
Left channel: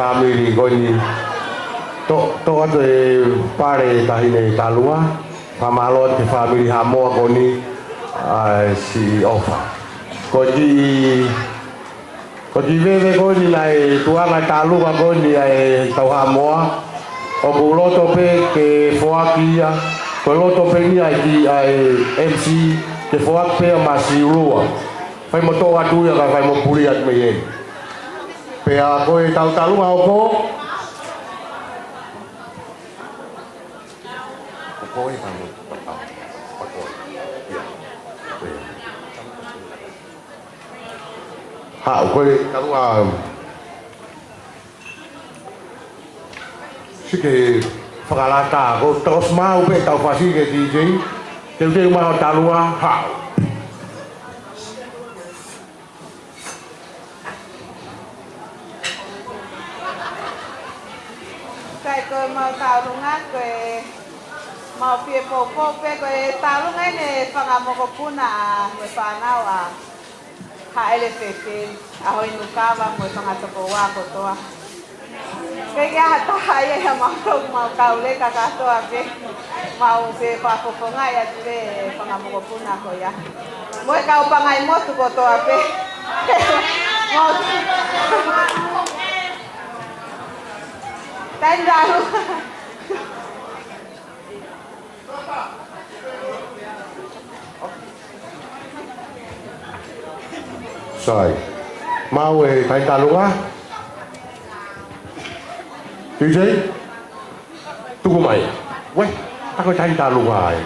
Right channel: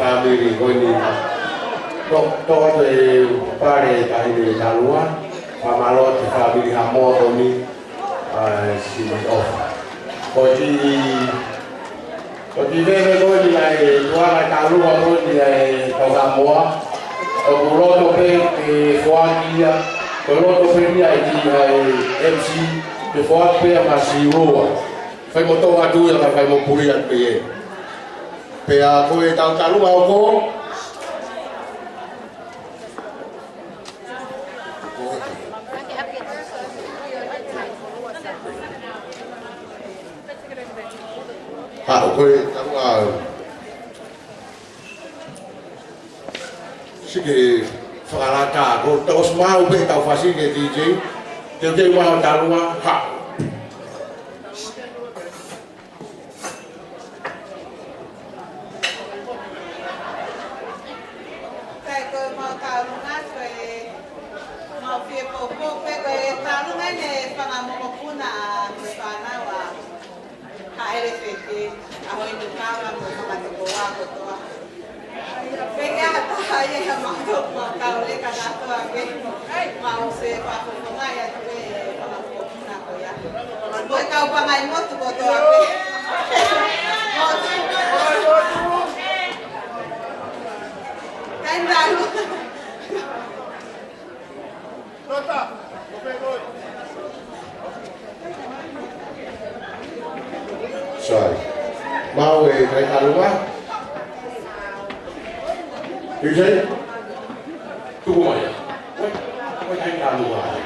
family going to the pare tahi talua pamalo te family hamo goni si ofa koji veve goni lai tuana talua goni lai tau hamoa o loto pe ke foakia Koe roto penia i MC te whoak pēr masi uroa. Whai mo tō atu ia whai mo puri at me e. Pea koe tau talunga o ko. Ha, koe talunga Sike whakarata ko tos mau pe tau whasi ke DJ. Te mau talunga ha. Kai ko mau talunga ko mau pie ko pe ko talunga ne whakamoko puna ko whanau a HLPP aho inu kawa ko whangatoko wā ko toa. Pega taha ia mau kaure ka katoa pe mau se pakoponga ia tue pangamukopuna ko ia. Moi kau bangai motu ko toa pe. Tai lalu. Sai. Mau tai talunga. DJ, tunggu mai. Wei, aku cari taruh mai.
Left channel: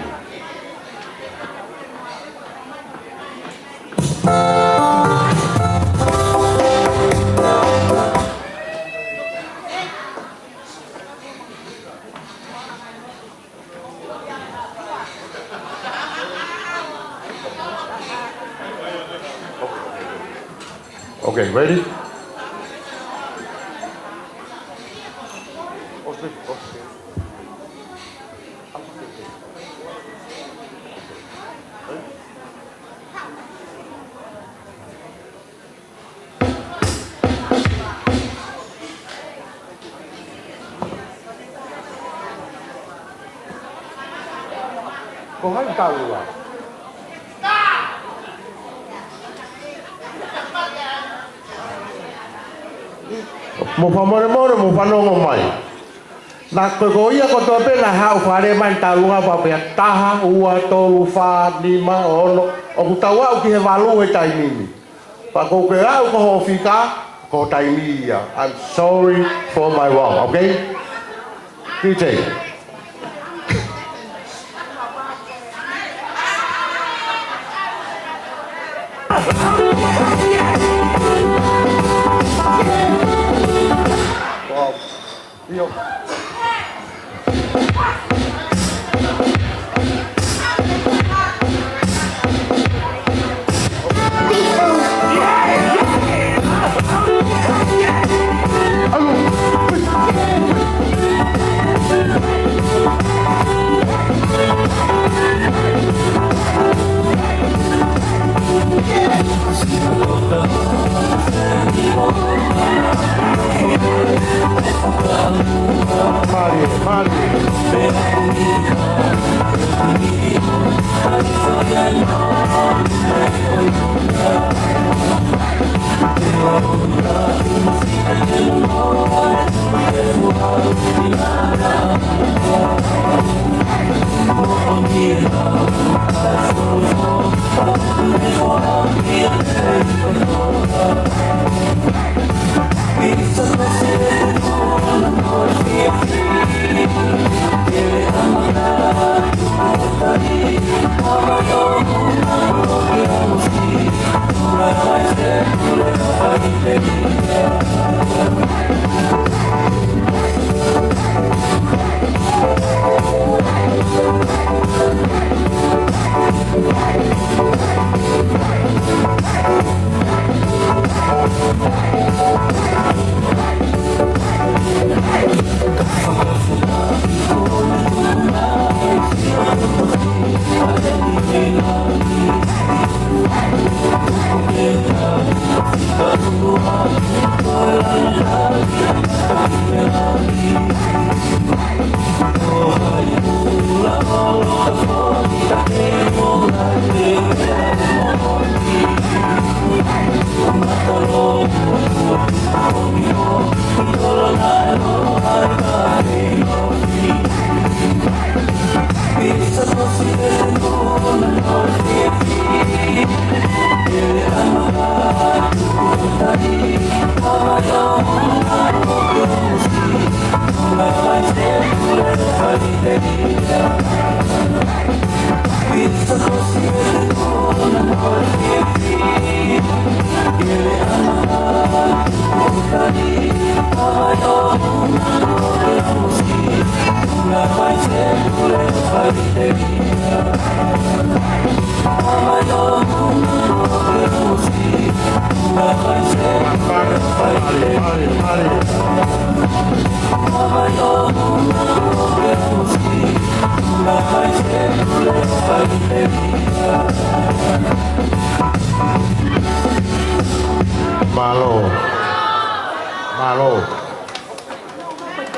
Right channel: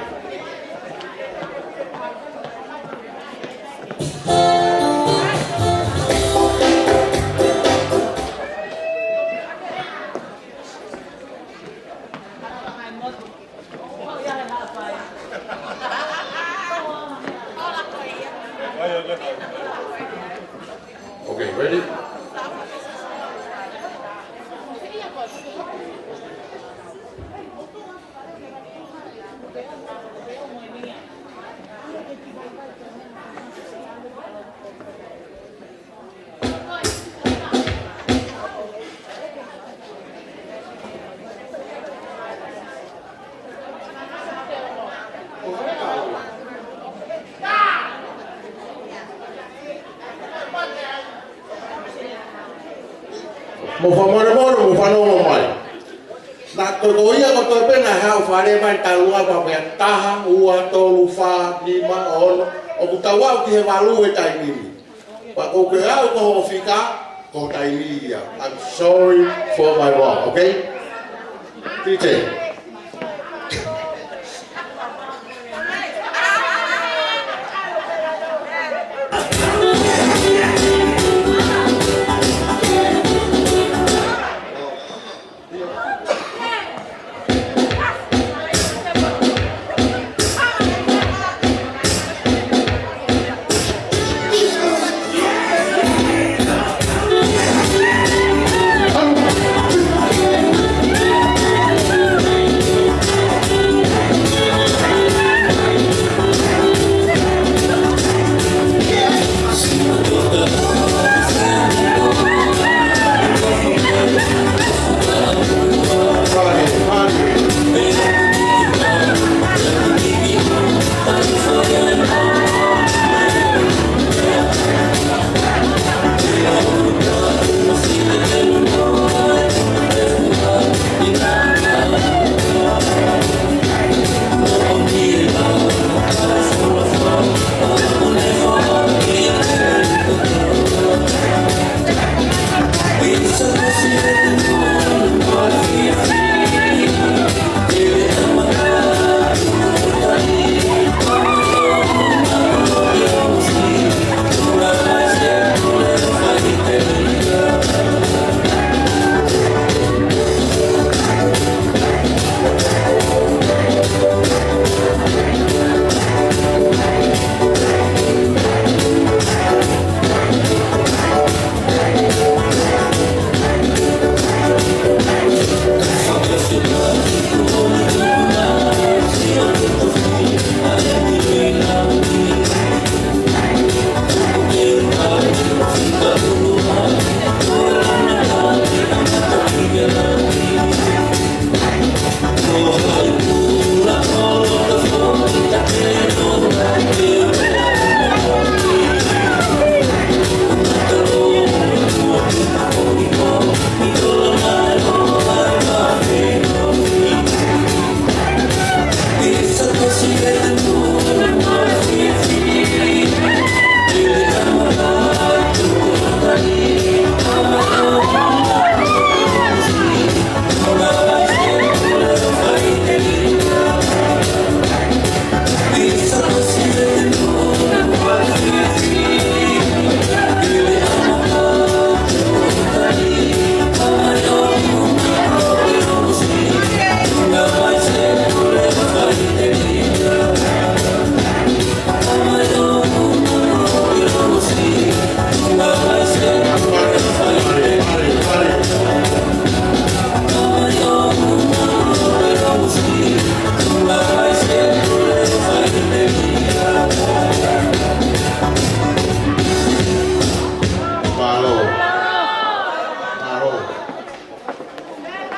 Okay, ready? Kung tahu lah. Mo famoro mo falongo mai. Na ko ia ko to pena hau fare mai talunga pa pe taha ua to fa ni ma ono o tawa ki he valu e tai ni. Pa ko ke au ko fika ko tai ni ya. I'm sorry for my wrong, okay? DJ.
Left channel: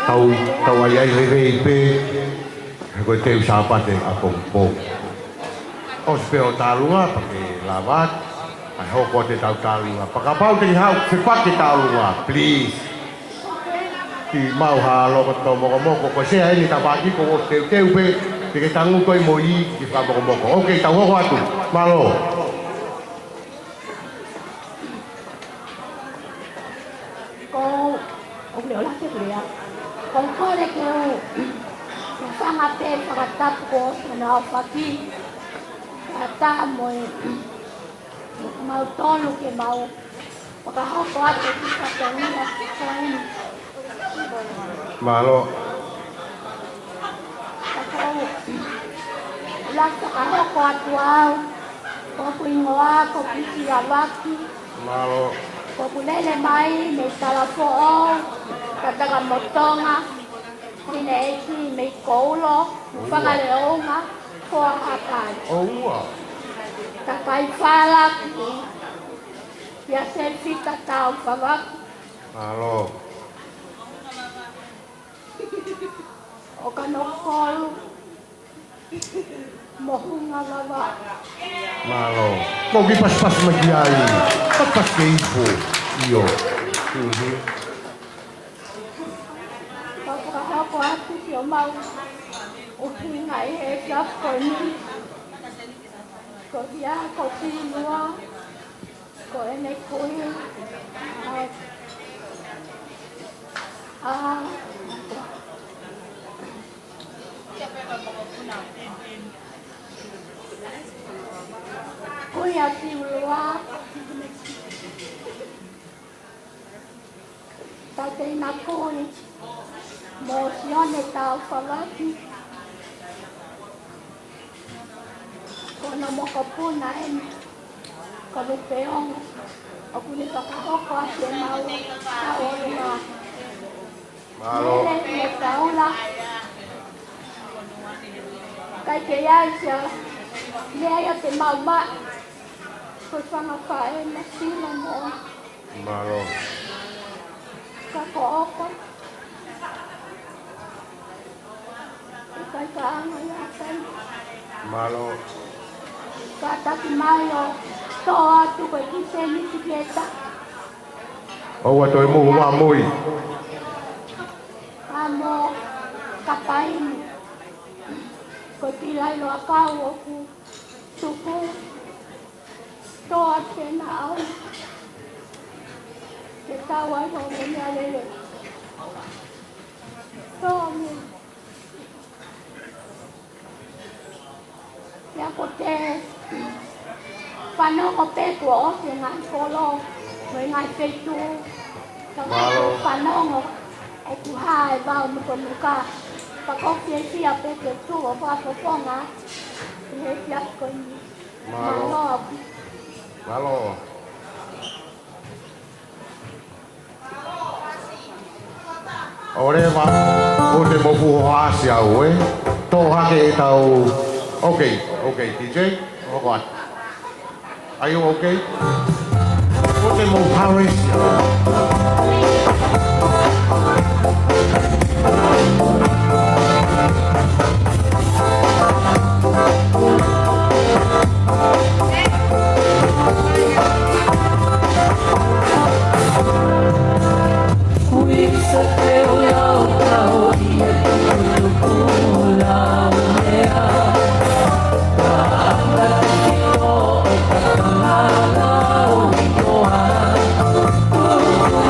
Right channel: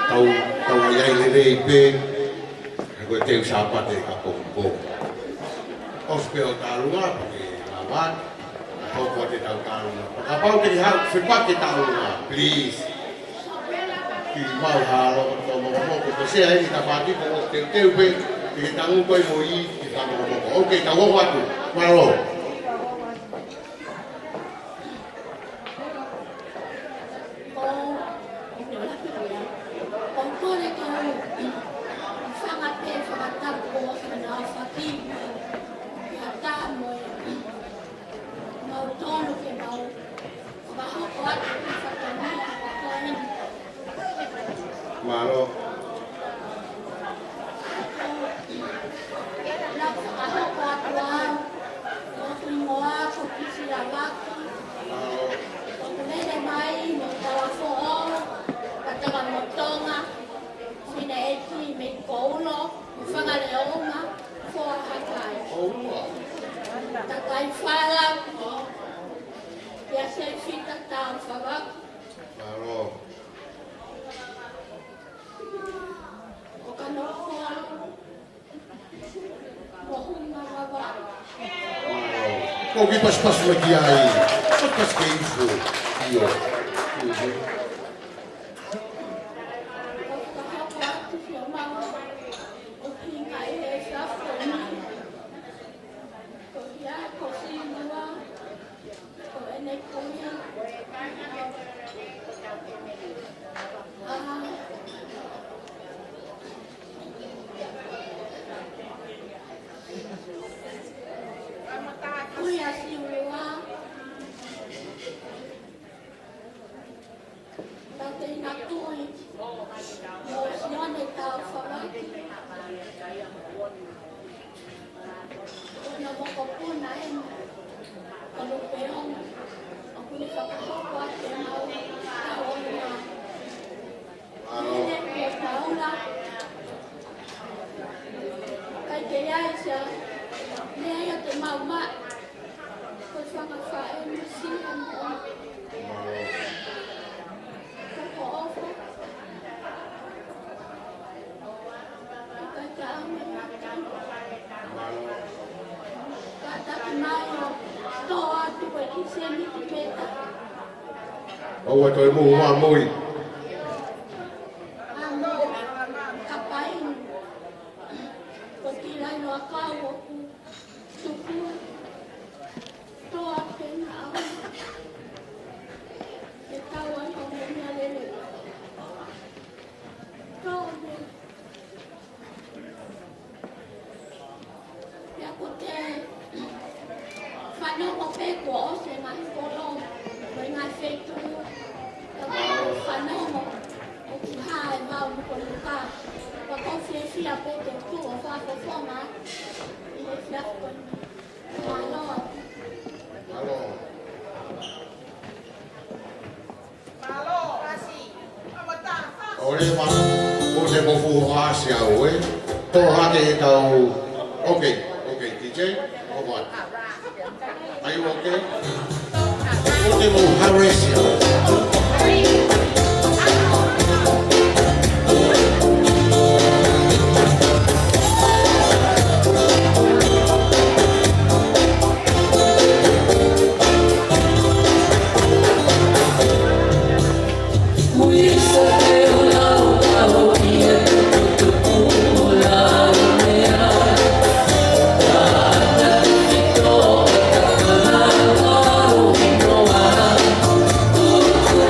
tau ai ai rei pe ko te usapa te akompo o speo talunga ke lavat ai hoko te tau talunga pakapau te hau sepat te talunga please ki mau halo ko moko ko se ai ni tapati ko te pe te tangu ko moi ki ka moko okay tau ho atu malo Con kore ke sanga te whakatako na whaki ata mo mau tonu ke mau wakahoko atu ki whakanina ki kain malo laka ahoko atu au koku ingoa koku siawaki malo koku nene mai me talafo'o katanga motonga sine eki me koulo whakaleonga kua hakai takai whalaki ia se fita tau whawaki malo o ka no kolu mohunga lawa malo mo gi pas magi ai pas ke info io Ako atu siya mau uhingai he siya ko ni ko siya ko sinua ko ene kui kuya siwa tatay na kui Mosione tau whawaki. Kona moko puna ene. Kalu peong. O kuli kakahoko ate mau. Kaorunga. malo Nele me taula. Kai ke iai siya. Lea te mau ma. Ko whangawhae na sina mo. malo Kakooko. malo Kataki mayo, toa tu ko kiseni tiketa. o wa toi mu ma mui Amo kapain. Ko kilai lo akawo ku suku. Toa kena au. Ketawa so kenya lele. Toa me. Ya ko te whanau ko pēkua o te ngai kolo, me ngai whetu, ka ngai whanau o ku hae wau muka muka. Ka kofi e fia pēke tu o whako whonga, i he fiako ni. Malo. malo ore wa o te mofu o asi au to hane tau okay DJ all right are you okay o te mo haresi Oh,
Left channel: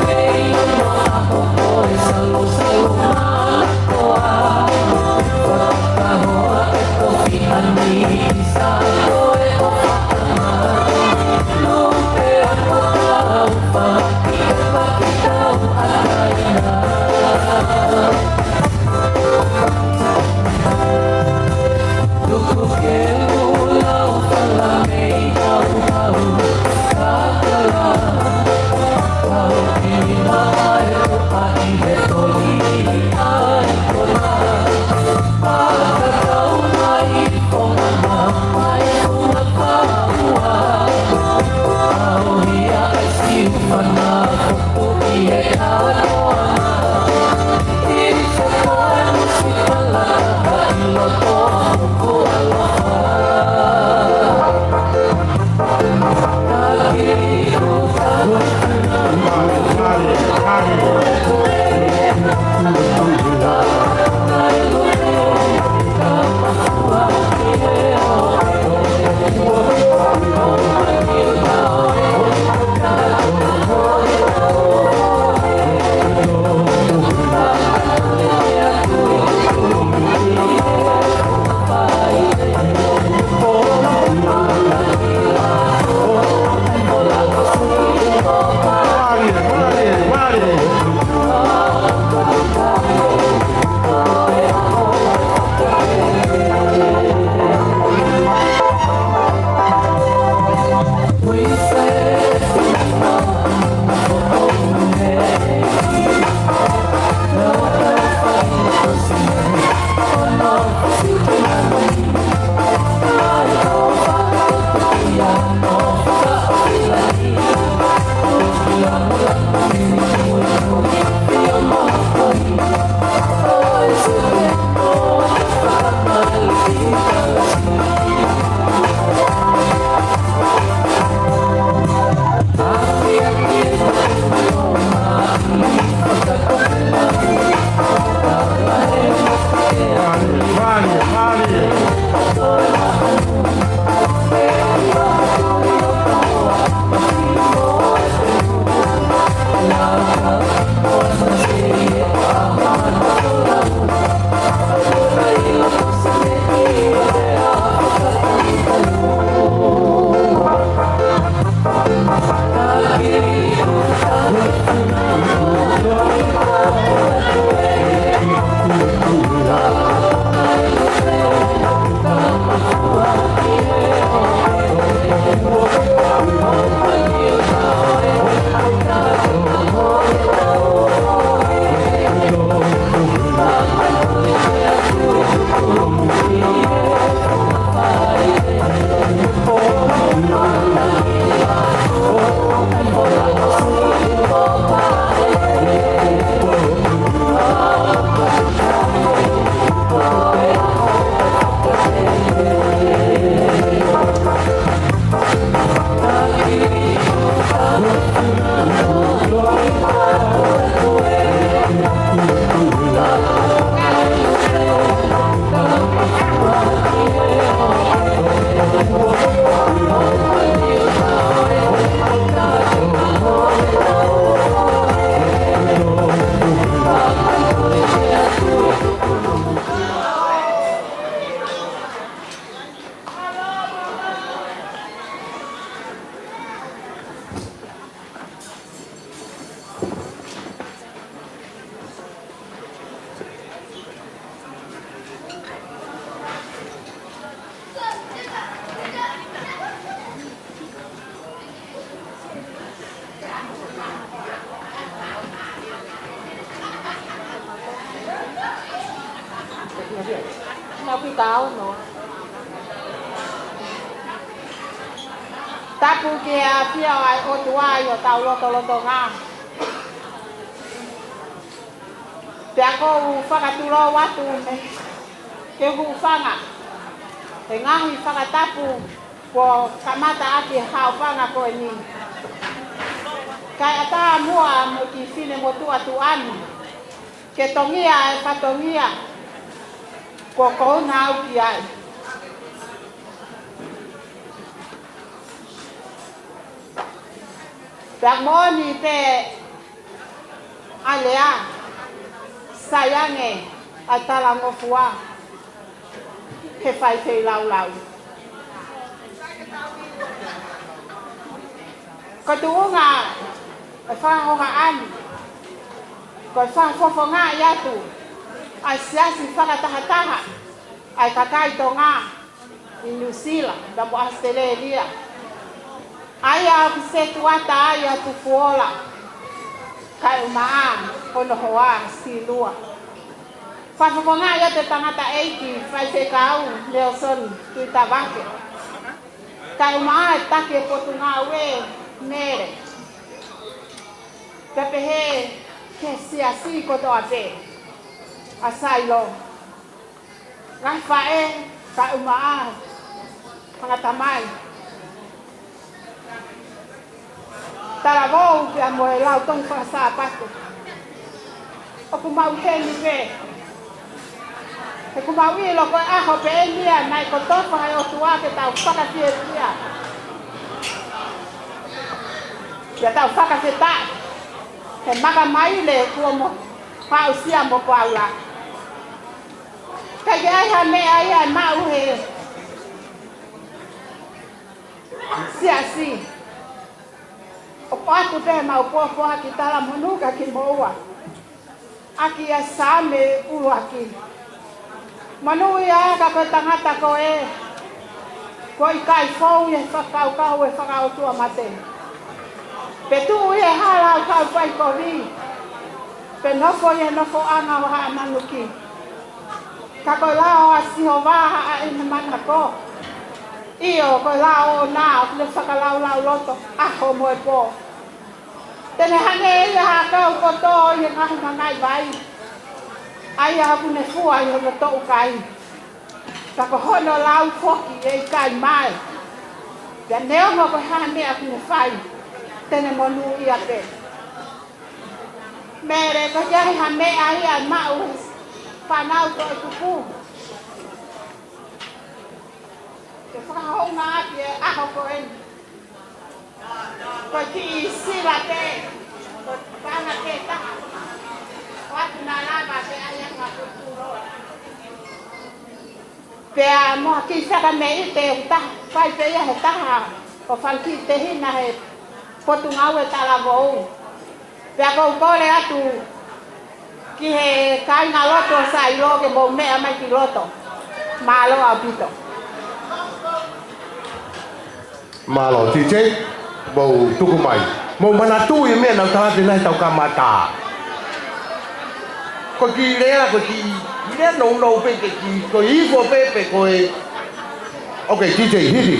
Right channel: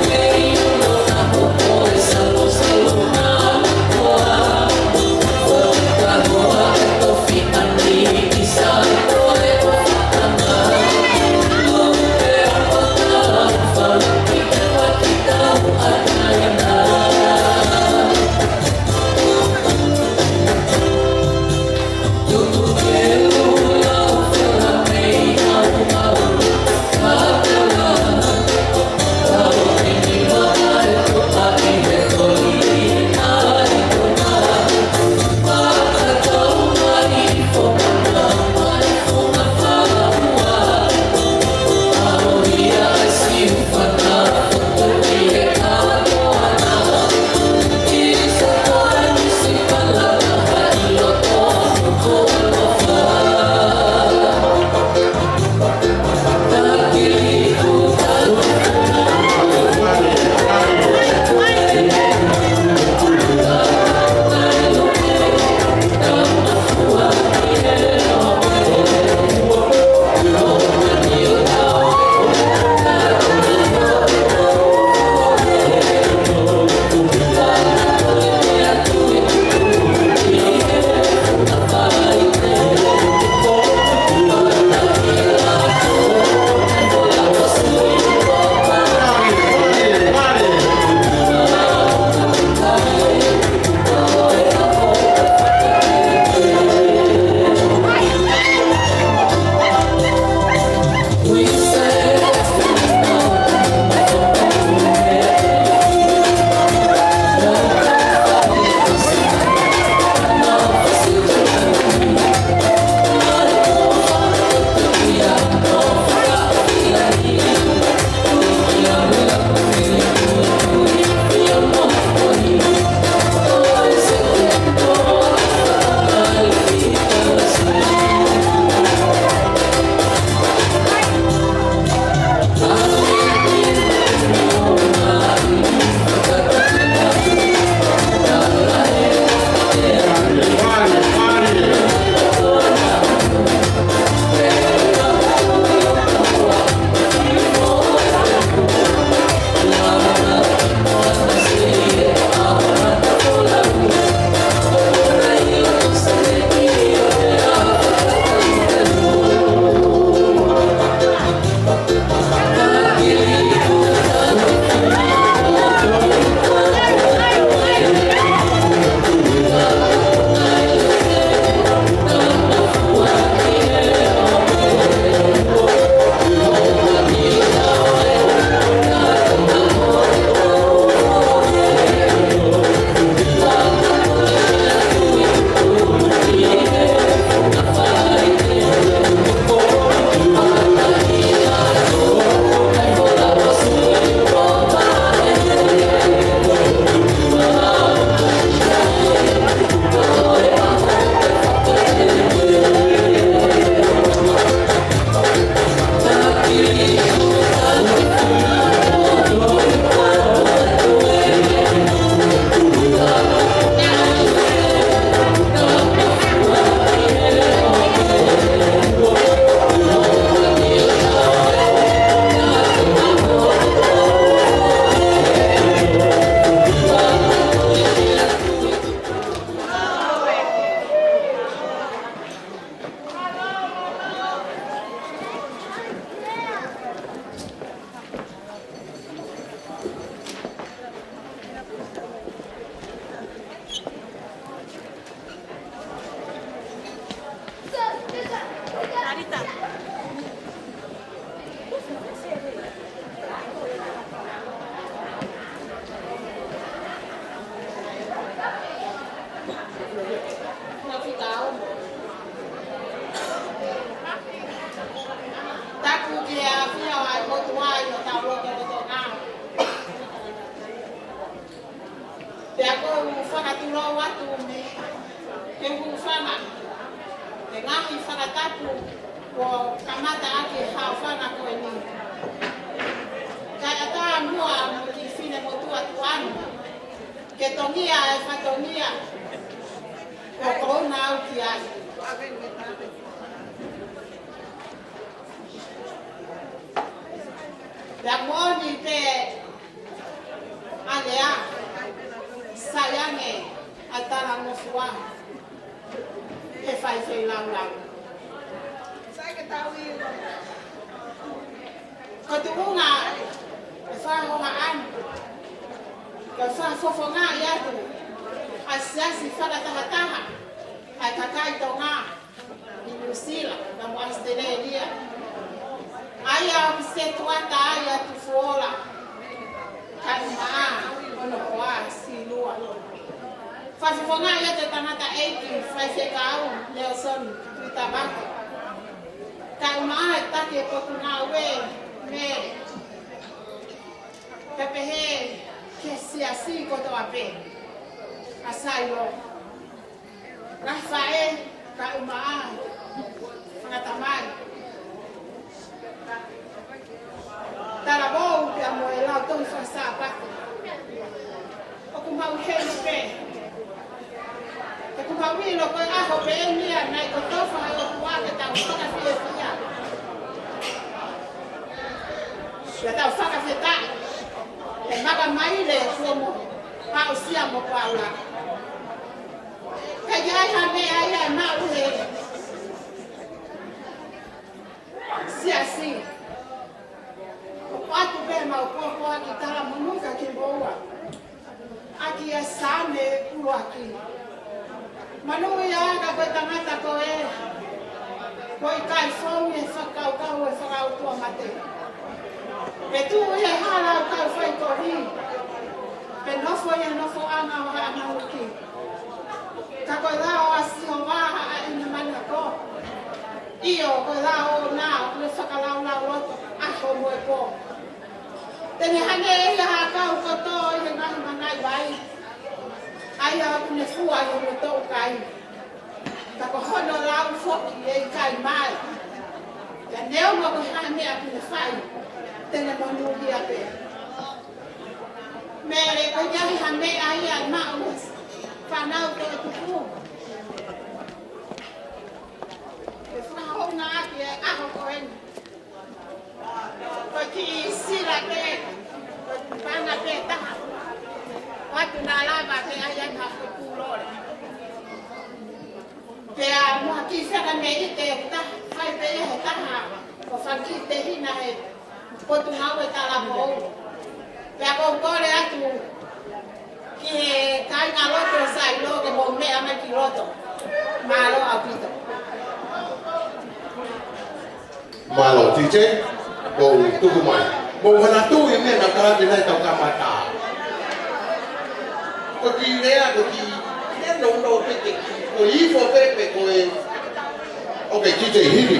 tau no. Taku kia pia ai o tua yo tau loto ngā. Pea ko whakaturo watu me ke hu whanga. Te ngahi whakataku ko kamata ake hau whanga koe ni. Kai ata mua mo ki whine mo tua tu anu. Ke tongia e whatongia ko kouna au ki ai. Pea moni te alea sayange ai tala ngofua he whai te lau. Ko tuunga e whangonga ani, ko e whanfofonga i atu, ai siasi whakatahataha, ai kakai to ngā i New Zealand, tamu Australia. Ai au ki se tuata ai atu fuola, kai umaa, kono hoa, stilua. Whafonga i atu tangata eiki, whai te kau, Nelson, tui tabake. Kai umaa e take e potu ngā ue, mere. Pepe he ke siasi koto ape. Asai lo. Kai whae, kai umaa, whakatamai. Tara vau ki a moe lau tong whakasa patu. O ku mau heli ve. E ku mau i lo koe aho pe e nia nai ko tofa e o tua ke tau whakapie kia. Ia tau whakawheta, he maka mai le kua mo pao sia mo kua ula. Kei ai ha me ai a nau he sia si. O paku pe mau popo aki tala munuka ki moua. Aki a same ulu aki. Manu ia ka koe tangata koe. Koe kai fau e whakau kau e whakau tua mate. Pe tu e halau kau whai kori. Pe nofo e nofo anga o haa nanuki. Ka koe lao a siho waha a ina mata ko. Io koe lao o nao le whakalau lau loto aho moe po. Tene hane e ha kau koto i e kahu mangai vai. Ai a kune fua i o loto kai. Ka ko hono lau foki e kai mai. Pe neo mo ko hane a kune whai. Tene monu i ape. Mere ko jahi ha me ai a mau whanau to e tuku. Te whakahou ngā ati e aho ko eni. Ko ki i sira te, ko panga te taha. Watu nā lava he ai ai ma kuturo. Pea moa ki whaka me i te taha, whai pe ia he taha. O whanki te hina he potu ngau e tala vou. Pea kou kore atu ki he kaina loto sa i loge mo mea mai ki loto. Malo au pito. Malo, tite, bau tuku mai. Mo mana tu i mea nang tala dinai tau kamata. Ko ki lea, ko ki lea no peke ki, ko ifo pepe, ko e... Ok, DJ, hit me.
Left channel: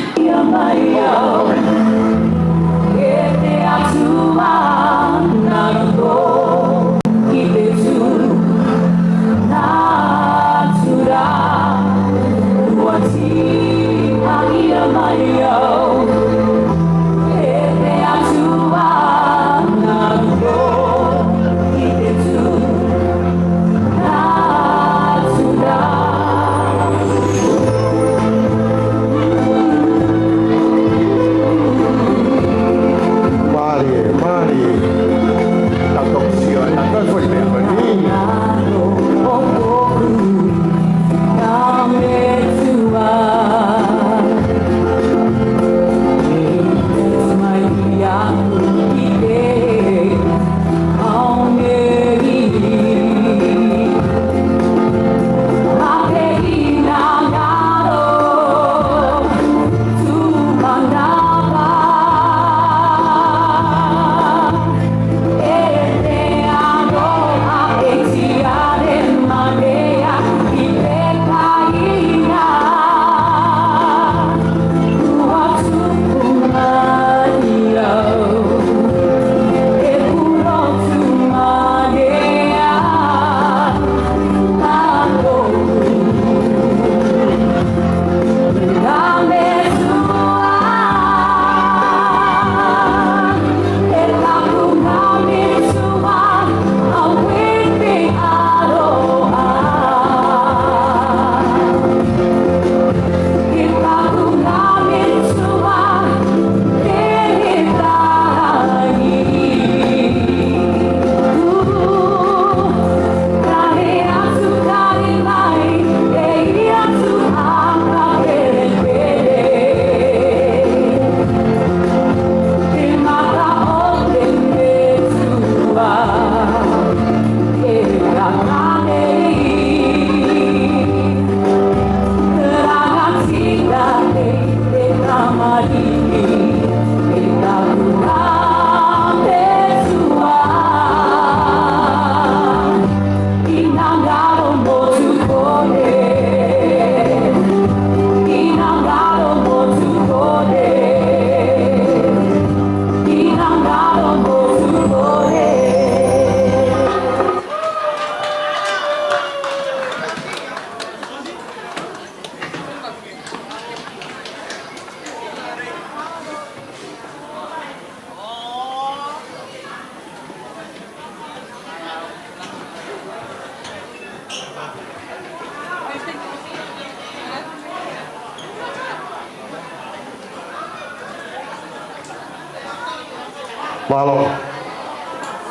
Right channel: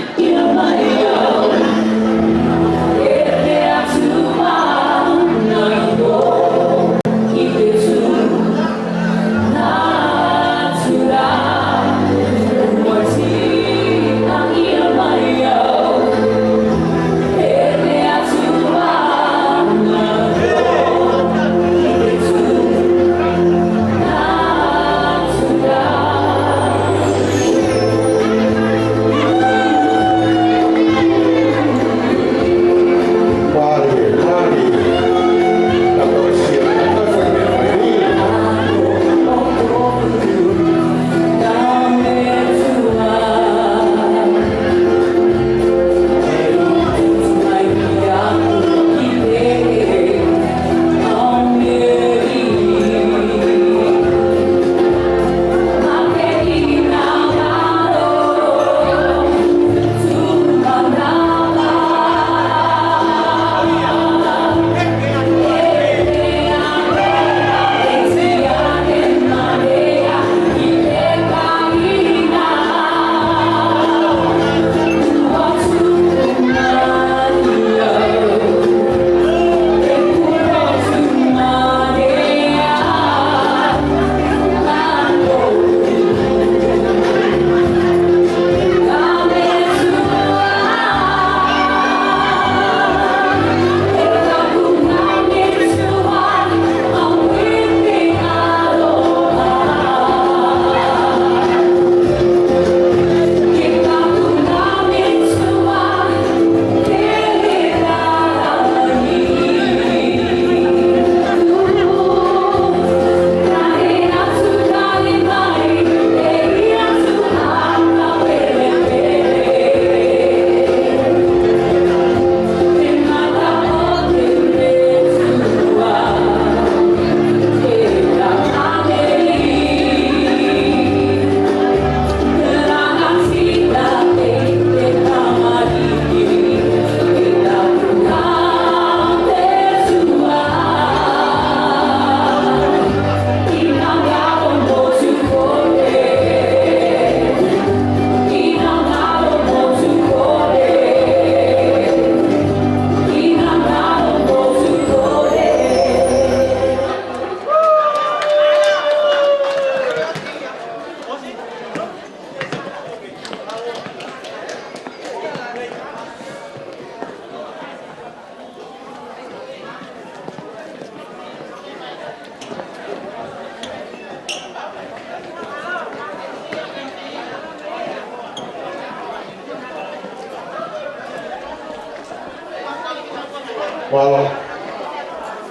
Malo.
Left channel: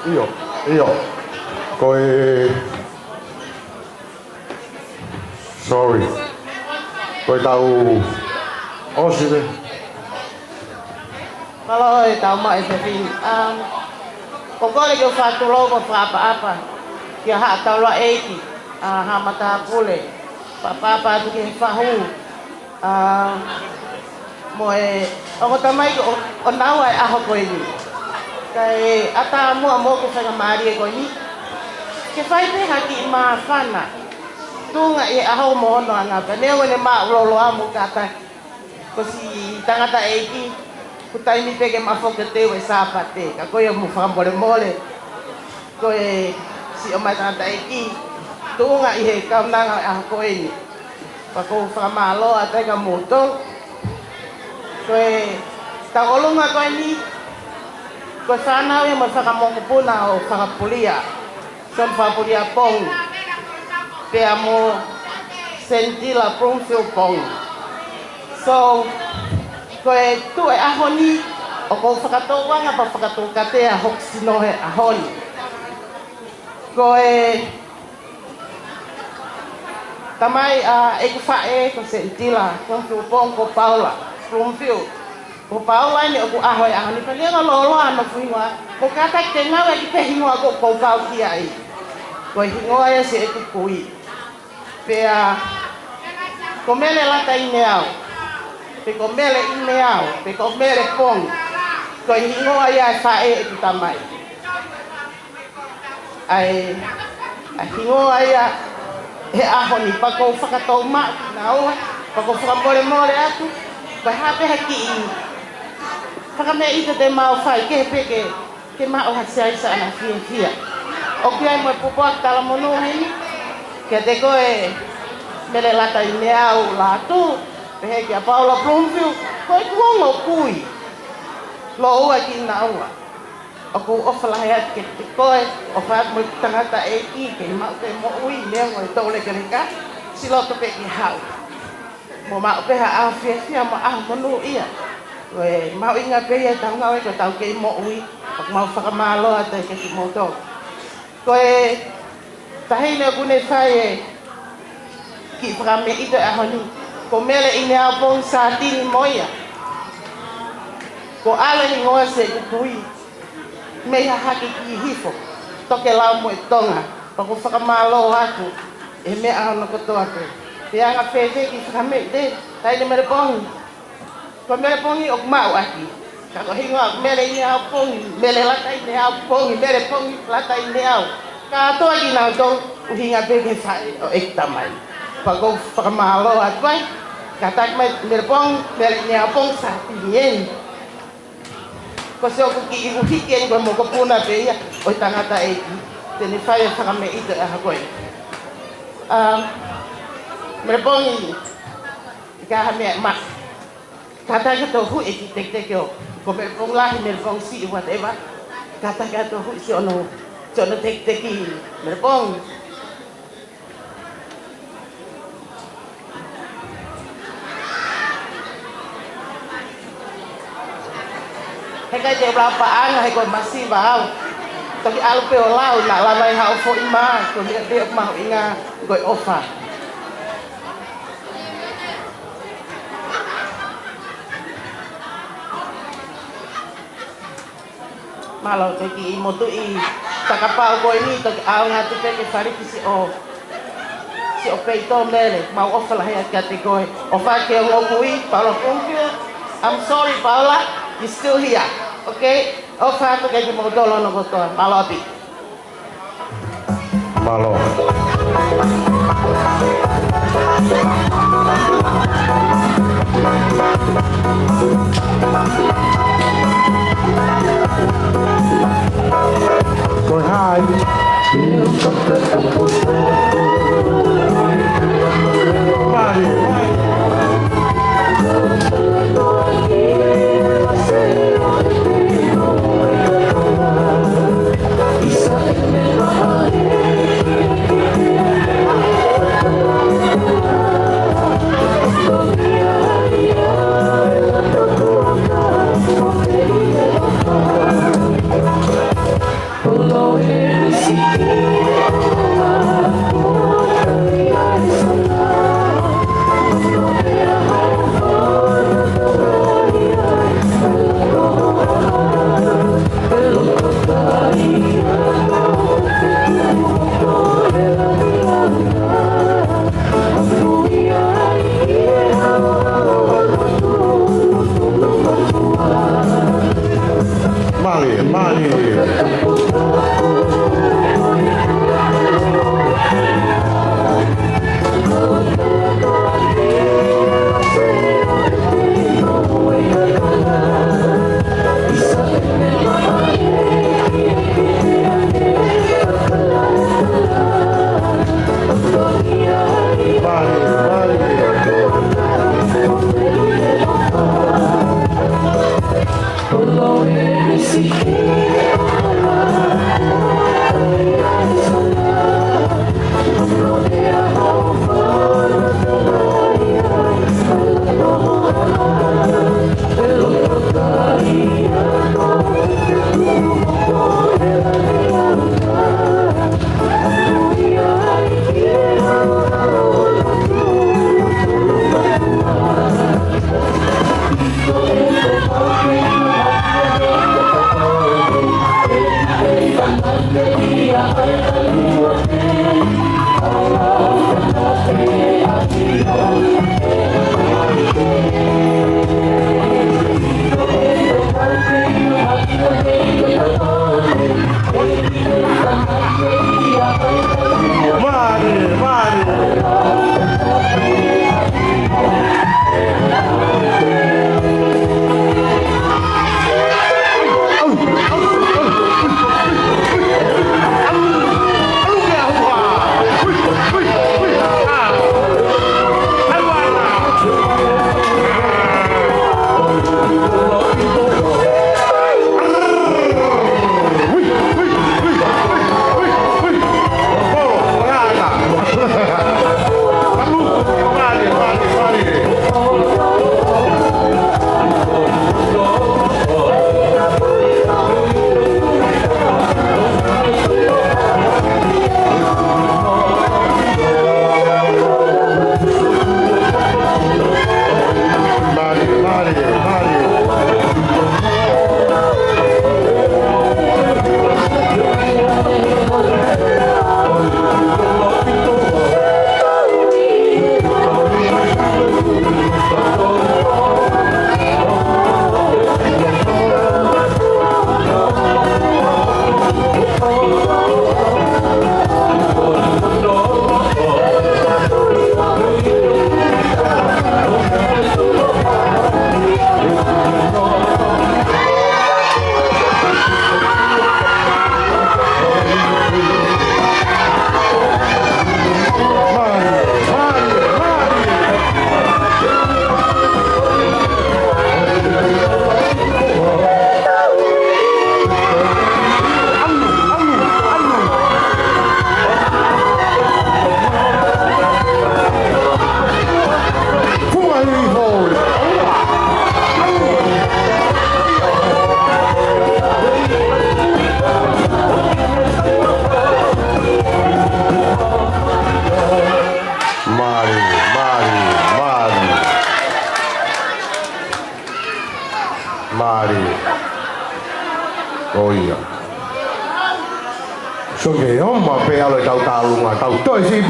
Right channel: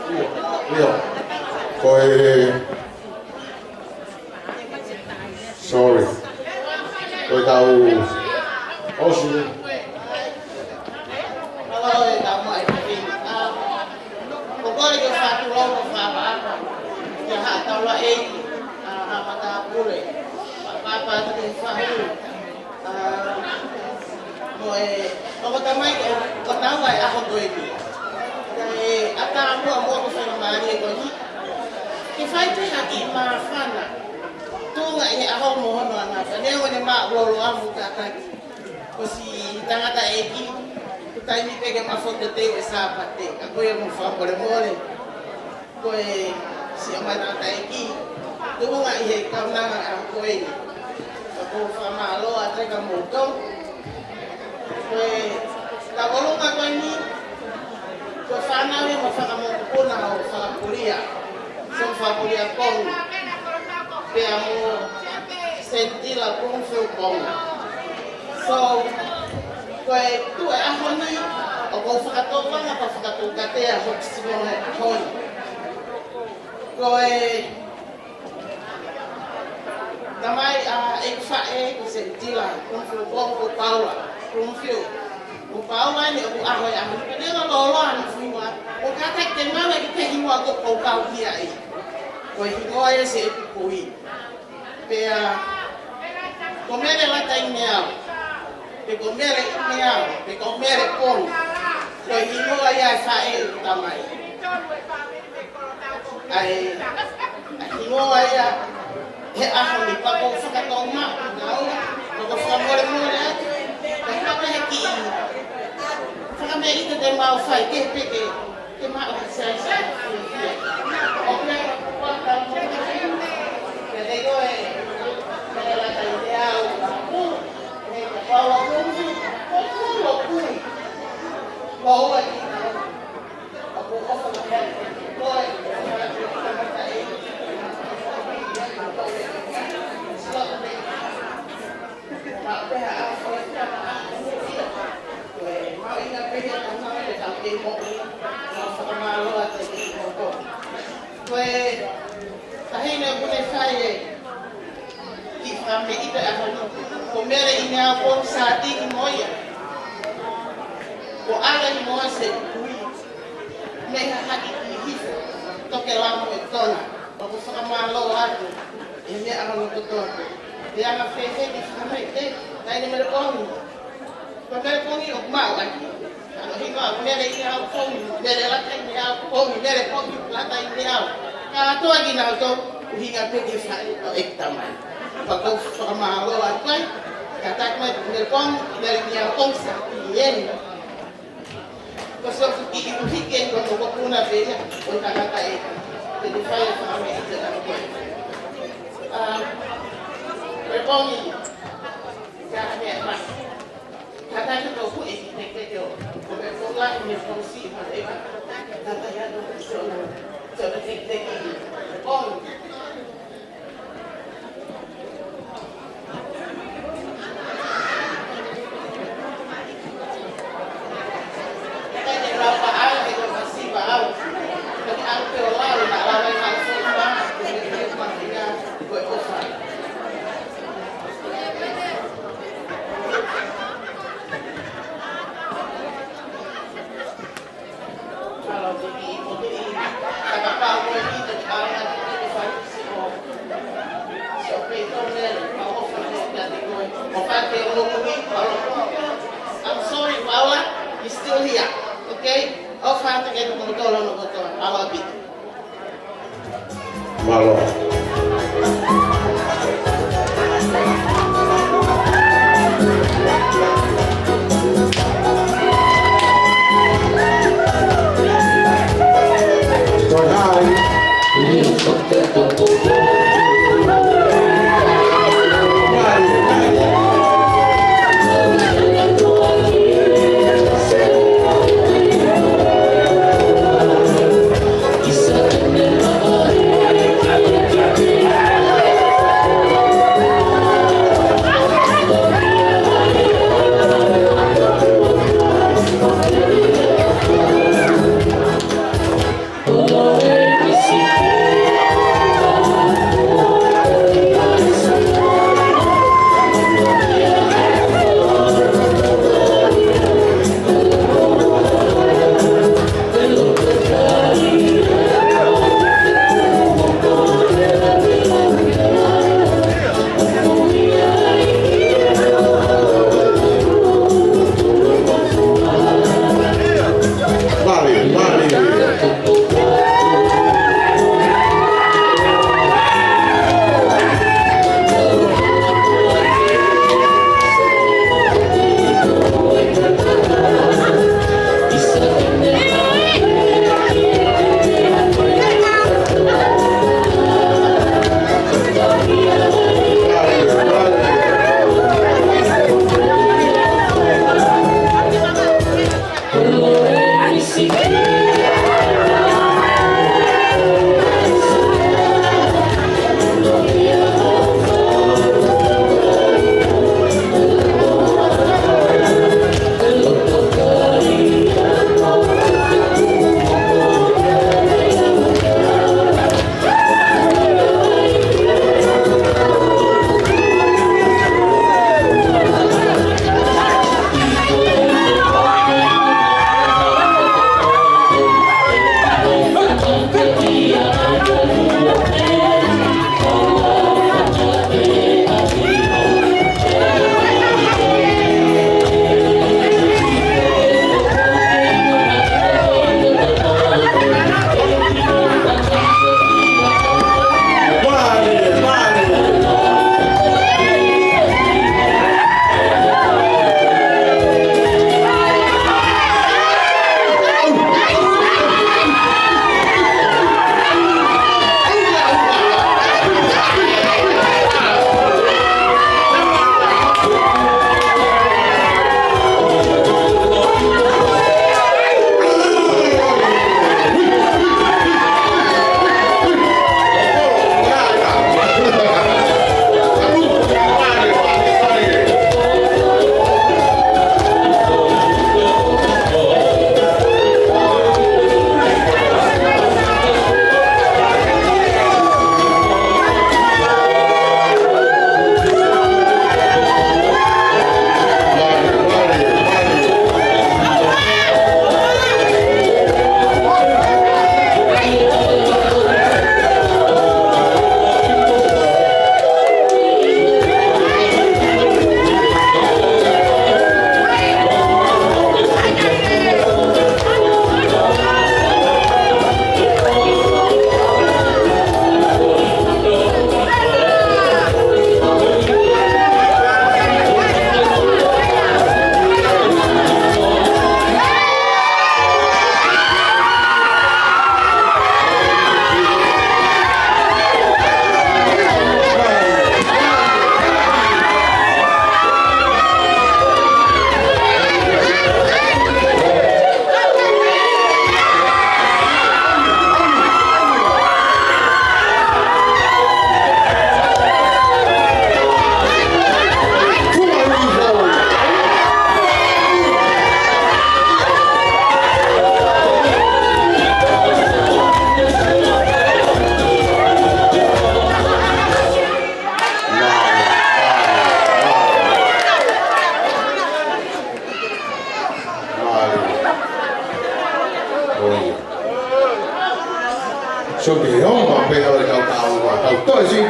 Io. Sorry. Koe tau osire. Kalau tau mai tapi pokoknya yo satu logo apa ya hak tau la ha mata pule apa tu ke fahu moe aku tamai ko tahu aku ko ini kai ata mo ko sa mari ko ni ke fai te haki ma fana tunga aku mo no ana ka ne mo ne ma lo amo kata ko si tangata kutai ni pege mafoke te we sapate ka ko yo mo fa mole ko si o mai tangata tunga ka nanga ako ini pa ko fa malo ata ka moto ko takolunga ko ini ko sana we mo sa mo puna o sa pulia sa pulia pong pe amo senti la pronuncio pong so ko tu ahoni o ko fakatoa nga pa fakatoa te a hoksino ahoni ko tamai e fae ko sentila ko pong ko Paula pronuncio ko Paula ni ko ahoi ahoni pe ne lo ano fuiwa ko kata te nga we te hinwa ko pau ki ai ko hinwa e se tu kui pe ko mele la tai neau pe ko mele ineau pe ko mele pong ko hinwa ya fae tamai ai hinwa ya he ahoni pa ko fakatoma nau pa ko fakabole aku pa hape haki fakame ito de mau fai ke mau hasai sa na fia o pia mo popo kala mono ai ke te ko mele lata ineau la tu pe ke Paula Plumfield ko lo kui lo wa kinau aku ofala ya ke koe o fa mo tangata ke ma ke mo ui le mo to le ke ka si lo to pe ki ha mo ma pe ha afia mo mo ia we ma inga ke ya tang ngau ke tang ke mo ui ma fa ma lo ata ke mo to koe tahi le kune fae ki fra me ito a honi ko mele ina pon sa tin moia ko ala ni mo se kui me haki ki hifo toke la mo tonga pa ko whakamalo aku me ala ko to aku te anga pepe ki kame de tai de mere pongi ok mau aki ka ko hinga mere ni au pongi mere la tai ni au pongi mere pongi la tai ni au ka to ki na to hinga pepe fa o ek tamai pa ko whakamalo aku ka tai mere pongi mere ni au pongi sa ti ko so ko ki uhiken ko mo ko puna pe ya o tangata te ni fai fa me ida ha ko me pongi ka me ma kata ka to hu te ko ko me ponga me pong si whatever kata ka to hu si ono te ki me pongi Hãy subscribe cho kênh Ghiền Mì Gõ để không bỏ lỡ I'm sorry, Paula, you're still here. Okay? Offer to get mo dolo no goto. Malabi. Malo.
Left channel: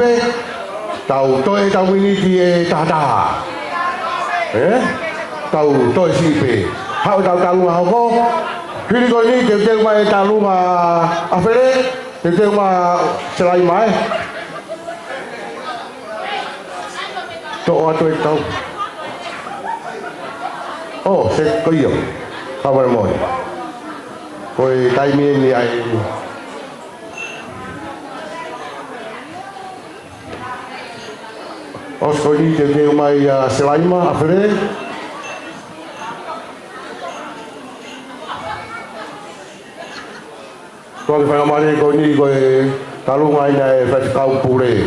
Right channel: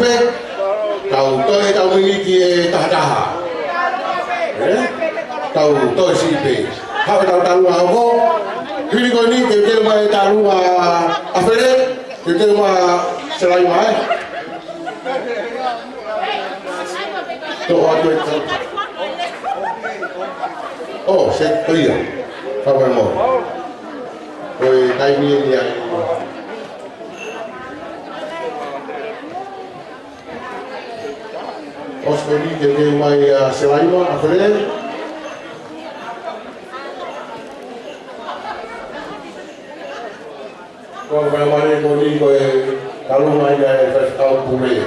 pe. Tau toi tau ngiti e tahataha. Tau toi si pe. Hau tau talu hau. Hiri ko ni ke mai talu ma afere, ke ma selai mai. To atu tau. Oh, se koyo. Kau mau. Koi tai ni ai. Os foi ni ke mai selai ma afere. Kau pernah kau ni kau kalau main festival pure.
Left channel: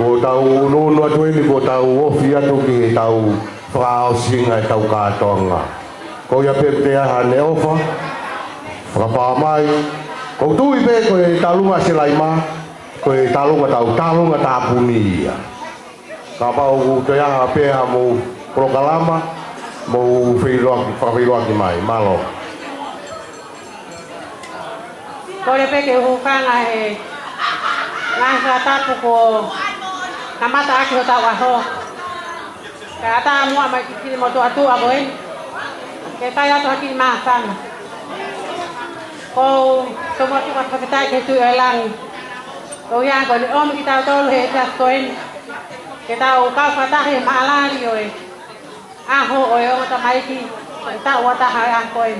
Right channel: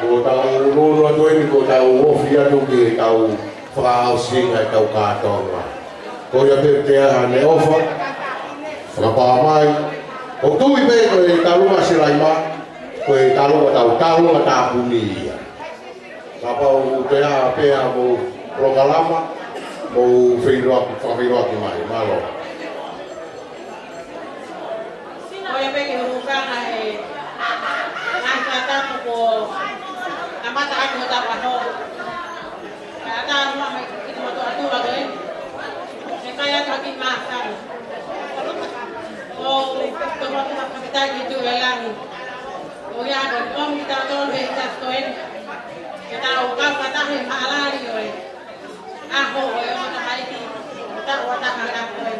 Kau tahu ulu tu ni kau tahu ofia tu ki tahu fau singa tahu katong lah. Kau yang dia ane offer. Berapa mai kau tu ibe kau tahu masih lagi mah. Kau tahu mata bumi ya. Kau dia apa mau program mau filok di mai malo. Kau yang pergi hutan nang kata pukul kamata aku tahu aku kata mau apa kiri motor aku agoin kita yang tu hati masang kau semua tu apa kita itu elang kau yang kau om kita tahu hejas koin kita ukau kata he malari oi aho oi om tamai ki kita wata hari koin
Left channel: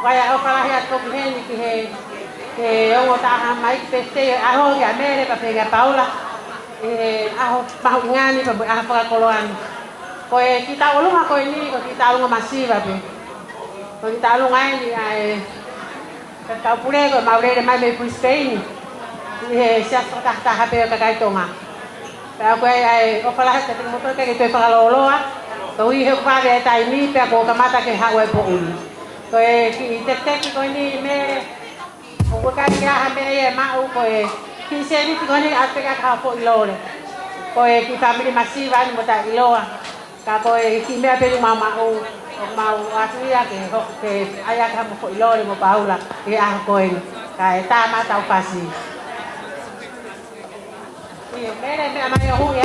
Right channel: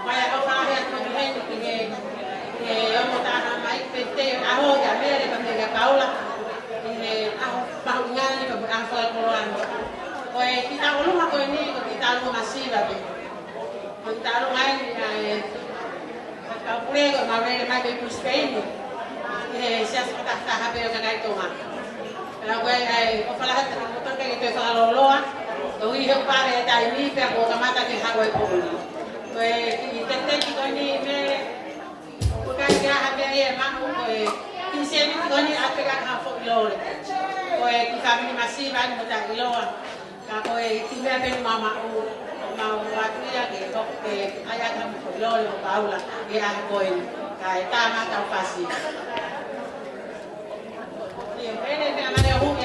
kaya okalah ya tu bihen ki he ông ta máy pete aho ya mere pa pega Paula aho pau ngani pa apa koloan koe kita ulunga koe ni kita ulunga masiva ko kita ulunga ni ai ta pure ko maure mai me pu Spain sia ta ha pe ka kai tonga pa koe ai o fala ha te motor ke te fa loloa ko i he pa de tai ni pe ko kamata ke ha we po koe ki te ko ni me Kau kan dia ambil mahu kau, kisah ni kau ni apa yang kau ilor, kau kita family masih kan buat ilor, kau kita ambil mahu asli ya ke ayah kamu kau ilor mau bau lah, ke kau kai tamat tahu pasti. Ni mere ambil yang hu ya.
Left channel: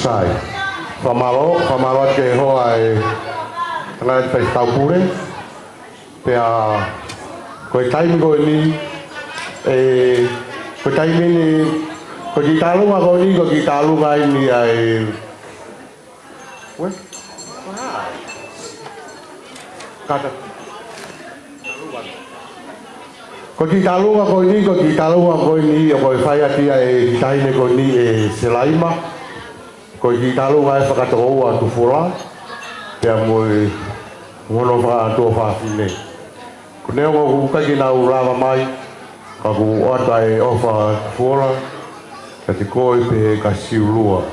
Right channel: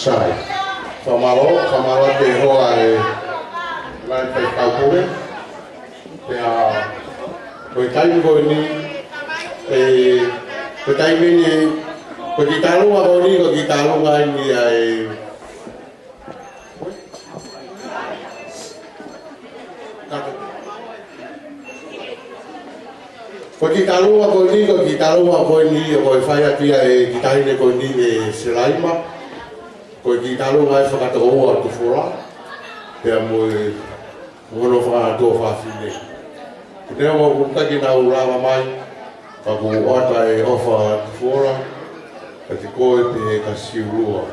Sai. Whamaro te hoa ngai whai taupure. Pea koe taimi koe ni koe taimi ni koe ki tarunga koe ni koe ki tarunga ni kata koe ki tarunga koe ni koe ki tarunga koe ni koe whai atia ki taimi koe ni Selaima koe ki tarunga whakatoa tu fura pea moe ngoro wha tō whawhine. Ko nea o hukaki nā urawa mai, ka ku ata ofa fora, ka te koe pe ka siurua.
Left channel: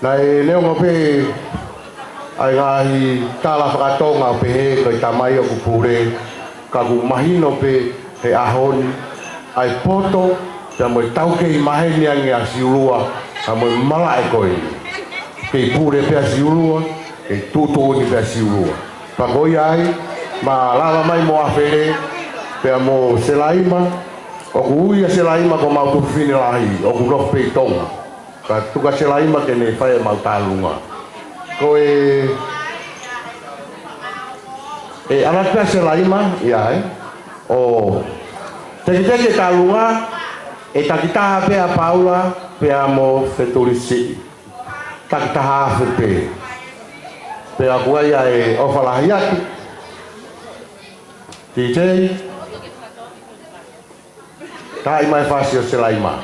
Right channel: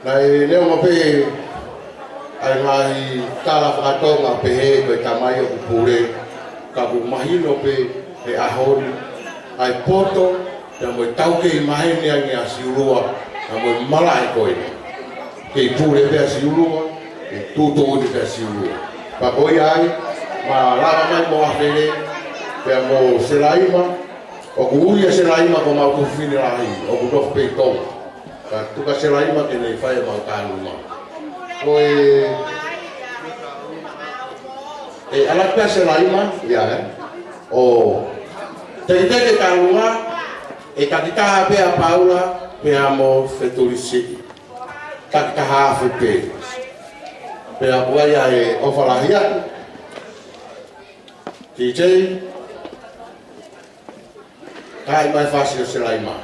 Nā nea o pe ai ngāhi tāla whakatonga pe he koe tamai o kupure, ka ku mahino pe he ahoni, ai poto, ka moe tauke i mahini angi a siurua, ka moe mala e koe. Ke pure pe a siurua, e tūtō te pe a siurua. Pagoi ai, ma lava mai mo awhere, pea mo Selaima, o ku uia Selaima ko mau tuwhine lahi, o ku rof pei tonga. Ka tuka Selaima ke ne whae mau tālunga. Ko ala pea Selaima, ia o te tālunga, e takitaha pea Paula, pea mo Wheturi. Takitaha awhi pea. Pea kuea e ofalahi atu. DJ. Tai mai whasi o Selaima.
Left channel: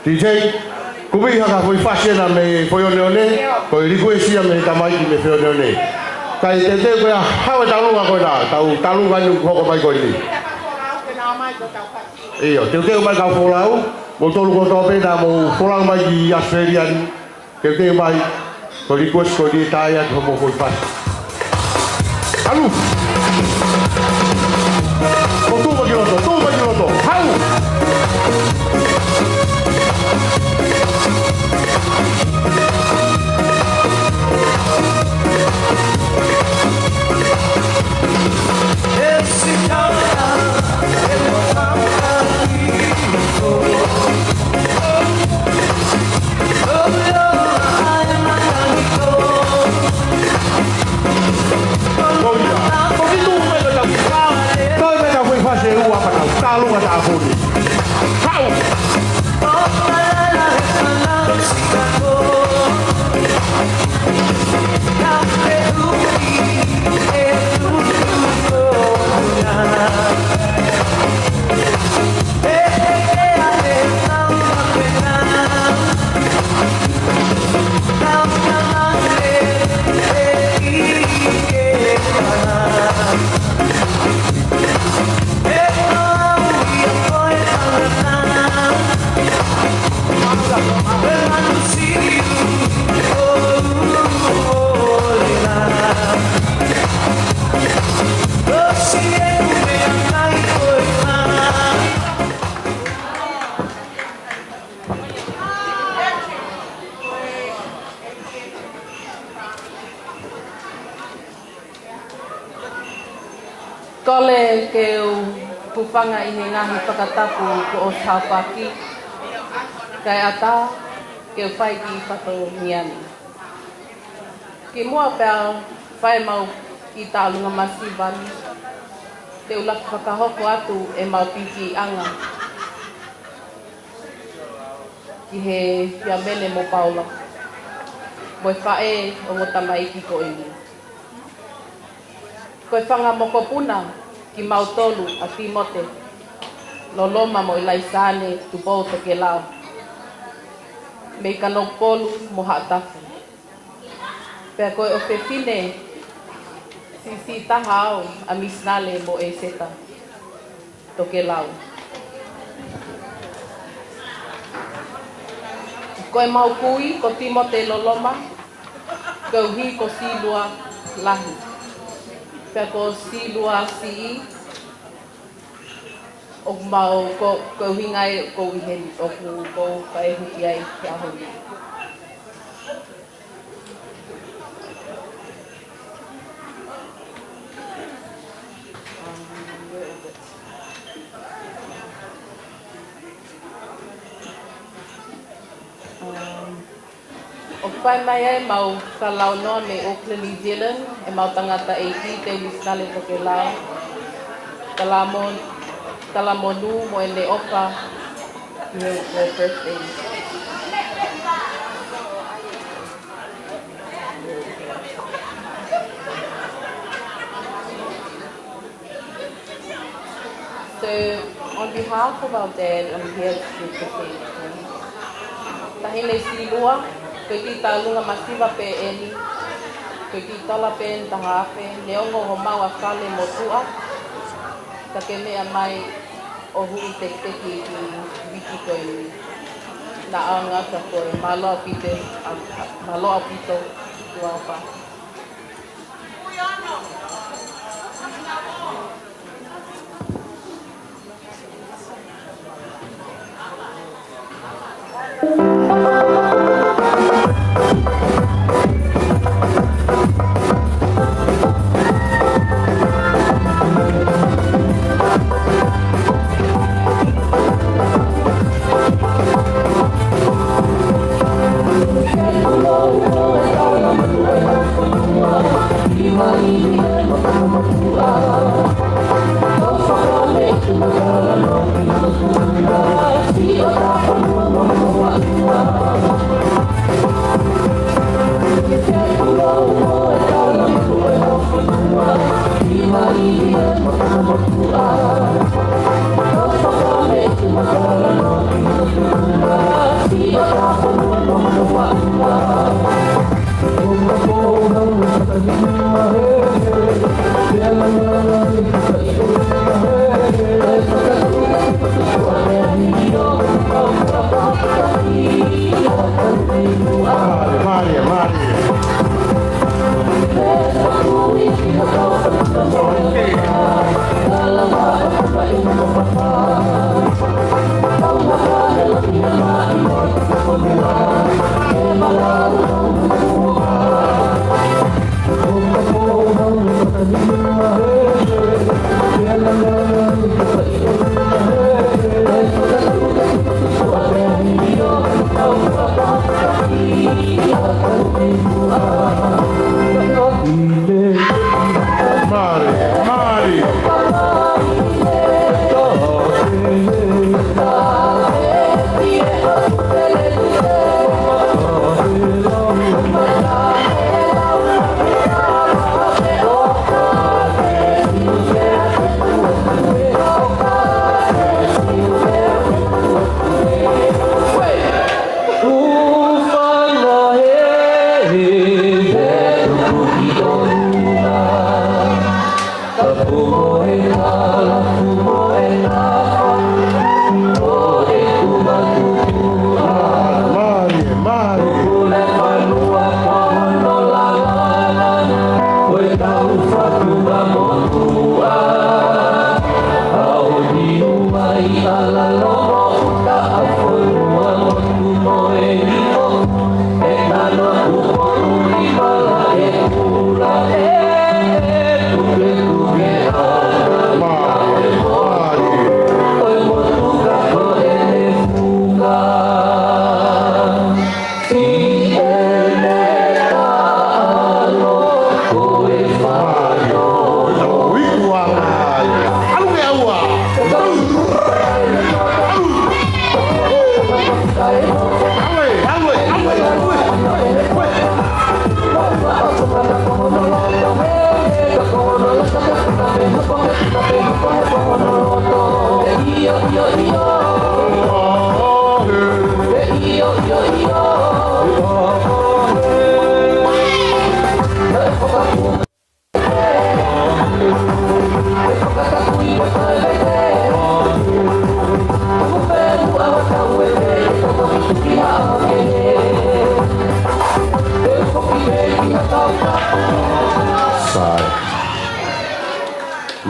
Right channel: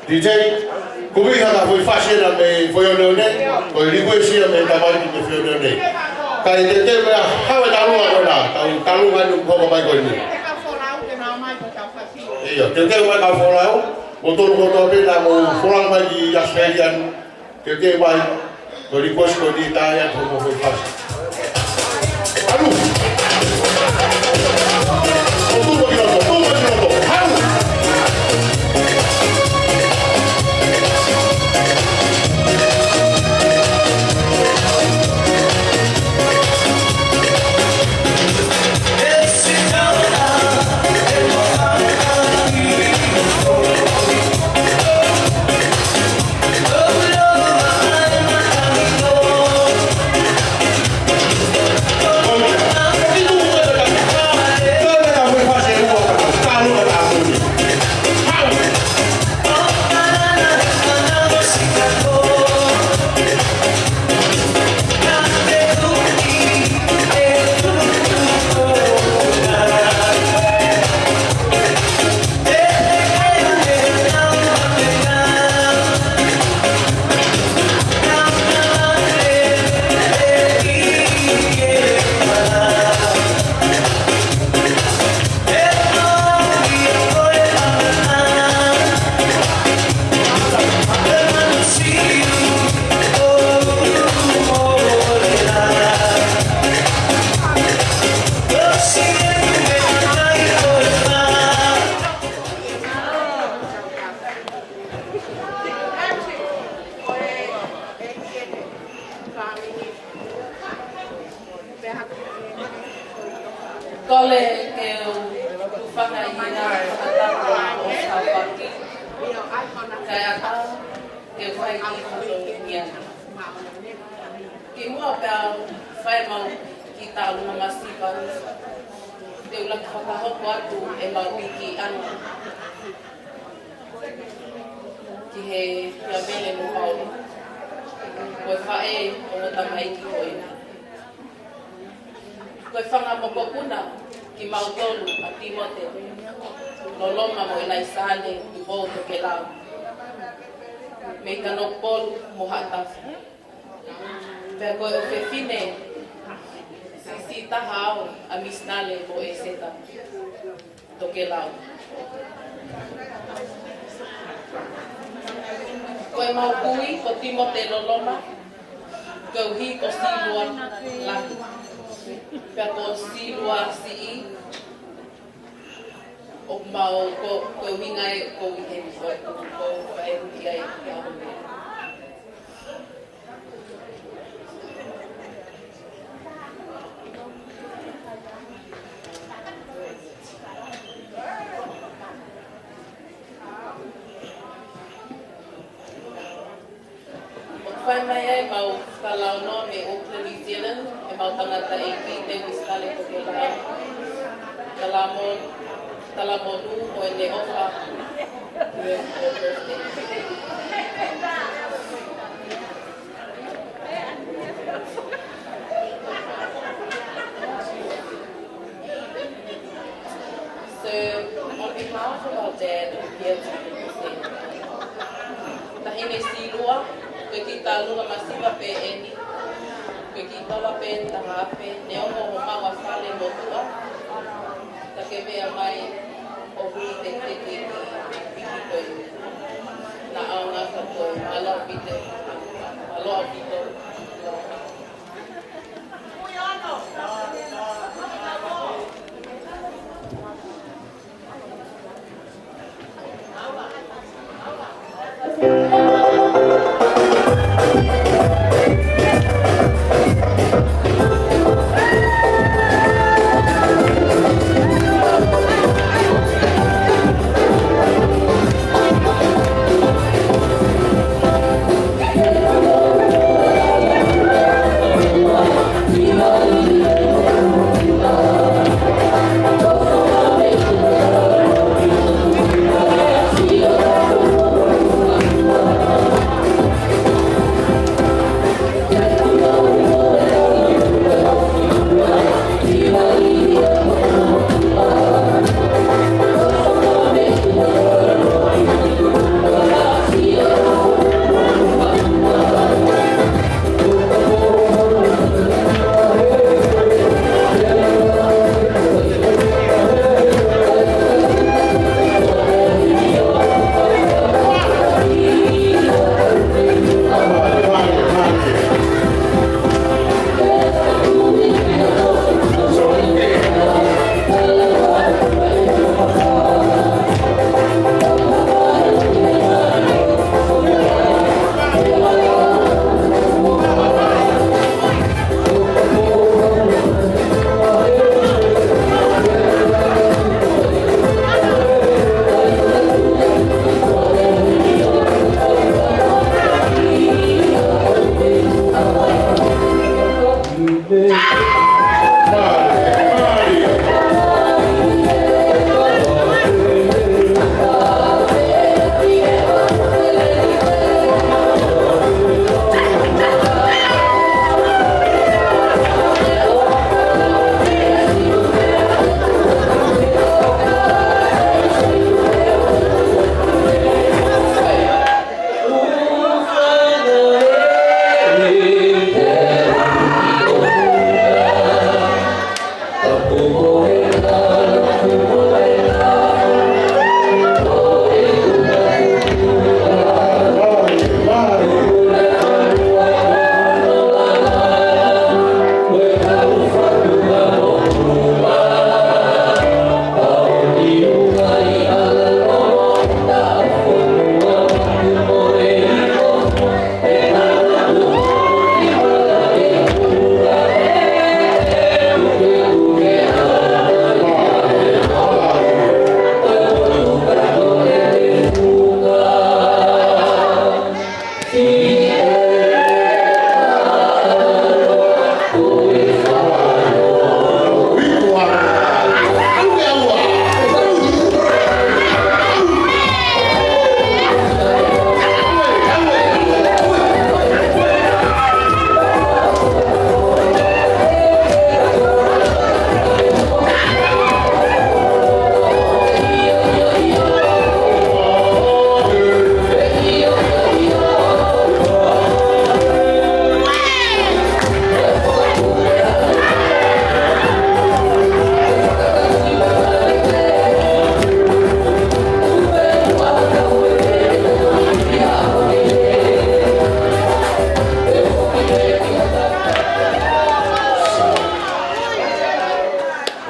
DJ, kubi haka foi fashion me foi one, foi request me tamai me foi one. Kai te ko hawa talu ko da, talu vai ko vai ko ni. Iyo, te vai ka forau, motor ko to pe da mo forang vai di Australian. Te vai ko request ko di taya ko foi fashion. Alu. Motor ko di motor. Alu. Kole ke o pupanga i he ngāmi whakatapu ko o Taupaki. Kai ata ke o whai ki whato miani. Ki mua pēr whai mau ki tālunga Masivani. Te ulaki whakahoko atu e mau piki anga. Ki he pia mele mo Paula. Koe whae o ngota maiki ko ina. Koe whanga moko puna ki Mautolu a Timote. Loloma mo ilaisane tu boto ke lau. Me ka nopolu mo haatafu. Pea koe o whewhine si tahao a misnale mo e seta to ke lau. Koe maupui ko Timote Loloma. Koe uhi ko silua lahi. Pea ko silua sii. O mau ko hingai ko ihen o ko kai huki ai kia hoi. O pai mai ai mau kalau no me Auckland, New Zealand e mau tangata e ki te wisale ko ke lau. Talamonu mo ele opa ni my birthday. So on behalf of our dad, I'm here to say tahine silua ko ti talunga masiva pe eni ko ti tola pe tahape leongo mo mawa fale mo tua. Take mea mai o huki te ki wiki koe na aunga ka koe malo pite tuapa.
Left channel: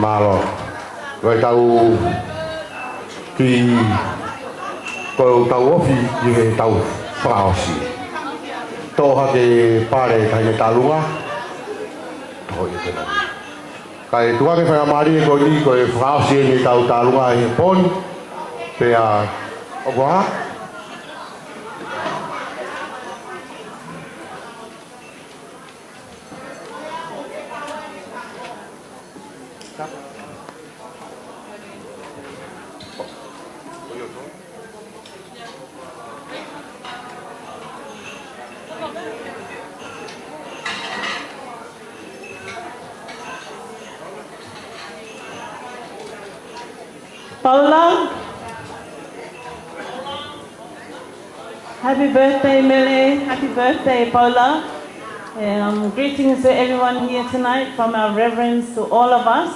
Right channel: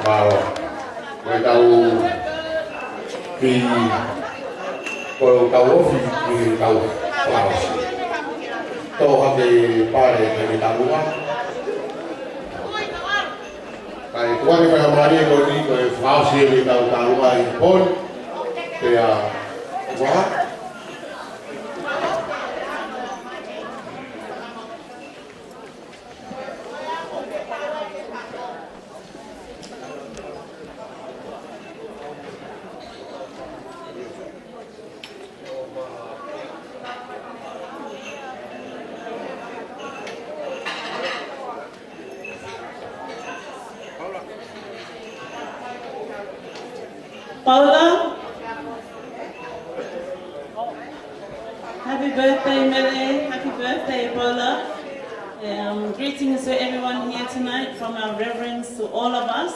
Malo. Koe tau ki koe tau ofi ni tau praosi. Toha ke pare kai ni talua. Kai tua ke whakamari koe ni koe praosi ni tau talua he pon. Pea okoa. Paula, happy birthday, Mele. Happy birthday, Paula. Greetings to everyone here tonight from our reverends to all of us.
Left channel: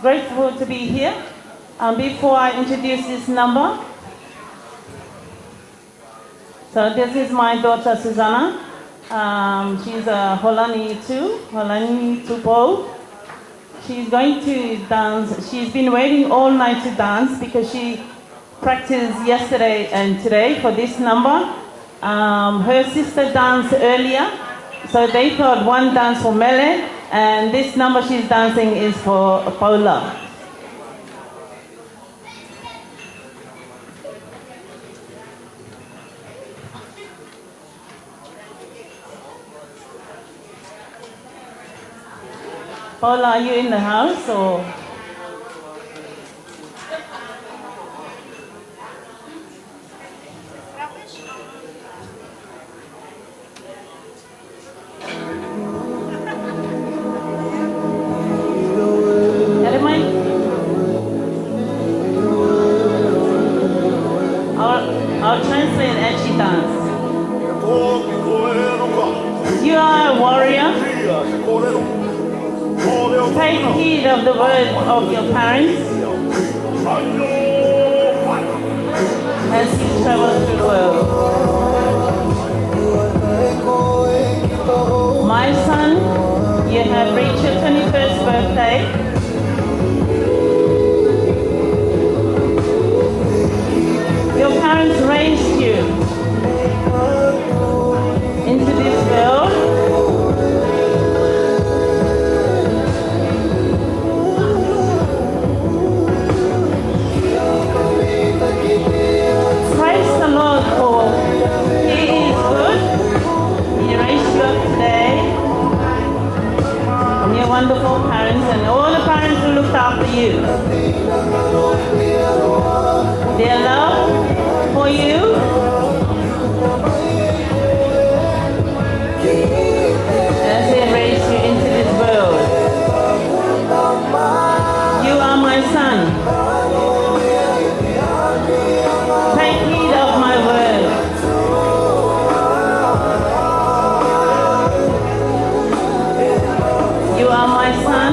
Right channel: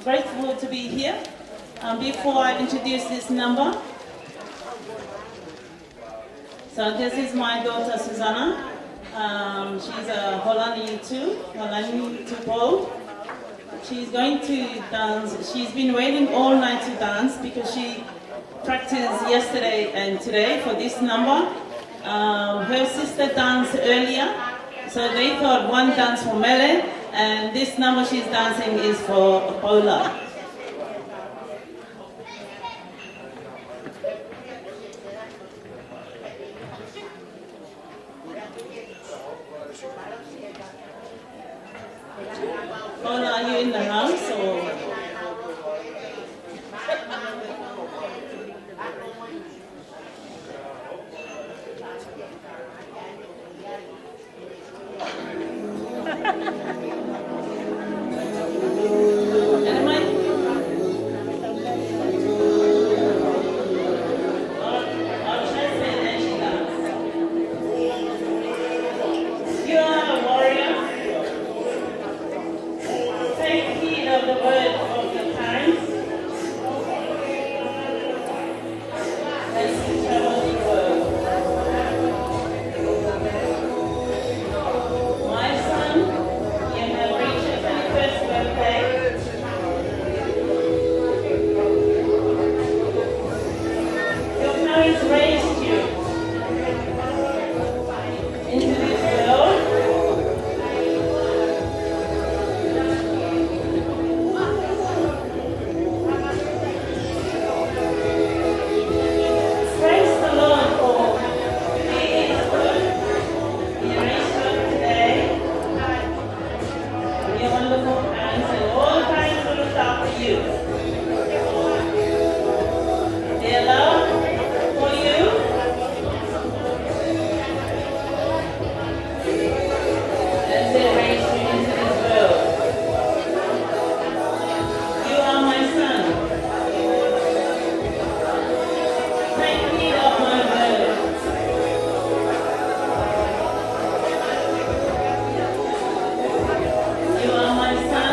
Grateful to be here. Before I introduce this number, so this is my daughter, Susanna. She's a Holani too, Holani Tupo. She's going to dance. She's been waiting all night to dance because she practiced yesterday and today for this number. Her sister danced earlier, so they thought one dance for Mele, and this number she's dancing is for Paula. Paula, are you in the house or? I'll translate as she dances. You are a warrior. Take heed of the word of your parents as you travel through the world. My son, you have reached your 21st birthday. Your parents raised you into this world. Wonderful parents and all the parents who looked after you. Their love for you as they raised you into this world. You are my son. Take heed of my word. You are my son.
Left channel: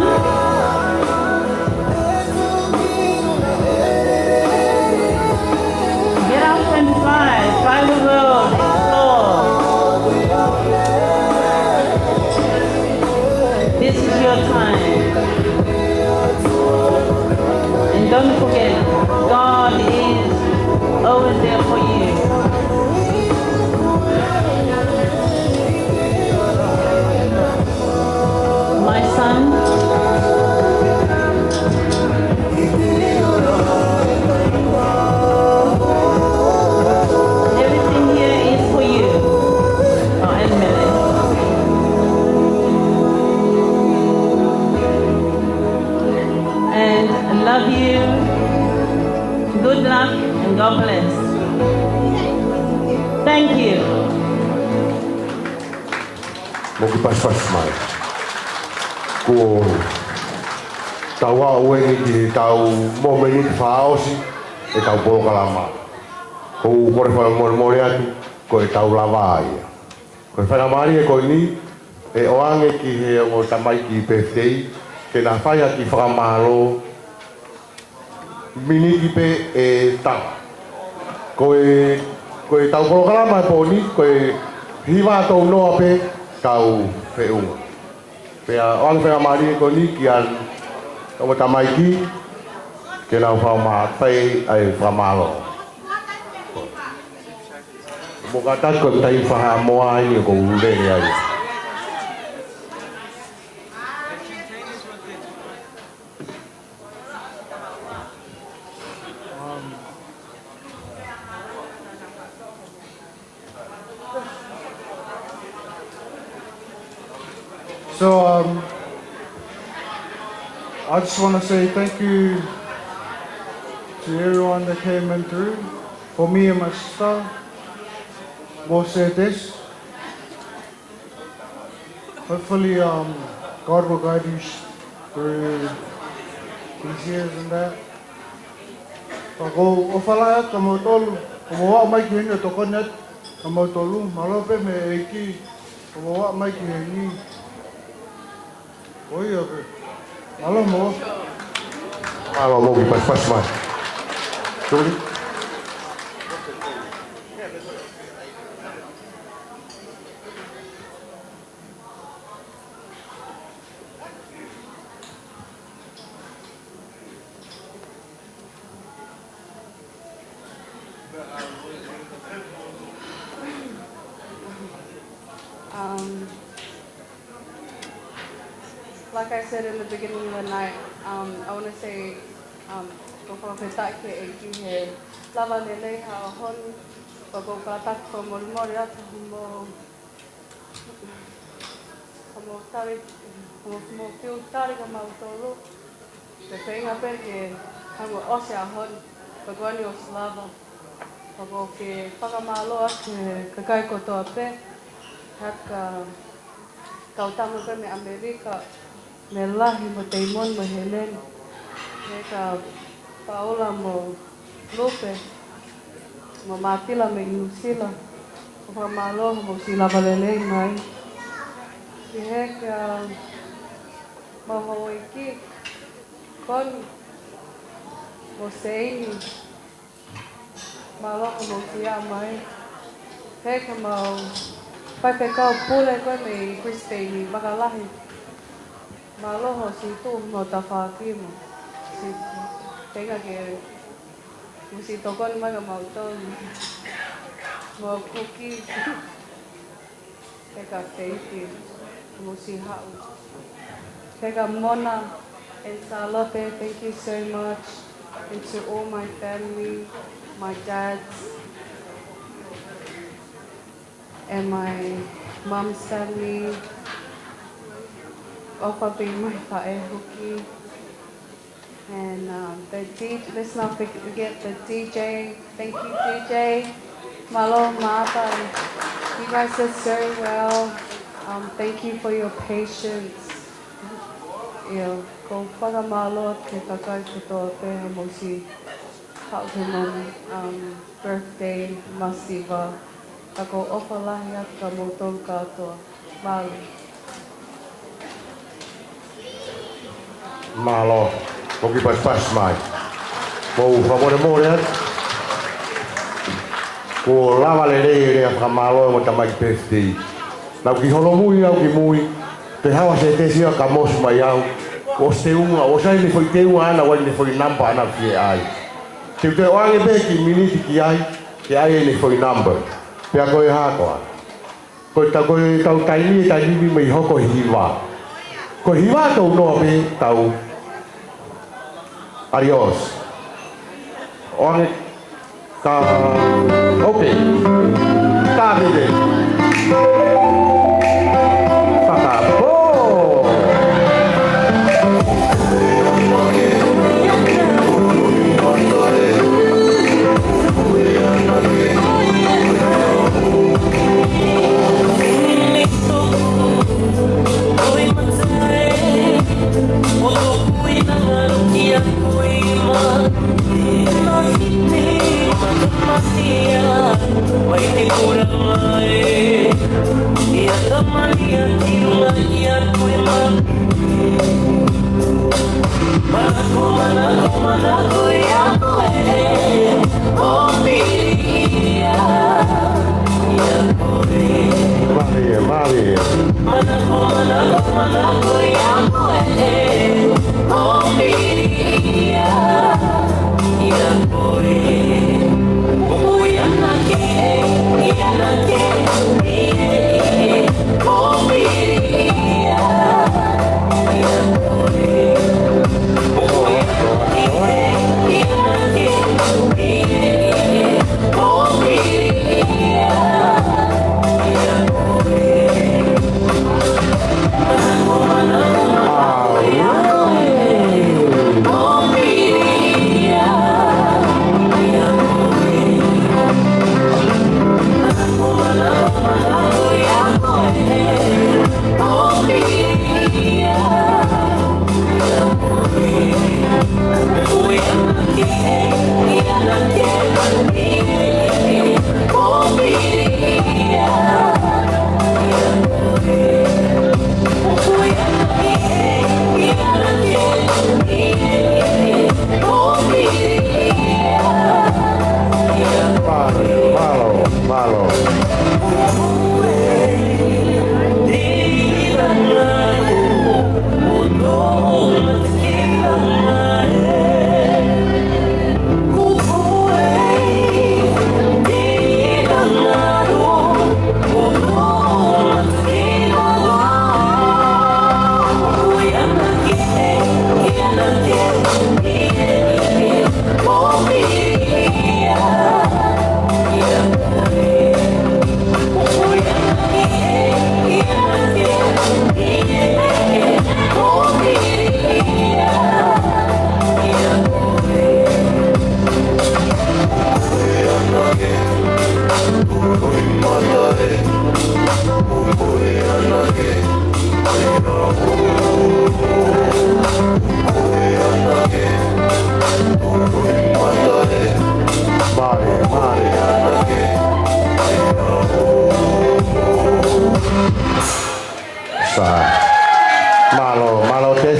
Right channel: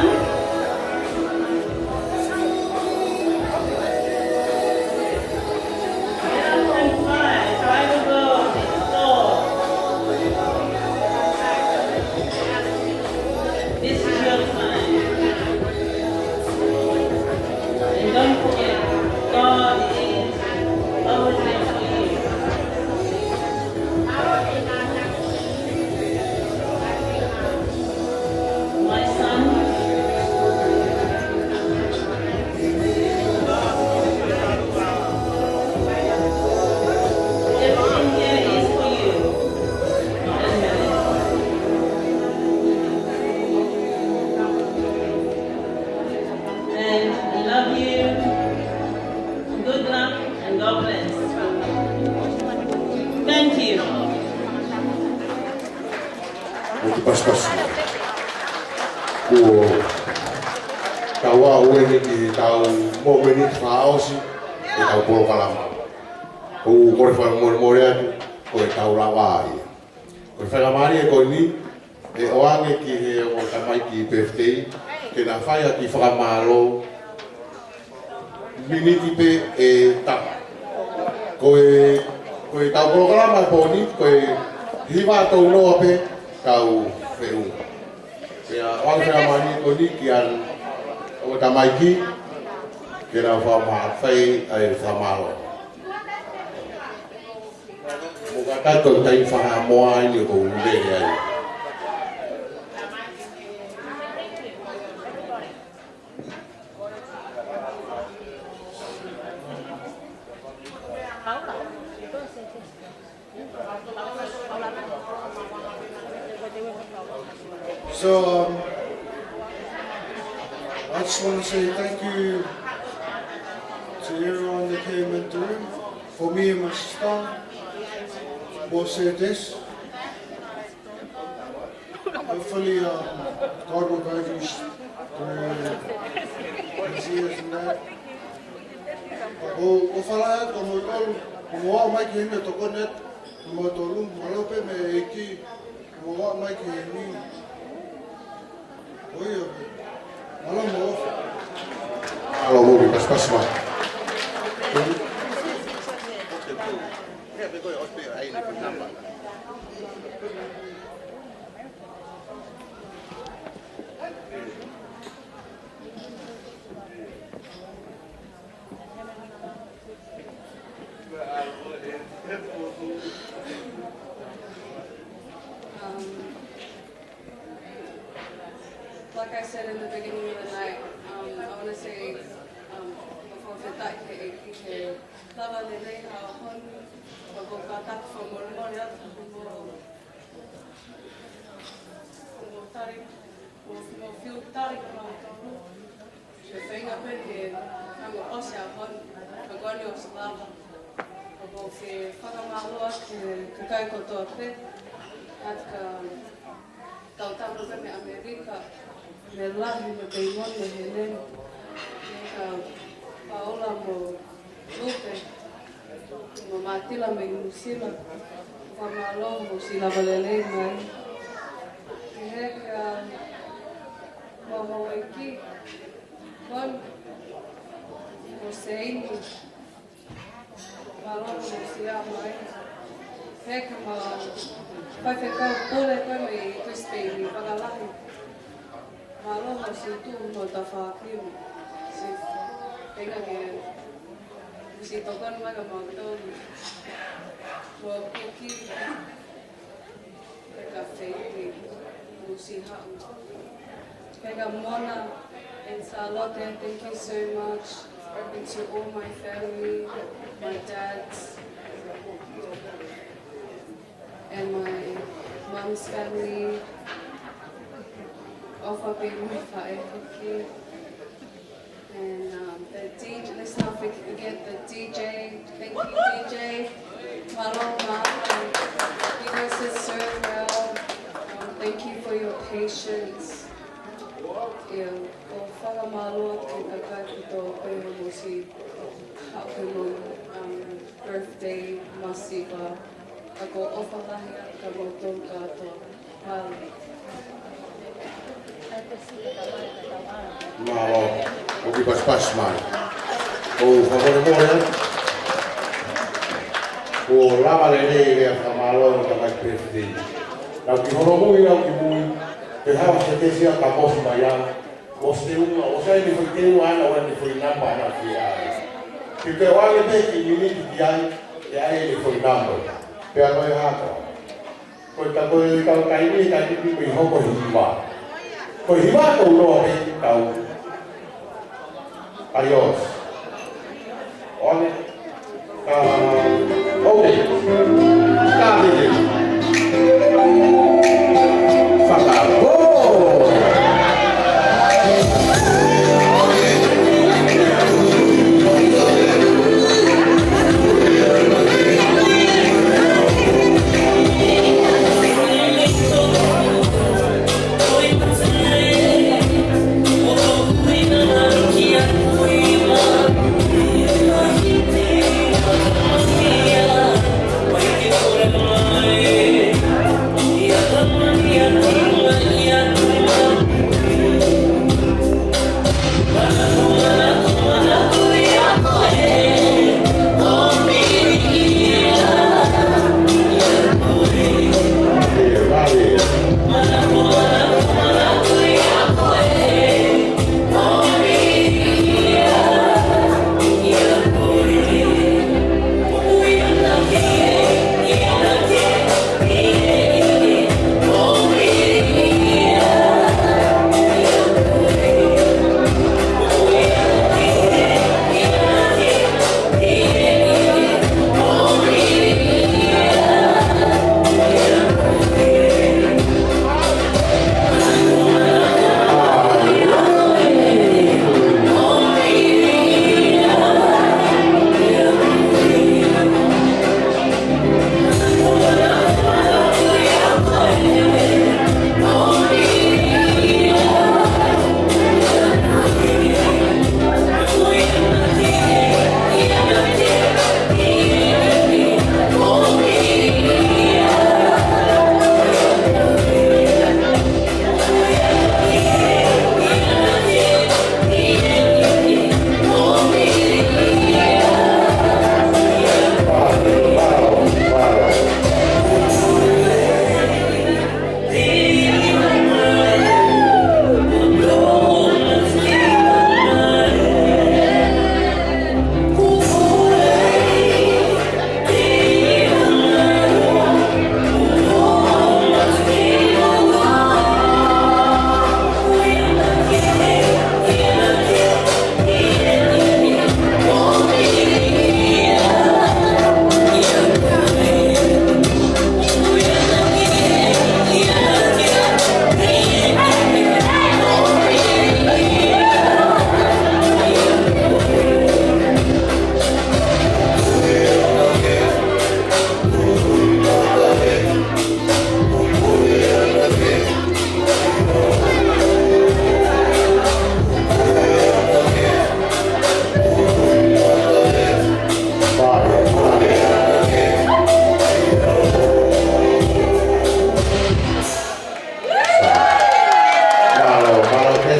Get up and fly the world, explore. This is your time. And don't forget, God is over there for you. My son, everything here is for you. And I love you. Good luck and God bless. Thank you. Ko tawa wengi di tau momeni faosi e tau programa. Ko kore fa mo atu ko tau lavai. Ko fa mani ko ni e oange ki he o tamai ki birthday ke na faia ki famalo mini ki pe e ta. Ko tau programa ko ni ko hiva to no pe tau feu. Pea oang pera mari ko ni kian o tamai ki ke na fa ma fai ai fa malo. Mo ka ta ko tai fa mo ai ni ko mu le ai. So, I just want to say thank you to everyone that came in through. For me and my sister, both said this. Hopefully, God will guide you through these years and that. Ako, o whalaya ka mo tolu, o mo wa mai ki hene toko net, ka mo tolu, malope me eiki, o mo wa mai ki hene. Oi, oke. Halo, mo. Halo, mo, pas mas. Tunggu. Like I said in the beginning of the night, I want to say, before we start here, lava lele ha hon, bago katak ko mori at mo tari mo feel tari ko mautoro. The thing I bet is, I'm osya hon, bago ni oslava, bago ke pakamalo at kakai ko to ape, at kautamo pa me Amerika. Nelahi mo Damon mo Helen, neka Paula mo Lupe, mo Matila me Lucila, mo Malo mo sila balele ngai. Kihek mo Hawaii kon mo Seini, Malo mo siya mai. Hek mo pagkakao pula ko may Christine magalahi. Malo ho si tu mo tafaki mo si tenga ke si tokon mga mauto mo cookie teka fake mo si hao teka Mona and Salote, thank you so much, and to all my family, my dad's and my mom's family. Ofa being my Buki. And the DJ, let's not forget the DJ. Thank you, DJ. Malo Mata. You guys did so well. Thank you for your patience. Go whanga malo ke kakai kuto pene mo si Hautumon birthday masiva. Ako ofa lahia ka motong katoa. Mali. Malo, koki pas mai. Ko favore more. Ko lava le a malo mo tamai birthday. Na ki hono mui, te hawa se te sia ka mos mai au. O se unga, o sai ni foi te unga ana wani foi number ana ki ai. Te wangi be ki miniti ki ai, ke ai ni foi number. Pe a koe hakoa. Ko ta koe tau taimi mai hoko hiwa. Ko hiwa tau noa pe tau. Adios. Oange ka... Okay. Ka mire. Whaka. Oh! Yeah.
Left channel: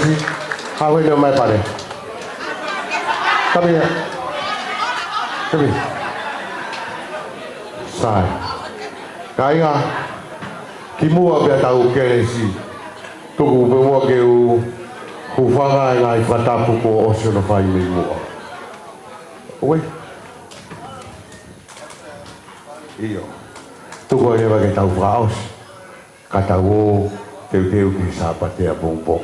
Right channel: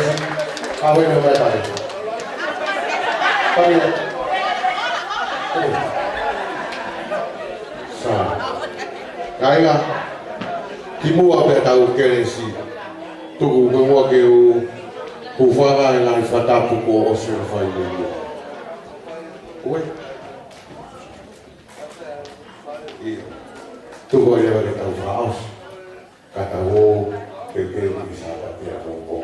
si. How are you, my buddy? Come here. Come here. Sai. Kainga. Kimua pe tau kere si. Tuku pe mua ke u hufanga i ngai whatapu ko o sura whai ni mua. Oe. Iyo. Tuku e rewa ke tau whaos. Ka tau o teu ki sāpate a pōpō.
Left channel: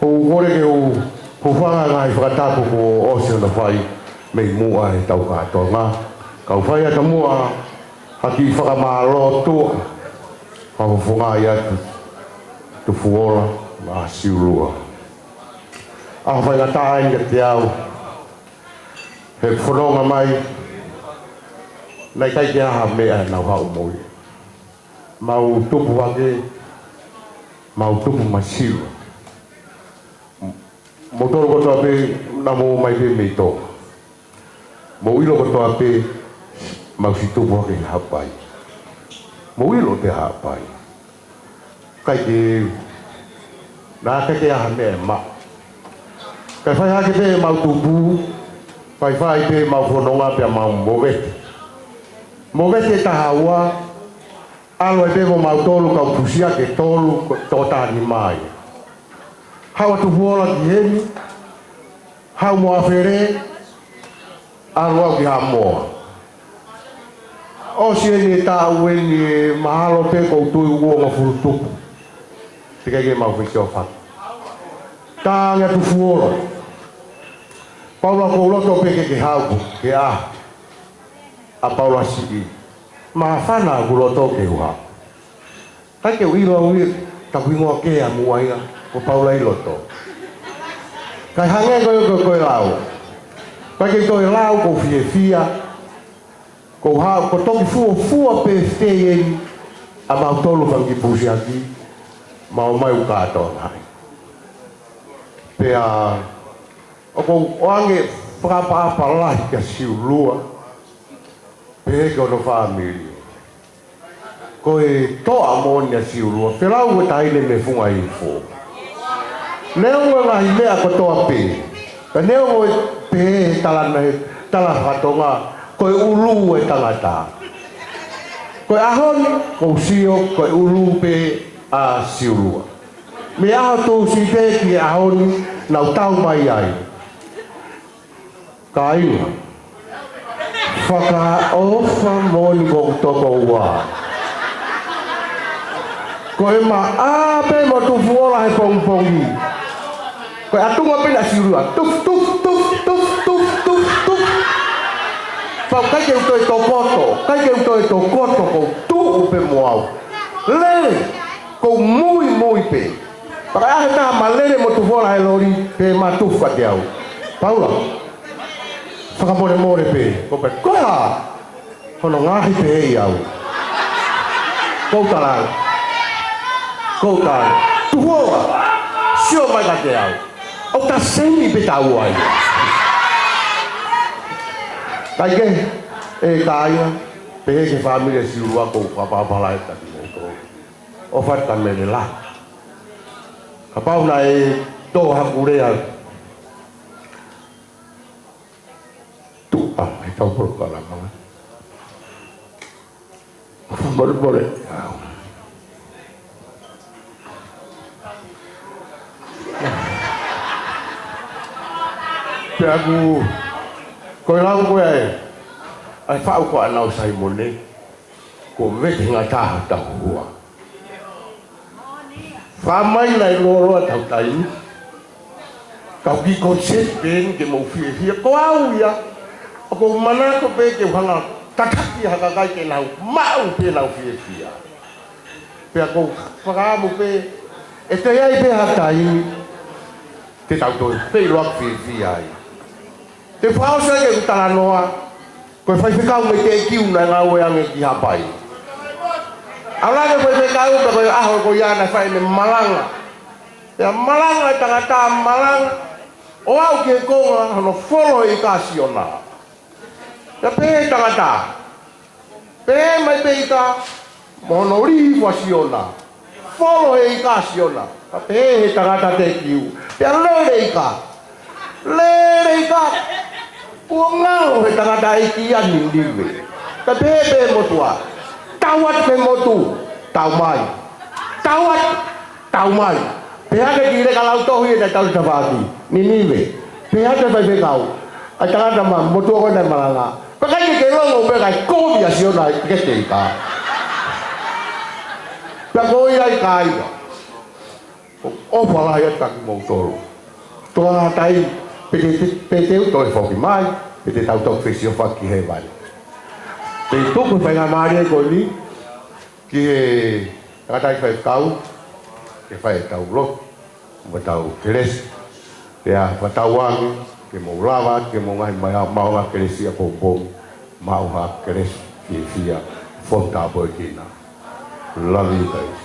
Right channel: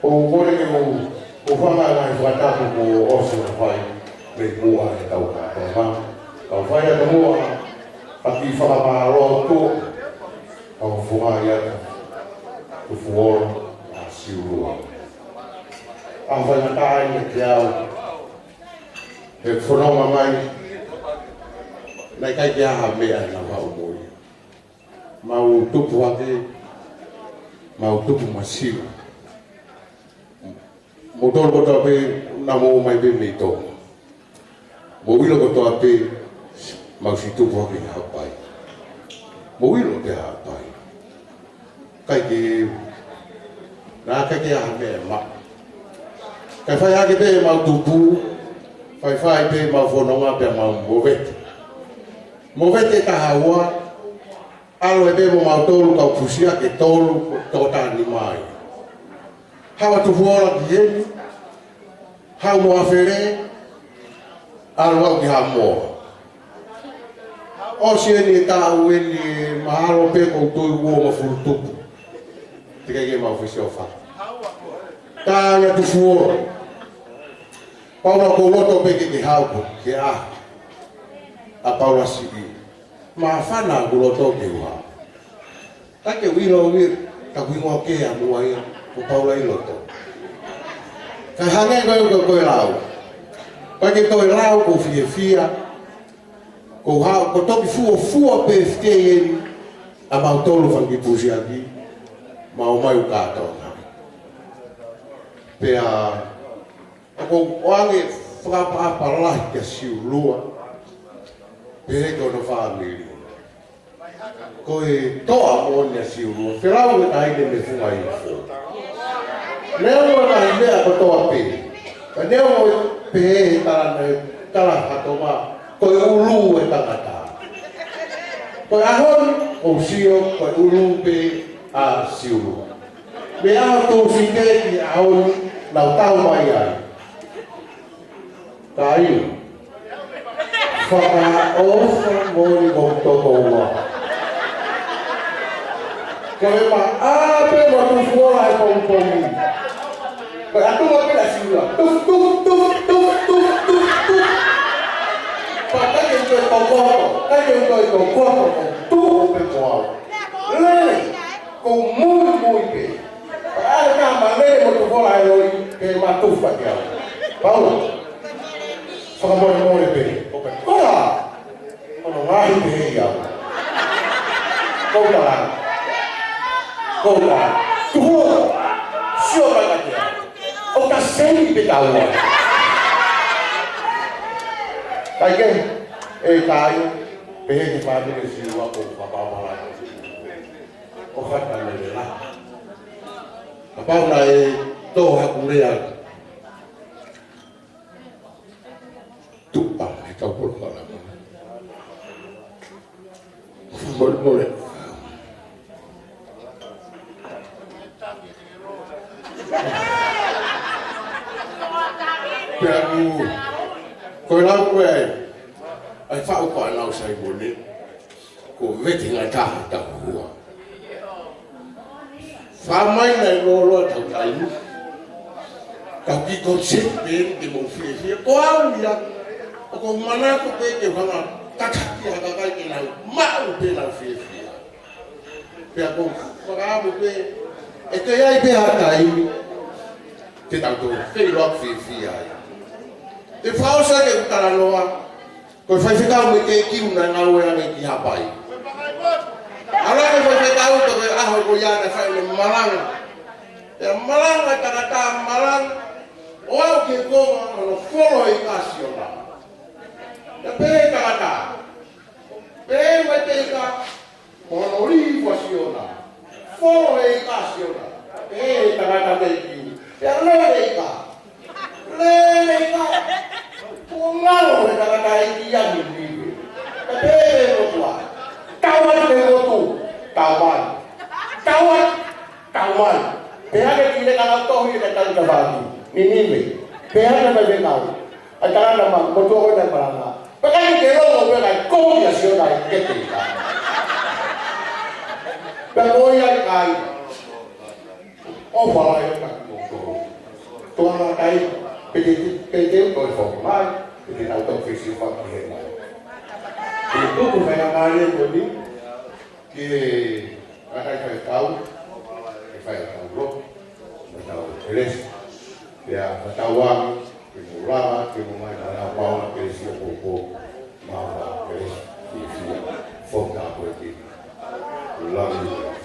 O kore ke u hufanga ngai whatapu ko o sura whai me mua e tau katoa ngā. Kau whai a ka mua hati whakamaro tō. Hau whunga i atu. Tu fuora ma siurua. A whai ngā tāi ka te au. He whanonga mai. Nei kai ke aha mea e nau hau moi. Mau tupu wake. Mau tupu masiru. Mo toro kotoa pe na mo mai pe me tō. Mo ilo kotoa pe mau si tupu wake hapai. Mo ilo te hapai. Kai te nā kai ke aha mea e ma. Kai whai hake pe mau tupu. Whai pe mau whanonga pe mau mowete. Mowete taha ua. Alo e pe mo mau tolu kau pusia ke tolu tō tāni mai. Hawa tu huora ki hemi. Hau moa where. Alo au ki ha moa. O si eni e tā ueni e mahalo pe kou tui ua ma furu tupu. Te kei mau whisio whatu. Tānga tu huora. Paula kou loto pe ke haupu, ke a. A paula siki. Ma whana ku loto ke uha. Kai ke uilo uir, ka kuingoa ke a muainga, ko paula i loto. Kai hangai koe lau. Kai ke koe lau ko fia. Ko hao, ko toki fua pe stei a mau tolu whangi pusi aki. Mau mai ukato nai. Pea, o ange whakapa lahi ka siulua. Pea ko no whamiri. Ko e toa moni a siulua. Whirau e taile me funga i fō. Neo lahi mea ko toa pe. Ka neo e pe e tala whatonga. Ko e ulu e tangata. Ko e ahoni, ko sio, ko e ulu pe a siulua. Me aho tō si te ki ahoni, nau tau mai ai. Ka ina. Whaka ofa moi kong toko ua. Ko e ma ape ma tu fuora he pong-pongi. Ko e atunga pina siulua. Tuf, tuf, tuf, tuf, tuf, tuf, tuf. Pau kai ke utoi tō koto. Kai ke utoi tō koto ko tuu pe moau. Lele. Ko mui pe. Pakai ahe tā ma lele mo tu fuora he lori pe ma tufa te au. Paula. Whakamore more pe, ko pe koea, kono ngahi pe hei au. Koutai, tuhoa, sio mai ka te au. O ta seni pe tau ai. Kai ke, e kāia, pe hei ke whamire siurua kou whapapalai ka te moto. O whata mene la. Ka pauna e tō hakurea. Ah, ikaw puro ka lang naman. Bore. Kaya ko ilang ko ay whao ko anaw sa imone. Ko vete nga tahata huwa. Whamay na ilolo at tayo. Kau ki konsepin ke mo fia ko au ya. Ako mana ko pe ke hanga takaki hakakai ke lau mau pe lau fia. Pe ako whakamu pe e te ai pe hakai te tanto pe loak fia ai. Te whausa ke utara noa ko e whaifekau me ke kiu na ngau e ange ki hapai. Ara e whaifekau te koe aho ko iana whai me malanga. Te malanga tangata malanga o au ke konga hono wholo e kasiona. Te pe tangata. Pe mai pe ika monori wasiona. Wholo e kasiona. Te pe tangata te kiu. Pea lele ika. Pungalo he tangata iki ani ndiwe. Ta bebe motua. Tawat ke motu. Taumai. Taumai. Pea ke kire kalau toh ye ta tawati. Niniwe. Pea ta bebe kau. Ai tangata ma motu ko na malanga. Pakai ke lo mo kai ko ya siona ke te ka. Pea ko ia kai. O fala ya tak mo toro. Toa tai Pete toi foki mai, pete tau tok fisio faki he vai. Te tuku whainga maare ko ni, ki he katai whai tau, ke whai tau lot, ma tau keres, te a whatau wangi, ke mo rawa, ke mo ngai mai a maua keresia pou, maua keres, ki fia, fota poetina. Love you guys.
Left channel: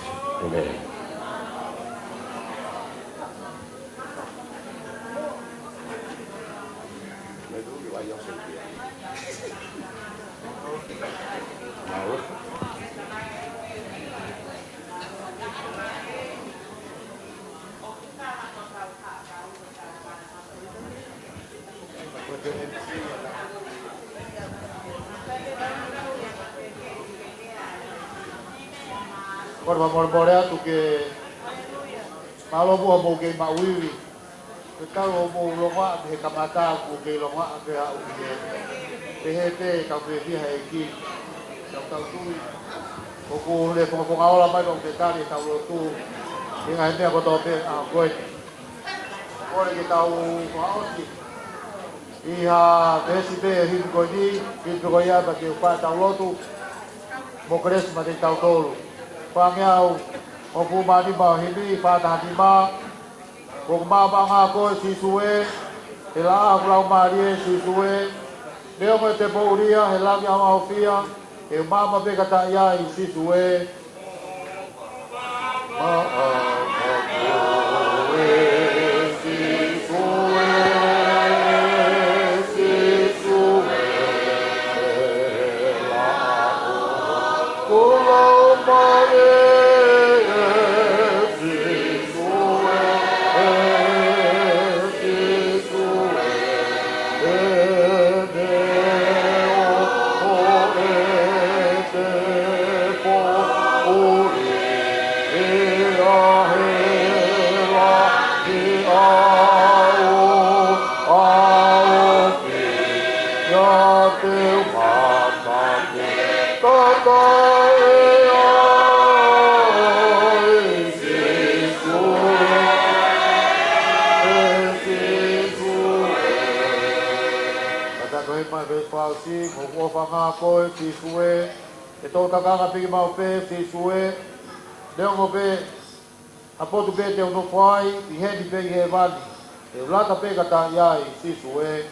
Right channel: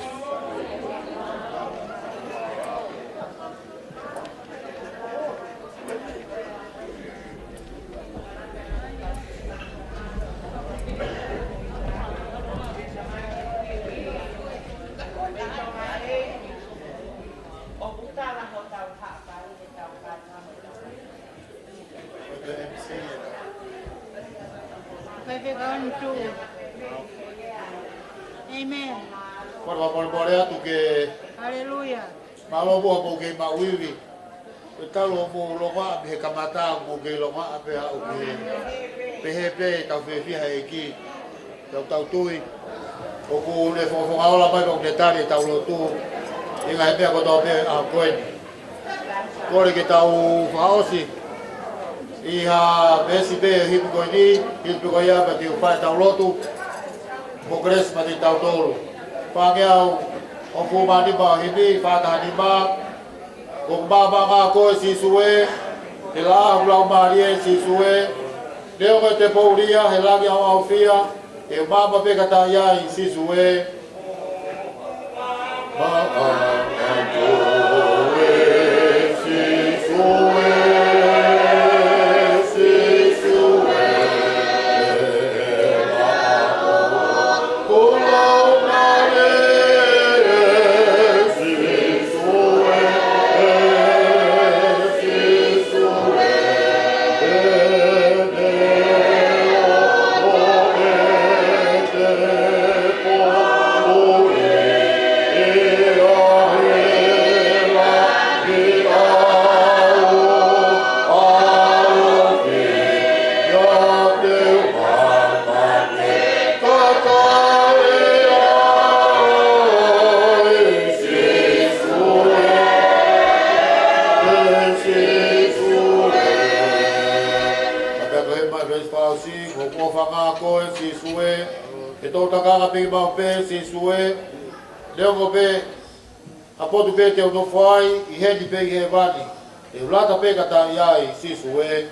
Por atu ke malo bo bo ke mawiwi ka lo bo lo wa be kamata bo ke lo wa be au ke be ta be ki ha ki ta tui o ko le fo ala ba do detalhe ta lo tu ni ga pe ko to be a ko ko le ke ta o hausi i ha be si be hin ko ni ke ko ya ba ke pa ta lo tu mo kres ma ti ta to Pangyao, o fumani ba hindi bata ni ba, kung baba nga ko si Sue, nila ang Marie si Sue, Deo nga te pauria, helagi ang aufia, e baba be katayay si Sue. Baba si Sue, Deo mo be, apo tu be te uno fai, I hedi be I he vani, e ulata be kata iai si Sue.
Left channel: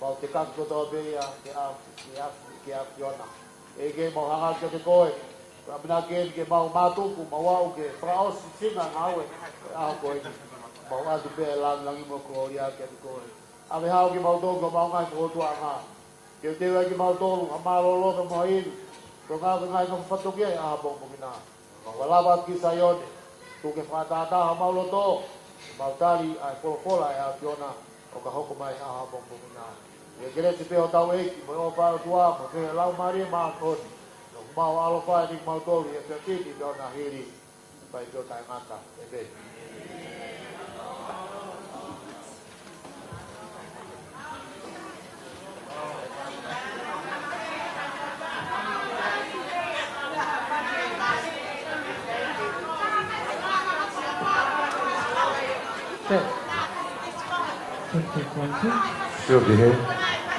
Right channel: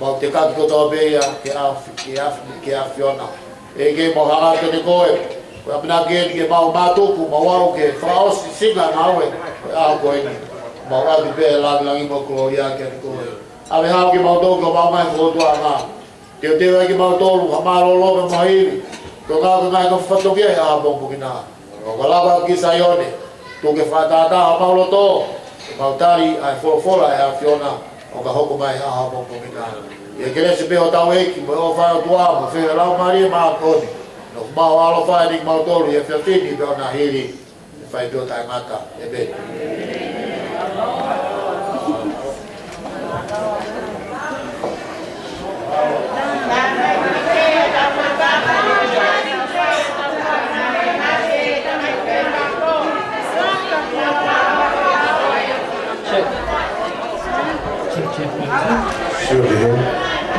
mau te kako toa beia ke a Fiona. E ke mau hanga te ne koe, koe amina ke ke mau mātuku, mau au ke whaosi singa ngawe, koe a koe ni. Mau atu pēr langi mo Gloria ke ni koe. Ame hao ke mau tōku o mau mai kotua ngā. Teo teo ke mau tōru, ha maro lope mahiri. Tō ngā ka ngai ka whatokia e a bongu ki nā. O ka lapa ki Saione, tō ke whatata a mau loto, e mau tari ai wholofola e a Fiona, o ka hoko mai a bongu ki nā. E kere se peho tau eki, mo o whana tua, mo whena lau maria maa koni. No mau alo whai ni mau tōru, e whiawhini peo nā hiri, e whai peo tai ngata, e be.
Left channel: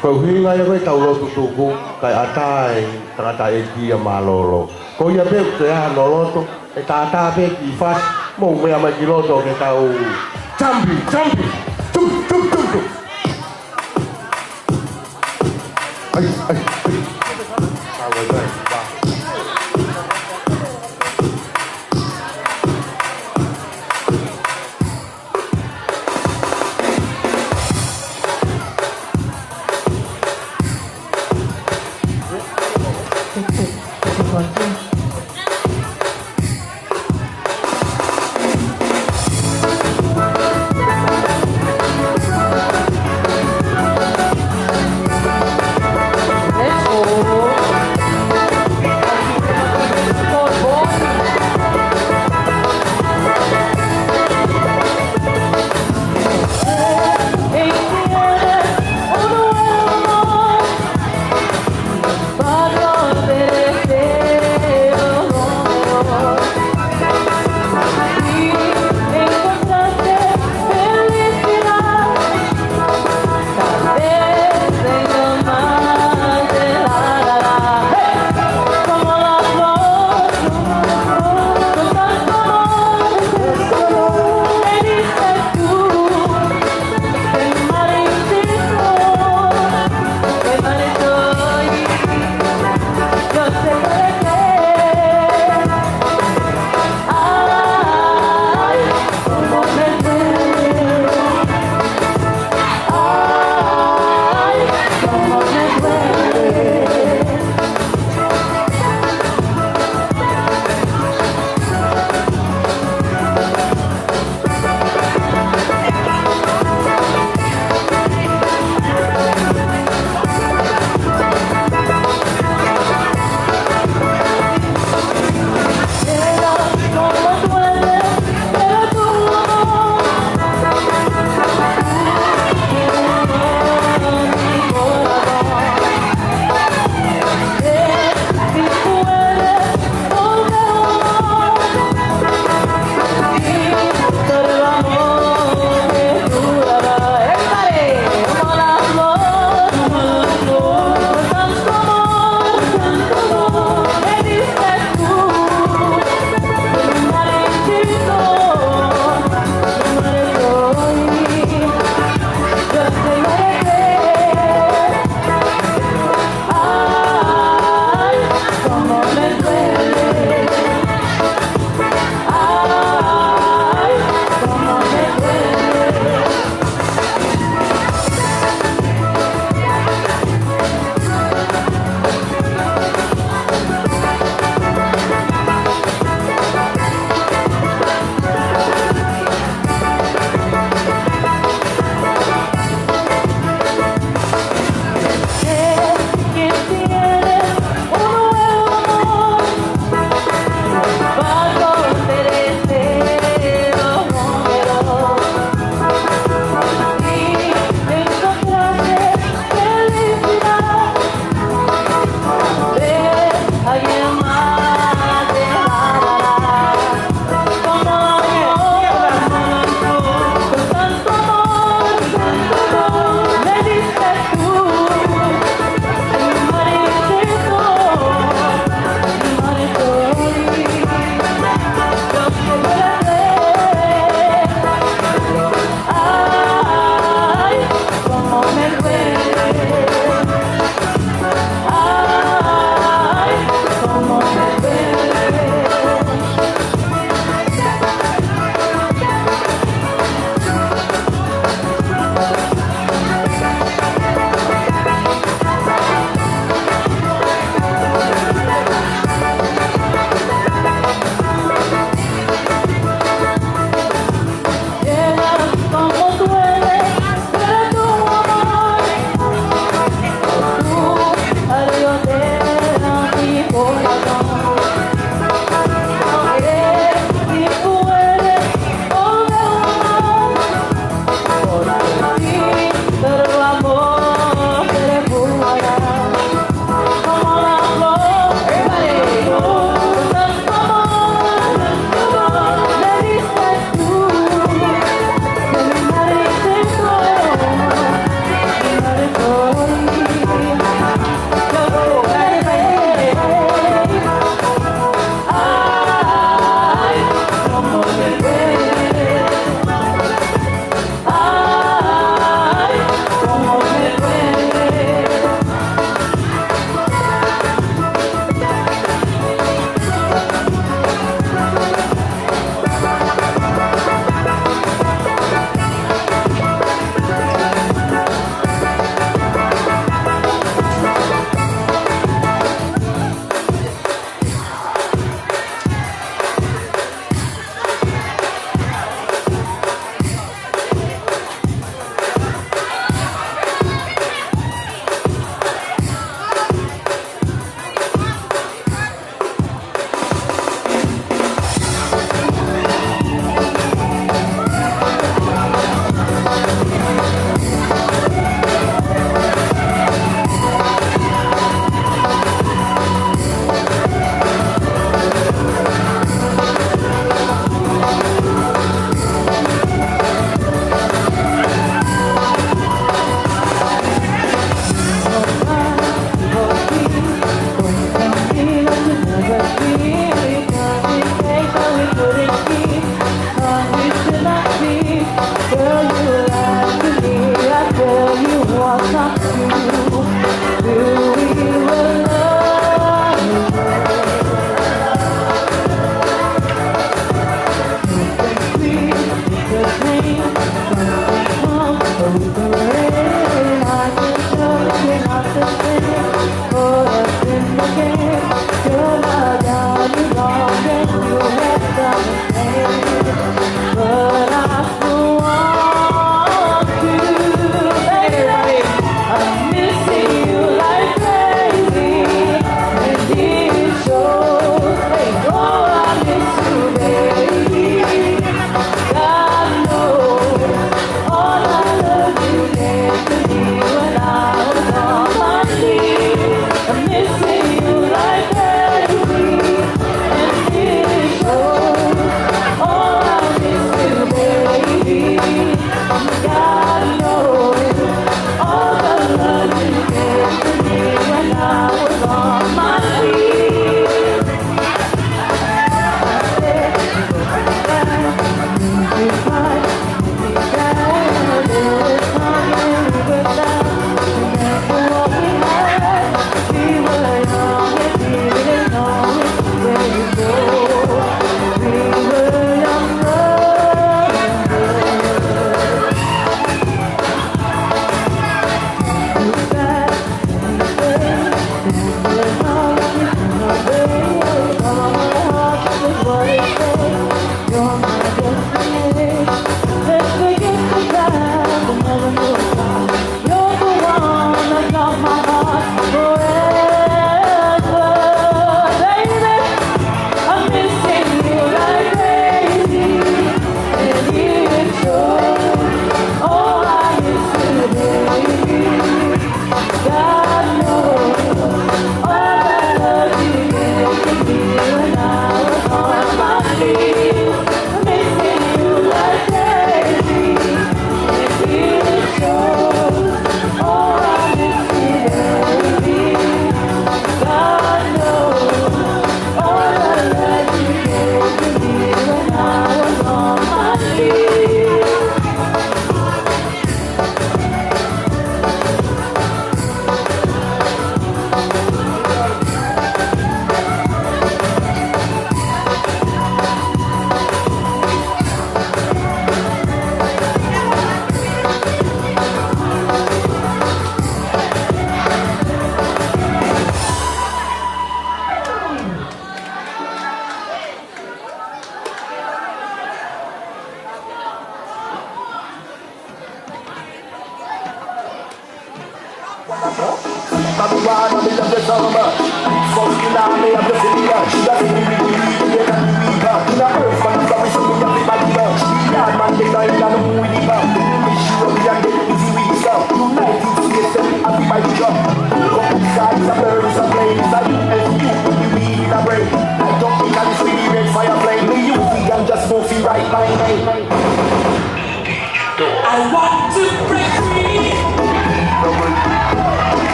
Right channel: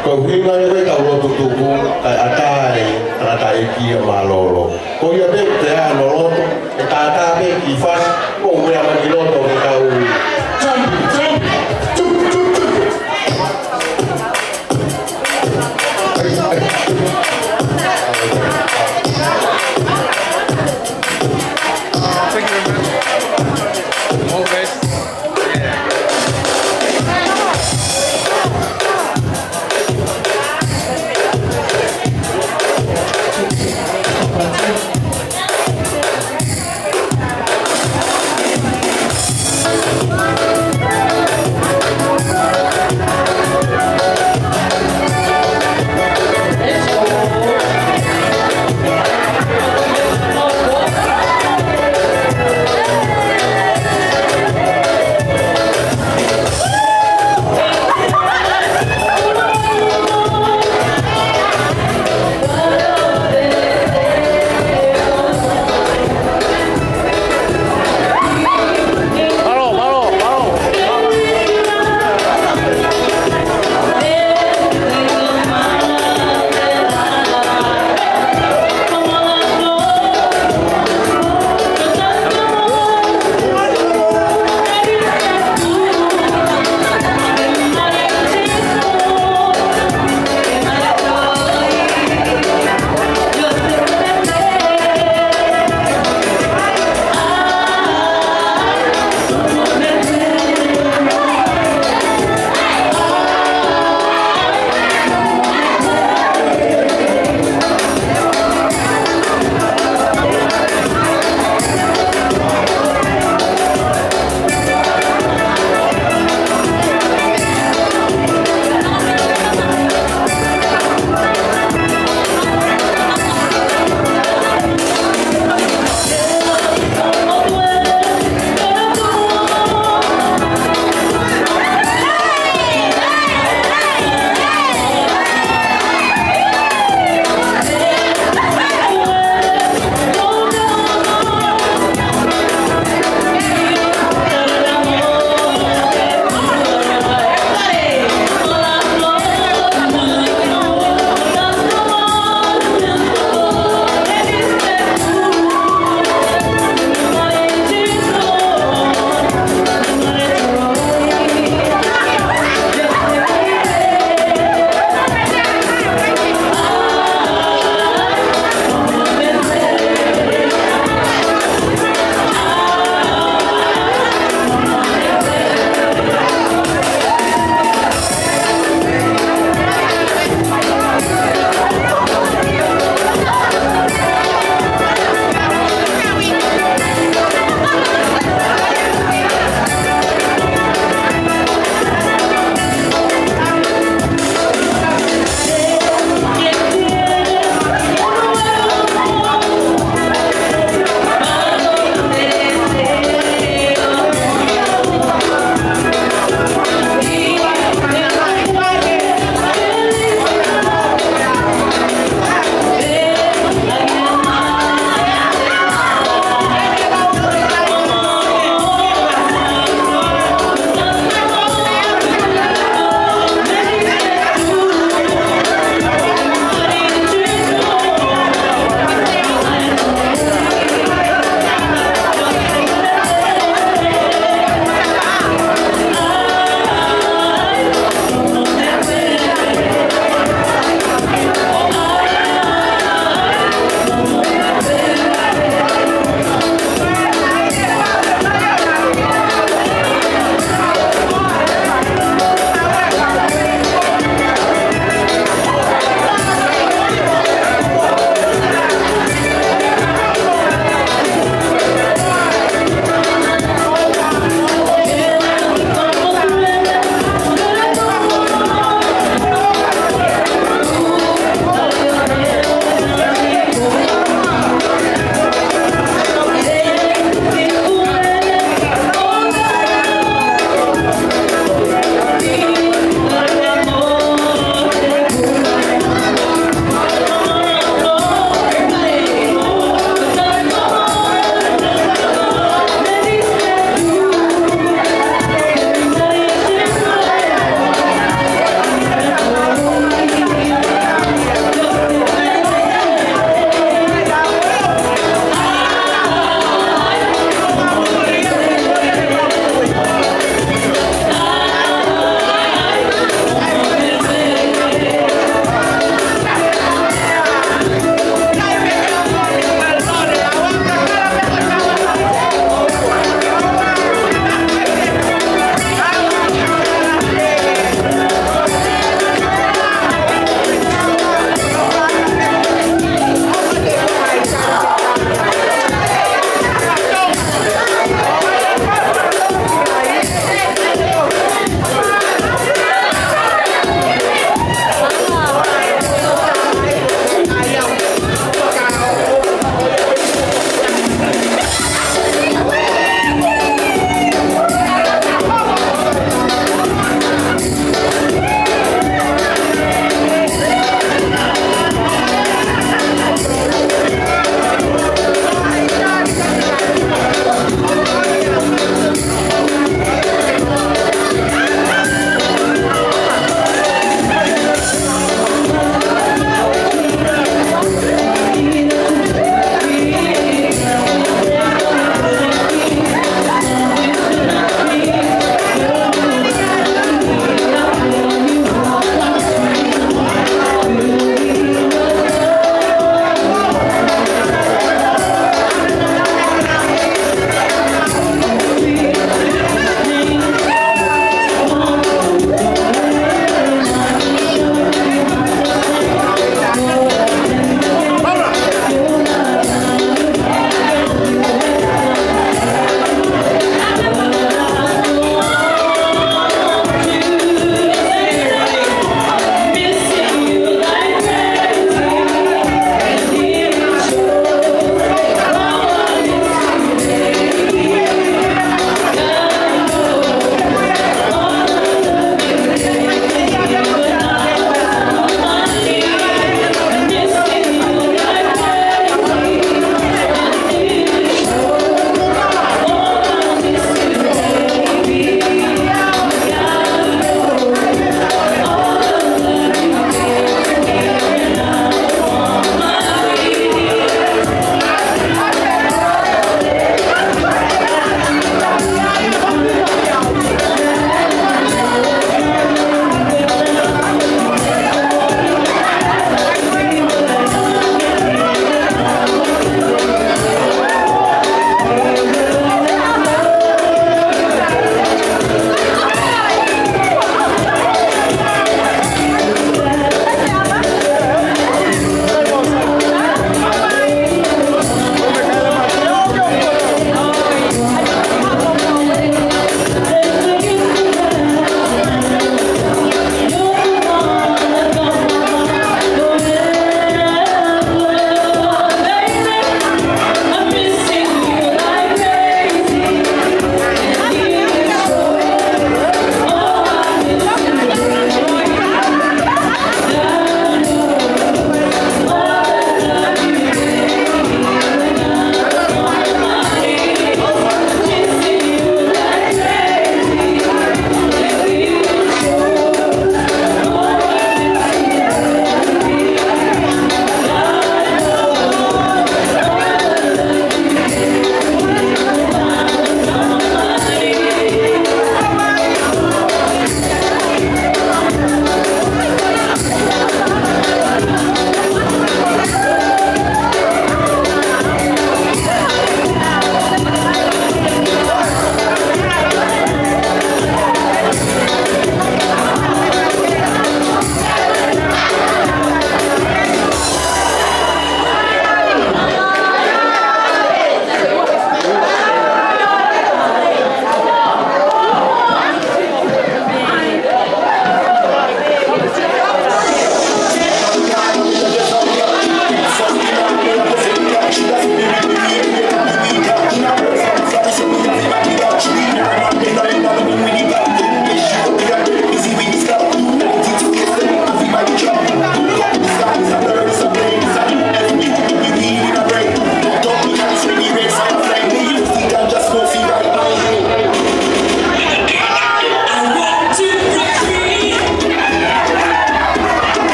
Kau hinga ia kai tau lotu tuku kai atai tata e kia malolo. Ko ia pe te ano lotu e tata pe ki fas mo mea mai ki loto ke tau champi champi.